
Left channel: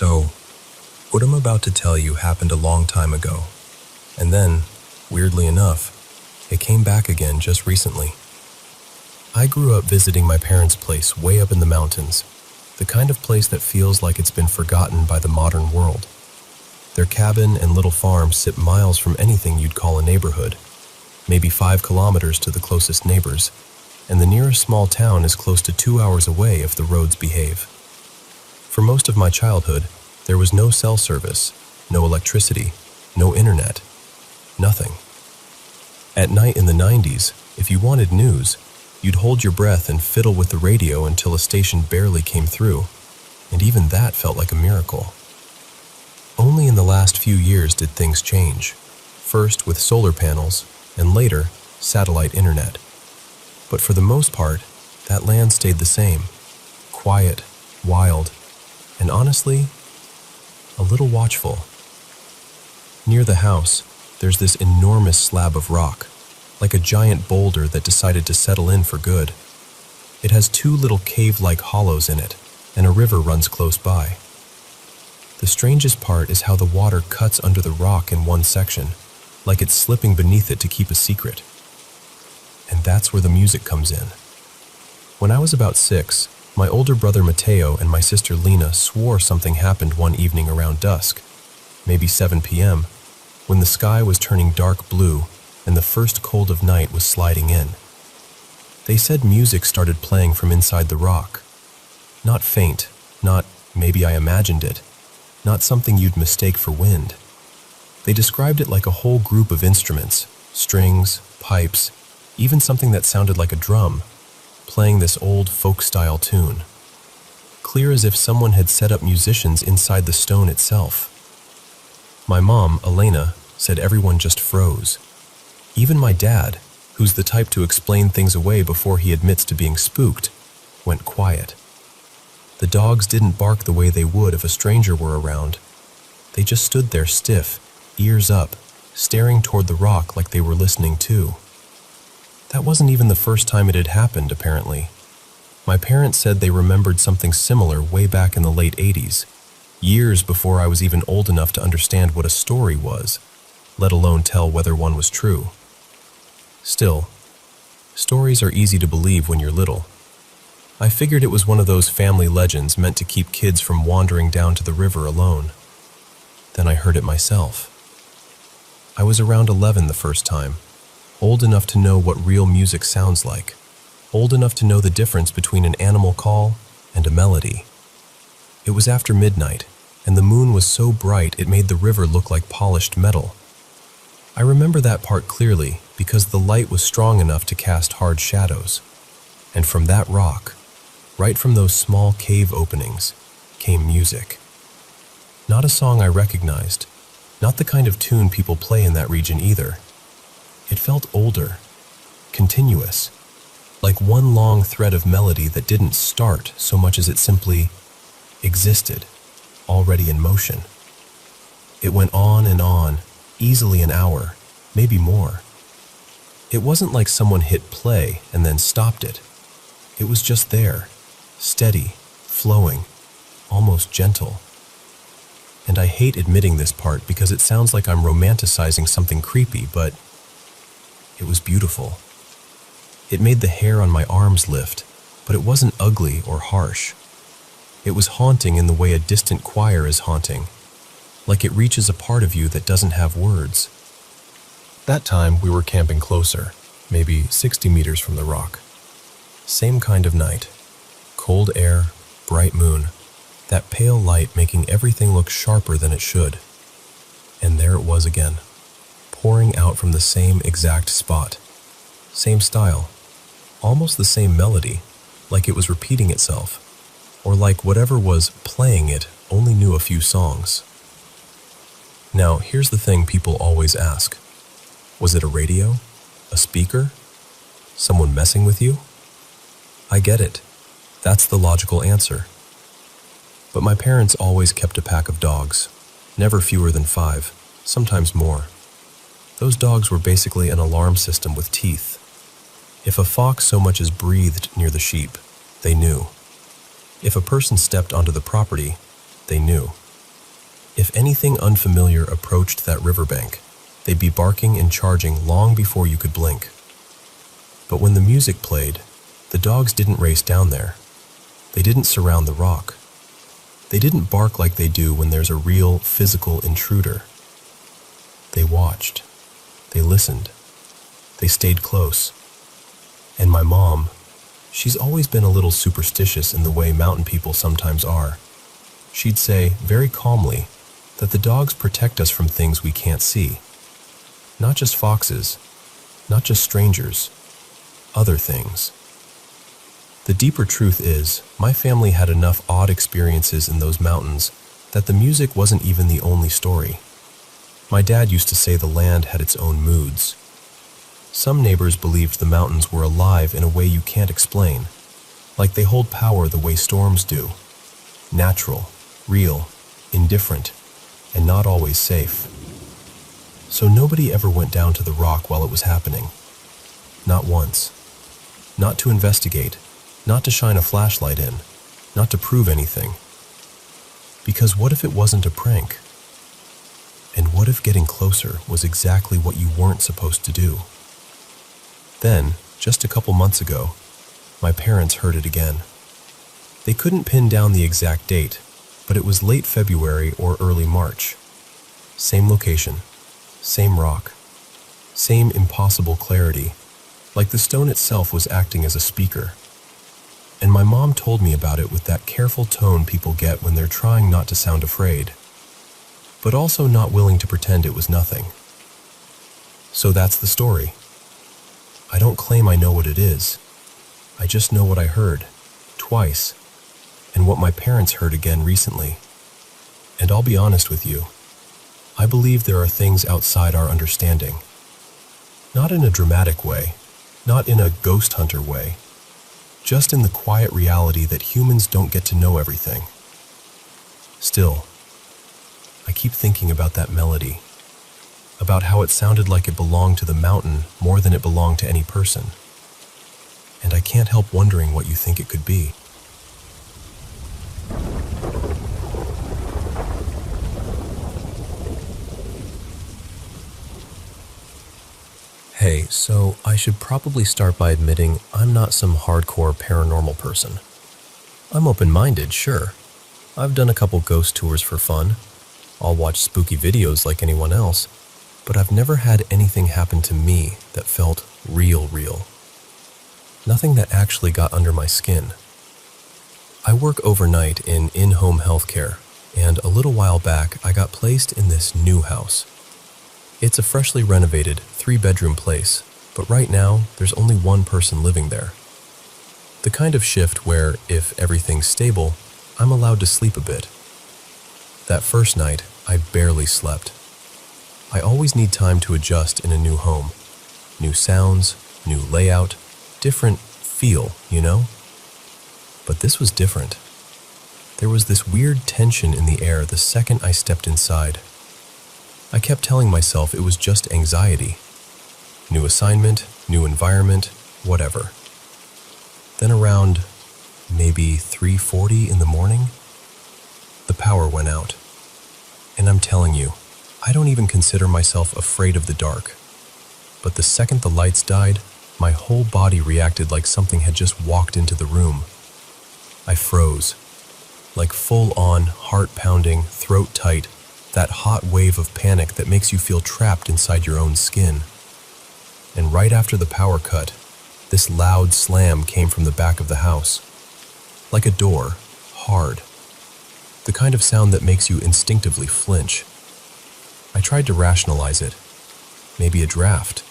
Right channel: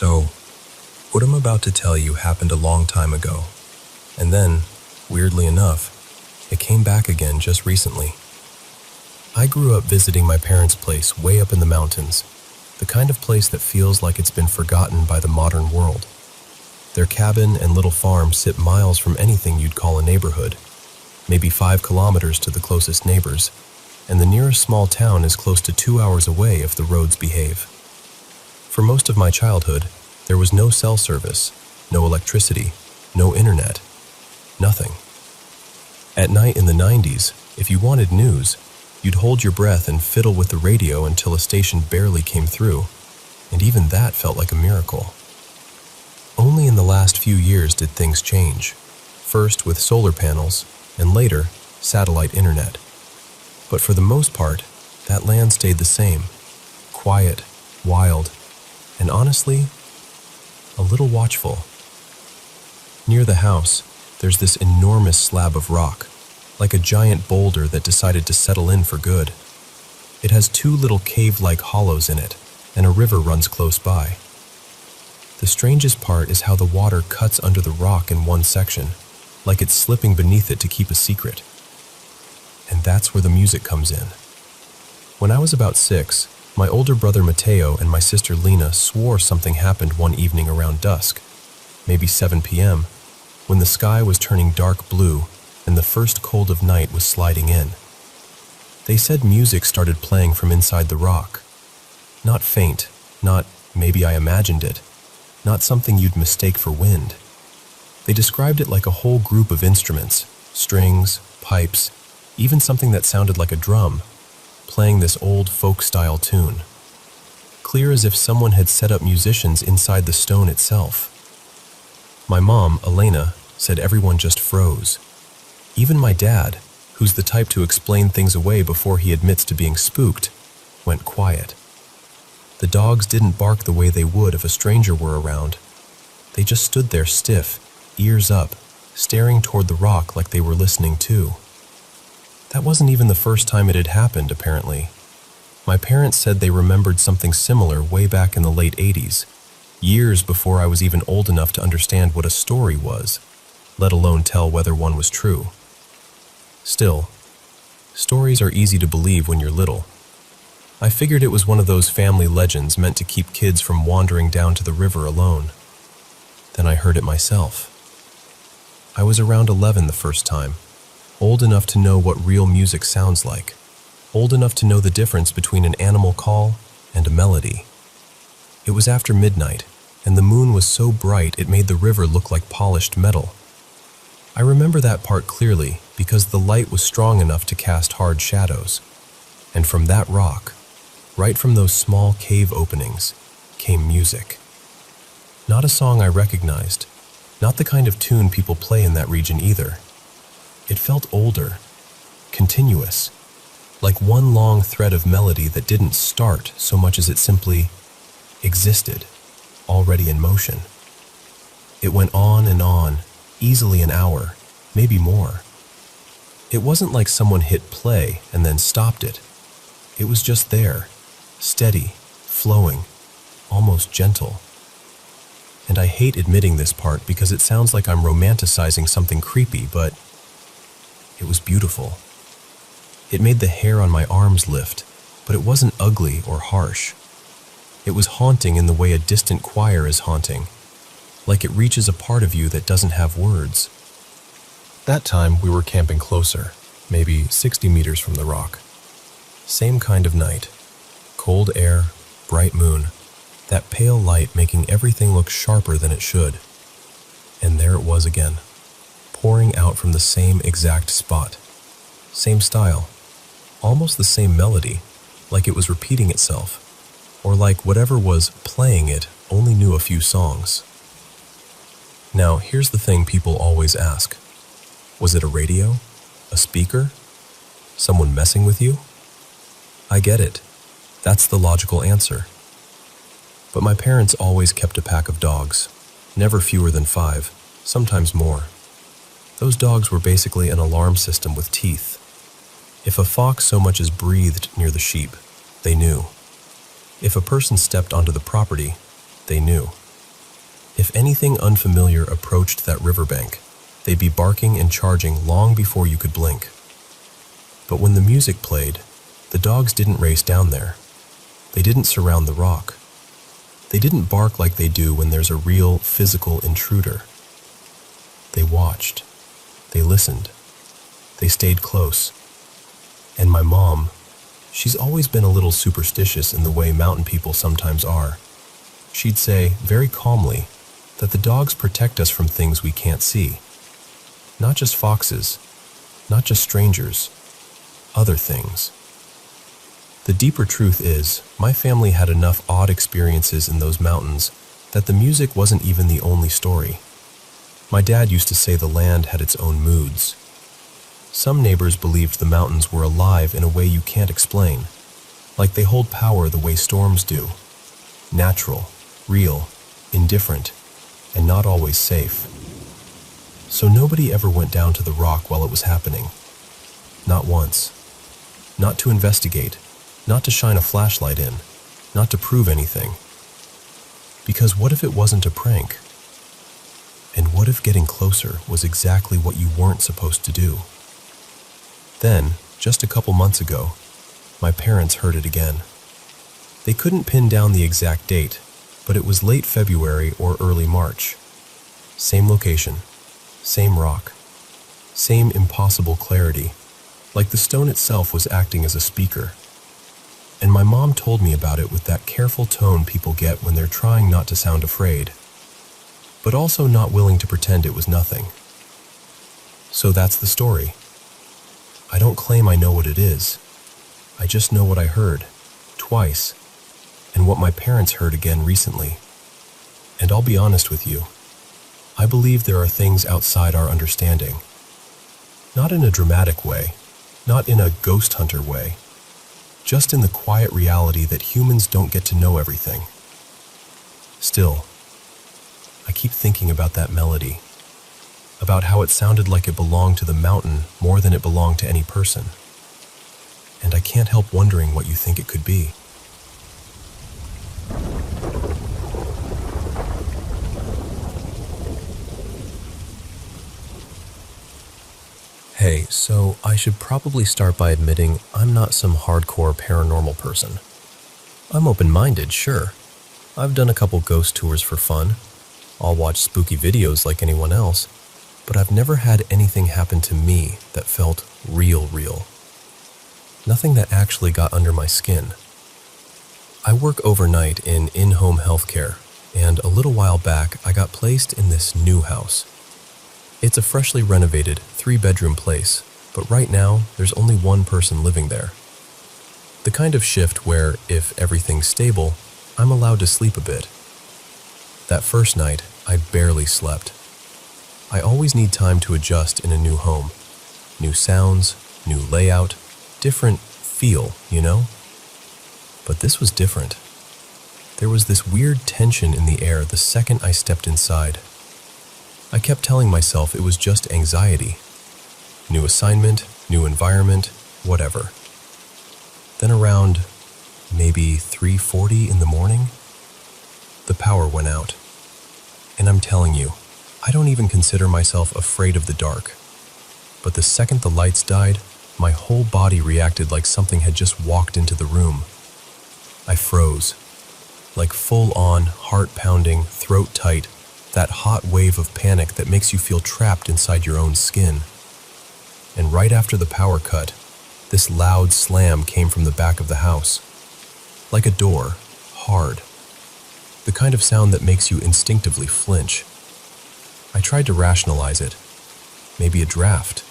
So, what I'm about to tell you happened a long time ago. And then, weirdly enough, it came back again just recently. I grew up visiting my parents' place way up in the mountains, the kind of place that feels like it's been forgotten by the modern world. Their cabin and little farm sit miles from anything you'd call a neighborhood, maybe 5 kilometers to the closest neighbors, and the nearest small town is close to 2 hours away if the roads behave. For most of my childhood, there was no cell service, no electricity, no internet, nothing. At night in the 90s, if you wanted news, you'd hold your breath and fiddle with the radio until a station barely came through, and even that felt like a miracle. Only in the last few years did things change, first with solar panels, and later, satellite internet. But for the most part, that land stayed the same, quiet, wild, and honestly, a little watchful. Near the house, there's this enormous slab of rock, like a giant boulder that decided to settle in for good. It has 2 little cave-like hollows in it, and a river runs close by. The strangest part is how the water cuts under the rock in one section, like it's slipping beneath it to keep a secret. And that's where the music comes in. When I was about 6, my older brother Mateo and my sister Lena swore something happened one evening around dusk, maybe 7 p.m., when the sky was turning dark blue and the first cold of night was sliding in. They said music started playing from inside the rock. Not faint, not maybe I imagined it, not something you'd mistake for wind. They described it like a whole group of instruments, strings, pipes, even something that sounded like a drum, playing this old folk-style tune. Clear as if someone had set up musicians inside the stone itself. My mom, Elena, said everyone just froze. Even my dad, who's the type to explain things away before he admits to being spooked, went quiet. The dogs didn't bark the way they would if a stranger were around. They just stood there stiff, ears up, staring toward the rock like they were listening too. That wasn't even the first time it had happened, apparently. My parents said they remembered something similar way back in the late 80s, years before I was even old enough to understand what a story was, let alone tell whether one was true. Still, stories are easy to believe when you're little. I figured it was one of those family legends meant to keep kids from wandering down to the river alone. Then I heard it myself. I was around 11 the first time, old enough to know what real music sounds like, old enough to know the difference between an animal call and a melody. It was after midnight, and the moon was so bright it made the river look like polished metal. I remember that part clearly because the light was strong enough to cast hard shadows. And from that rock, right from those small cave openings, came music. Not a song I recognized, not the kind of tune people play in that region either. It felt older, continuous, like one long thread of melody that didn't start so much as it simply existed, already in motion. It went on, easily an hour, maybe more. It wasn't like someone hit play and then stopped it. It was just there, steady, flowing, almost gentle. And I hate admitting this part because it sounds like I'm romanticizing something creepy, but it was beautiful. It made the hair on my arms lift, but it wasn't ugly or harsh. It was haunting in the way a distant choir is haunting, like it reaches a part of you that doesn't have words. That time we were camping closer, maybe 60 meters from the rock. Same kind of night. Cold air, bright moon, that pale light making everything look sharper than it should. And there it was again, pouring out from the same exact spot. Same style, almost the same melody, like it was repeating itself, or like whatever was playing it only knew a few songs. Now, here's the thing people always ask. Was it a radio? A speaker? Someone messing with you? I get it. That's the logical answer. But my parents always kept a pack of dogs, never fewer than 5, sometimes more. Those dogs were basically an alarm system with teeth. If a fox so much as breathed near the sheep, they knew. If a person stepped onto the property, they knew. If anything unfamiliar approached that riverbank, they'd be barking and charging long before you could blink. But when the music played, the dogs didn't race down there. They didn't surround the rock. They didn't bark like they do when there's a real, physical intruder. They watched. They listened. They stayed close. And my mom, she's always been a little superstitious in the way mountain people sometimes are. She'd say, very calmly, that the dogs protect us from things we can't see. Not just foxes, not just strangers, other things. The deeper truth is, my family had enough odd experiences in those mountains that the music wasn't even the only story. My dad used to say the land had its own moods. Some neighbors believed the mountains were alive in a way you can't explain, like they hold power the way storms do. Natural, real, indifferent, and not always safe. So nobody ever went down to the rock while it was happening. Not once. Not to investigate, not to shine a flashlight in, not to prove anything. Because what if it wasn't a prank? And what if getting closer was exactly what you weren't supposed to do? Then, just a couple months ago, my parents heard it again. They couldn't pin down the exact date, but it was late February or early March. Same location, same rock, same impossible clarity, like the stone itself was acting as a speaker. And my mom told me about it with that careful tone people get when they're trying not to sound afraid, but also not willing to pretend it was nothing. So that's the story. I don't claim I know what it is. I just know what I heard, twice, and what my parents heard again recently. And I'll be honest with you, I believe there are things outside our understanding. Not in a dramatic way, not in a ghost hunter way, just in the quiet reality that humans don't get to know everything. Still, I keep thinking about that melody, about how it sounded like it belonged to the mountain more than it belonged to any person. And I can't help wondering what you think it could be. Hey, so I should probably start by admitting I'm not some hardcore paranormal person. I'm open-minded, sure. I've done a couple ghost tours for fun. I'll watch spooky videos like anyone else, but I've never had anything happen to me that felt real. Nothing that actually got under my skin. I work overnight in in-home healthcare, and a little while back I got placed in this new house. It's a freshly renovated 3-bedroom place, but right now there's only one person living there. The kind of shift where, if everything's stable, I'm allowed to sleep a bit. That first night, I barely slept. I always need time to adjust in a new home. New sounds, new layout, different feel, you know? But this was different. There was this weird tension in the air the second I stepped inside. I kept telling myself it was just anxiety. New assignment, new environment, whatever. Then around maybe 3:40 in the morning, the power went out. And I'm telling you, I don't even consider myself afraid of the dark. But the second the lights died, my whole body reacted like something had just walked into the room. I froze, like full-on, heart-pounding, throat-tight, that hot wave of panic that makes you feel trapped inside your own skin. And right after the power cut, this loud slam came from the back of the house. Like a door, hard. The kind of sound that makes you instinctively flinch. I tried to rationalize it. Maybe a draft.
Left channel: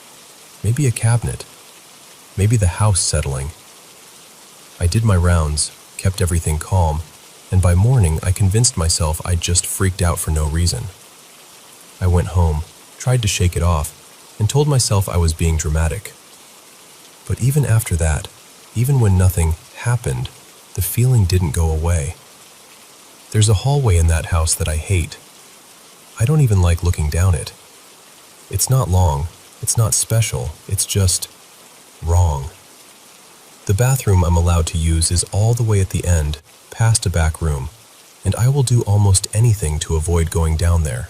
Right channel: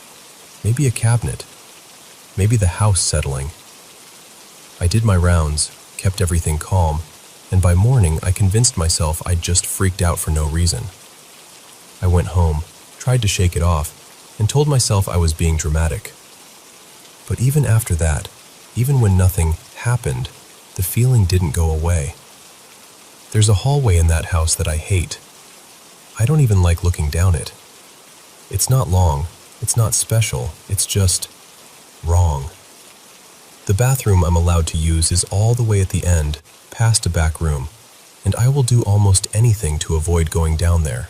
Maybe a cabinet. Maybe the house settling. I did my rounds, kept everything calm, and by morning I convinced myself I'd just freaked out for no reason. I went home, tried to shake it off, and told myself I was being dramatic. But even after that, even when nothing happened, the feeling didn't go away. There's a hallway in that house that I hate. I don't even like looking down it. It's not long, it's not special, it's just wrong. The bathroom I'm allowed to use is all the way at the end, past a back room, and I will do almost anything to avoid going down there.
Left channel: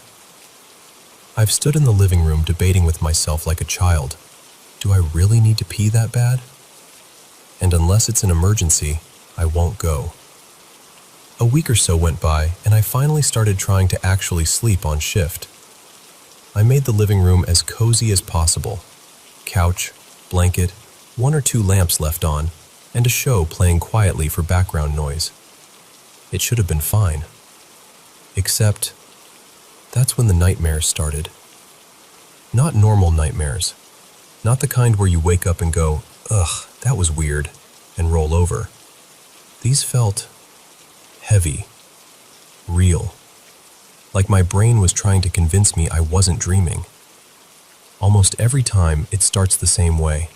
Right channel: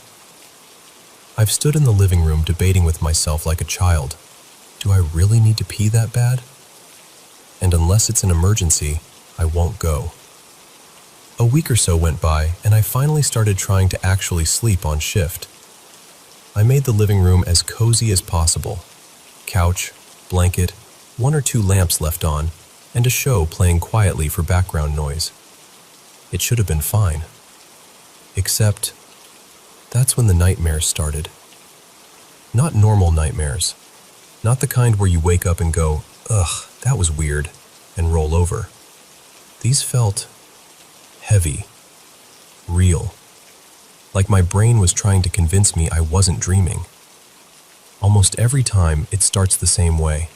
I've stood in the living room debating with myself like a child. Do I really need to pee that bad? And unless it's an emergency, I won't go. A week or so went by, and I finally started trying to actually sleep on shift. I made the living room as cozy as possible. Couch, blanket, 1 or 2 lamps left on, and a show playing quietly for background noise. It should have been fine. Except, that's when the nightmares started. Not normal nightmares. Not the kind where you wake up and go, "Ugh, that was weird," and roll over. These felt heavy, real. Like my brain was trying to convince me I wasn't dreaming. Almost every time, it starts the same way.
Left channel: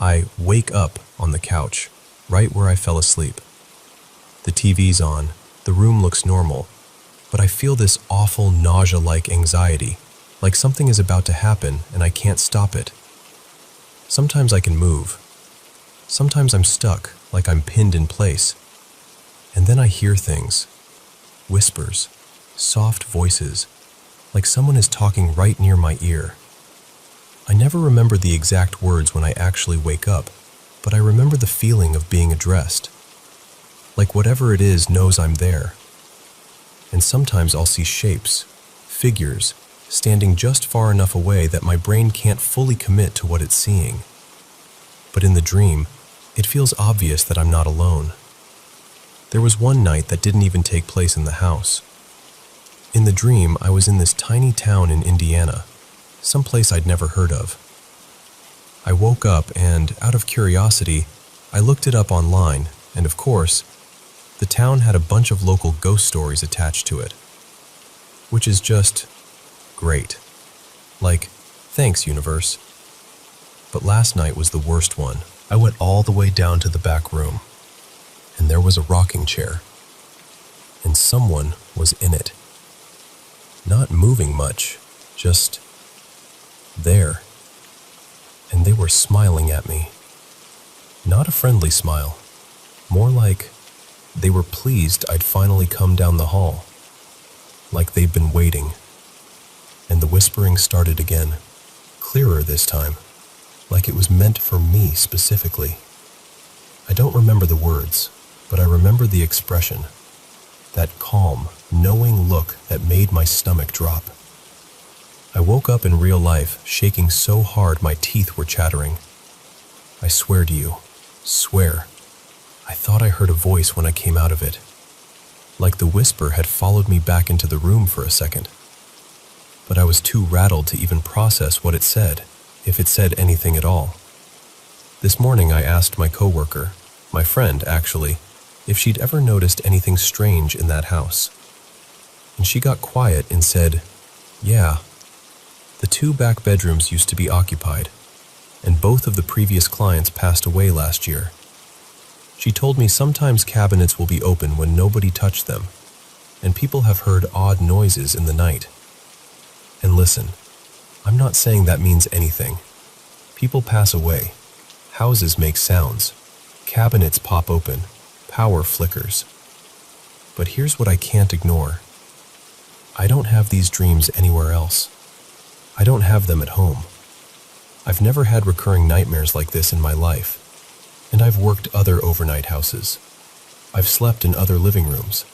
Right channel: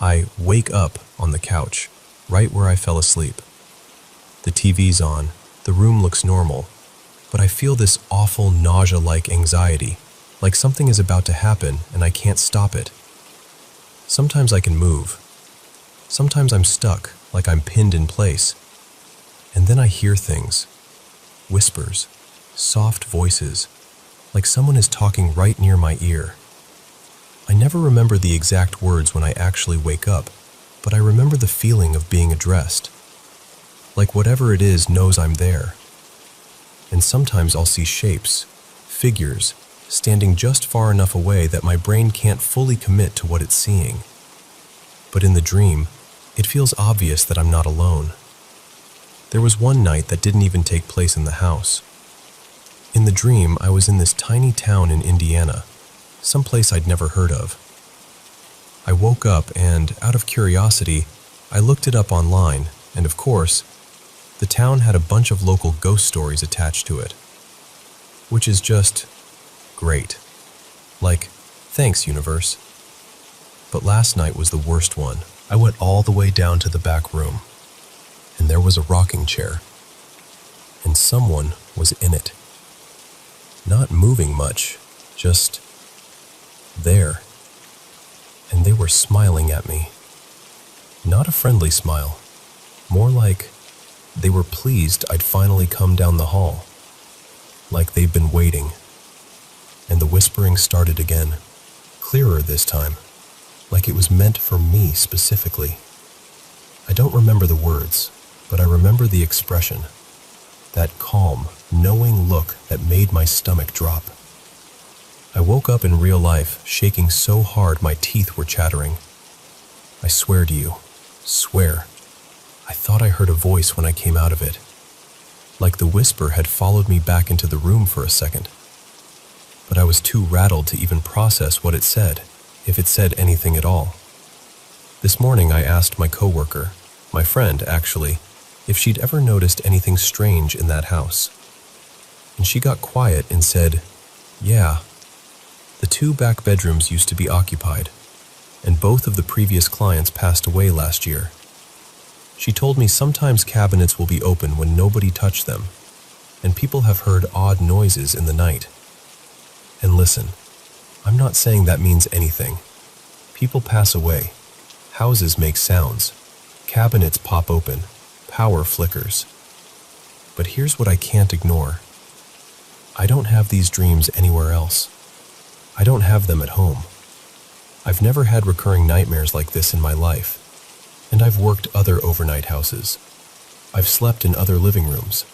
I wake up on the couch, right where I fell asleep. The TV's on, the room looks normal, but I feel this awful nausea-like anxiety, like something is about to happen and I can't stop it. Sometimes I can move. Sometimes I'm stuck, like I'm pinned in place. And then I hear things. Whispers. Soft voices. Like someone is talking right near my ear. I never remember the exact words when I actually wake up, but I remember the feeling of being addressed. Like whatever it is knows I'm there. And sometimes I'll see shapes, figures, standing just far enough away that my brain can't fully commit to what it's seeing. But in the dream, it feels obvious that I'm not alone. There was one night that didn't even take place in the house. In the dream, I was in this tiny town in Indiana, someplace I'd never heard of. I woke up and, out of curiosity, I looked it up online, and of course, the town had a bunch of local ghost stories attached to it. Which is just great. Like, thanks, universe. But last night was the worst one. I went all the way down to the back room, and there was a rocking chair, and someone was in it. Not moving much, just there. And they were smiling at me. Not a friendly smile, more like they were pleased I'd finally come down the hall, like they'd been waiting. And the whispering started again, clearer this time, like it was meant for me specifically. I don't remember the words, but I remember the expression, that calm, knowing look that made my stomach drop. I woke up in real life, shaking so hard my teeth were chattering. I swear to you, swear, I thought I heard a voice when I came out of it, like the whisper had followed me back into the room for a second. But I was too rattled to even process what it said, if it said anything at all. This morning I asked my coworker, my friend actually, if she'd ever noticed anything strange in that house. And she got quiet and said, "Yeah, the 2 back bedrooms used to be occupied, and both of the previous clients passed away last year. She told me sometimes cabinets will be open when nobody touched them, and people have heard odd noises in the night. And listen, I'm not saying that means anything. People pass away, houses make sounds, cabinets pop open, power flickers. But here's what I can't ignore. I don't have these dreams anywhere else. I don't have them at home. I've never had recurring nightmares like this in my life, and I've worked other overnight houses. I've slept in other living rooms.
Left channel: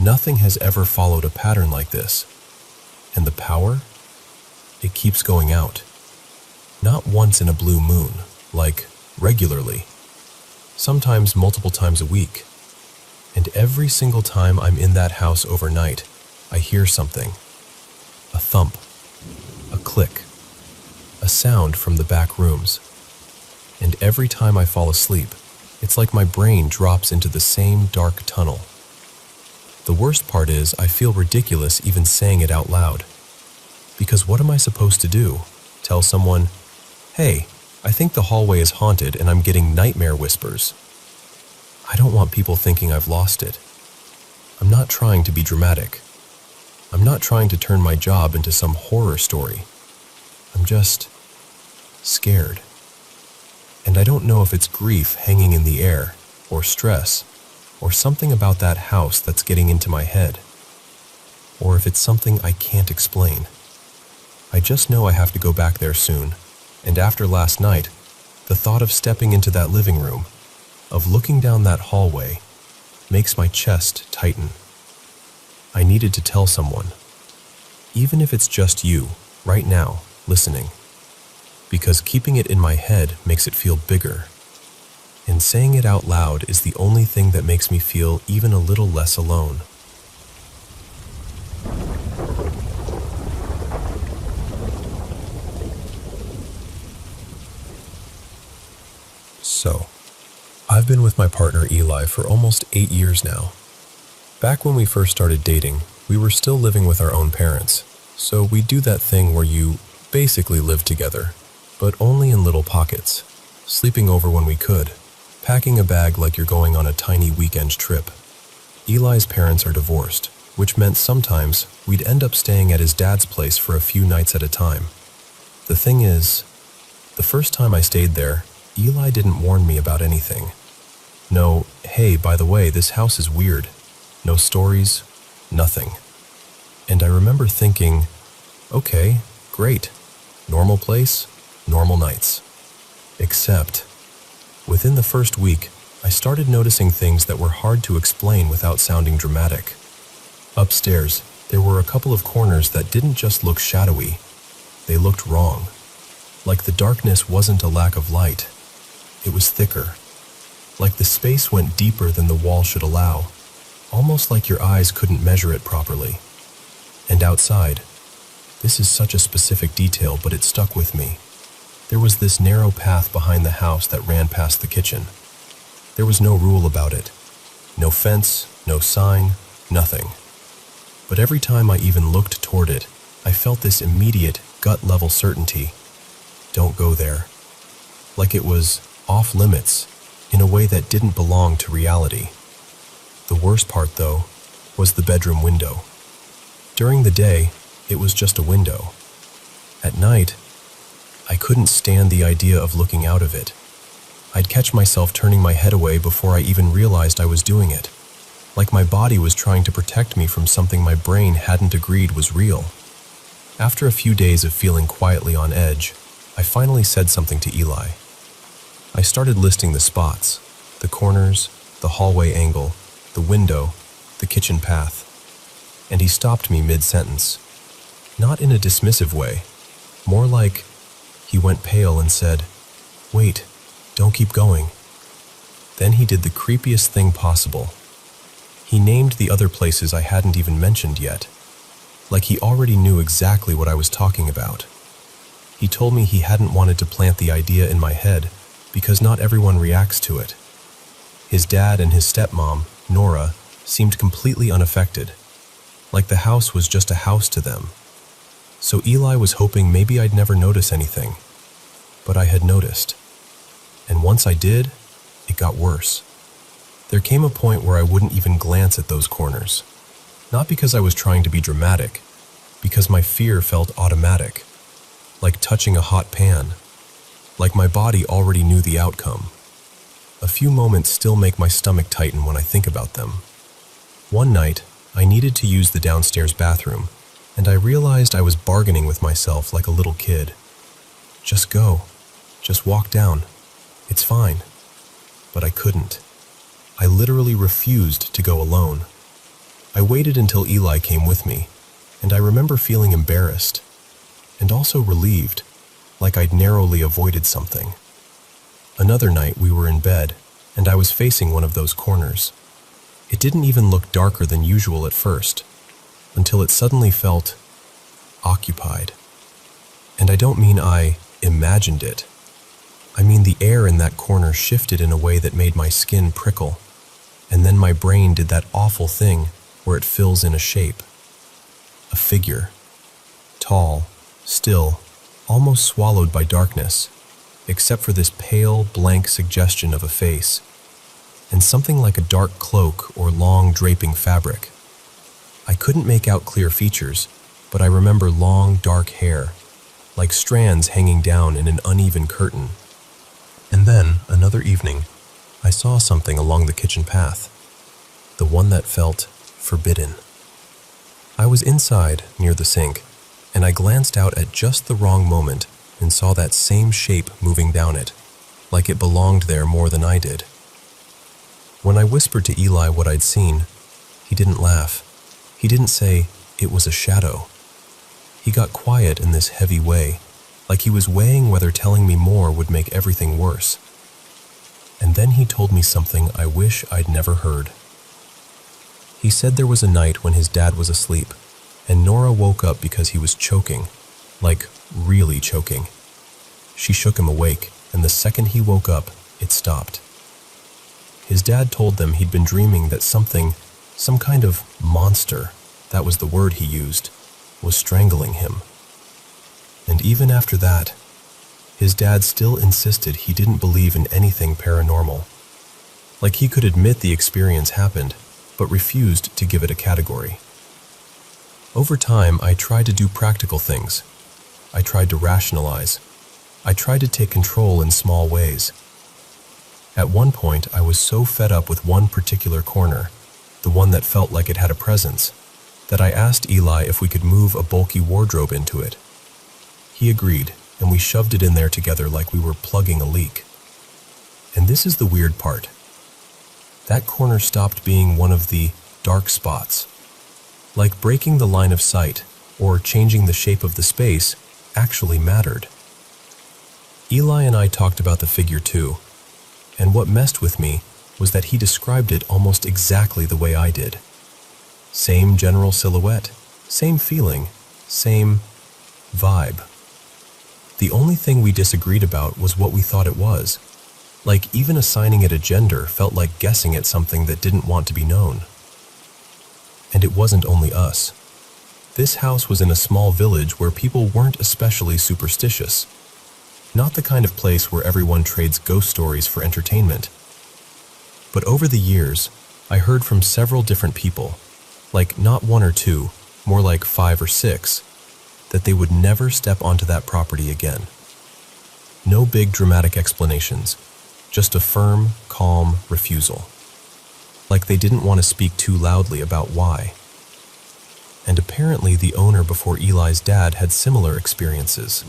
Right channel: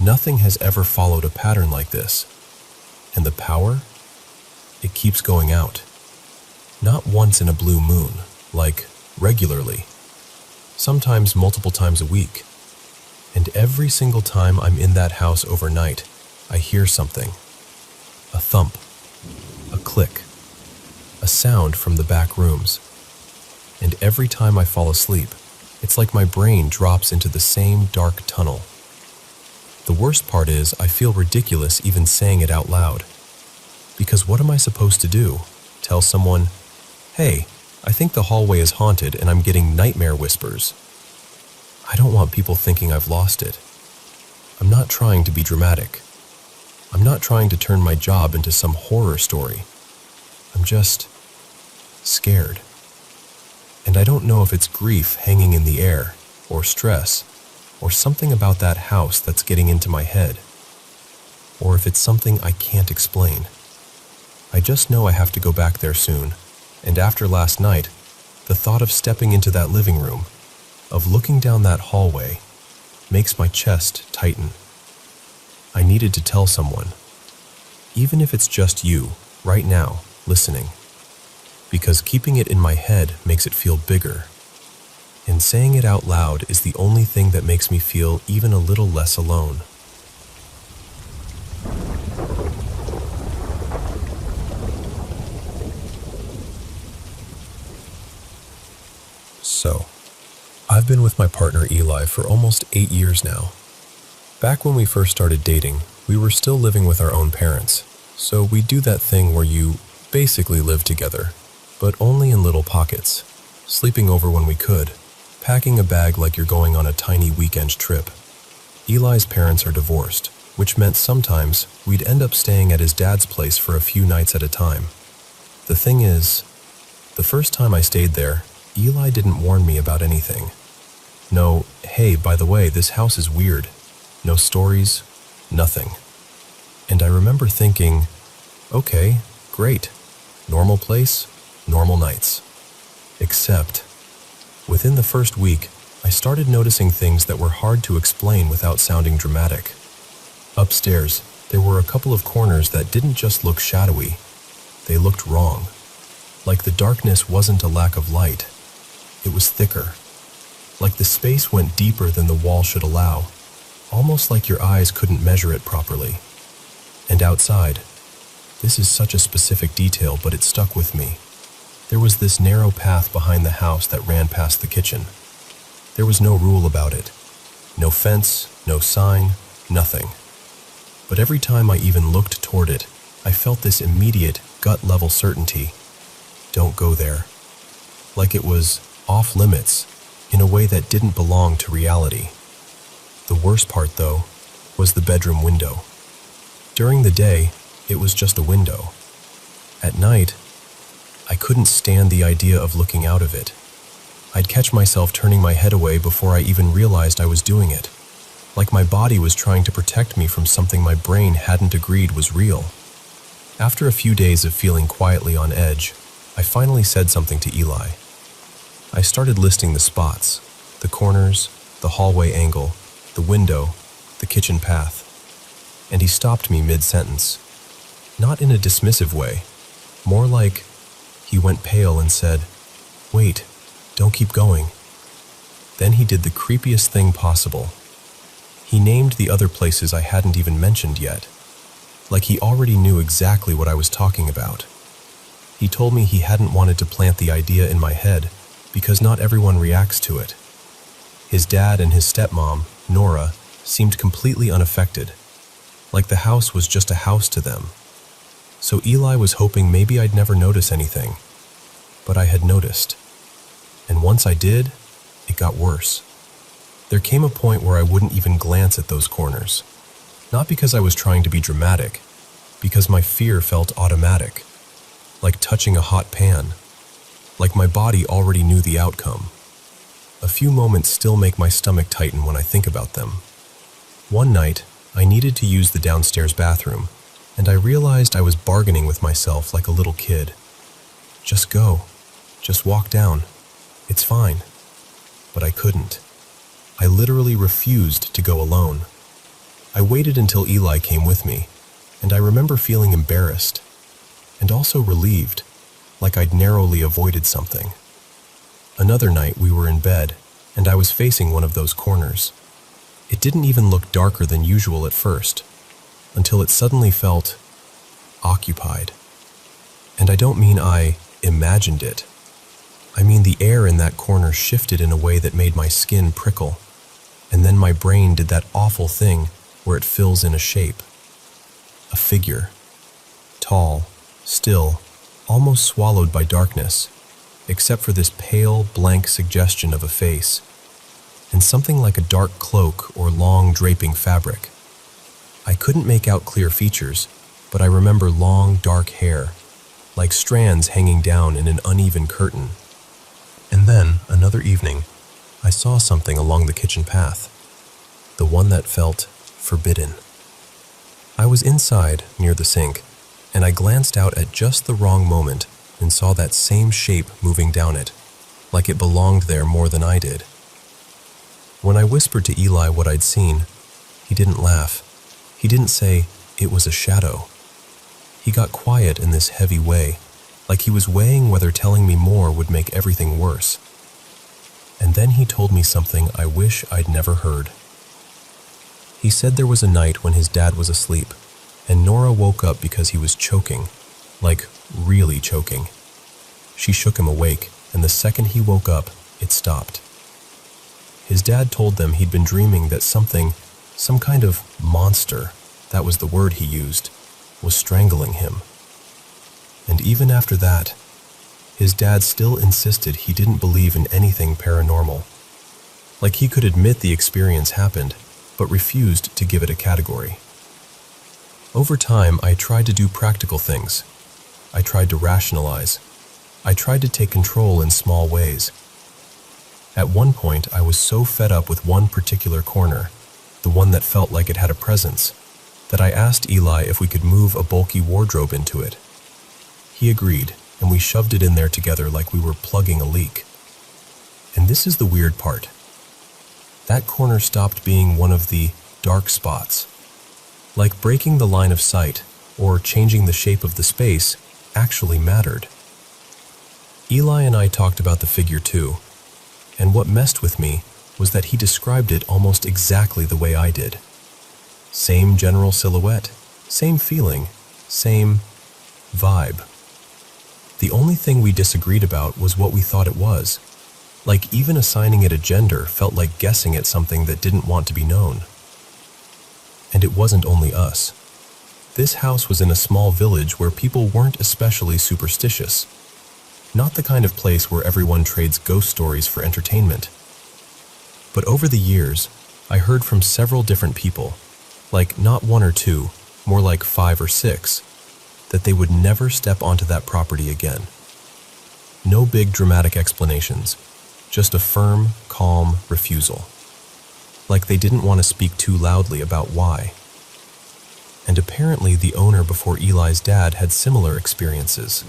Nothing has ever followed a pattern like this. And the power? It keeps going out. Not once in a blue moon, like regularly. Sometimes multiple times a week. And every single time I'm in that house overnight, I hear something. A thump. A click. A sound from the back rooms. And every time I fall asleep, it's like my brain drops into the same dark tunnel. The worst part is I feel ridiculous even saying it out loud. Because what am I supposed to do? Tell someone, "Hey, I think the hallway is haunted and I'm getting nightmare whispers." I don't want people thinking I've lost it. I'm not trying to be dramatic. I'm not trying to turn my job into some horror story. I'm just scared. And I don't know if it's grief hanging in the air, or stress, or something about that house that's getting into my head, or if it's something I can't explain. I just know I have to go back there soon, and after last night, the thought of stepping into that living room, of looking down that hallway, makes my chest tighten. I needed to tell someone, even if it's just you, right now, listening, because keeping it in my head makes it feel bigger, and saying it out loud is the only thing that makes me feel even a little less alone. So, I've been with my partner Eli for almost 8 years now. Back when we first started dating, we were still living with our own parents, so we do that thing where you basically live together, but only in little pockets, sleeping over when we could, packing a bag like you're going on a tiny weekend trip. Eli's parents are divorced, which meant sometimes we'd end up staying at his dad's place for a few nights at a time. The thing is, the first time I stayed there, Eli didn't warn me about anything. No, hey, by the way, this house is weird. No stories, nothing. And I remember thinking, okay, great. Normal place, normal nights. Except, within the first week, I started noticing things that were hard to explain without sounding dramatic. Upstairs, there were a couple of corners that didn't just look shadowy. They looked wrong. Like the darkness wasn't a lack of light. It was thicker. Like the space went deeper than the wall should allow. Almost like your eyes couldn't measure it properly. And outside, this is such a specific detail, but it stuck with me. There was this narrow path behind the house that ran past the kitchen. There was no rule about it. No fence, no sign, nothing. But every time I even looked toward it, I felt this immediate, gut-level certainty. Don't go there. Like it was off limits, in a way that didn't belong to reality. The worst part, though, was the bedroom window. During the day, it was just a window. At night, I couldn't stand the idea of looking out of it. I'd catch myself turning my head away before I even realized I was doing it, like my body was trying to protect me from something my brain hadn't agreed was real. After a few days of feeling quietly on edge, I finally said something to Eli. I started listing the spots, the corners, the hallway angle, the window, the kitchen path, and he stopped me mid-sentence. Not in a dismissive way, more like he went pale and said, "Wait, don't keep going." Then he did the creepiest thing possible. He named the other places I hadn't even mentioned yet, like he already knew exactly what I was talking about. He told me he hadn't wanted to plant the idea in my head because not everyone reacts to it. His dad and his stepmom, Nora, seemed completely unaffected, like the house was just a house to them. So Eli was hoping maybe I'd never notice anything, but I had noticed. And once I did, it got worse. There came a point where I wouldn't even glance at those corners. Not because I was trying to be dramatic, because my fear felt automatic, like touching a hot pan, like my body already knew the outcome. A few moments still make my stomach tighten when I think about them. One night, I needed to use the downstairs bathroom, and I realized I was bargaining with myself like a little kid. Just go. Just walk down. It's fine. But I couldn't. I literally refused to go alone. I waited until Eli came with me, and I remember feeling embarrassed, and also relieved, like I'd narrowly avoided something. Another night we were in bed, and I was facing one of those corners. It didn't even look darker than usual at first, until it suddenly felt occupied. And I don't mean I imagined it. I mean the air in that corner shifted in a way that made my skin prickle, and then my brain did that awful thing where it fills in a shape. A figure. Tall, still, almost swallowed by darkness, except for this pale, blank suggestion of a face, and something like a dark cloak or long draping fabric. I couldn't make out clear features, but I remember long, dark hair, like strands hanging down in an uneven curtain. And then, another evening, I saw something along the kitchen path. the one that felt forbidden. I was inside, near the sink, and I glanced out at just the wrong moment and saw that same shape moving down it, like it belonged there more than I did. When I whispered to Eli what I'd seen, he didn't laugh. He didn't say, "It was a shadow." He got quiet in this heavy way, like he was weighing whether telling me more would make everything worse. And then he told me something I wish I'd never heard. He said there was a night when his dad was asleep, and Nora woke up because he was choking, like really choking. She shook him awake, and the second he woke up, it stopped. His dad told them he'd been dreaming that something, some kind of monster, that was the word he used, was strangling him. And even after that, his dad still insisted he didn't believe in anything paranormal. Like he could admit the experience happened, but refused to give it a category. Over time, I tried to do practical things. I tried to rationalize. I tried to take control in small ways. At one point, I was so fed up with one particular corner, the one that felt like it had a presence, that I asked Eli if we could move a bulky wardrobe into it. He agreed, and we shoved it in there together like we were plugging a leak. And this is the weird part. That corner stopped being one of the dark spots. Like breaking the line of sight, or changing the shape of the space, actually mattered. Eli and I talked about the figure too, and what messed with me was that he described it almost exactly the way I did. Same general silhouette, same feeling, same vibe. The only thing we disagreed about was what we thought it was. Like even assigning it a gender felt like guessing at something that didn't want to be known. And it wasn't only us. This house was in a small village where people weren't especially superstitious. Not the kind of place where everyone trades ghost stories for entertainment. But over the years, I heard from several different people, like not one or two, more like 5 or 6, that they would never step onto that property again. No big dramatic explanations, just a firm, calm refusal. Like they didn't want to speak too loudly about why. And apparently the owner before Eli's dad had similar experiences.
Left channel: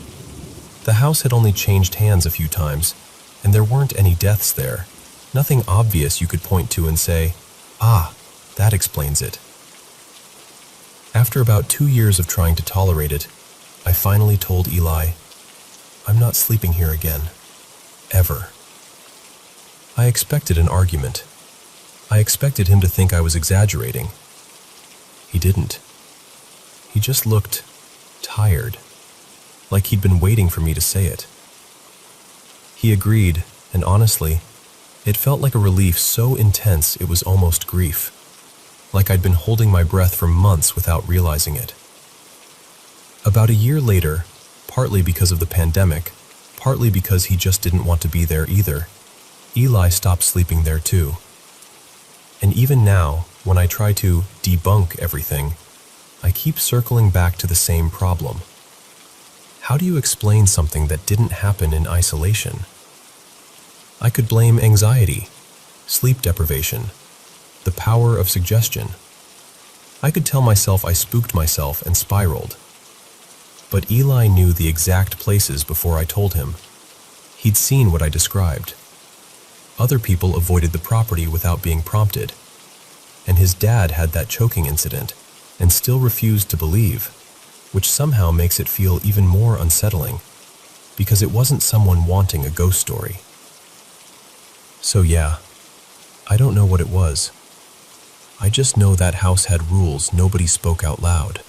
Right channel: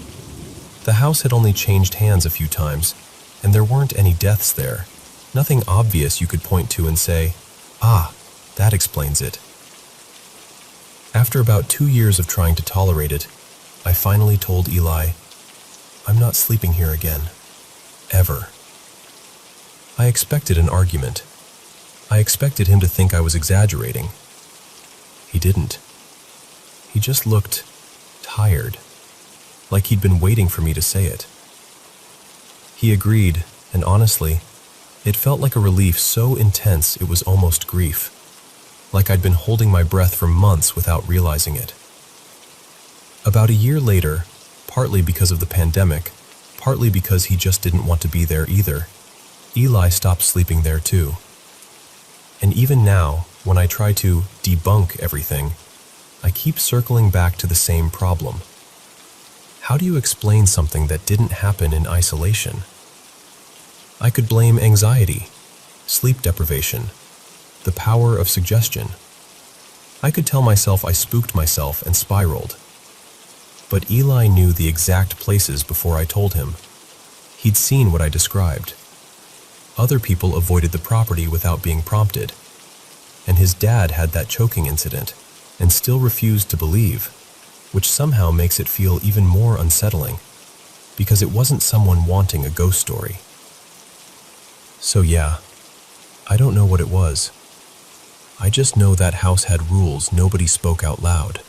The house had only changed hands a few times, and there weren't any deaths there. Nothing obvious you could point to and say, "Ah, that explains it." After about 2 years of trying to tolerate it, I finally told Eli, "I'm not sleeping here again. Ever." I expected an argument. I expected him to think I was exaggerating. He didn't. He just looked tired, like he'd been waiting for me to say it. He agreed, and honestly, it felt like a relief so intense it was almost grief. Like I'd been holding my breath for months without realizing it. About a year later, partly because of the pandemic, partly because he just didn't want to be there either, Eli stopped sleeping there too. And even now, when I try to debunk everything, I keep circling back to the same problem. How do you explain something that didn't happen in isolation? I could blame anxiety, sleep deprivation, the power of suggestion. I could tell myself I spooked myself and spiraled. But Eli knew the exact places before I told him. He'd seen what I described. Other people avoided the property without being prompted. And his dad had that choking incident and still refused to believe, which somehow makes it feel even more unsettling, because it wasn't someone wanting a ghost story. So yeah, I don't know what it was. I just know that house had rules nobody spoke out loud.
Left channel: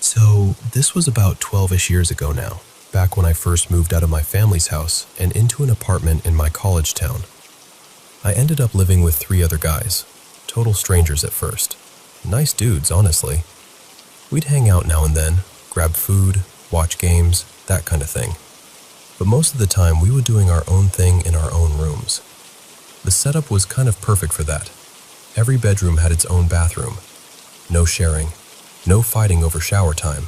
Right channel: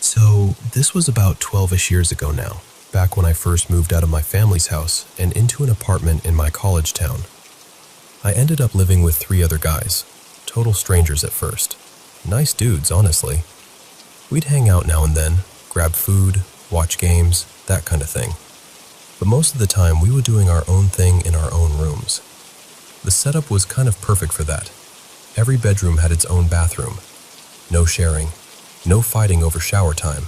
So this was about 12-ish years ago now, back when I first moved out of my family's house and into an apartment in my college town. I ended up living with 3 other guys, total strangers at first. Nice dudes, honestly. We'd hang out now and then, grab food, watch games, that kind of thing. But most of the time we were doing our own thing in our own rooms. The setup was kind of perfect for that. Every bedroom had its own bathroom. No sharing, no fighting over shower time.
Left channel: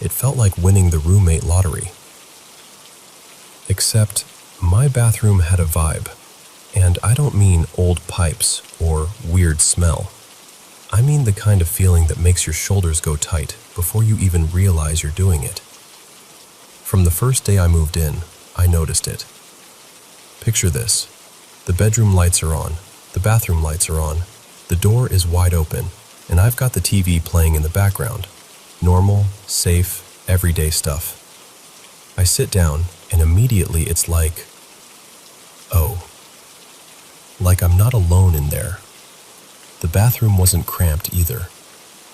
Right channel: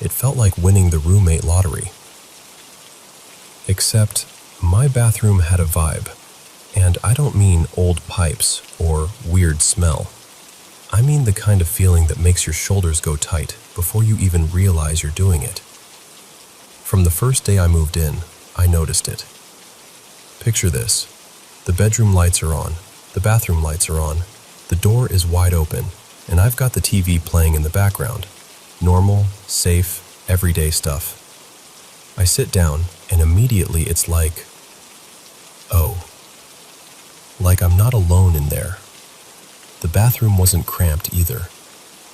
It felt like winning the roommate lottery. Except, my bathroom had a vibe. And I don't mean old pipes or weird smell. I mean the kind of feeling that makes your shoulders go tight before you even realize you're doing it. From the first day I moved in, I noticed it. Picture this. The bedroom lights are on, the bathroom lights are on, the door is wide open, and I've got the TV playing in the background. Normal, safe, everyday stuff. I sit down, and immediately it's like, oh. Like I'm not alone in there. The bathroom wasn't cramped either.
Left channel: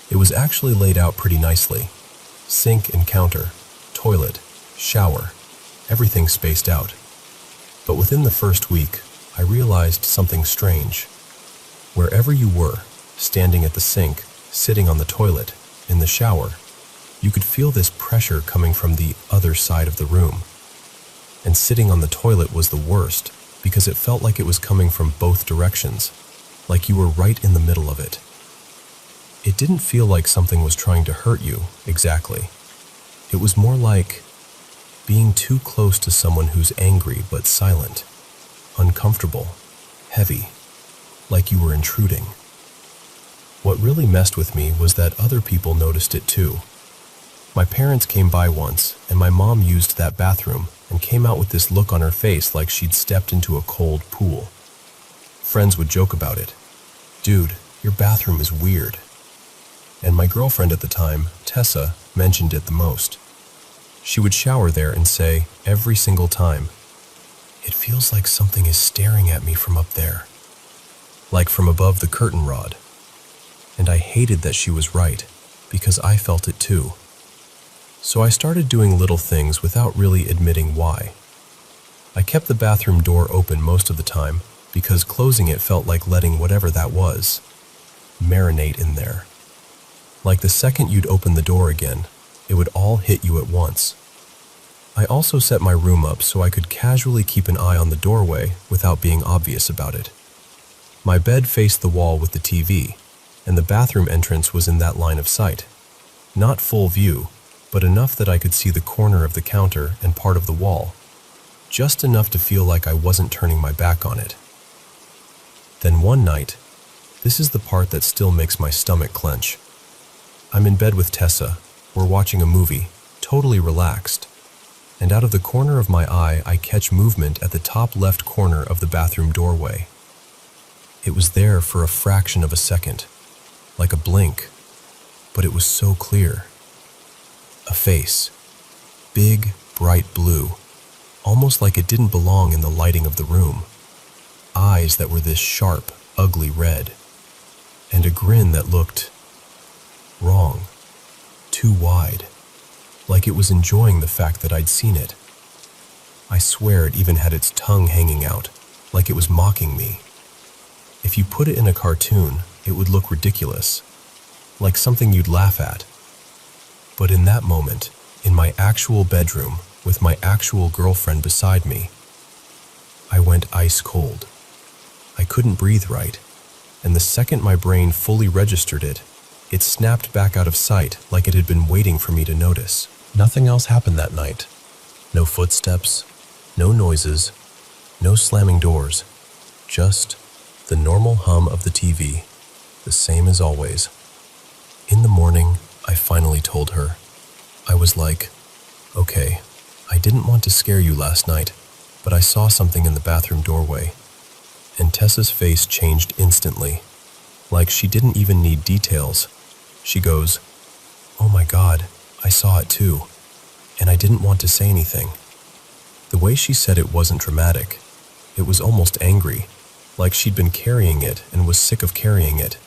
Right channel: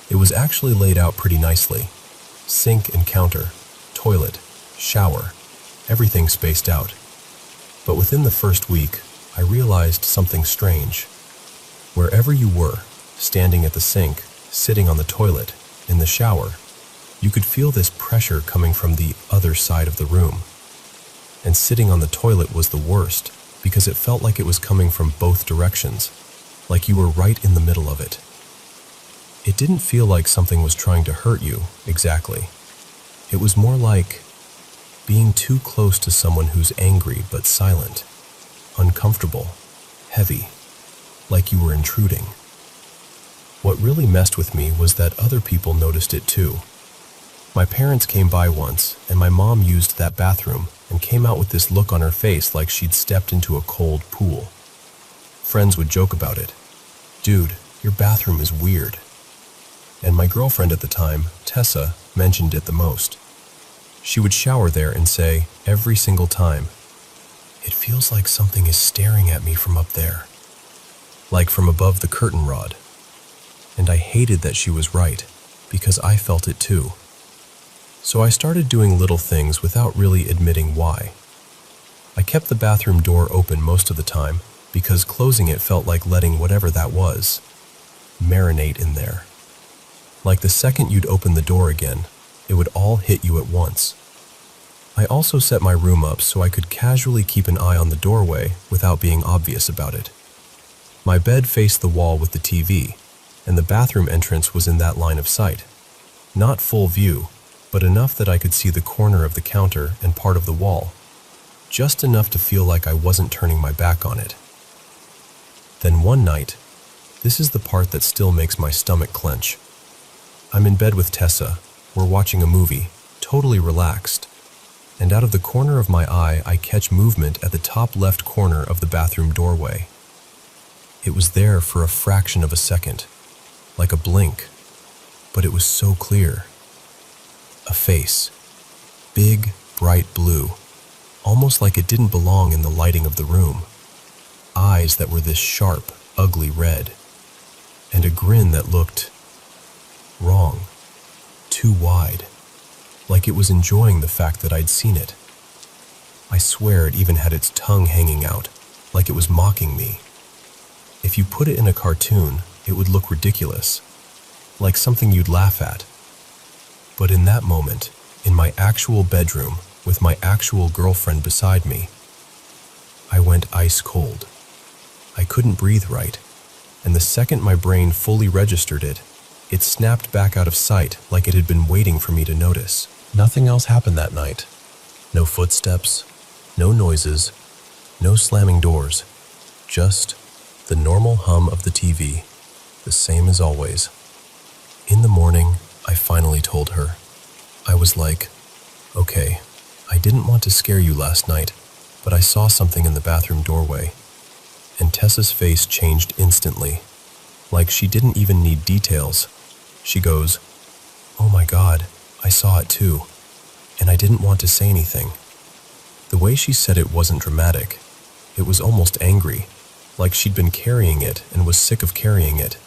It was actually laid out pretty nicely. Sink and counter, toilet, shower, everything spaced out. But within the first week, I realized something strange. Wherever you were, standing at the sink, sitting on the toilet, in the shower, you could feel this pressure coming from the other side of the room. And sitting on the toilet was the worst, because it felt like it was coming from both directions, like you were right in the middle of it. It didn't feel like something was trying to hurt you, exactly. It was more like being too close to someone who's angry but silent, uncomfortable, heavy, like you were intruding. What really messed with me was that other people noticed it too. My parents came by once, and my mom used that bathroom and came out with this look on her face like she'd stepped into a cold pool. Friends would joke about it. Dude, your bathroom is weird. And my girlfriend at the time, Tessa, mentioned it the most. She would shower there and say, every single time, "It feels like something is staring at me from up there." Like from above the curtain rod. And I hated that she was right, because I felt it too. So I started doing little things without really admitting why. I kept the bathroom door open most of the time, because closing it felt like letting whatever that was marinate in there. Like the second you'd open the door again, it would all hit you at once. I also set my room up so I could casually keep an eye on the doorway without being obvious about it. My bed faced the wall with the TV, and the bathroom entrance was in that line of sight. Not full view, but enough that I could see the corner of the counter and part of the wall. Just enough to feel like I wasn't turning my back on it. Then one night, this is the part that still makes my stomach clench. I'm in bed with Tessa. We're watching a movie, totally relaxed. And out of the corner of my eye, I catch movement at the top left corner of the bathroom doorway. It was there for a fraction of a second, like a blink, but it was so clear. A face. Big, bright blue, almost like it didn't belong in the lighting of the room. Eyes that were this sharp, ugly red. And a grin that looked wrong. Too wide. Like it was enjoying the fact that I'd seen it. I swear it even had its tongue hanging out, like it was mocking me. If you put it in a cartoon, it would look ridiculous, like something you'd laugh at. But in that moment, in my actual bedroom, with my actual girlfriend beside me, I went ice cold. I couldn't breathe right, and the second my brain fully registered it, it snapped back out of sight like it had been waiting for me to notice. Nothing else happened that night. No footsteps, no noises, no slamming doors. Just the normal hum of the TV, the same as always. In the morning, I finally told her. I was like, okay, I didn't want to scare you last night, but I saw something in the bathroom doorway. And Tessa's face changed instantly. Like she didn't even need details. She goes, "Oh my God, I saw it too, and I didn't want to say anything." The way she said it wasn't dramatic. It was almost angry, like she'd been carrying it and was sick of carrying it.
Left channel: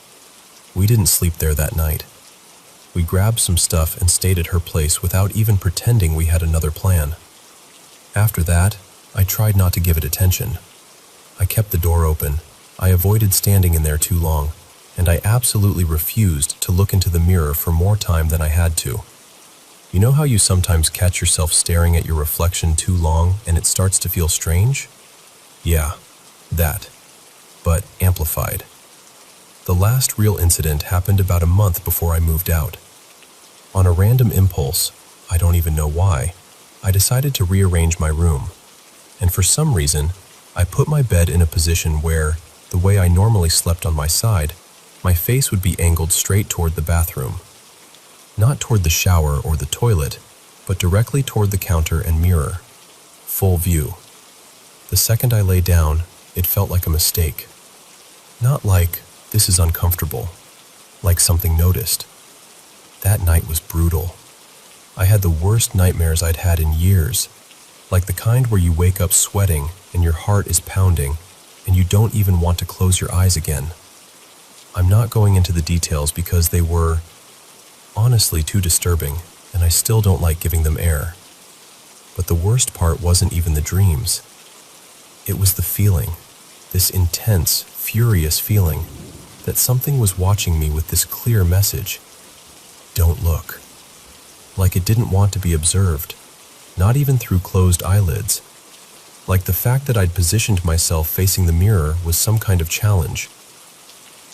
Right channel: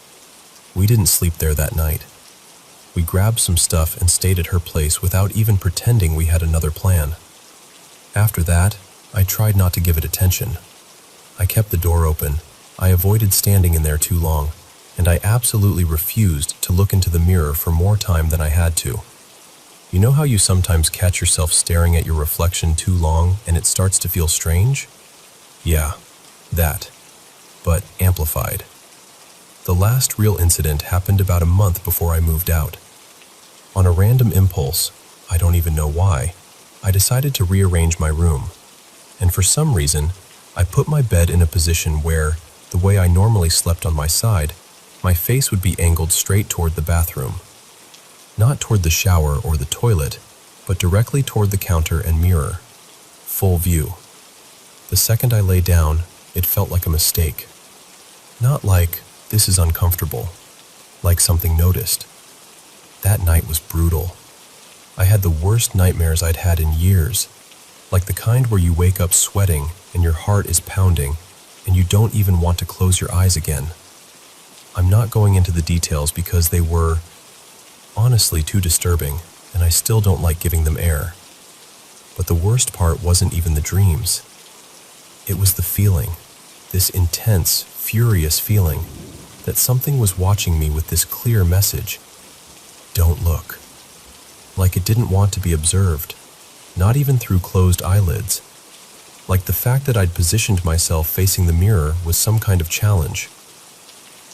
We didn't sleep there that night. We grabbed some stuff and stayed at her place without even pretending we had another plan. After that, I tried not to give it attention. I kept the door open. I avoided standing in there too long, and I absolutely refused to look into the mirror for more time than I had to. You know how you sometimes catch yourself staring at your reflection too long and it starts to feel strange? Yeah, that, but amplified. The last real incident happened about a month before I moved out. On a random impulse, I don't even know why, I decided to rearrange my room. And for some reason, I put my bed in a position where, the way I normally slept on my side, my face would be angled straight toward the bathroom. Not toward the shower or the toilet, but directly toward the counter and mirror. Full view. The second I lay down, it felt like a mistake. Not like, this is uncomfortable, like something noticed. That night was brutal. I had the worst nightmares I'd had in years, like the kind where you wake up sweating and your heart is pounding and you don't even want to close your eyes again. I'm not going into the details because they were, honestly, too disturbing, and I still don't like giving them air. But the worst part wasn't even the dreams. It was the feeling, this intense, furious feeling, that something was watching me with this clear message. Don't look. Like it didn't want to be observed, not even through closed eyelids. Like the fact that I'd positioned myself facing the mirror was some kind of challenge.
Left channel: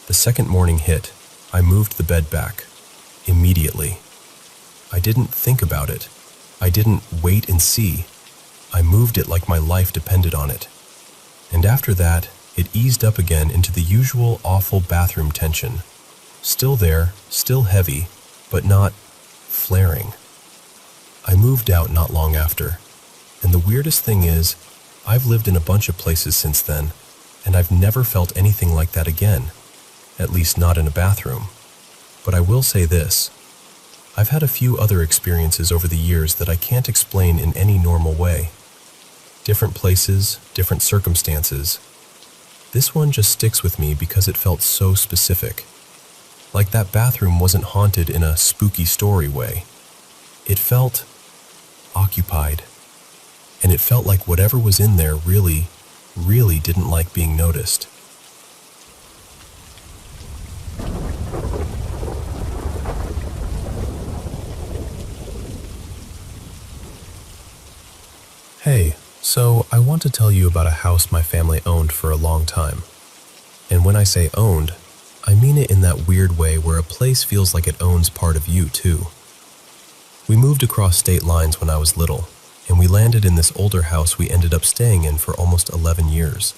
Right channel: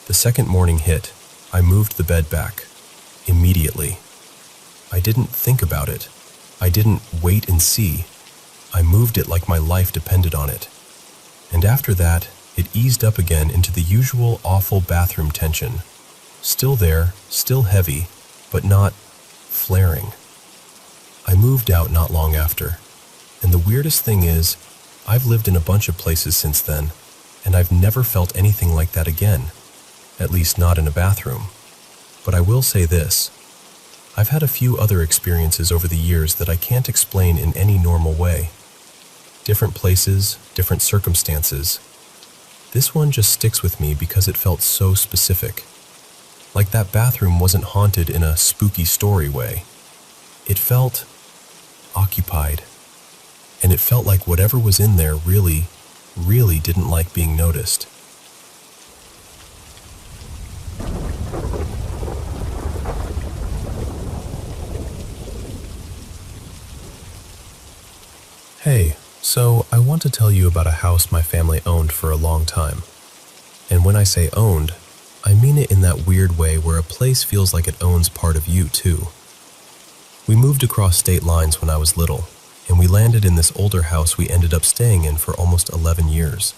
The second morning hit, I moved the bed back. Immediately. I didn't think about it. I didn't wait and see. I moved it like my life depended on it. And after that, it eased up again into the usual awful bathroom tension. Still there, still heavy, but not flaring. I moved out not long after. And the weirdest thing is, I've lived in a bunch of places since then, and I've never felt anything like that again. At least not in a bathroom. But I will say this. I've had a few other experiences over the years that I can't explain in any normal way. Different places, different circumstances. This one just sticks with me because it felt so specific. Like that bathroom wasn't haunted in a spooky story way. It felt occupied. And it felt like whatever was in there really didn't like being noticed. Hey, so I want to tell you about a house my family owned for a long time. And when I say owned, I mean it in that weird way where a place feels like it owns part of you too. We moved across state lines when I was little, and we landed in this older house we ended up staying in for almost 11 years.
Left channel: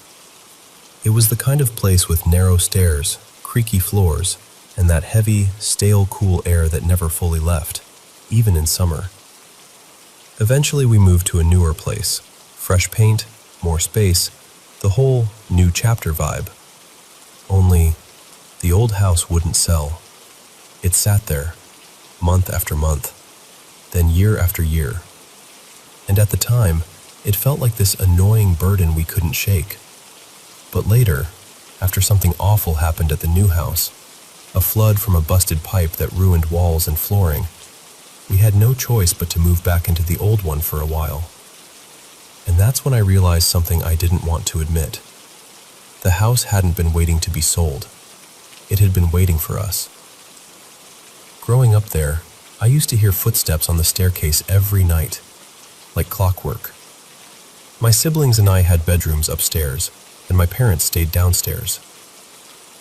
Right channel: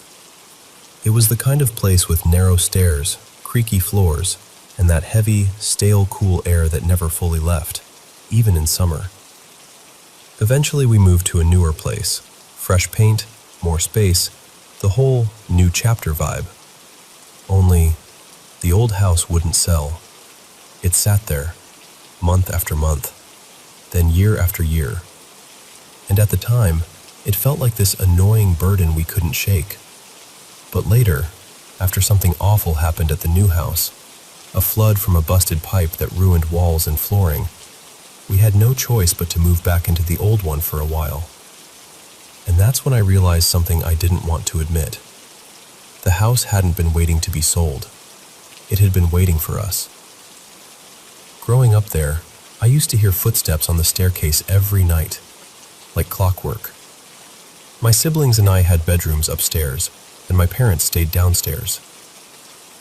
It was the kind of place with narrow stairs, creaky floors, and that heavy, stale, cool air that never fully left, even in summer. Eventually we moved to a newer place. Fresh paint, more space, the whole new chapter vibe. Only, the old house wouldn't sell. It sat there, month after month, then year after year. And at the time, it felt like this annoying burden we couldn't shake. But later, after something awful happened at the new house, a flood from a busted pipe that ruined walls and flooring, we had no choice but to move back into the old one for a while. And that's when I realized something I didn't want to admit. The house hadn't been waiting to be sold. It had been waiting for us. Growing up there, I used to hear footsteps on the staircase every night, like clockwork. My siblings and I had bedrooms upstairs, and my parents stayed downstairs.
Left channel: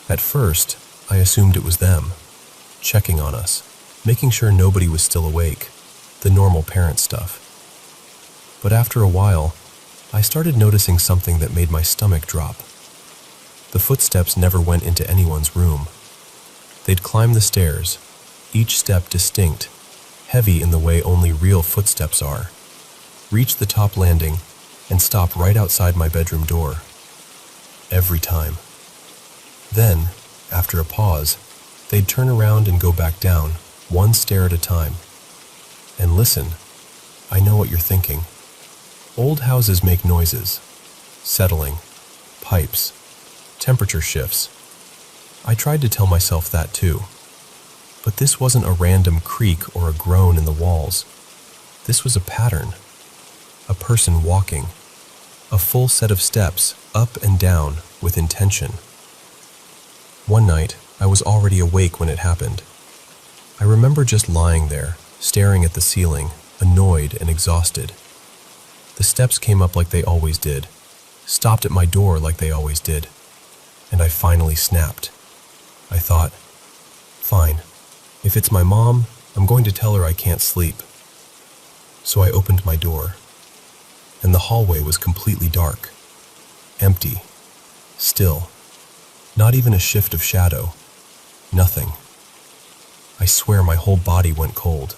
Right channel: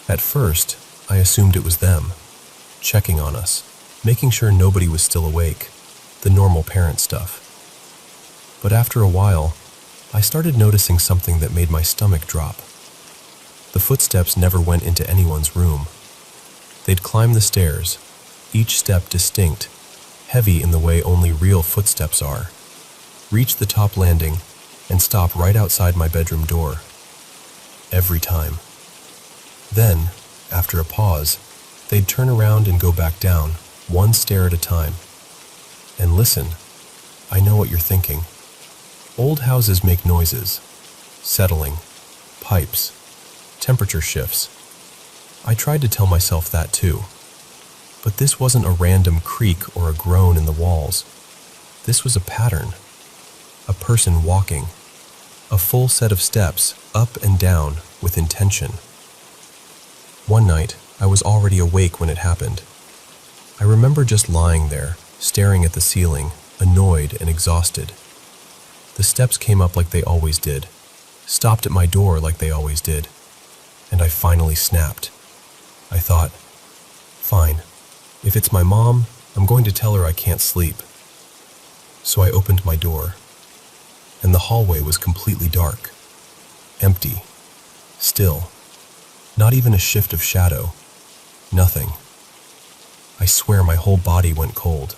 At first, I assumed it was them, checking on us, making sure nobody was still awake, the normal parent stuff. But after a while, I started noticing something that made my stomach drop. The footsteps never went into anyone's room. They'd climb the stairs, each step distinct, heavy in the way only real footsteps are, reach the top landing, and stop right outside my bedroom door. Every time. Then, after a pause, they'd turn around and go back down, one stair at a time. And listen, I know what you're thinking. Old houses make noises. Settling. Pipes. Temperature shifts. I tried to tell myself that too. But this wasn't a random creak or a groan in the walls. This was a pattern. A person walking. A full set of steps, up and down, with intention. One night, I was already awake when it happened. I remember just lying there, staring at the ceiling, annoyed and exhausted. The steps came up like they always did, stopped at my door like they always did, and I finally snapped. I thought, fine, if it's my mom, I'm going to tell her I can't sleep. So I opened my door, and the hallway was completely dark, empty, still, not even a shift of shadow, nothing. I swear my whole body went cold.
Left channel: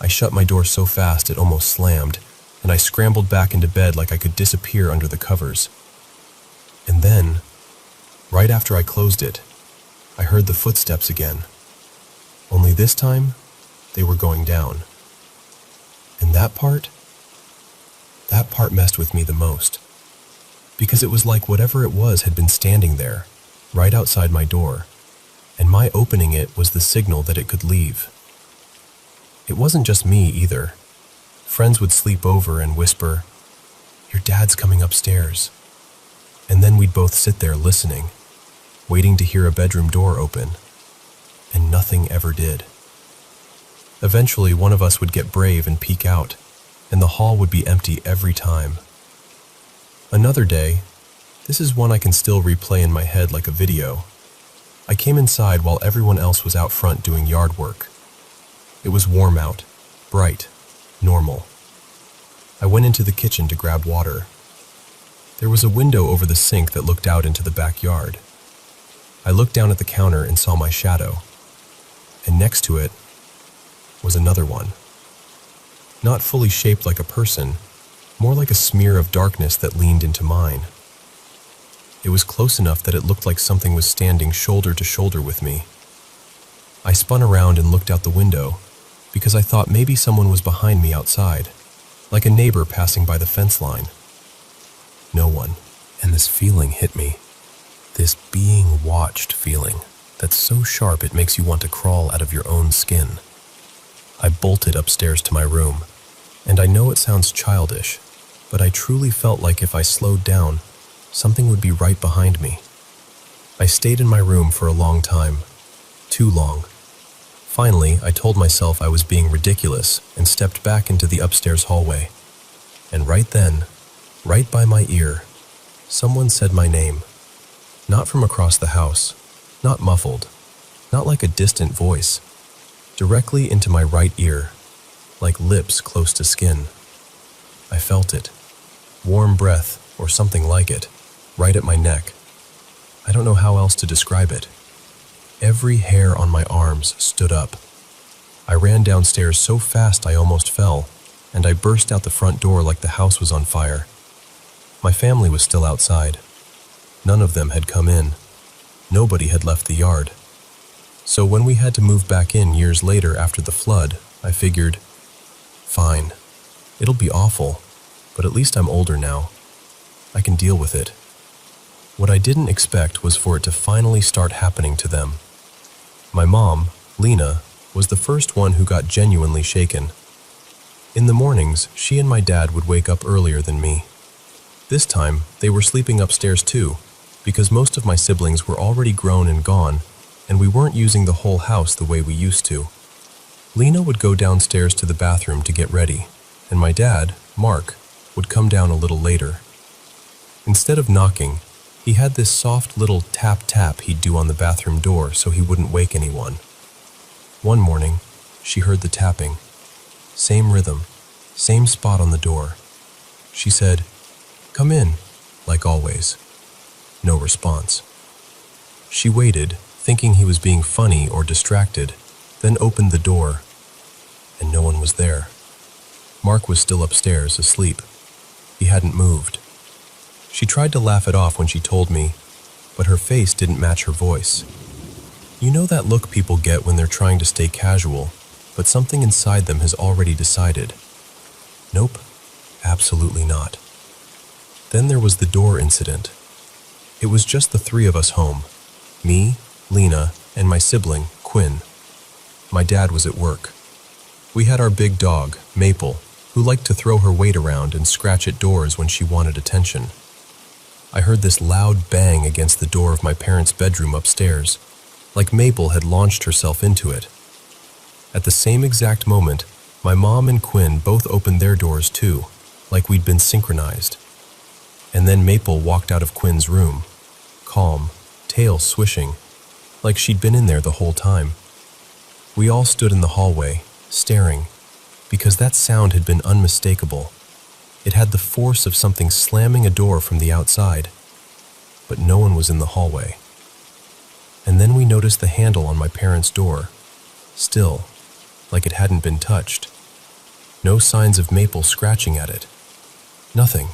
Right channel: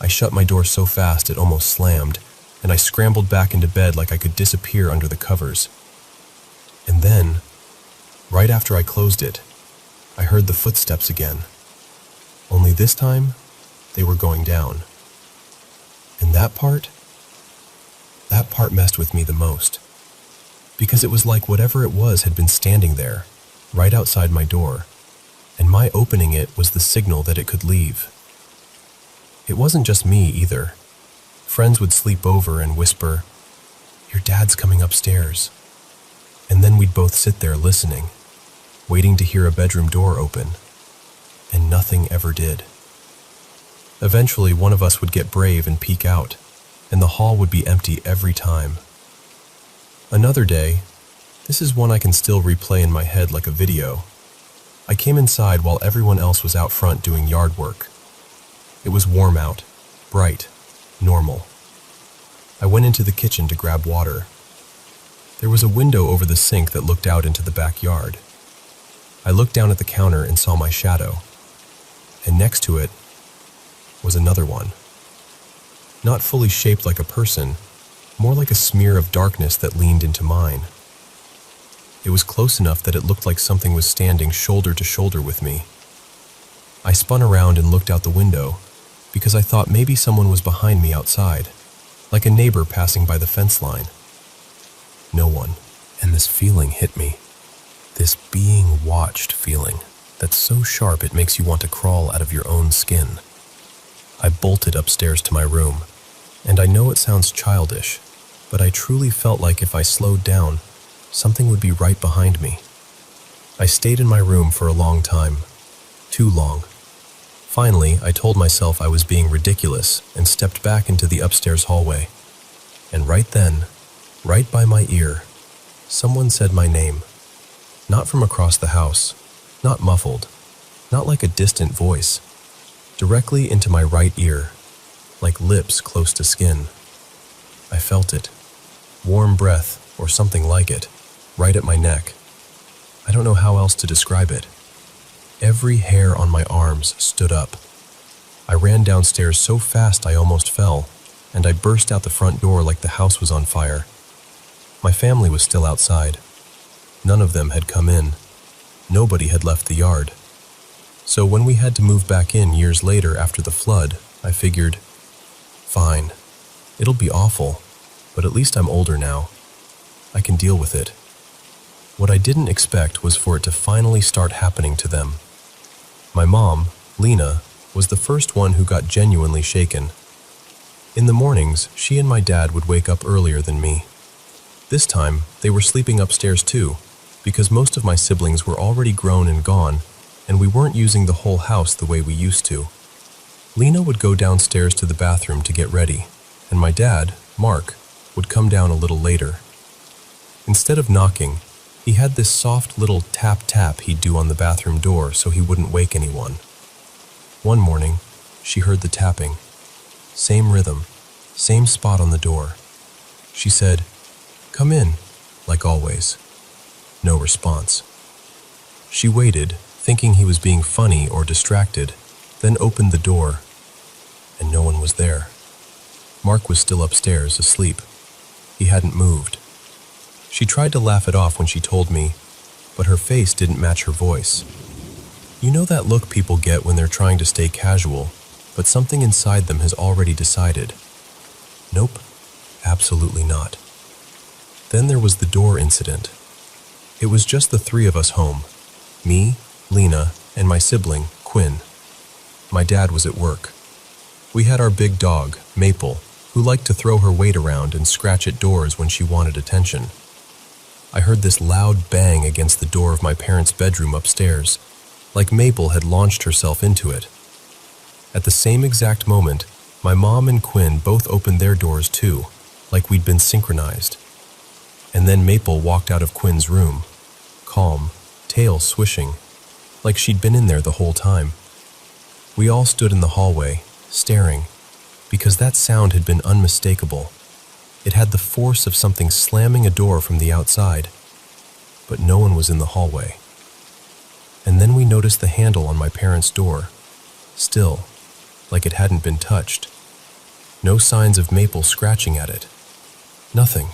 I shut my door so fast it almost slammed, and I scrambled back into bed like I could disappear under the covers. And then, right after I closed it, I heard the footsteps again. Only this time, they were going down. And that part messed with me the most. Because it was like whatever it was had been standing there, right outside my door, and my opening it was the signal that it could leave. It wasn't just me either. Friends would sleep over and whisper, "Your dad's coming upstairs." And then we'd both sit there listening, waiting to hear a bedroom door open, and nothing ever did. Eventually, one of us would get brave and peek out, and the hall would be empty every time. Another day, this is one I can still replay in my head like a video. I came inside while everyone else was out front doing yard work. It was warm out, bright, normal. I went into the kitchen to grab water. There was a window over the sink that looked out into the backyard. I looked down at the counter and saw my shadow, and next to it was another one. Not fully shaped like a person, more like a smear of darkness that leaned into mine. It was close enough that it looked like something was standing shoulder to shoulder with me. I spun around and looked out the window, because I thought maybe someone was behind me outside, like a neighbor passing by the fence line. No one, and this feeling hit me. This being watched feeling that's so sharp it makes you want to crawl out of your own skin. I bolted upstairs to my room, and I know it sounds childish, but I truly felt like if I slowed down, something would be right behind me. I stayed in my room for a long time, too long. Finally, I told myself I was being ridiculous and stepped back into the upstairs hallway. And right then, right by my ear, someone said my name. Not from across the house, not muffled, not like a distant voice. Directly into my right ear, like lips close to skin. I felt it. Warm breath, or something like it, right at my neck. I don't know how else to describe it. Every hair on my arms stood up. I ran downstairs so fast I almost fell, and I burst out the front door like the house was on fire. My family was still outside. None of them had come in. Nobody had left the yard. So when we had to move back in years later after the flood, I figured, fine, it'll be awful, but at least I'm older now. I can deal with it. What I didn't expect was for it to finally start happening to them. My mom, Lena, was the first one who got genuinely shaken. In the mornings, she and my dad would wake up earlier than me. This time, they were sleeping upstairs too, because most of my siblings were already grown and gone, and we weren't using the whole house the way we used to. Lena would go downstairs to the bathroom to get ready, and my dad, Mark, would come down a little later. Instead of knocking, he had this soft little tap-tap he'd do on the bathroom door so he wouldn't wake anyone. One morning, she heard the tapping. Same rhythm, same spot on the door. She said, "Come in," like always. No response. She waited, thinking he was being funny or distracted, then opened the door, and no one was there. Mark was still upstairs, asleep. He hadn't moved. She tried to laugh it off when she told me, but her face didn't match her voice. You know that look people get when they're trying to stay casual, but something inside them has already decided. Nope, absolutely not. Then there was the door incident. It was just the three of us home. Me, Lena, and my sibling, Quinn. My dad was at work. We had our big dog, Maple, who liked to throw her weight around and scratch at doors when she wanted attention. I heard this loud bang against the door of my parents' bedroom upstairs, like Maple had launched herself into it. At the same exact moment, my mom and Quinn both opened their doors too, like we'd been synchronized. And then Maple walked out of Quinn's room, calm, tail swishing, like she'd been in there the whole time. We all stood in the hallway, staring, because that sound had been unmistakable. It had the force of something slamming a door from the outside, but no one was in the hallway. And then we noticed the handle on my parents' door, still, like it hadn't been touched. No signs of Maple scratching at it. Nothing.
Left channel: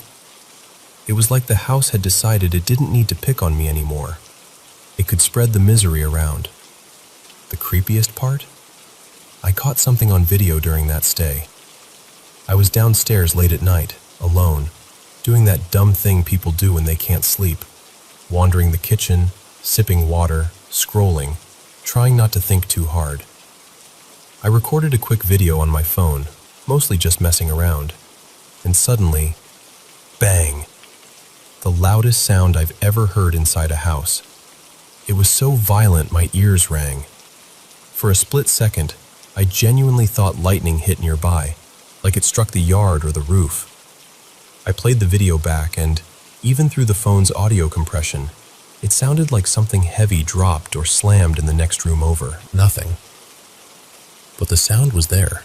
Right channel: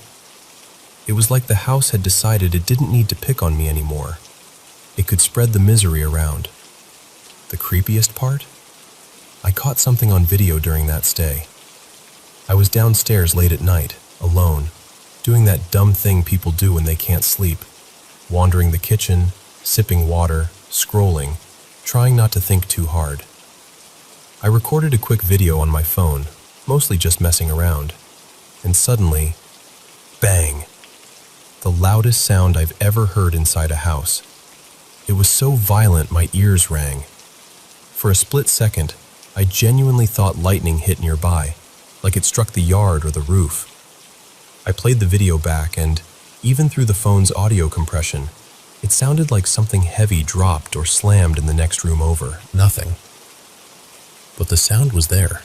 It was like the house had decided it didn't need to pick on me anymore. It could spread the misery around. The creepiest part? I caught something on video during that stay. I was downstairs late at night, alone, doing that dumb thing people do when they can't sleep, wandering the kitchen, sipping water, scrolling, trying not to think too hard. I recorded a quick video on my phone, mostly just messing around, and suddenly, bang! The loudest sound I've ever heard inside a house. It was so violent my ears rang. For a split second, I genuinely thought lightning hit nearby, like it struck the yard or the roof. I played the video back, and even through the phone's audio compression, it sounded like something heavy dropped or slammed in the next room over. Nothing. But the sound was there.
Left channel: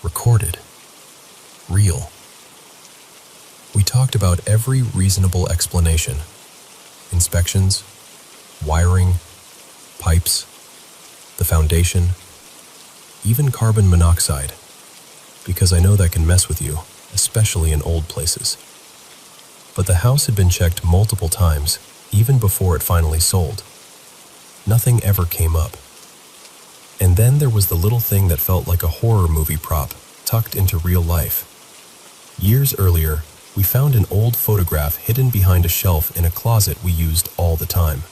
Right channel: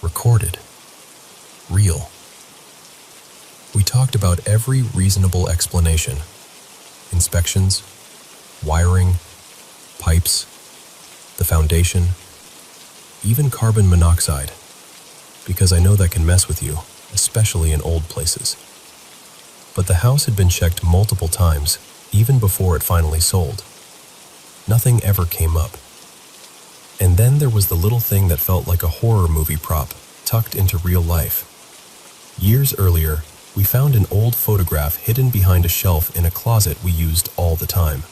Recorded. Real. We talked about every reasonable explanation. Inspections, wiring, pipes, the foundation, even carbon monoxide, because I know that can mess with you, especially in old places. But the house had been checked multiple times, even before it finally sold. Nothing ever came up. And then there was the little thing that felt like a horror movie prop tucked into real life. Years earlier, we found an old photograph hidden behind a shelf in a closet we used all the time.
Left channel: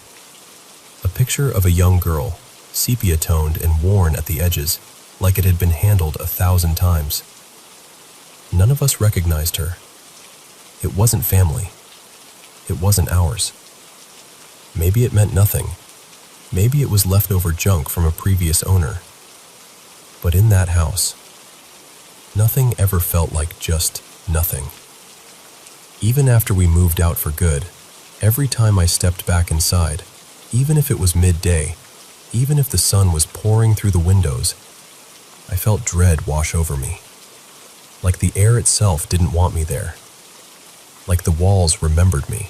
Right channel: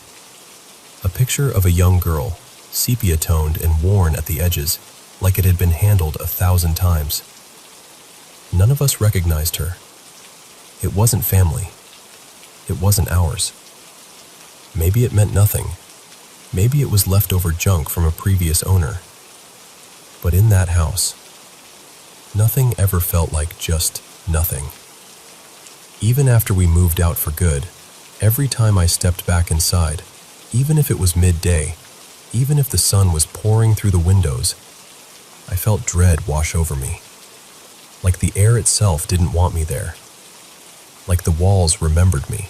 A picture of a young girl, sepia-toned and worn at the edges, like it had been handled 1,000 times. None of us recognized her. It wasn't family. It wasn't ours. Maybe it meant nothing. Maybe it was leftover junk from a previous owner. But in that house, nothing ever felt like just nothing. Even after we moved out for good, every time I stepped back inside, even if it was midday, even if the sun was pouring through the windows, I felt dread wash over me. Like the air itself didn't want me there. Like the walls remembered me.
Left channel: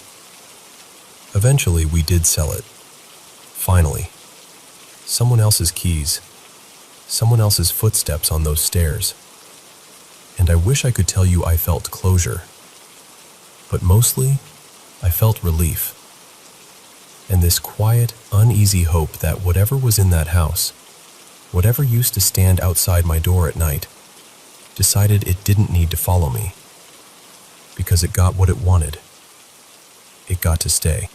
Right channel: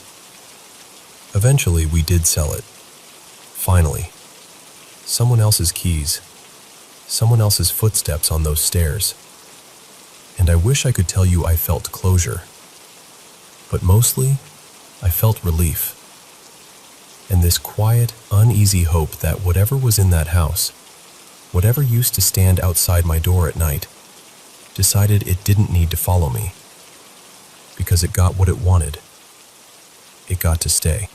Eventually, we did sell it. Finally. Someone else's keys. Someone else's footsteps on those stairs. And I wish I could tell you I felt closure. But mostly, I felt relief. And this quiet, uneasy hope that whatever was in that house, whatever used to stand outside my door at night, decided it didn't need to follow me. Because it got what it wanted. It got to stay.